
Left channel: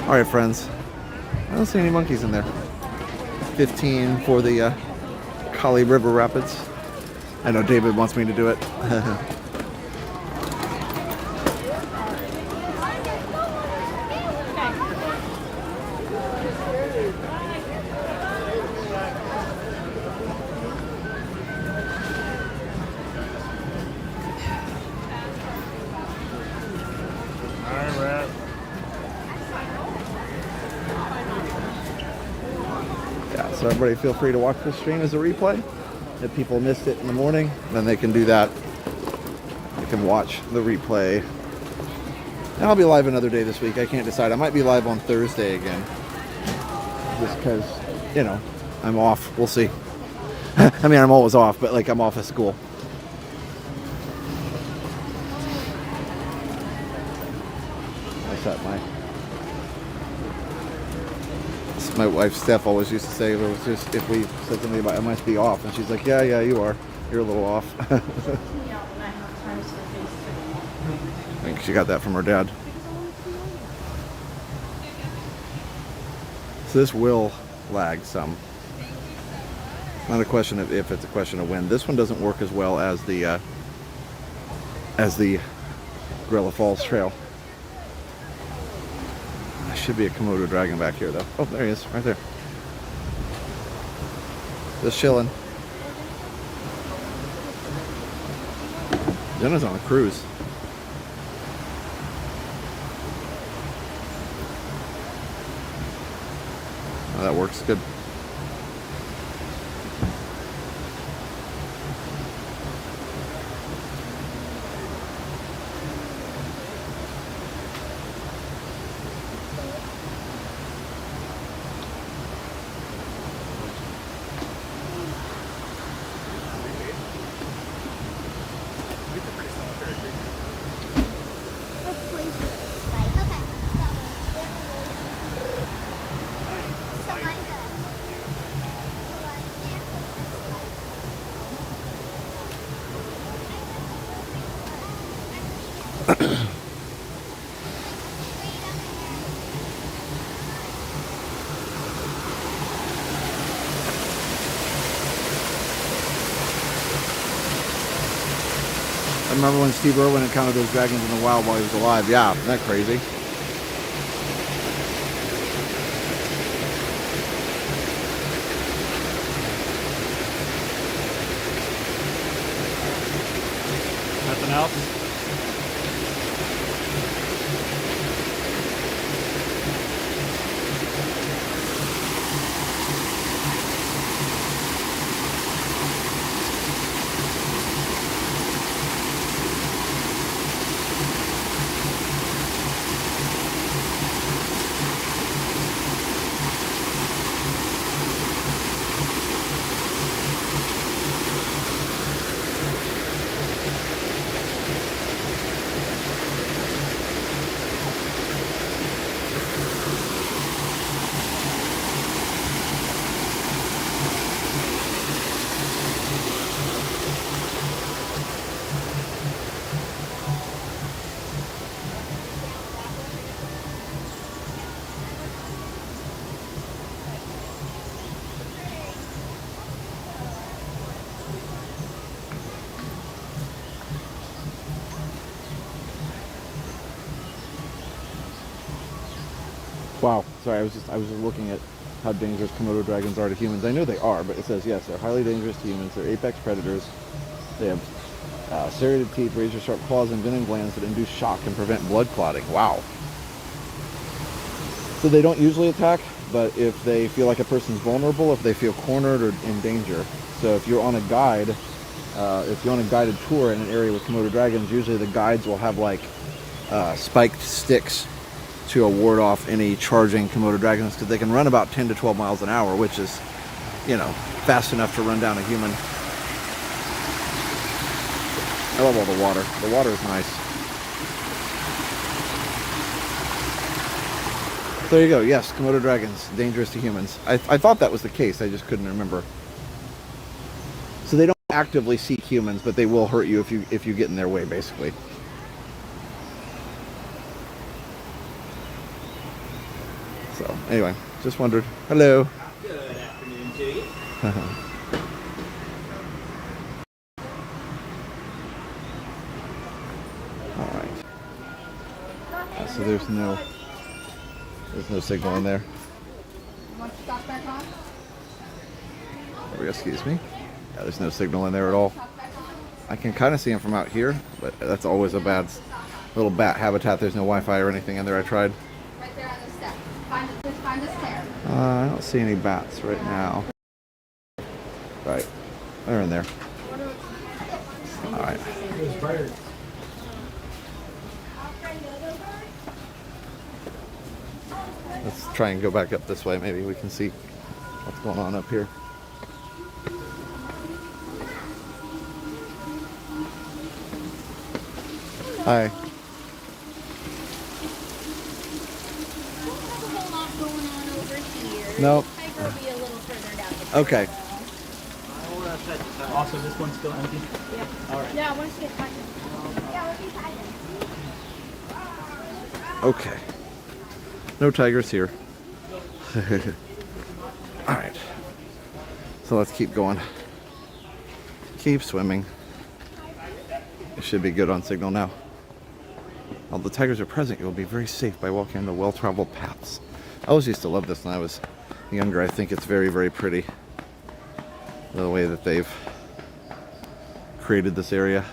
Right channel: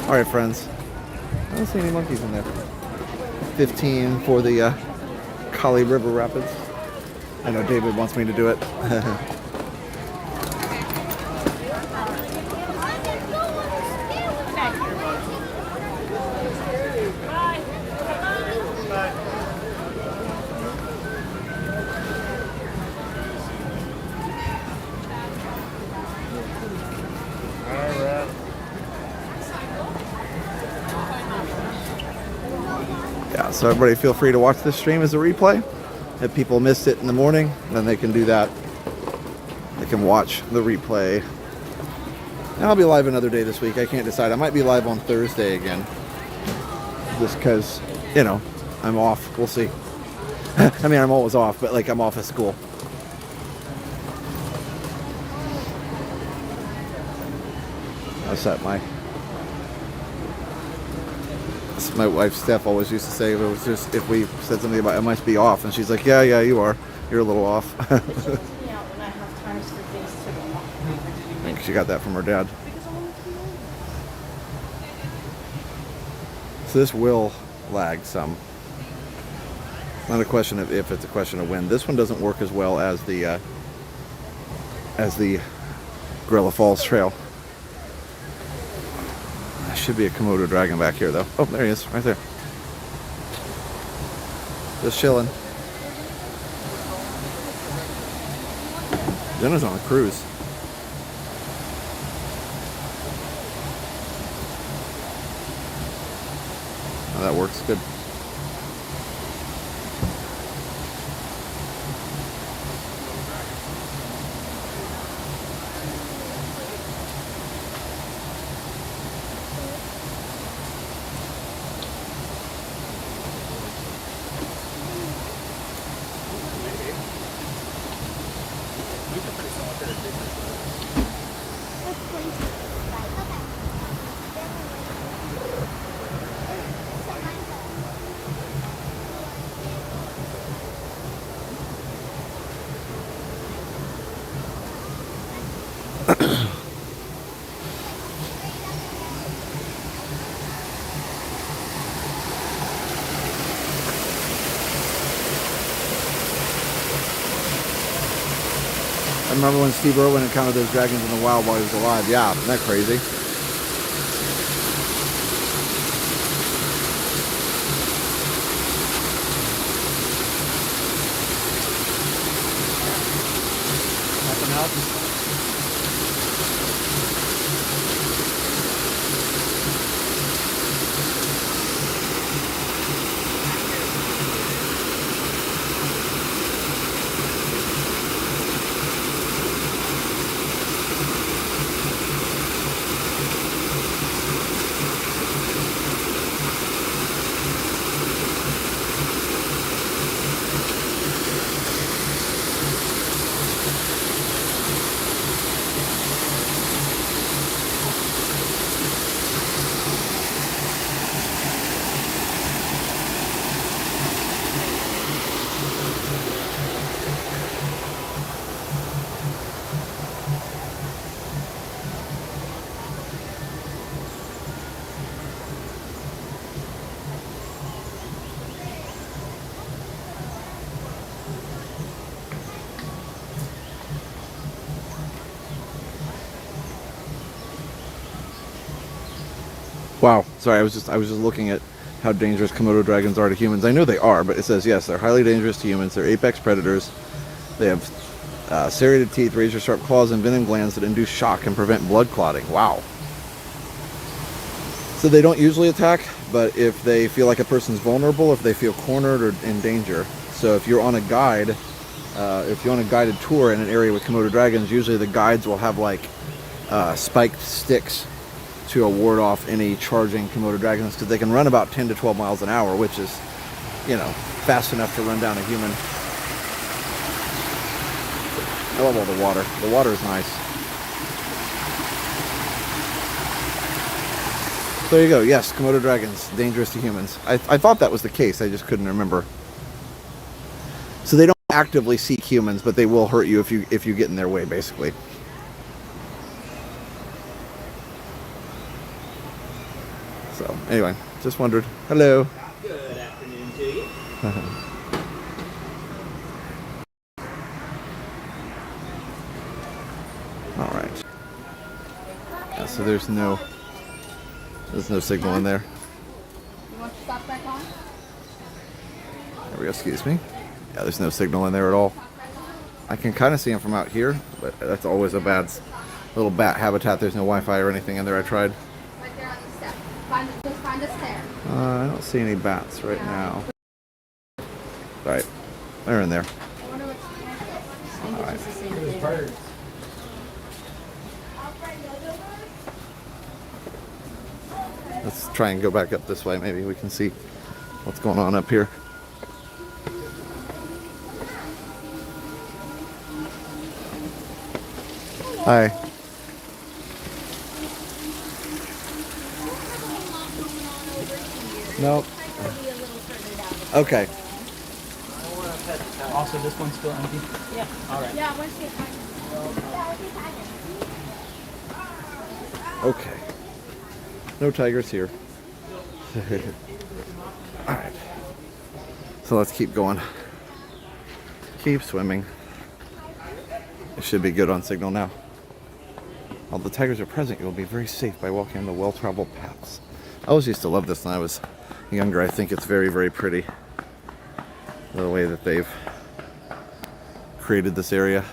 All right, friends. I don't see any monkeys in there. 15 for the Kali River Rapids. I know David wants me to do it. So everybody feel free to watch this stream as a replay. If people missed it in the morning, then they can do that. They can watch the replay. And I'll be live another day this week. I can't decide. I might be live on Thursday again. Just because, you know, I'm off. We'll see. I mean, I'm always off, but like I'm off at school. I set my wife Steph always used to say if we said something about I must be off, and she's like, yeah, you are. You're a little off. I think she got that from her dad. So this will lag some. Not a question of if, it's a question of when. This one doesn't work as well as the Gorilla Falls Trail. There should be a Komodo dragon back here though. Oh, there he is, right there. Just chilling. Jenna's on a cruise. Oh, that works good. I remember when Steve Irwin encountered those dragons in the wild while he was alive. Yeah, isn't that crazy? Nothing else? Wow, sorry, I was just looking at how dangerous Komodo dragons are to humans. I know they are, but it says yes, they're highly dangerous to humans. They're apex predators. They have serrated teeth, razor-sharp claws, and venom glands that induce shock and prevent blood clotting. Wow. So they don't usually attack, but if they feel like a person's vulnerable, if they feel cornered or in danger. So if you're on a guide, if you're on a guided tour in an area with Komodo dragons, usually the guides will have like spiked sticks to ward off any charging Komodo dragons, because they can run about 10 to 12 miles an hour, which is, you know, fast enough to run down a human. I love all the water. The water is nice. So there you go. Yes, Komodo dragons, dangerous to humans. I thought that was the case. I just couldn't remember. So they don't actively seek humans, but they will hurt you if you get in their way, basically. So anyway, just wondered. Hello. Good afternoon to you. All right. Yeah, so there's no signal in there. You want to stop back on? There we go. Excuse me. Yeah, there's no signal in there at all. I can kind of see them from out here, but that's always a bad little bat habitat. There's no Wi-Fi or anything in there. I tried. Right there on the step. Just find the stair. I don't see any bats right now. Right, they're in there. All right. Let's try and go back up this way. Maybe we can see what's going on up here. Hi. Nope. Okay. Also, this one's still empty? Yeah. All right. Yeah, once you find it. Okay. No tigers here. All right. So let's keep going. Keep swimming. It should be good on signal now. While the tigers are present, you will be very safe by walking on the well-traveled paths. I always used to love this when I was younger. I think it's very, very pretty. The way that they've created this area.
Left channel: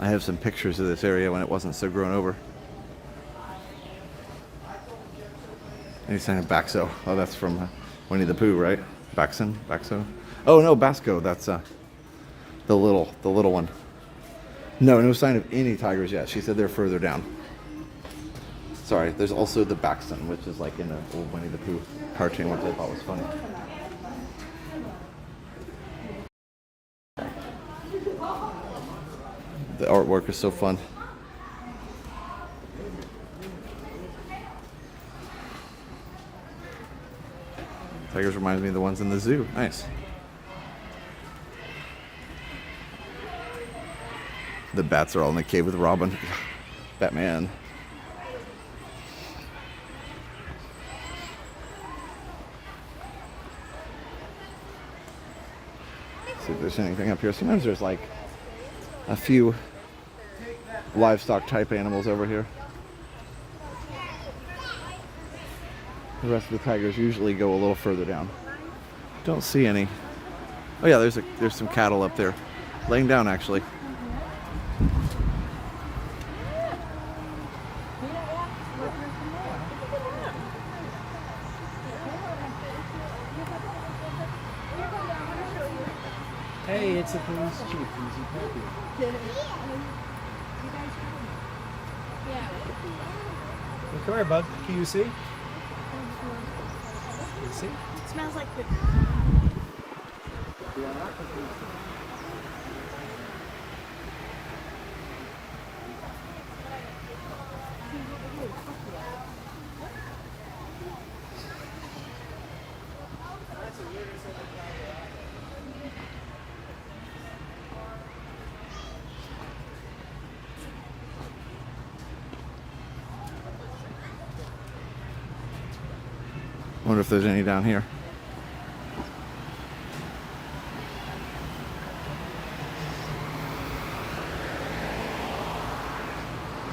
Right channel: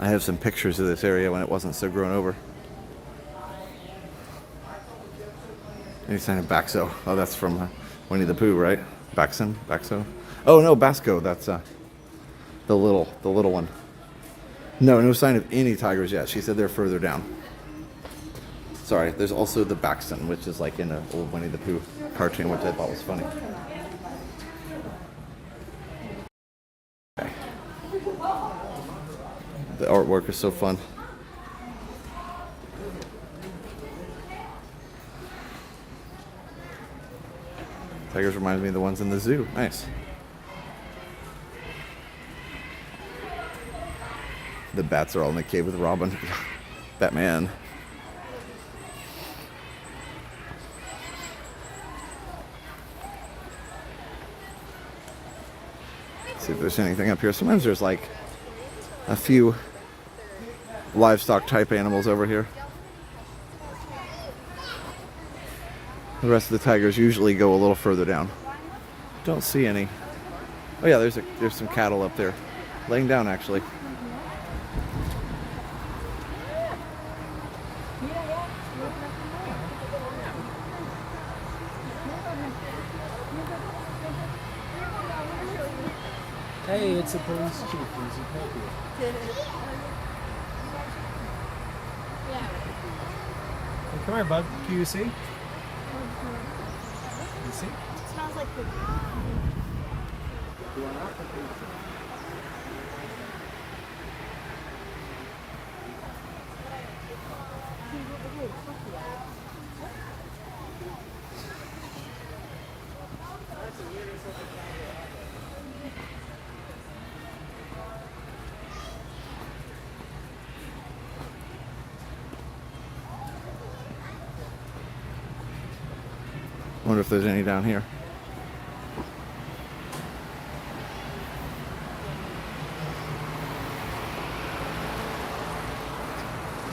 I have some pictures of this area when it wasn't so grown over. Any sign of Baxo? Oh, that's from Winnie the Pooh, right? Baxo? Oh no, Basco. That's the little one. No sign of any tigers yet. She said they're further down. Sorry, there's also the Baxton, which is like in the old Winnie the Pooh cartoon, which I thought was funny. Okay. The artwork is so fun. Tigers reminds me of the ones in the zoo. Nice. The bats are all in the cave with Robin. Batman. See if there's anything up here. Sometimes there's like a few livestock type animals over here. The rest of the tigers usually go a little further down. Don't see any. Oh yeah, there's some cattle up there. Laying down actually. Hey, it's a police chief. Who's he help you? Come here, bud. Can you see? Can you see? It smells like poop. You want up or can you see? Wonder if there's any down here.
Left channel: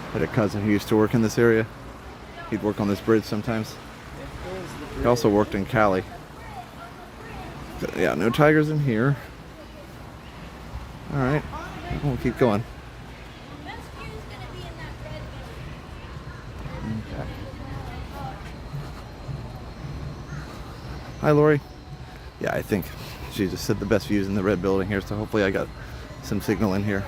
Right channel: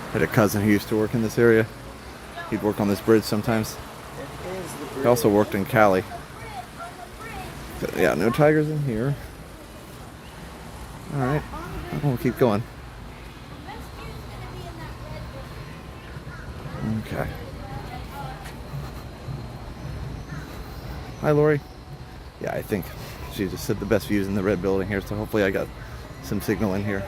I had a cousin who used to work in this area. He'd work on this bridge sometimes. He also worked in Cali. Yeah, no tigers in here. Alright, we'll keep going. Okay. Hi, Lori. Yeah, I think she just said the best views in the red building here, so hopefully I got some signal in here.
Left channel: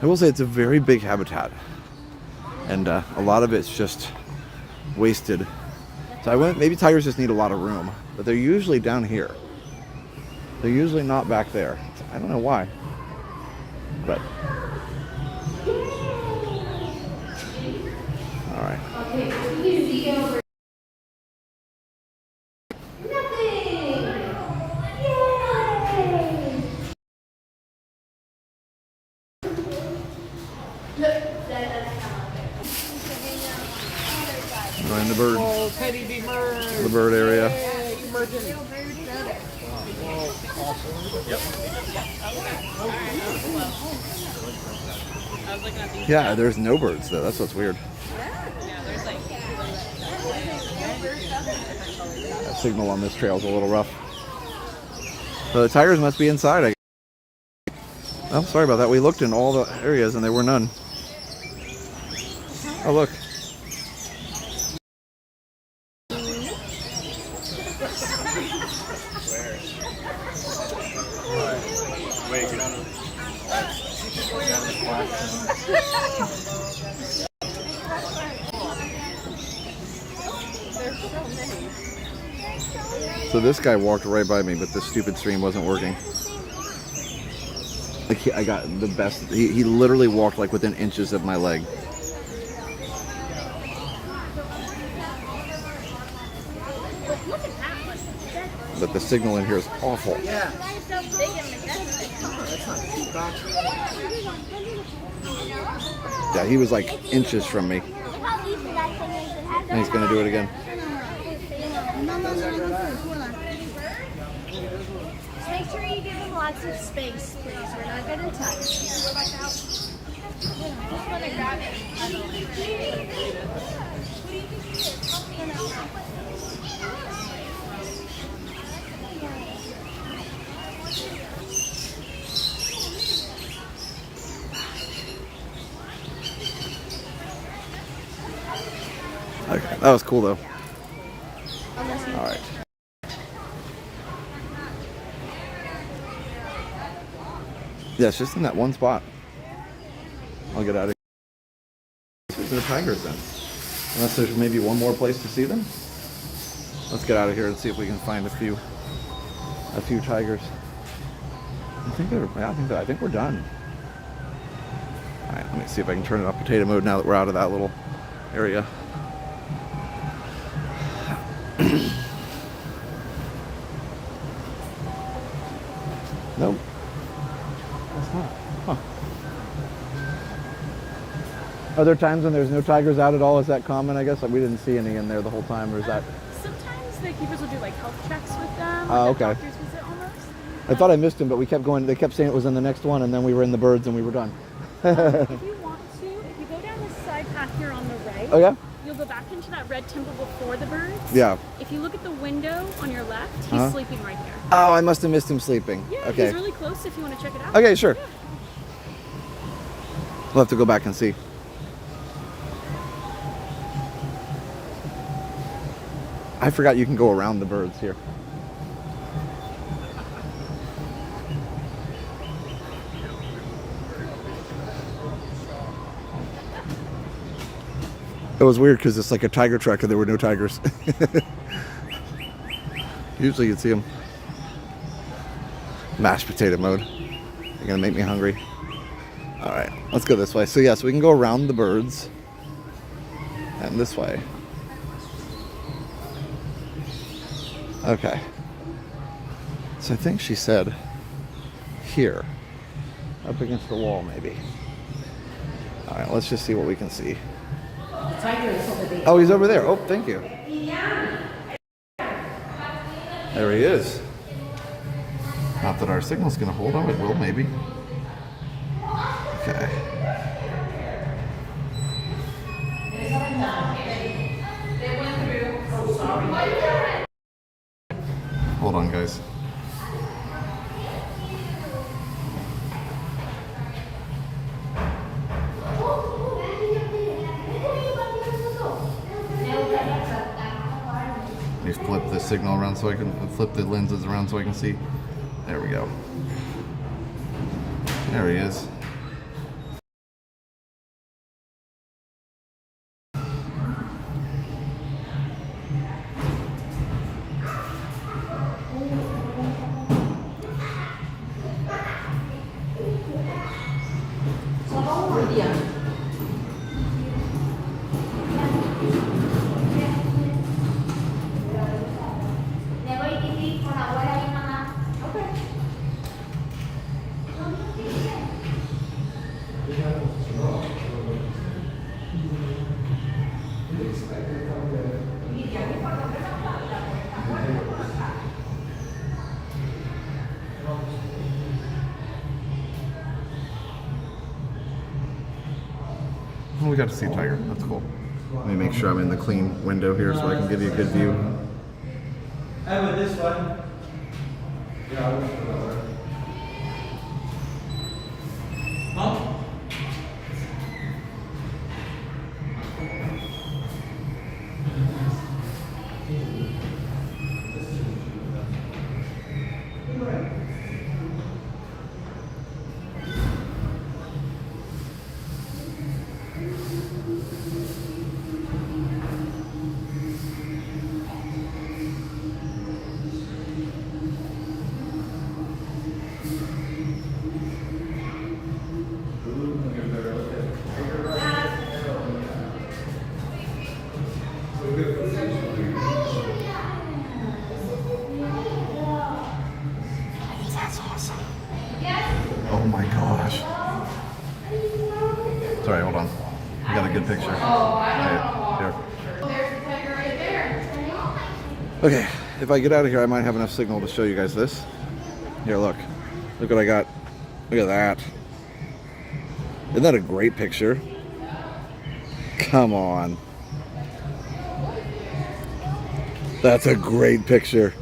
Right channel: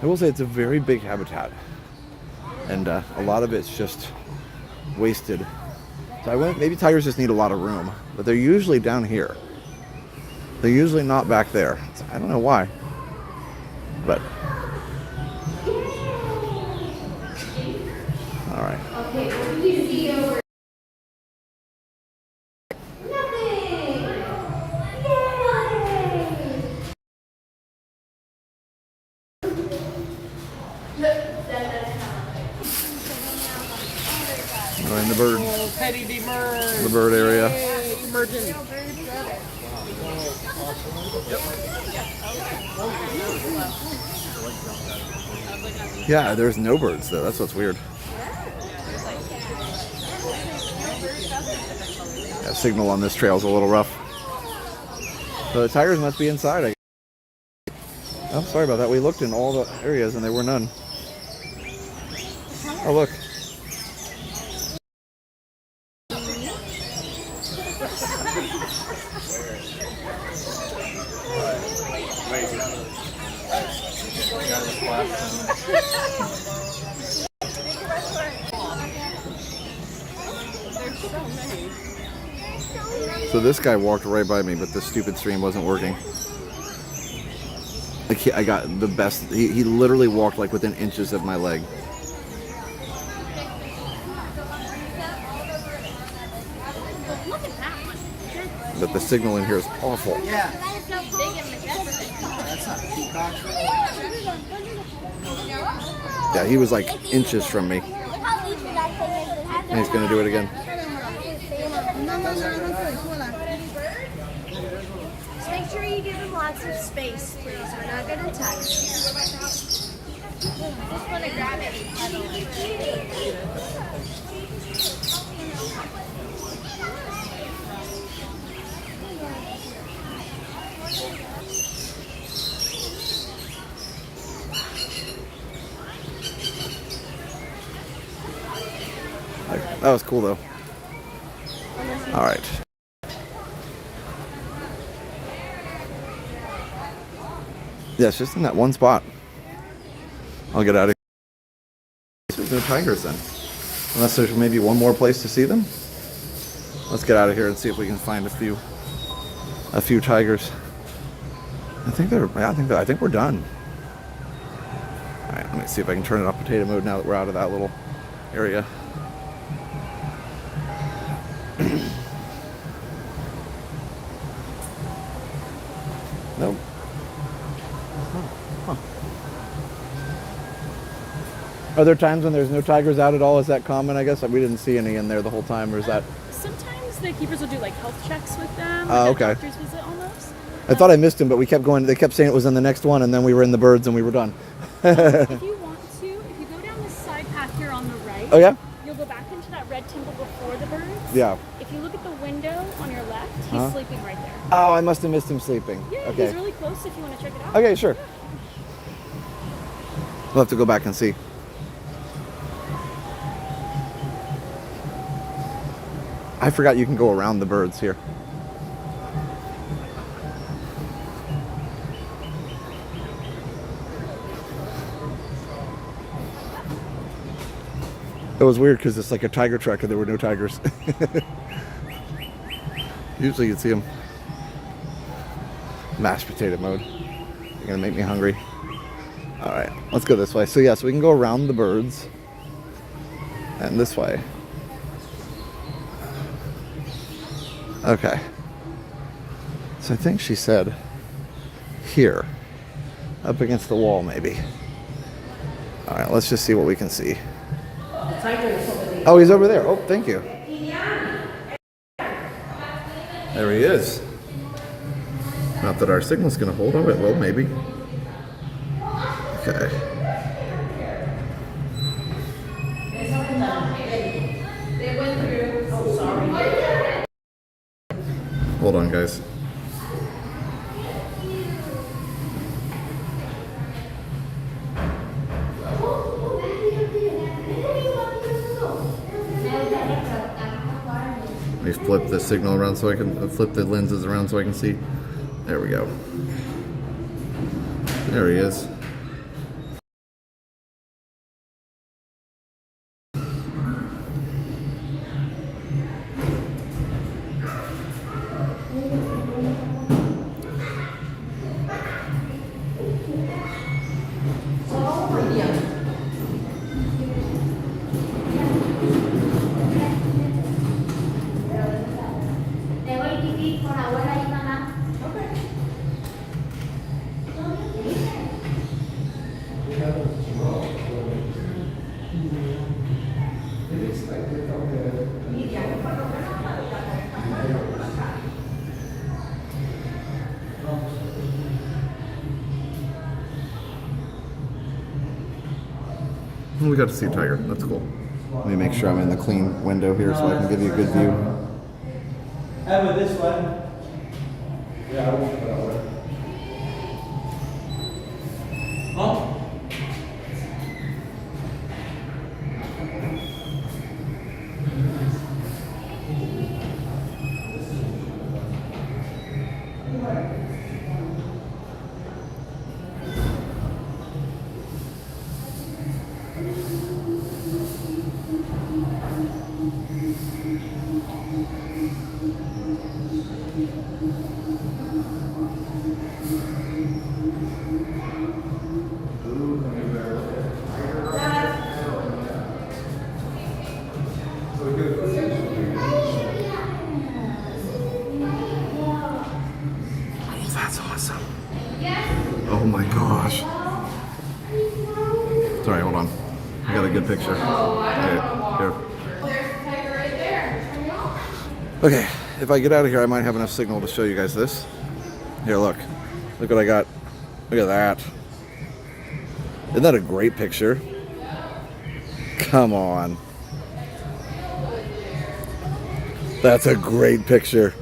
I will say it's a very big habitat, and a lot of it's just wasted. So maybe tigers just need a lot of room, but they're usually down here. They're usually not back there. So I don't know why, but all right. Okay, We're in the bird, the bird area. Yeah, there's no birds though. That's what's weird. That signal on this trail is a little rough. So the tigers must be inside. Oh, sorry about that. We looked in all the areas and there were none. Oh, look. So this guy walked right by me, but this stupid stream wasn't working. I got the best. He literally walked like within inches of my leg. But the signal in here is awful. Yeah. That's not a peacock. Yeah, he was like inches from me. And he's gonna do it again. Make sure you give him lots of space too, so we're not getting touched. Okay, that was cool though. All right. Yeah, it's just in that one spot. I'll get out of here. There's no tigers then. Unless there's maybe one more place to see them. Let's get out of here and see if we can find a few tigers. I think we're done. All right, let me see if I can turn it off potato mode now that we're out of that little area. Nope. Huh. Are there times when there's no tigers out at all? Is that common? I guess we didn't see any in there the whole time, or is that? Sometimes the keepers will do like health checks with them. Oh, like okay. a doctor's visit almost. I thought I missed him, but we kept going. They kept saying it was in the next one, and then we were in the birds, and we were done. If you want to, if you go down this side path here on the right, Oh yeah. you'll go back into that red temple before the birds. Yeah. If you look at the window on your left, he's Uh-huh. sleeping right there. Oh, I must have missed him sleeping. Yeah, Okay. he's really close if you want to check it out. Okay, sure. We'll have to go back and see. I forgot you can go around the birds here. It was weird because it's like a tiger track and there were no tigers. Usually you'd see them. Mashed potato mode. You're gonna make me hungry. All right, let's go this way. So yeah, so we can go around the birds and this way. Okay. So I think she said here, up against the wall maybe. All right, let's just see what we can see. The tiger is over there. Oh, he's over there. Oh, thank you. There he is. Not that our signal's gonna hold. Oh, it will maybe. Okay. Hold on, guys. Let me flip the signal around so I can flip the lenses around so I can see. There we go. There he is. We got to see a tiger. That's cool. Let me make sure I'm in the clean window here so I can give you a good view. And with this one, That's awesome. Oh my gosh. Sorry, hold on. I got a good picture. Here. Okay, if I get out of here, I might have enough signal to show you guys this. Here, look. Look what I got. Look at that. Isn't that a great picture? Come on. That's a great picture.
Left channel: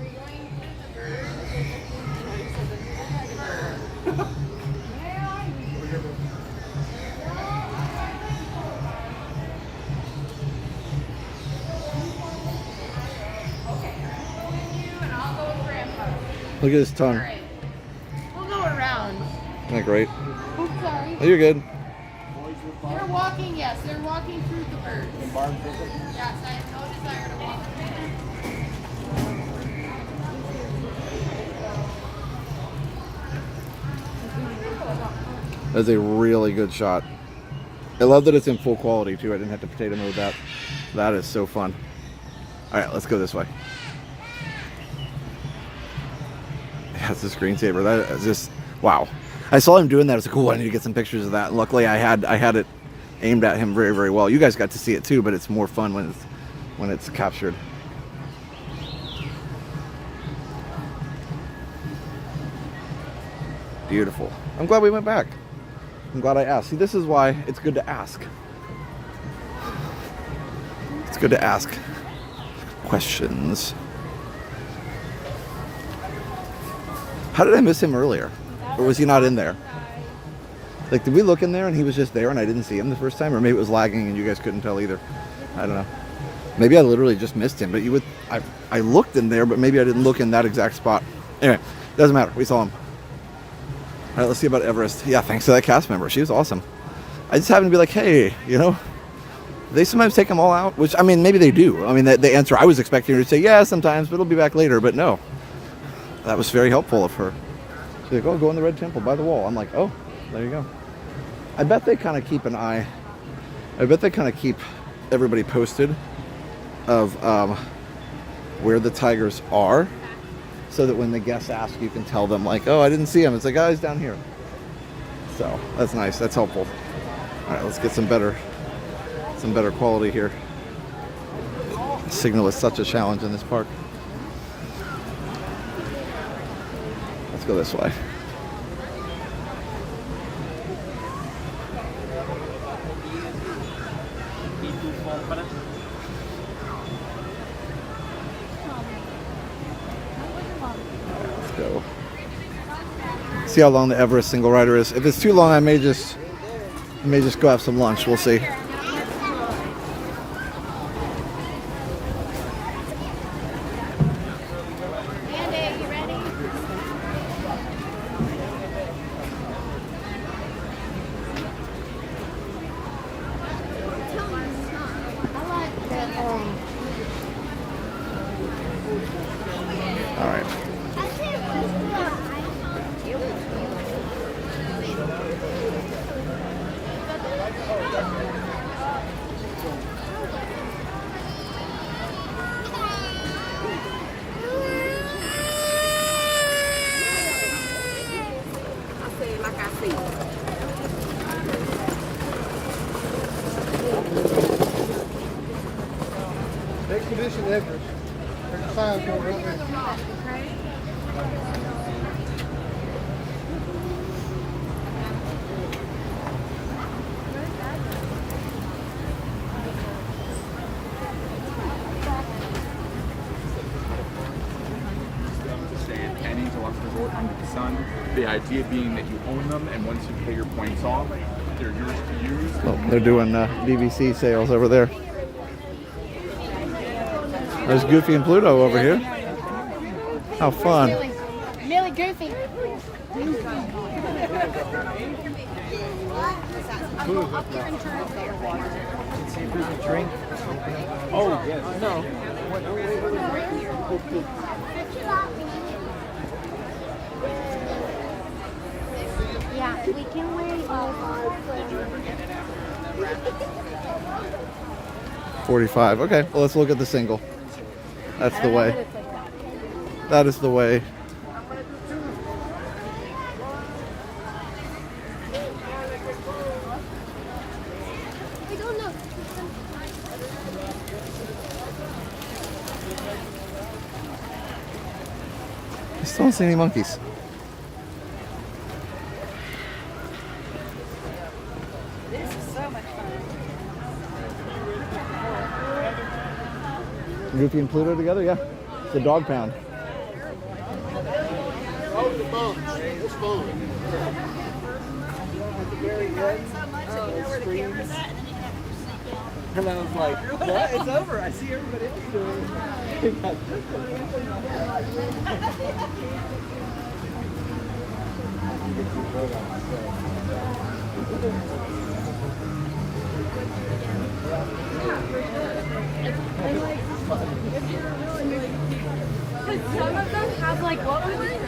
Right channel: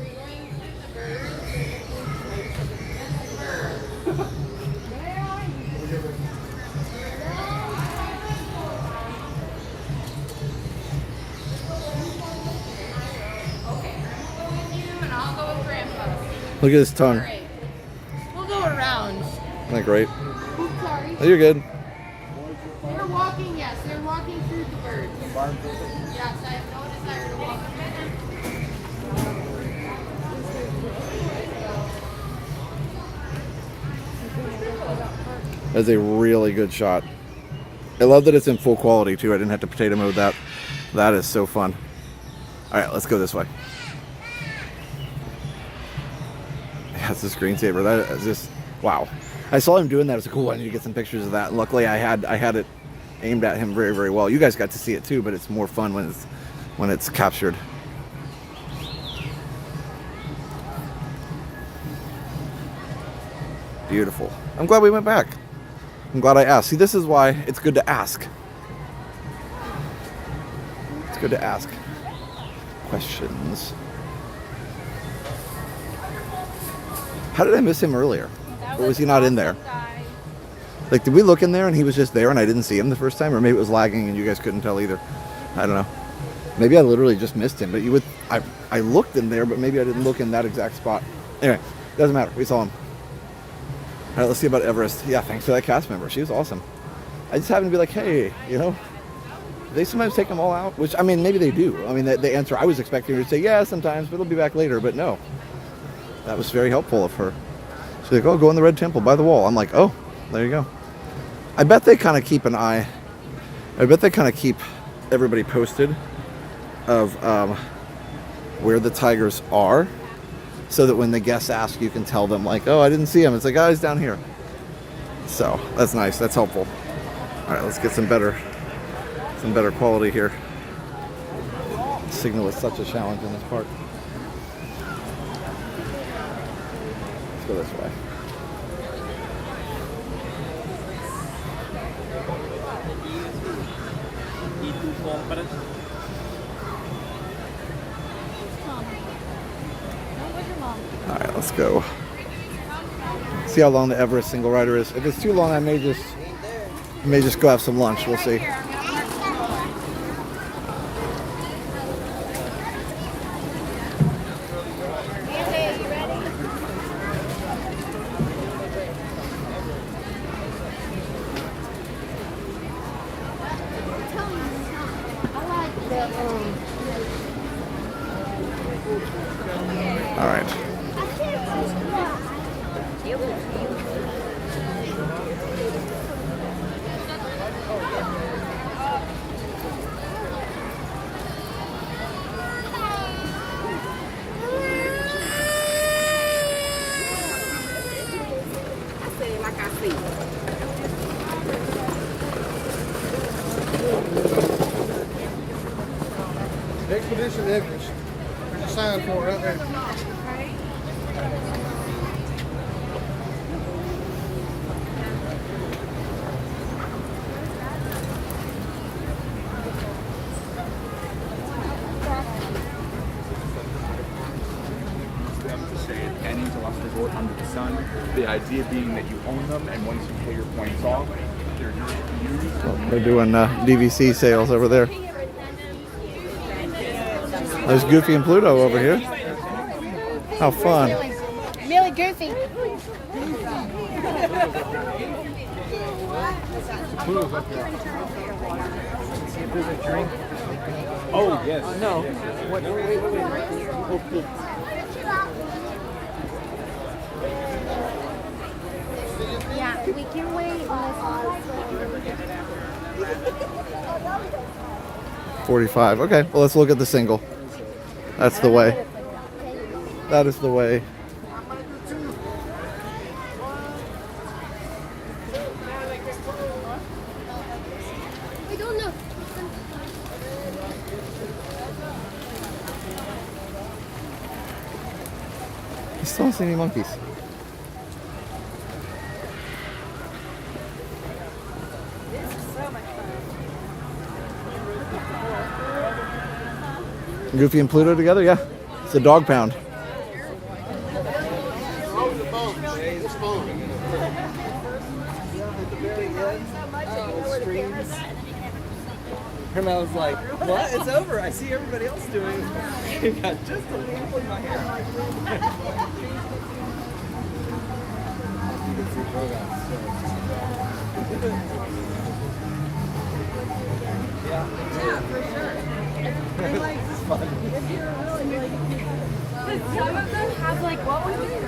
Look at his tongue. We'll go around. Isn't that great? Oops, sorry. Oh, you're good. They're walking, yes. They're walking through the birds. Yes, I have no desire to walk. That's a really good shot. I love that it's in full quality too. I didn't have to potato mode that. That is so fun. All right, let's go this way. Yeah, it's a screensaver. That is just, wow. I saw him doing that. I was like, oh, I need to get some pictures of that. And luckily, I had it aimed at him very, very well. You guys got to see it too, but it's more fun when it's captured. Beautiful. I'm glad we went back. I'm glad I asked. See, this is why it's good to ask. It's good to ask questions. How did I miss him earlier? Or was he not in there? Like, did we look in there and he was just there and I didn't see him the first time? Or maybe it was lagging and you guys couldn't tell either. I don't know. Maybe I literally just missed him. But you would, I looked in there, but maybe I didn't look in that exact spot. Anyway, doesn't matter. We saw him. All right, let's see about Everest. Yeah, thanks to that cast member. She was awesome. I just happened to be like, hey, you know, they sometimes take them all out, which, I mean, maybe they do. I mean, the answer I was expecting her to say, yeah, sometimes, but it'll be back later. But no, that was very helpful of her. She's like, oh, go in the red temple by the wall. I'm like, oh, there you go. I bet they kind of keep an eye. I bet they kind of keep everybody posted of where the tigers are, so that when the guests ask, you can tell them like, oh, I didn't see him. It's like, oh, he's down here. So that's nice. That's helpful. All right, let's get some better quality here. Signal is such a challenge in this park. Let's go this way. Alright, let's go. See how long the Everest single rider is. If it's too long, I may just go have some lunch. We'll see. All right. Expedition Everest. There's a sign for it right there. Them to stay at any deluxe resort under the sun. The idea being that you own them, and once you pay your points off, they're yours to use. Oh, they're doing DVC sales over there. There's Goofy and Pluto over here. How fun. Really goofy. Oh, yes. No. Yeah, we can wait. 45. Okay, well, let's look at the single. That's the way. That is the way. I don't know. I still don't see any monkeys. Goofy and Pluto together? Yeah. It's a dog pound. And I was like, what? It's over. I see everybody else doing it. It got just a little bit Some of them have like what was it?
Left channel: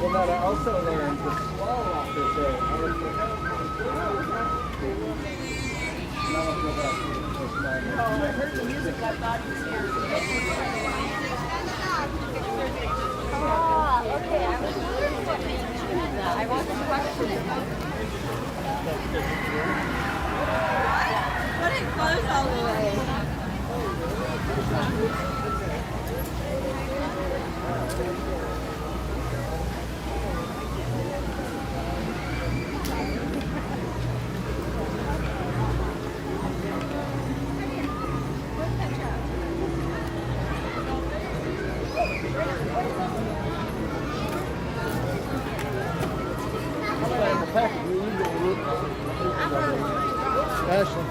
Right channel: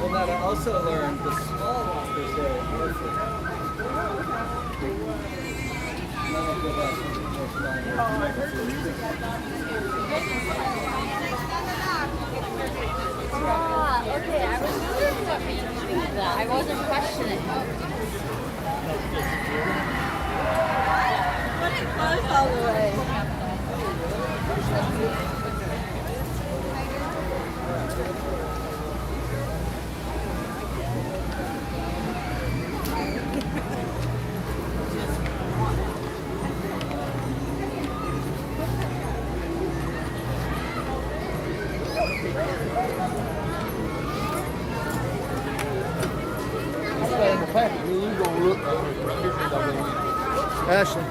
Well, but I also learned the small walkers are orphan. None of the rest. I wasn't questioning. Let it close all the way. Ashley.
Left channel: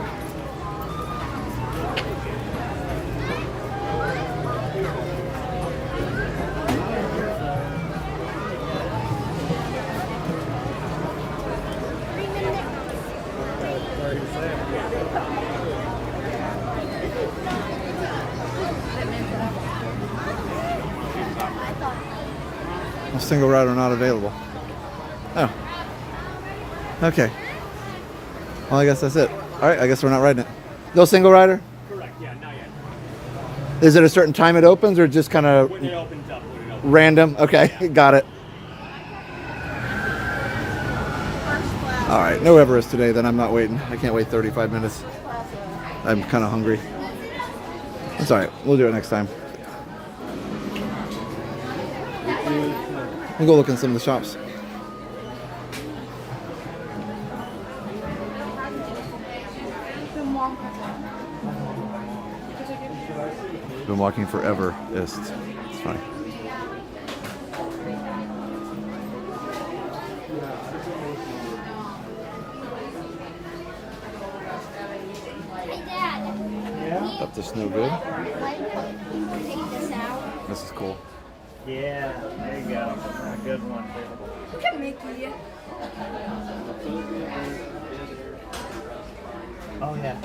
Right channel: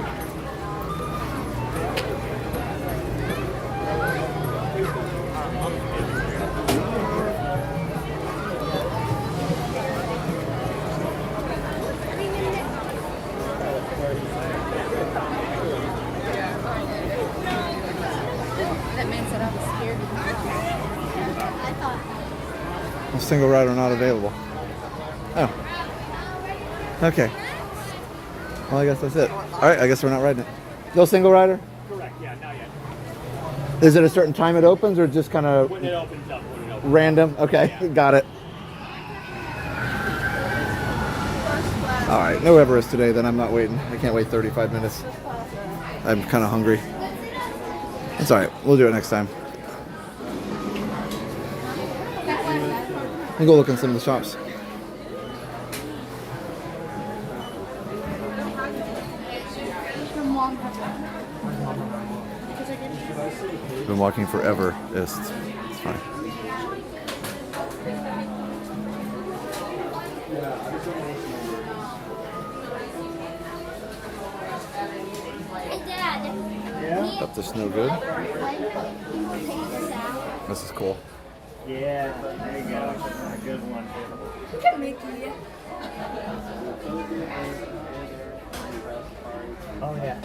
That means that I was scared. A single rider not available. Oh. Okay. Well, I guess that's it. All right, I guess we're not riding it. No single rider? Correct, yeah, not yet. Is it a certain time it opens or just kind of When it opens up, when it opens random? Okay, got it. All right, no Everest today, then I'm not waiting. I can't wait 35 minutes. I'm kind of hungry. That's all right. We'll do it next time. We'll go look in some of the shops. Been walking forever. It's fine. Up to snow good. This is cool. Yeah, there you go. A good one. Look at Mickey. Oh, yeah.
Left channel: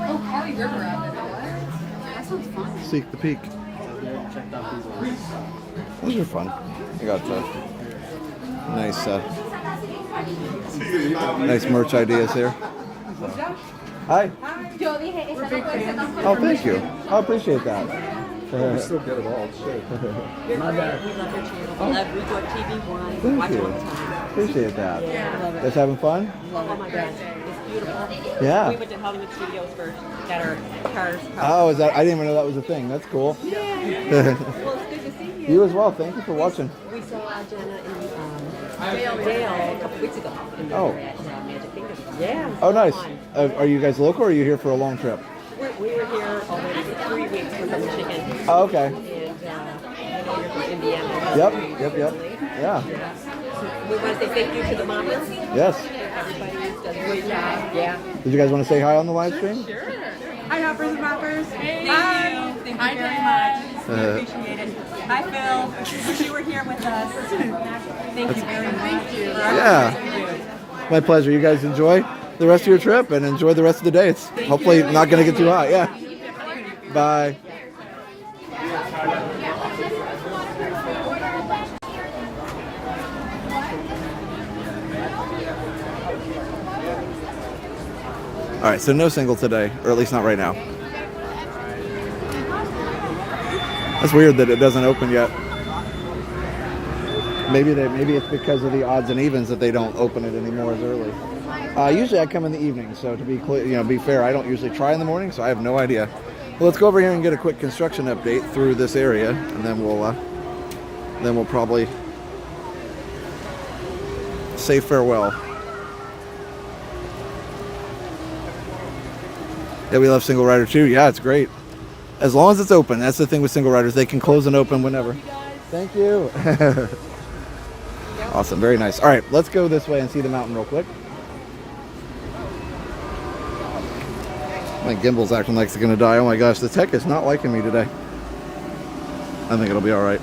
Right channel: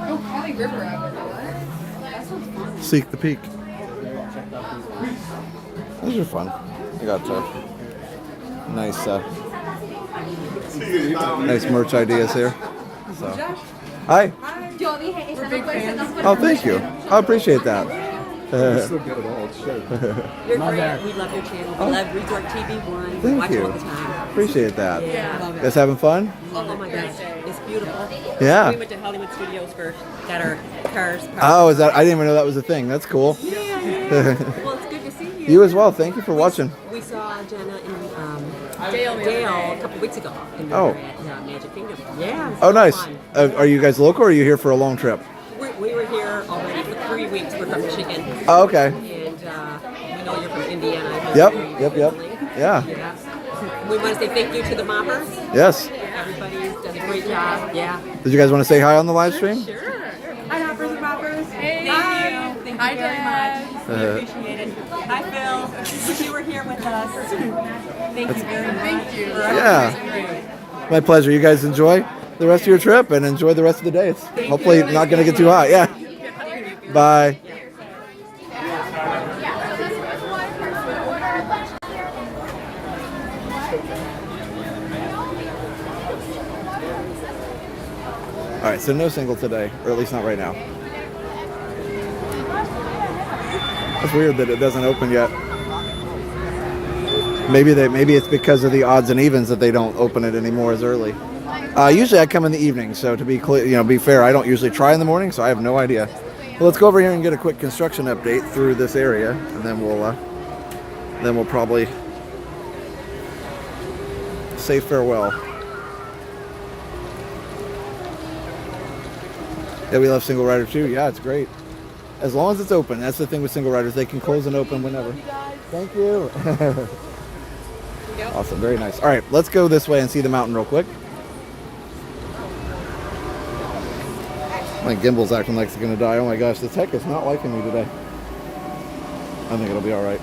Oh, County River out there. That sounds fun. Seek the Peak. Those are fun. I got nice, nice merch ideas here. So. Hi. We're big fans. Oh, thank you. I appreciate that. You're so good at all. Shit. We're great. We love your channel. We love Resort TV1. Thank Watch you. it all the time. Appreciate that. Yeah. You guys having fun? Oh my gosh, it's beautiful. Yeah. We went to Hollywood Studios first. Got our cars. Oh, is that? I didn't even know that was a thing. That's cool. Yeah. Well, it's good to see you. You as well. Thank you for watching. We saw Jenna in jail a couple weeks ago. And Oh. we were at Magic Kingdom. Yeah. Oh, nice. Are you guys local or are you here for a long trip? We were here already for 3 weeks. We're from Michigan. Oh, okay. And we know you're from Indiana. Yep. Yeah. We want to say thank you to the moppers. Yes. Everybody's done a great job. Yeah. Did you guys want to say hi on the live stream? Hi, hoppers and moppers. Thank you. Thank you very much. We appreciate it. Hi, Phil. Wish you were here with us. Thank you very much for everything that you do. My pleasure. You guys enjoy the rest of your trip and enjoy the rest of the day. It's hopefully not going to get too hot. Yeah. Bye. All right, so no single today, or at least not right now. That's weird that it doesn't open yet. Maybe it's because of the odds and evens that they don't open it anymore as early. Usually I come in the evening, so to be clear, be fair, I don't usually try in the morning, so I have no idea. Well, let's go over here and get a quick construction update through this area, and then we'll probably say farewell. Yeah, we love single rider too. Yeah, it's great. As long as it's open. That's the thing with single riders. They can close and open whenever. Thank you. Awesome. Very nice. All right, let's go this way and see the mountain real quick. My gimbal's acting like it's going to die. Oh my gosh, the tech is not liking me today. I think it'll be all right.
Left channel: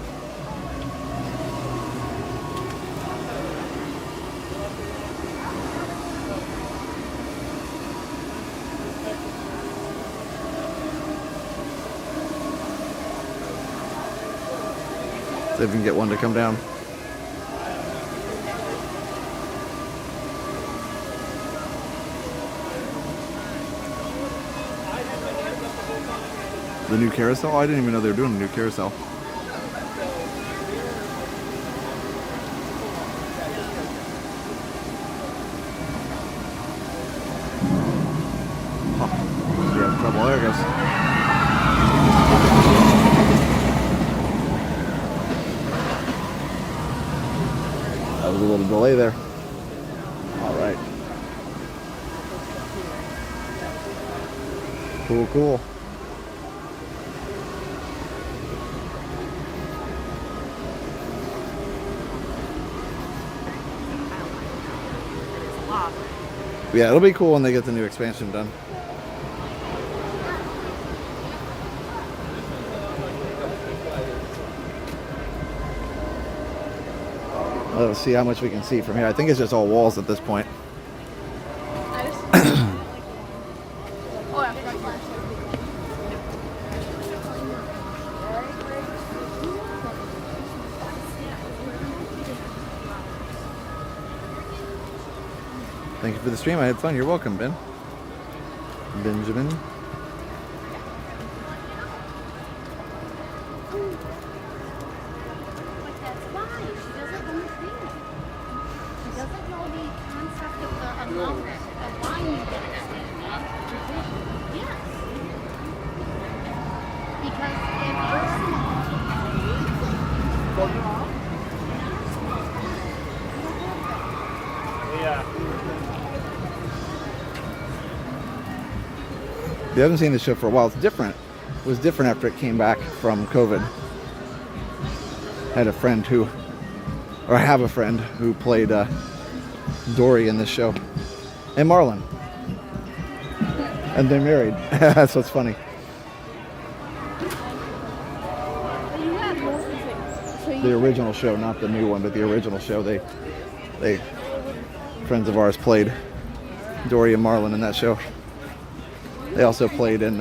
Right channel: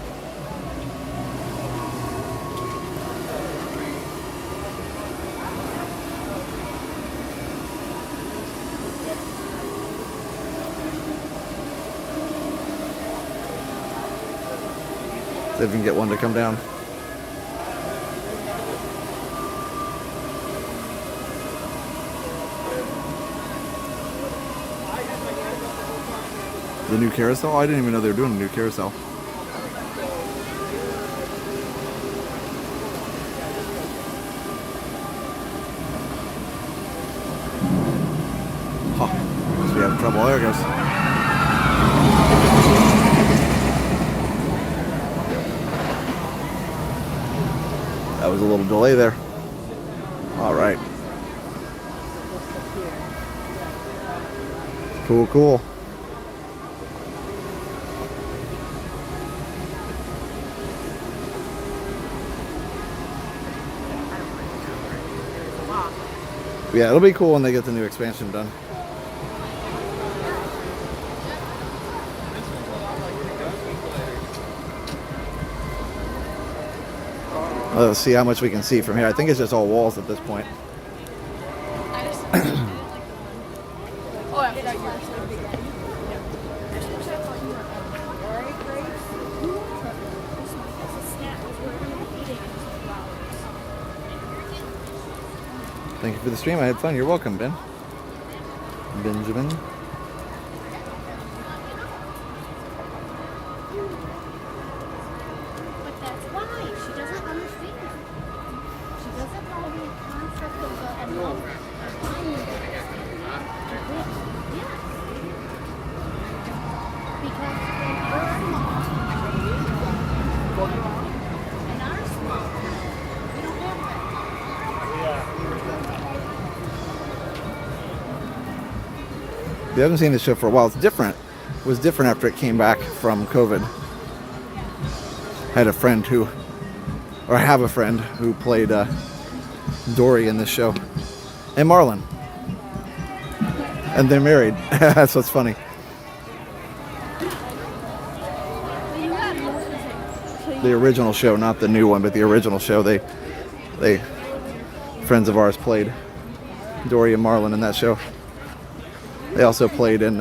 See if we can get one to come down. The new carousel? I didn't even know they were doing a new carousel. Huh. Must be having trouble. There it goes. That was a little delay there. All right. Cool, cool. Yeah, it'll be cool when they get the new expansion done. Let's see how much we can see from here. I think it's just all walls at this point. Thank you for the stream. I had fun. You're welcome, Ben. Benjamin. But that's why she doesn't understand. She doesn't know the concept of buying it. Yeah. Because in her mom, in our small, we don't want that. If you haven't seen the show for a while, it's different. It was different after it came back from COVID. I had a friend who, or I have a friend who played Dory in this show, and Marlin. And they're married. That's what's funny. The original show, not the new one, but the original show, they friends of ours played Dory and Marlin in that show. They also played in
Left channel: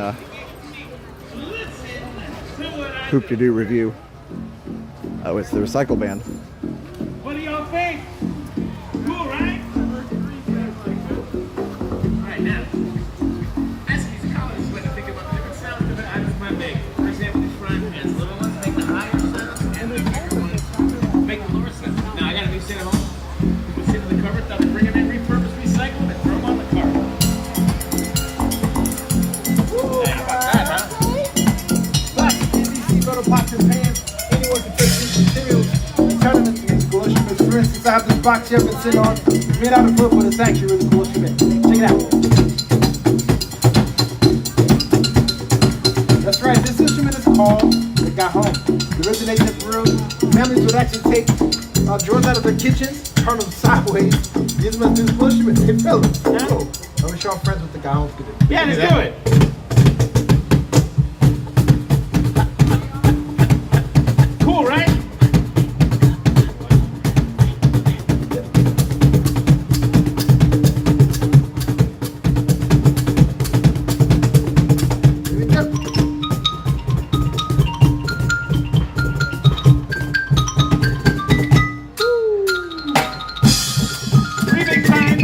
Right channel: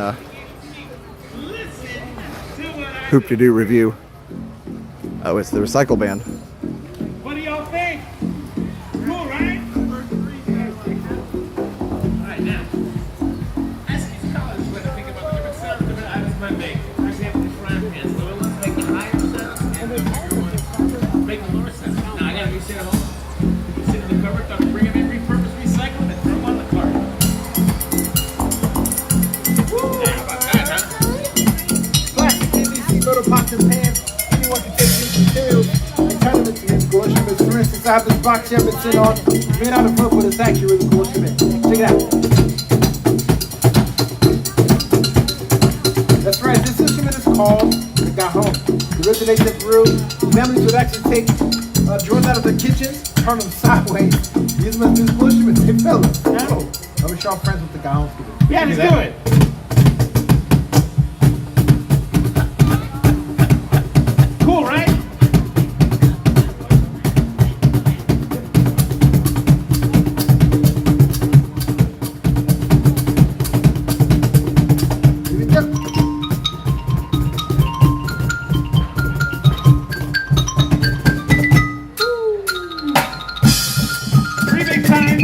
Hoop to Do Review. Oh, it's the Recycle Band. What do y'all think? Cool, right? Alright, now, as these colors, when I think about the different sounds different items might make. For example, these frying pans, little ones make the higher sound, and the bigger ones make the lower sound. Now, I got a new set of home. You can sit in the cupboard, thought to bring them in, repurpose, recycle, and throw them on the cart. Little pots and pans. Anyone can take these materials and turn them into these cool instruments. For instance, I have this box here I've been sitting on. It's made out of wood, but it's actually really cool instrument. Check it out. That's right. This instrument is called Cajon. It originates in Peru. Families would actually take drawers out of their kitchens, turn them sideways, use them as musical instruments. Hey, fellas. Oh, I wish y'all friends with the Cajon. Yeah, let's do it. Cool, right? Breathing time.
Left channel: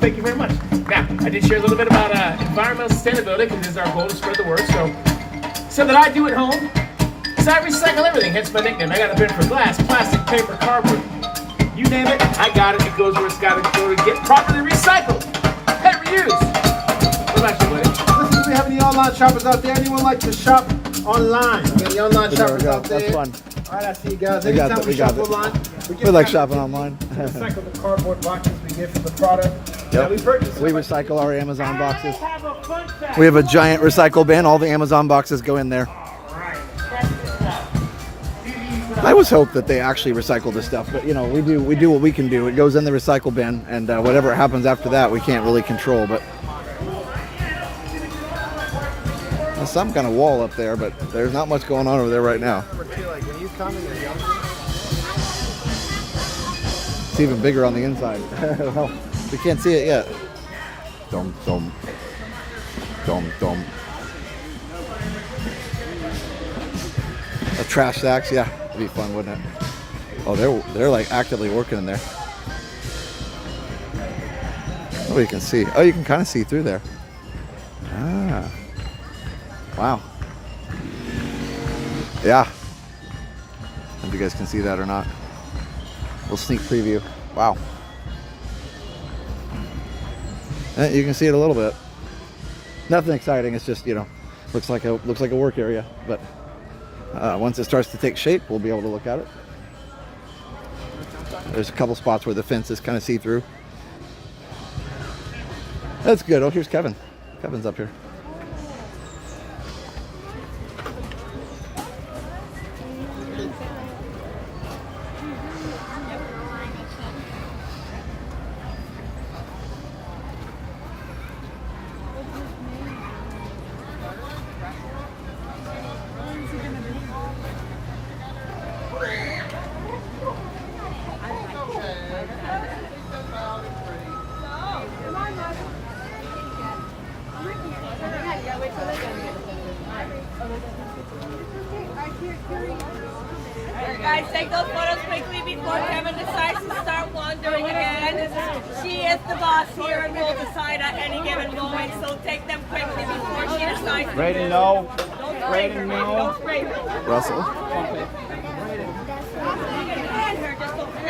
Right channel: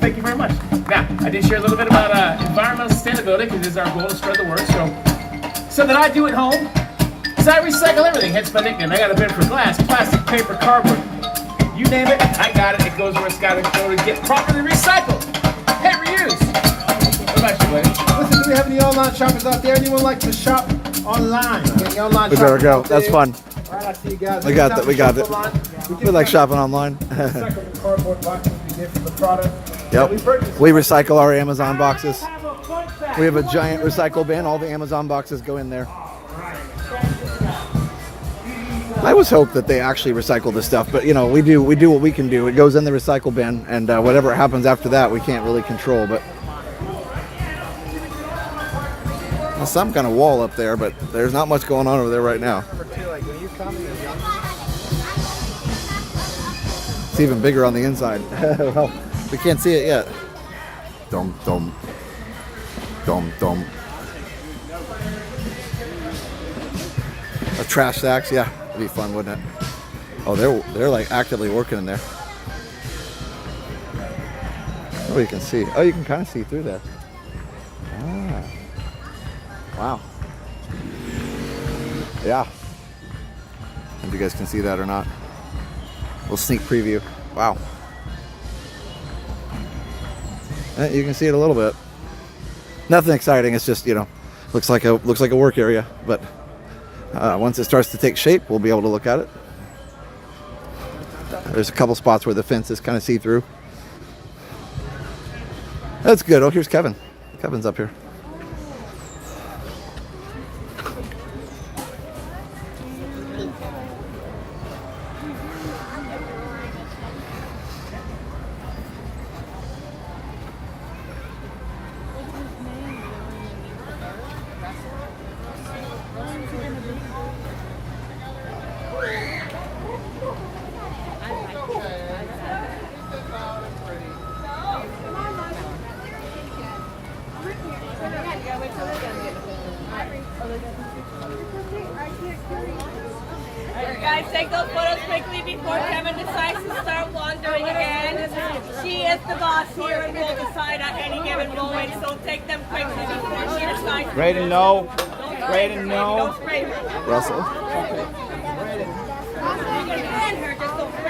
Thank you very much. Now, I did share a little bit about environmental sustainability because it's our goal to spread the word. So that I do at home is I recycle everything. Hence my nickname. I got a bin for glass, plastic, paper, cardboard. You name it, I got it. It goes where it's got to go to get properly recycled. Hey, reuse. What about you, Blake? Listen, do we have any online shoppers out there? Anyone like to shop online? Any online There we shoppers go. out there? That's fun. All right, I see you guys. We got that. We got it. We like shopping online. Recycle the cardboard boxes we get from the product. Yep. We recycle our Amazon boxes. We have a giant recycle bin. All the Amazon boxes go in there. I always hope that they actually recycle this stuff, but you know, we do what we can do. It goes in the recycle bin, and whatever happens after that, we can't really control. But there's some kind of wall up there, but there's not much going on over there right now. It's even bigger on the inside. Well, we can't see it yet. Dum dum dum dum. A trash sacks, yeah, that'd be fun, wouldn't it? Oh, they're like actively working in there. Oh, you can see. Oh, you can kind of see through there. Ah, wow. Yeah. I don't know if you guys can see that or not. Little sneak preview. Wow. You can see it a little bit. Nothing exciting. It's just, you know, looks like a work area. But once it starts to take shape, we'll be able to look at it. There's a couple spots where the fence is kind of see-through. That's good. Oh, here's Kevin. Kevin's up here. Guys, take those photos quickly before Kevin decides to start wandering again. She is the boss here and will decide at any given moment, so take them quickly before she decides. Raiden, no. Raiden, no. Russell.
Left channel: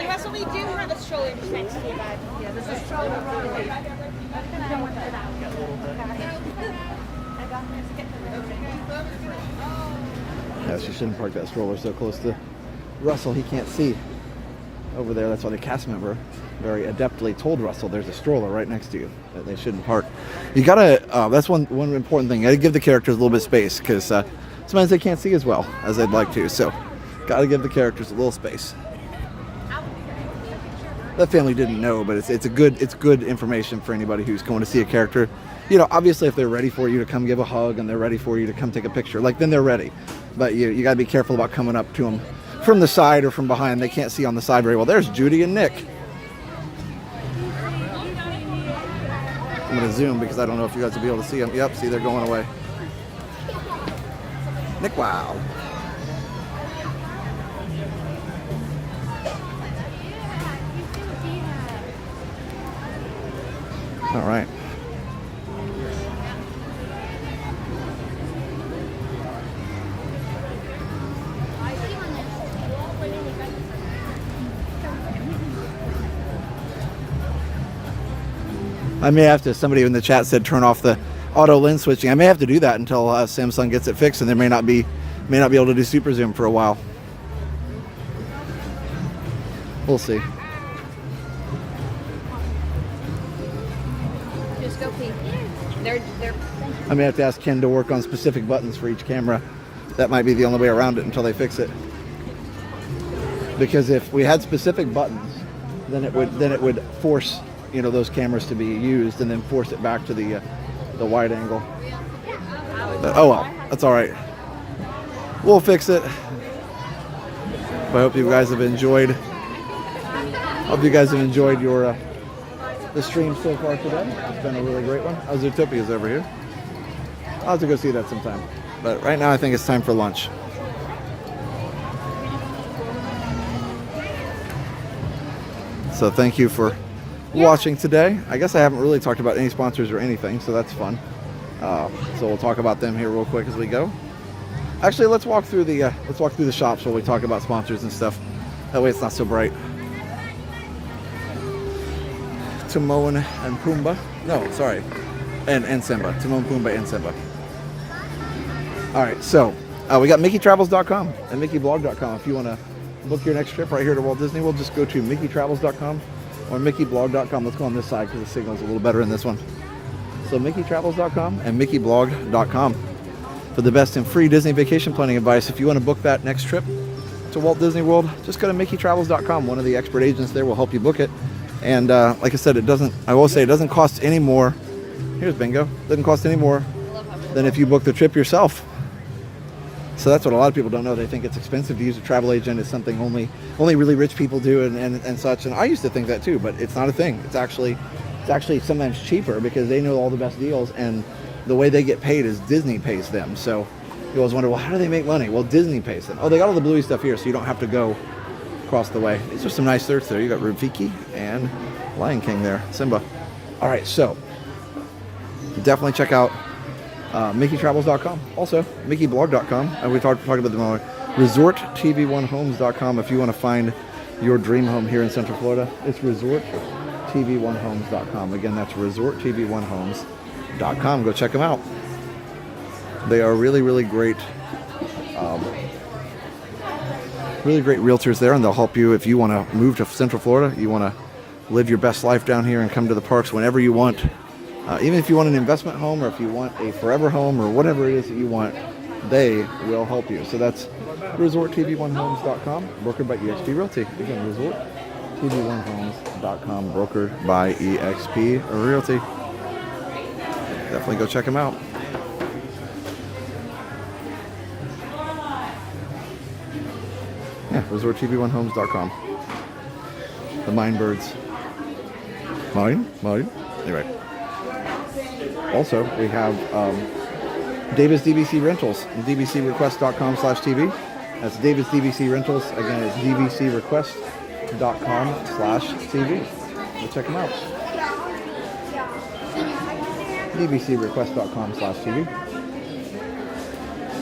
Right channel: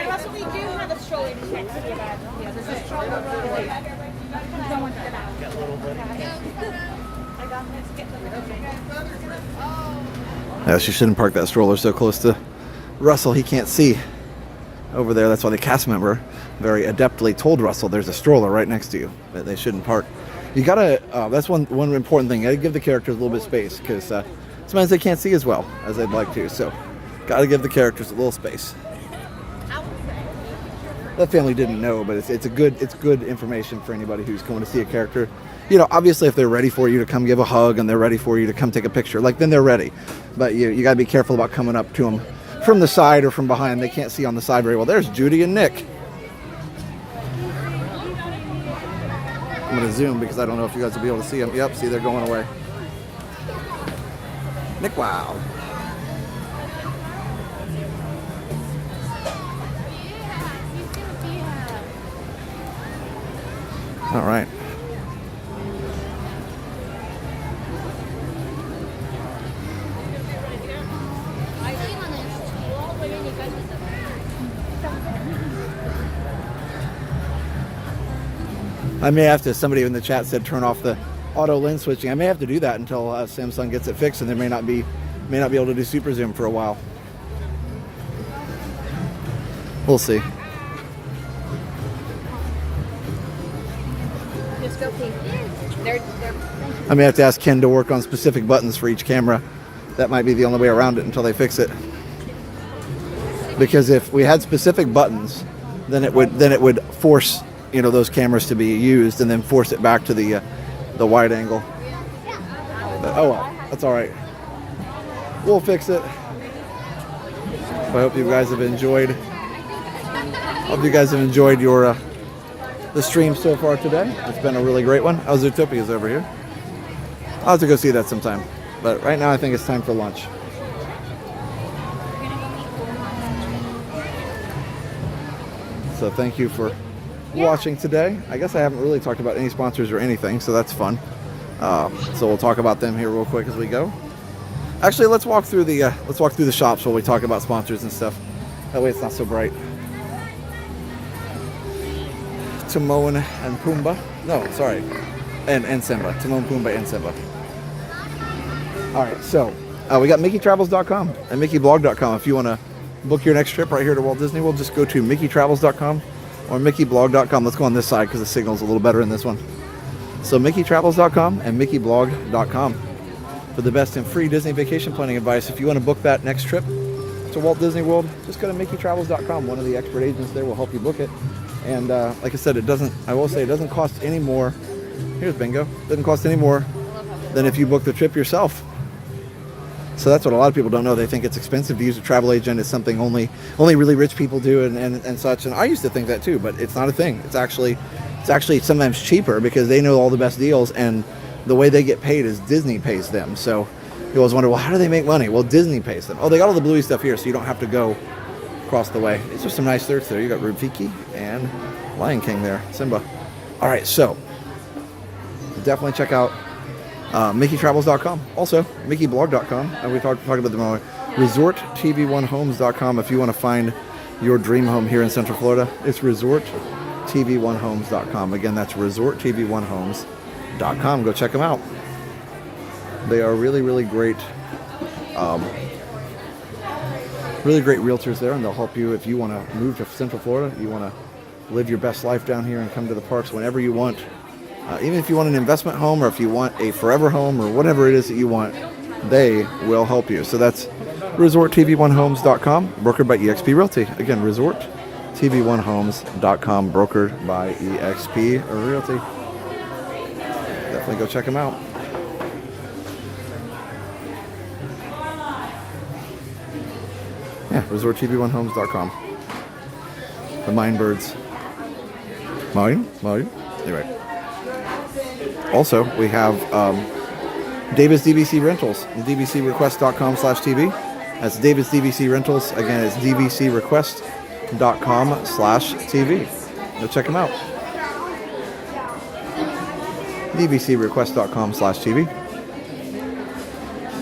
Russell, we do have a stroller next to your bag. Yeah, there's a stroller rolling. Yeah, she shouldn't park that stroller so close to Russell. He can't see over there. That's why the cast member very adeptly told Russell there's a stroller right next to you that they shouldn't park. You gotta, that's one important thing. You gotta give the characters a little bit of space because sometimes they can't see as well as they'd like to. So, gotta give the characters a little space. That family didn't know, but it's good information for anybody who's going to see a character. You know, obviously if they're ready for you to come give a hug and they're ready for you to come take a picture, like then they're ready. But you got to be careful about coming up to them from the side or from behind. They can't see on the side very well. There's Judy and Nick. I'm going to zoom because I don't know if you guys will be able to see them. Yep, see, they're going away. Nick, wow. All right. I may have to, somebody in the chat said turn off the auto lens switching. I may have to do that until Samsung gets it fixed, and they may not be able to do super zoom for a while. We'll see. Just go pee. They're I may have to ask Ken to work on specific buttons for each camera. That might be the only way around it until they fix it. Because if we had specific buttons, then it would force, you know, those cameras to be used and then force it back to the wide angle. Oh well, that's all right. We'll fix it. But I hope you guys have enjoyed. Hope you guys have enjoyed your the stream so far today. It's been a really great one. Oh, Zootopia's over here. I'll have to go see that sometime. But right now I think it's time for lunch. So thank you for watching today. I guess I haven't really talked about any sponsors or anything, so that's fun. So we'll talk about them here real quick as we go. Actually, let's walk through the shops while we talk about sponsors and stuff. That way it's not so bright. Timon and Pumbaa. No, sorry. And Simba. Timon, Pumbaa, and Simba. Alright, so we got MickeyTravels.com and MickeyBlog.com. If you want to book your next trip right here to Walt Disney World, just go to MickeyTravels.com or MickeyBlog.com. Let's go on this side because the signal's a little better in this one. So MickeyTravels.com and MickeyBlog.com for the best and free Disney vacation planning advice. If you want to book that next trip to Walt Disney World, just go to MickeyTravels.com. One of the expert agents there will help you book it. And like I said, it doesn't cost any more. Here's Bingo. It doesn't cost any more than if you book the trip yourself. So that's what a lot of people don't know. They think it's expensive to use a travel agent. It's something only really rich people do and such. And I used to think that too, but it's not a thing. It's actually sometimes cheaper because they know all the best deals, and the way they get paid is Disney pays them. So you always wonder, well, how do they make money? Well, Disney pays them. Oh, they got all the Bluey stuff here, so you don't have to go across the way. These are some nice surfs there. You got Rafiki and Lion King there, Simba. All right, so definitely check out MickeyTravels.com. Also, MickeyBlog.com. And we talked about them all. ResortTV1Homes.com if you want to find your dream home here in Central Florida. It's ResortTV1Homes.com. Again, that's ResortTV1Homes.com. Go check them out. They are really, really great. Really great realtors there, and they'll help you if you want to move to Central Florida. You want to live your best life down here and come to the parks whenever you want. Even if you want an investment home or if you want a forever home or whatever it is that you want, they will help you. So that's ResortTV1Homes.com, brokered by eXp Realty. Again, ResortTV1Homes.com, brokered by eXp Realty. Definitely go check them out. Yeah, ResortTV1Homes.com. The Mindbirds. Mine? Anyway. Also, we have David's DVC Rentals, dvcrequest.com/TV. That's David's DVC Rentals. Again, it's dvcrequest.com/TV. Go check them out. dvcrequest.com/TV.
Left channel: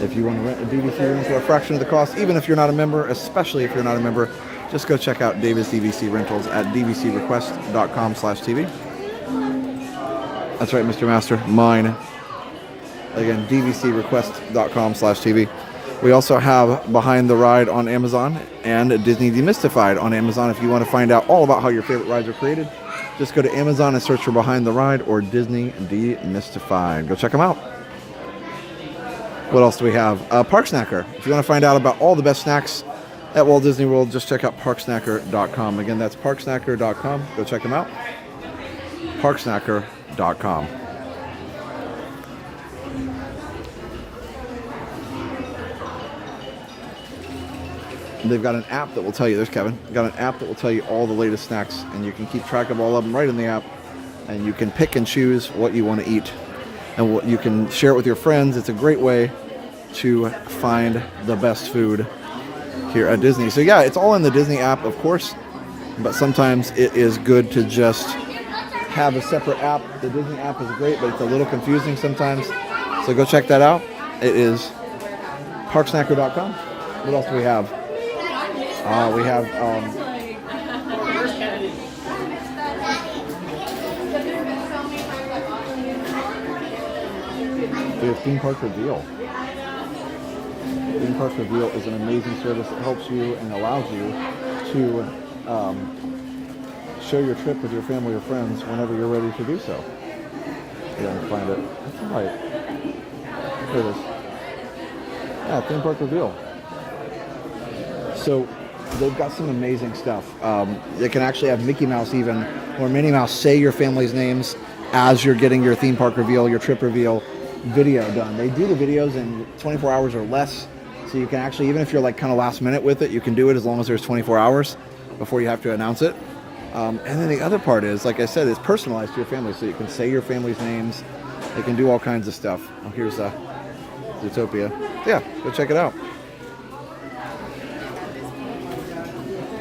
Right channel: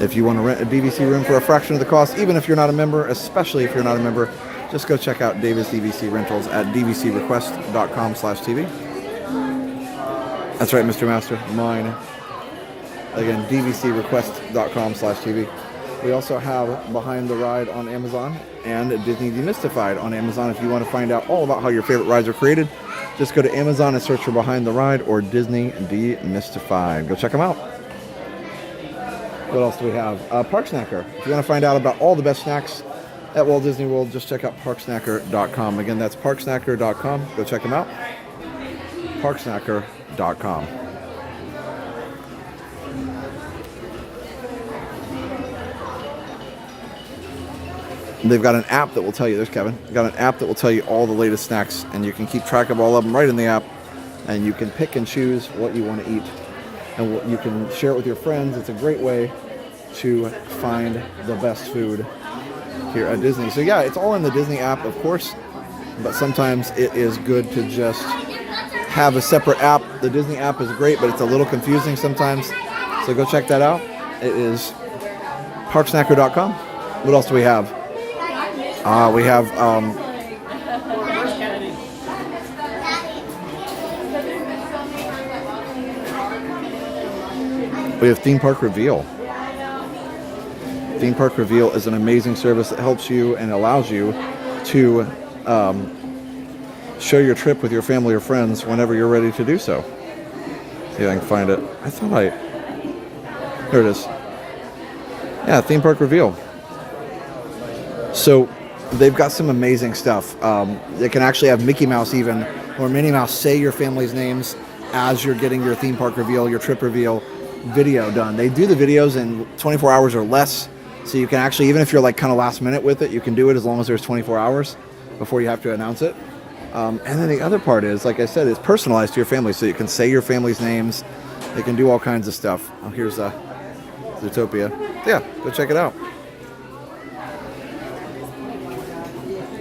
If you want to rent a DVC room for a fraction of the cost, even if you're not a member, especially if you're not a member, just go check out David's DVC Rentals at dvcrequest.com/TV. That's right, Mr. Master. Mine. Again, dvcrequest.com/TV. We also have Behind the Ride on Amazon and Disney Demystified on Amazon. If you want to find out all about how your favorite rides are created, just go to Amazon and search for Behind the Ride or Disney Demystified. Go check them out. What else do we have? Park Snacker. If you want to find out about all the best snacks at Walt Disney World, just check out parksnacker.com. Again, that's parksnacker.com. Go check them out. Parksnacker.com. They've got an app that will tell you, there's Kevin, got an app that will tell you all the latest snacks, and you can keep track of all of them right in the app, and you can pick and choose what you want to eat, and what you can share it with your friends. It's a great way to find the best food here at Disney. So yeah, it's all in the Disney app, of course, but sometimes it is good to just have a separate app. The Disney app is great, but it's a little confusing sometimes, so go check that out. It is parksnacker.com. What else do we have? We have Theme Park Reveal. Theme Park Reveal is an amazing service that helps you and allows you to share your trip with your family or friends whenever you're ready to do so. Yeah, I can find it. I thought here it is. Yeah, theme park reveal. So they've got some amazing stuff. They can actually have Mickey Mouse even, or Minnie Mouse say your family's names as you're getting your theme park reveal, your trip reveal video done. They do the videos in 24 hours or less. So you can actually, even if you're like kind of last minute with it, you can do it as long as there's 24 hours before you have to announce it. And then the other part is, like I said, it's personalized to your family. So you can say your family's names. They can do all kinds of stuff. Oh, here's Zootopia. Yeah, go check it out.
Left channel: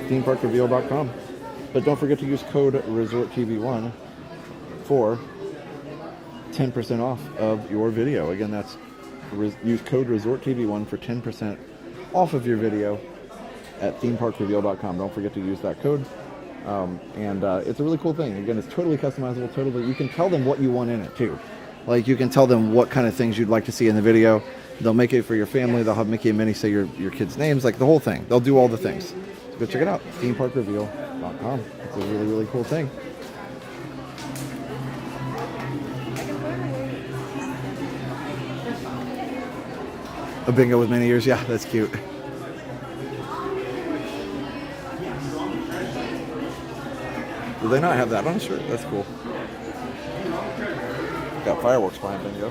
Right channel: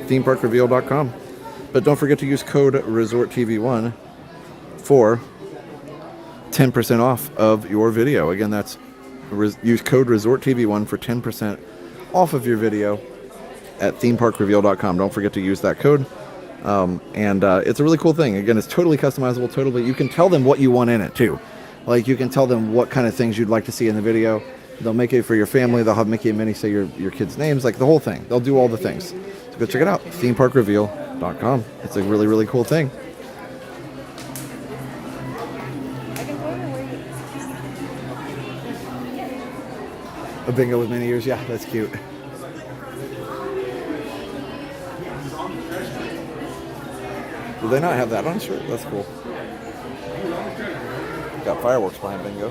themeparkreveal.com. But don't forget to use code ResortTV1 for 10% off of your video. Again, that's use code ResortTV1 for 10% off of your video at themeparkreveal.com. Don't forget to use that code. It's a really cool thing. Again, it's totally customizable. Totally, you can tell them what you want in it too. Like you can tell them what kind of things you'd like to see in the video. They'll make it for your family. They'll have Mickey and Minnie say your kids' names, like the whole thing. They'll do all the things. So go check it out. themeparkreveal.com. It's a really, really cool thing. A bingo with many ears. Yeah, that's cute. Do they not have that on a shirt? That's cool. Got fireworks behind bingo.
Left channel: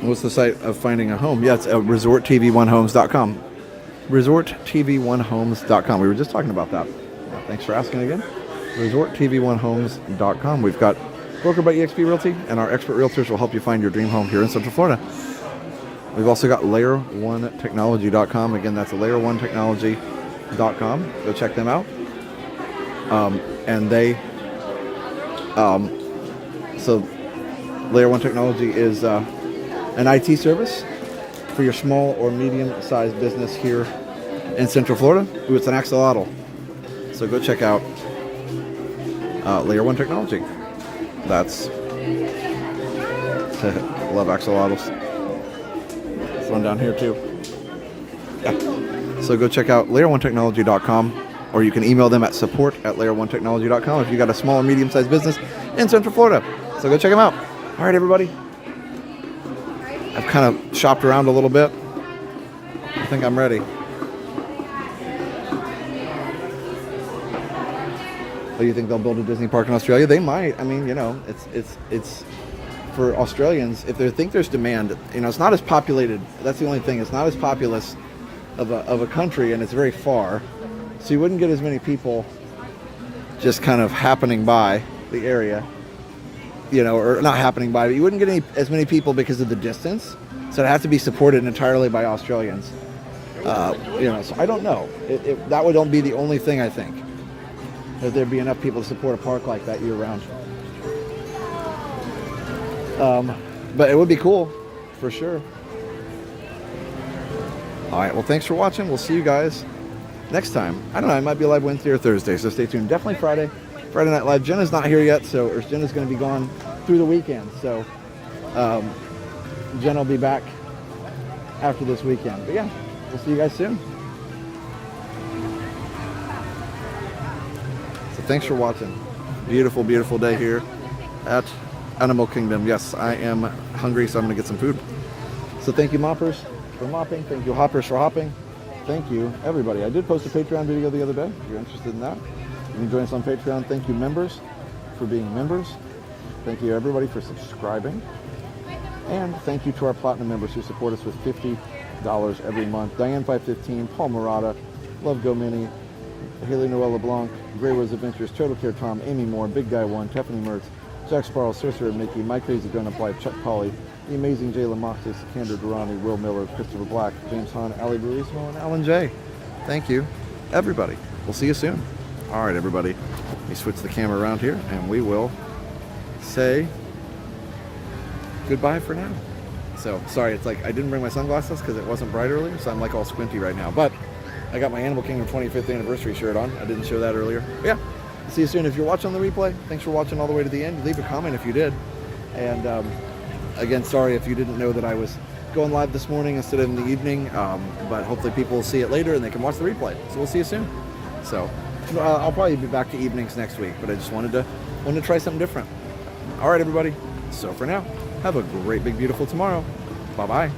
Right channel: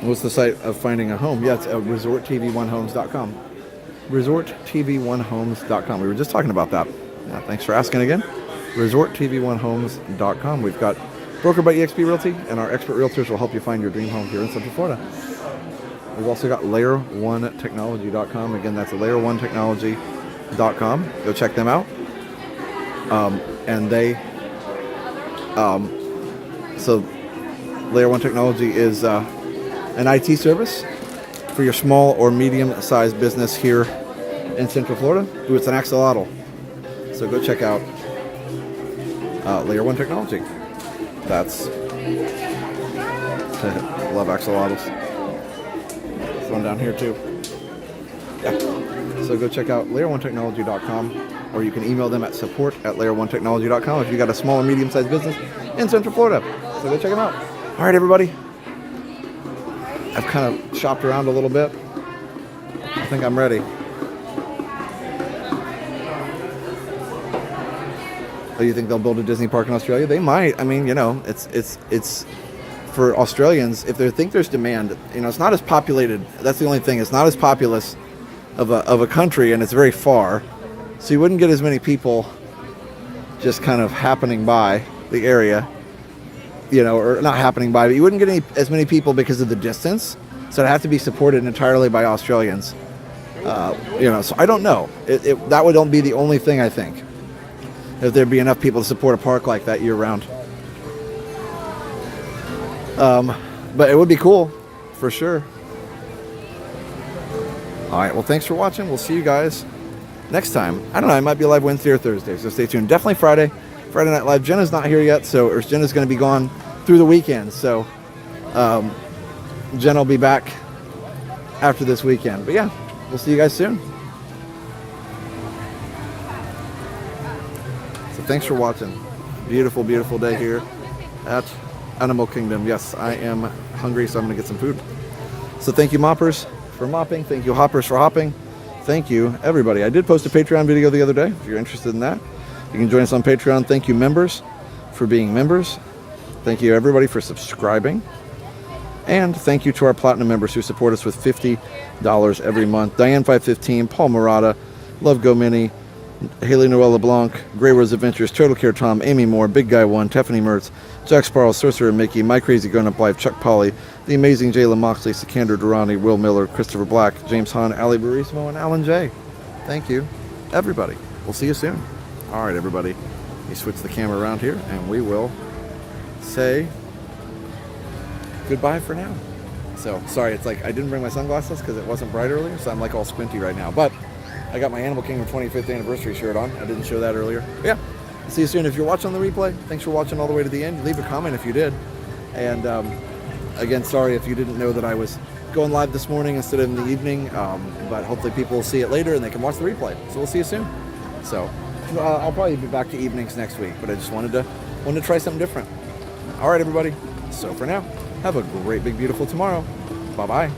What's the site of finding a home? Yeah, it's resorttv1homes.com. resorttv1homes.com. We were just talking about that. Yeah, thanks for asking again. resorttv1homes.com. We've got brokered by eXp Realty, and our expert realtors will help you find your dream home here in Central Florida. We've also got layer1technology.com. Again, that's layer1technology.com. Go check them out. And they, so Layer 1 Technology is an IT service for your small or medium-sized business here in Central Florida. Ooh, it's an axolotl. So go check out Layer 1 Technology. That's love axolotls. There's one down here too. Yeah. So go check out layer1technology.com, or you can email them at support@layer1technology.com if you got a small or medium-sized business in Central Florida. So go check them out. All right, everybody. I've kind of shopped around a little bit. I think I'm ready. Oh, you think they'll build a Disney park in Australia? They might. I mean, you know, it's for Australians, if they think there's demand, you know, it's not as populated. That's the only thing. It's not as populous of a country, and it's very far. So you wouldn't get as many people just kind of happening by the area, you know, or not happening by, but you wouldn't get as many people because of the distance. So it has to be supported entirely by Australians. You know, so I don't know. That would be the only thing, I think, if there'd be enough people to support a park like that year round. But it would be cool, for sure. All right, well, thanks for watching. We'll see you guys next time. I don't know, I might be live Wednesday or Thursday, so stay tuned. Definitely Friday Night Live. Jenna's not here yet, or Jenna's going to be gone through the weekend. So Jenna will be back after this weekend. But yeah, we'll see you guys soon. So thanks for watching. Beautiful, beautiful day here at Animal Kingdom. Yes, I am hungry, so I'm going to get some food. So thank you, moppers, for mopping. Thank you, hoppers, for hopping. Thank you, everybody. I did post a Patreon video the other day. If you're interested in that, you can join us on Patreon. Thank you, members, for being members. Thank you, everybody, for subscribing. And thank you to our Platinum members who support us with $50 every month. Diane515, Paul Murata, Love Go Mini, Haley Noel LeBlanc, Grey Rose Adventures, Total Care Tom, Amy Moore, Big Guy 1, Tiffany Mertz, Jack Sparrow, Sorcerer Mickey, My Crazy Grown Up Life, Chuck Polly, The Amazing Jayla Moxley, Sikander Durrani, Will Miller, Christopher Black, James Hahn, Ali Burismo, and Alan J. Thank you, everybody. We'll see you soon. All right, everybody. Let me switch the camera around here, and we will say goodbye for now. So, sorry, it's like I didn't bring my sunglasses because it wasn't bright earlier, so I'm like all squinty right now. But I got my Animal Kingdom 25th anniversary shirt on. I didn't show that earlier. But yeah, see you soon. If you're watching the replay, thanks for watching all the way to the end. Leave a comment if you did. And again, sorry if you didn't know that I was going live this morning instead of in the evening. But hopefully people will see it later and they can watch the replay. So we'll see you soon. So I'll probably be back to evenings next week, but I just wanted to try something different. All right, everybody. So for now, have a great, big, beautiful tomorrow. Bye-bye.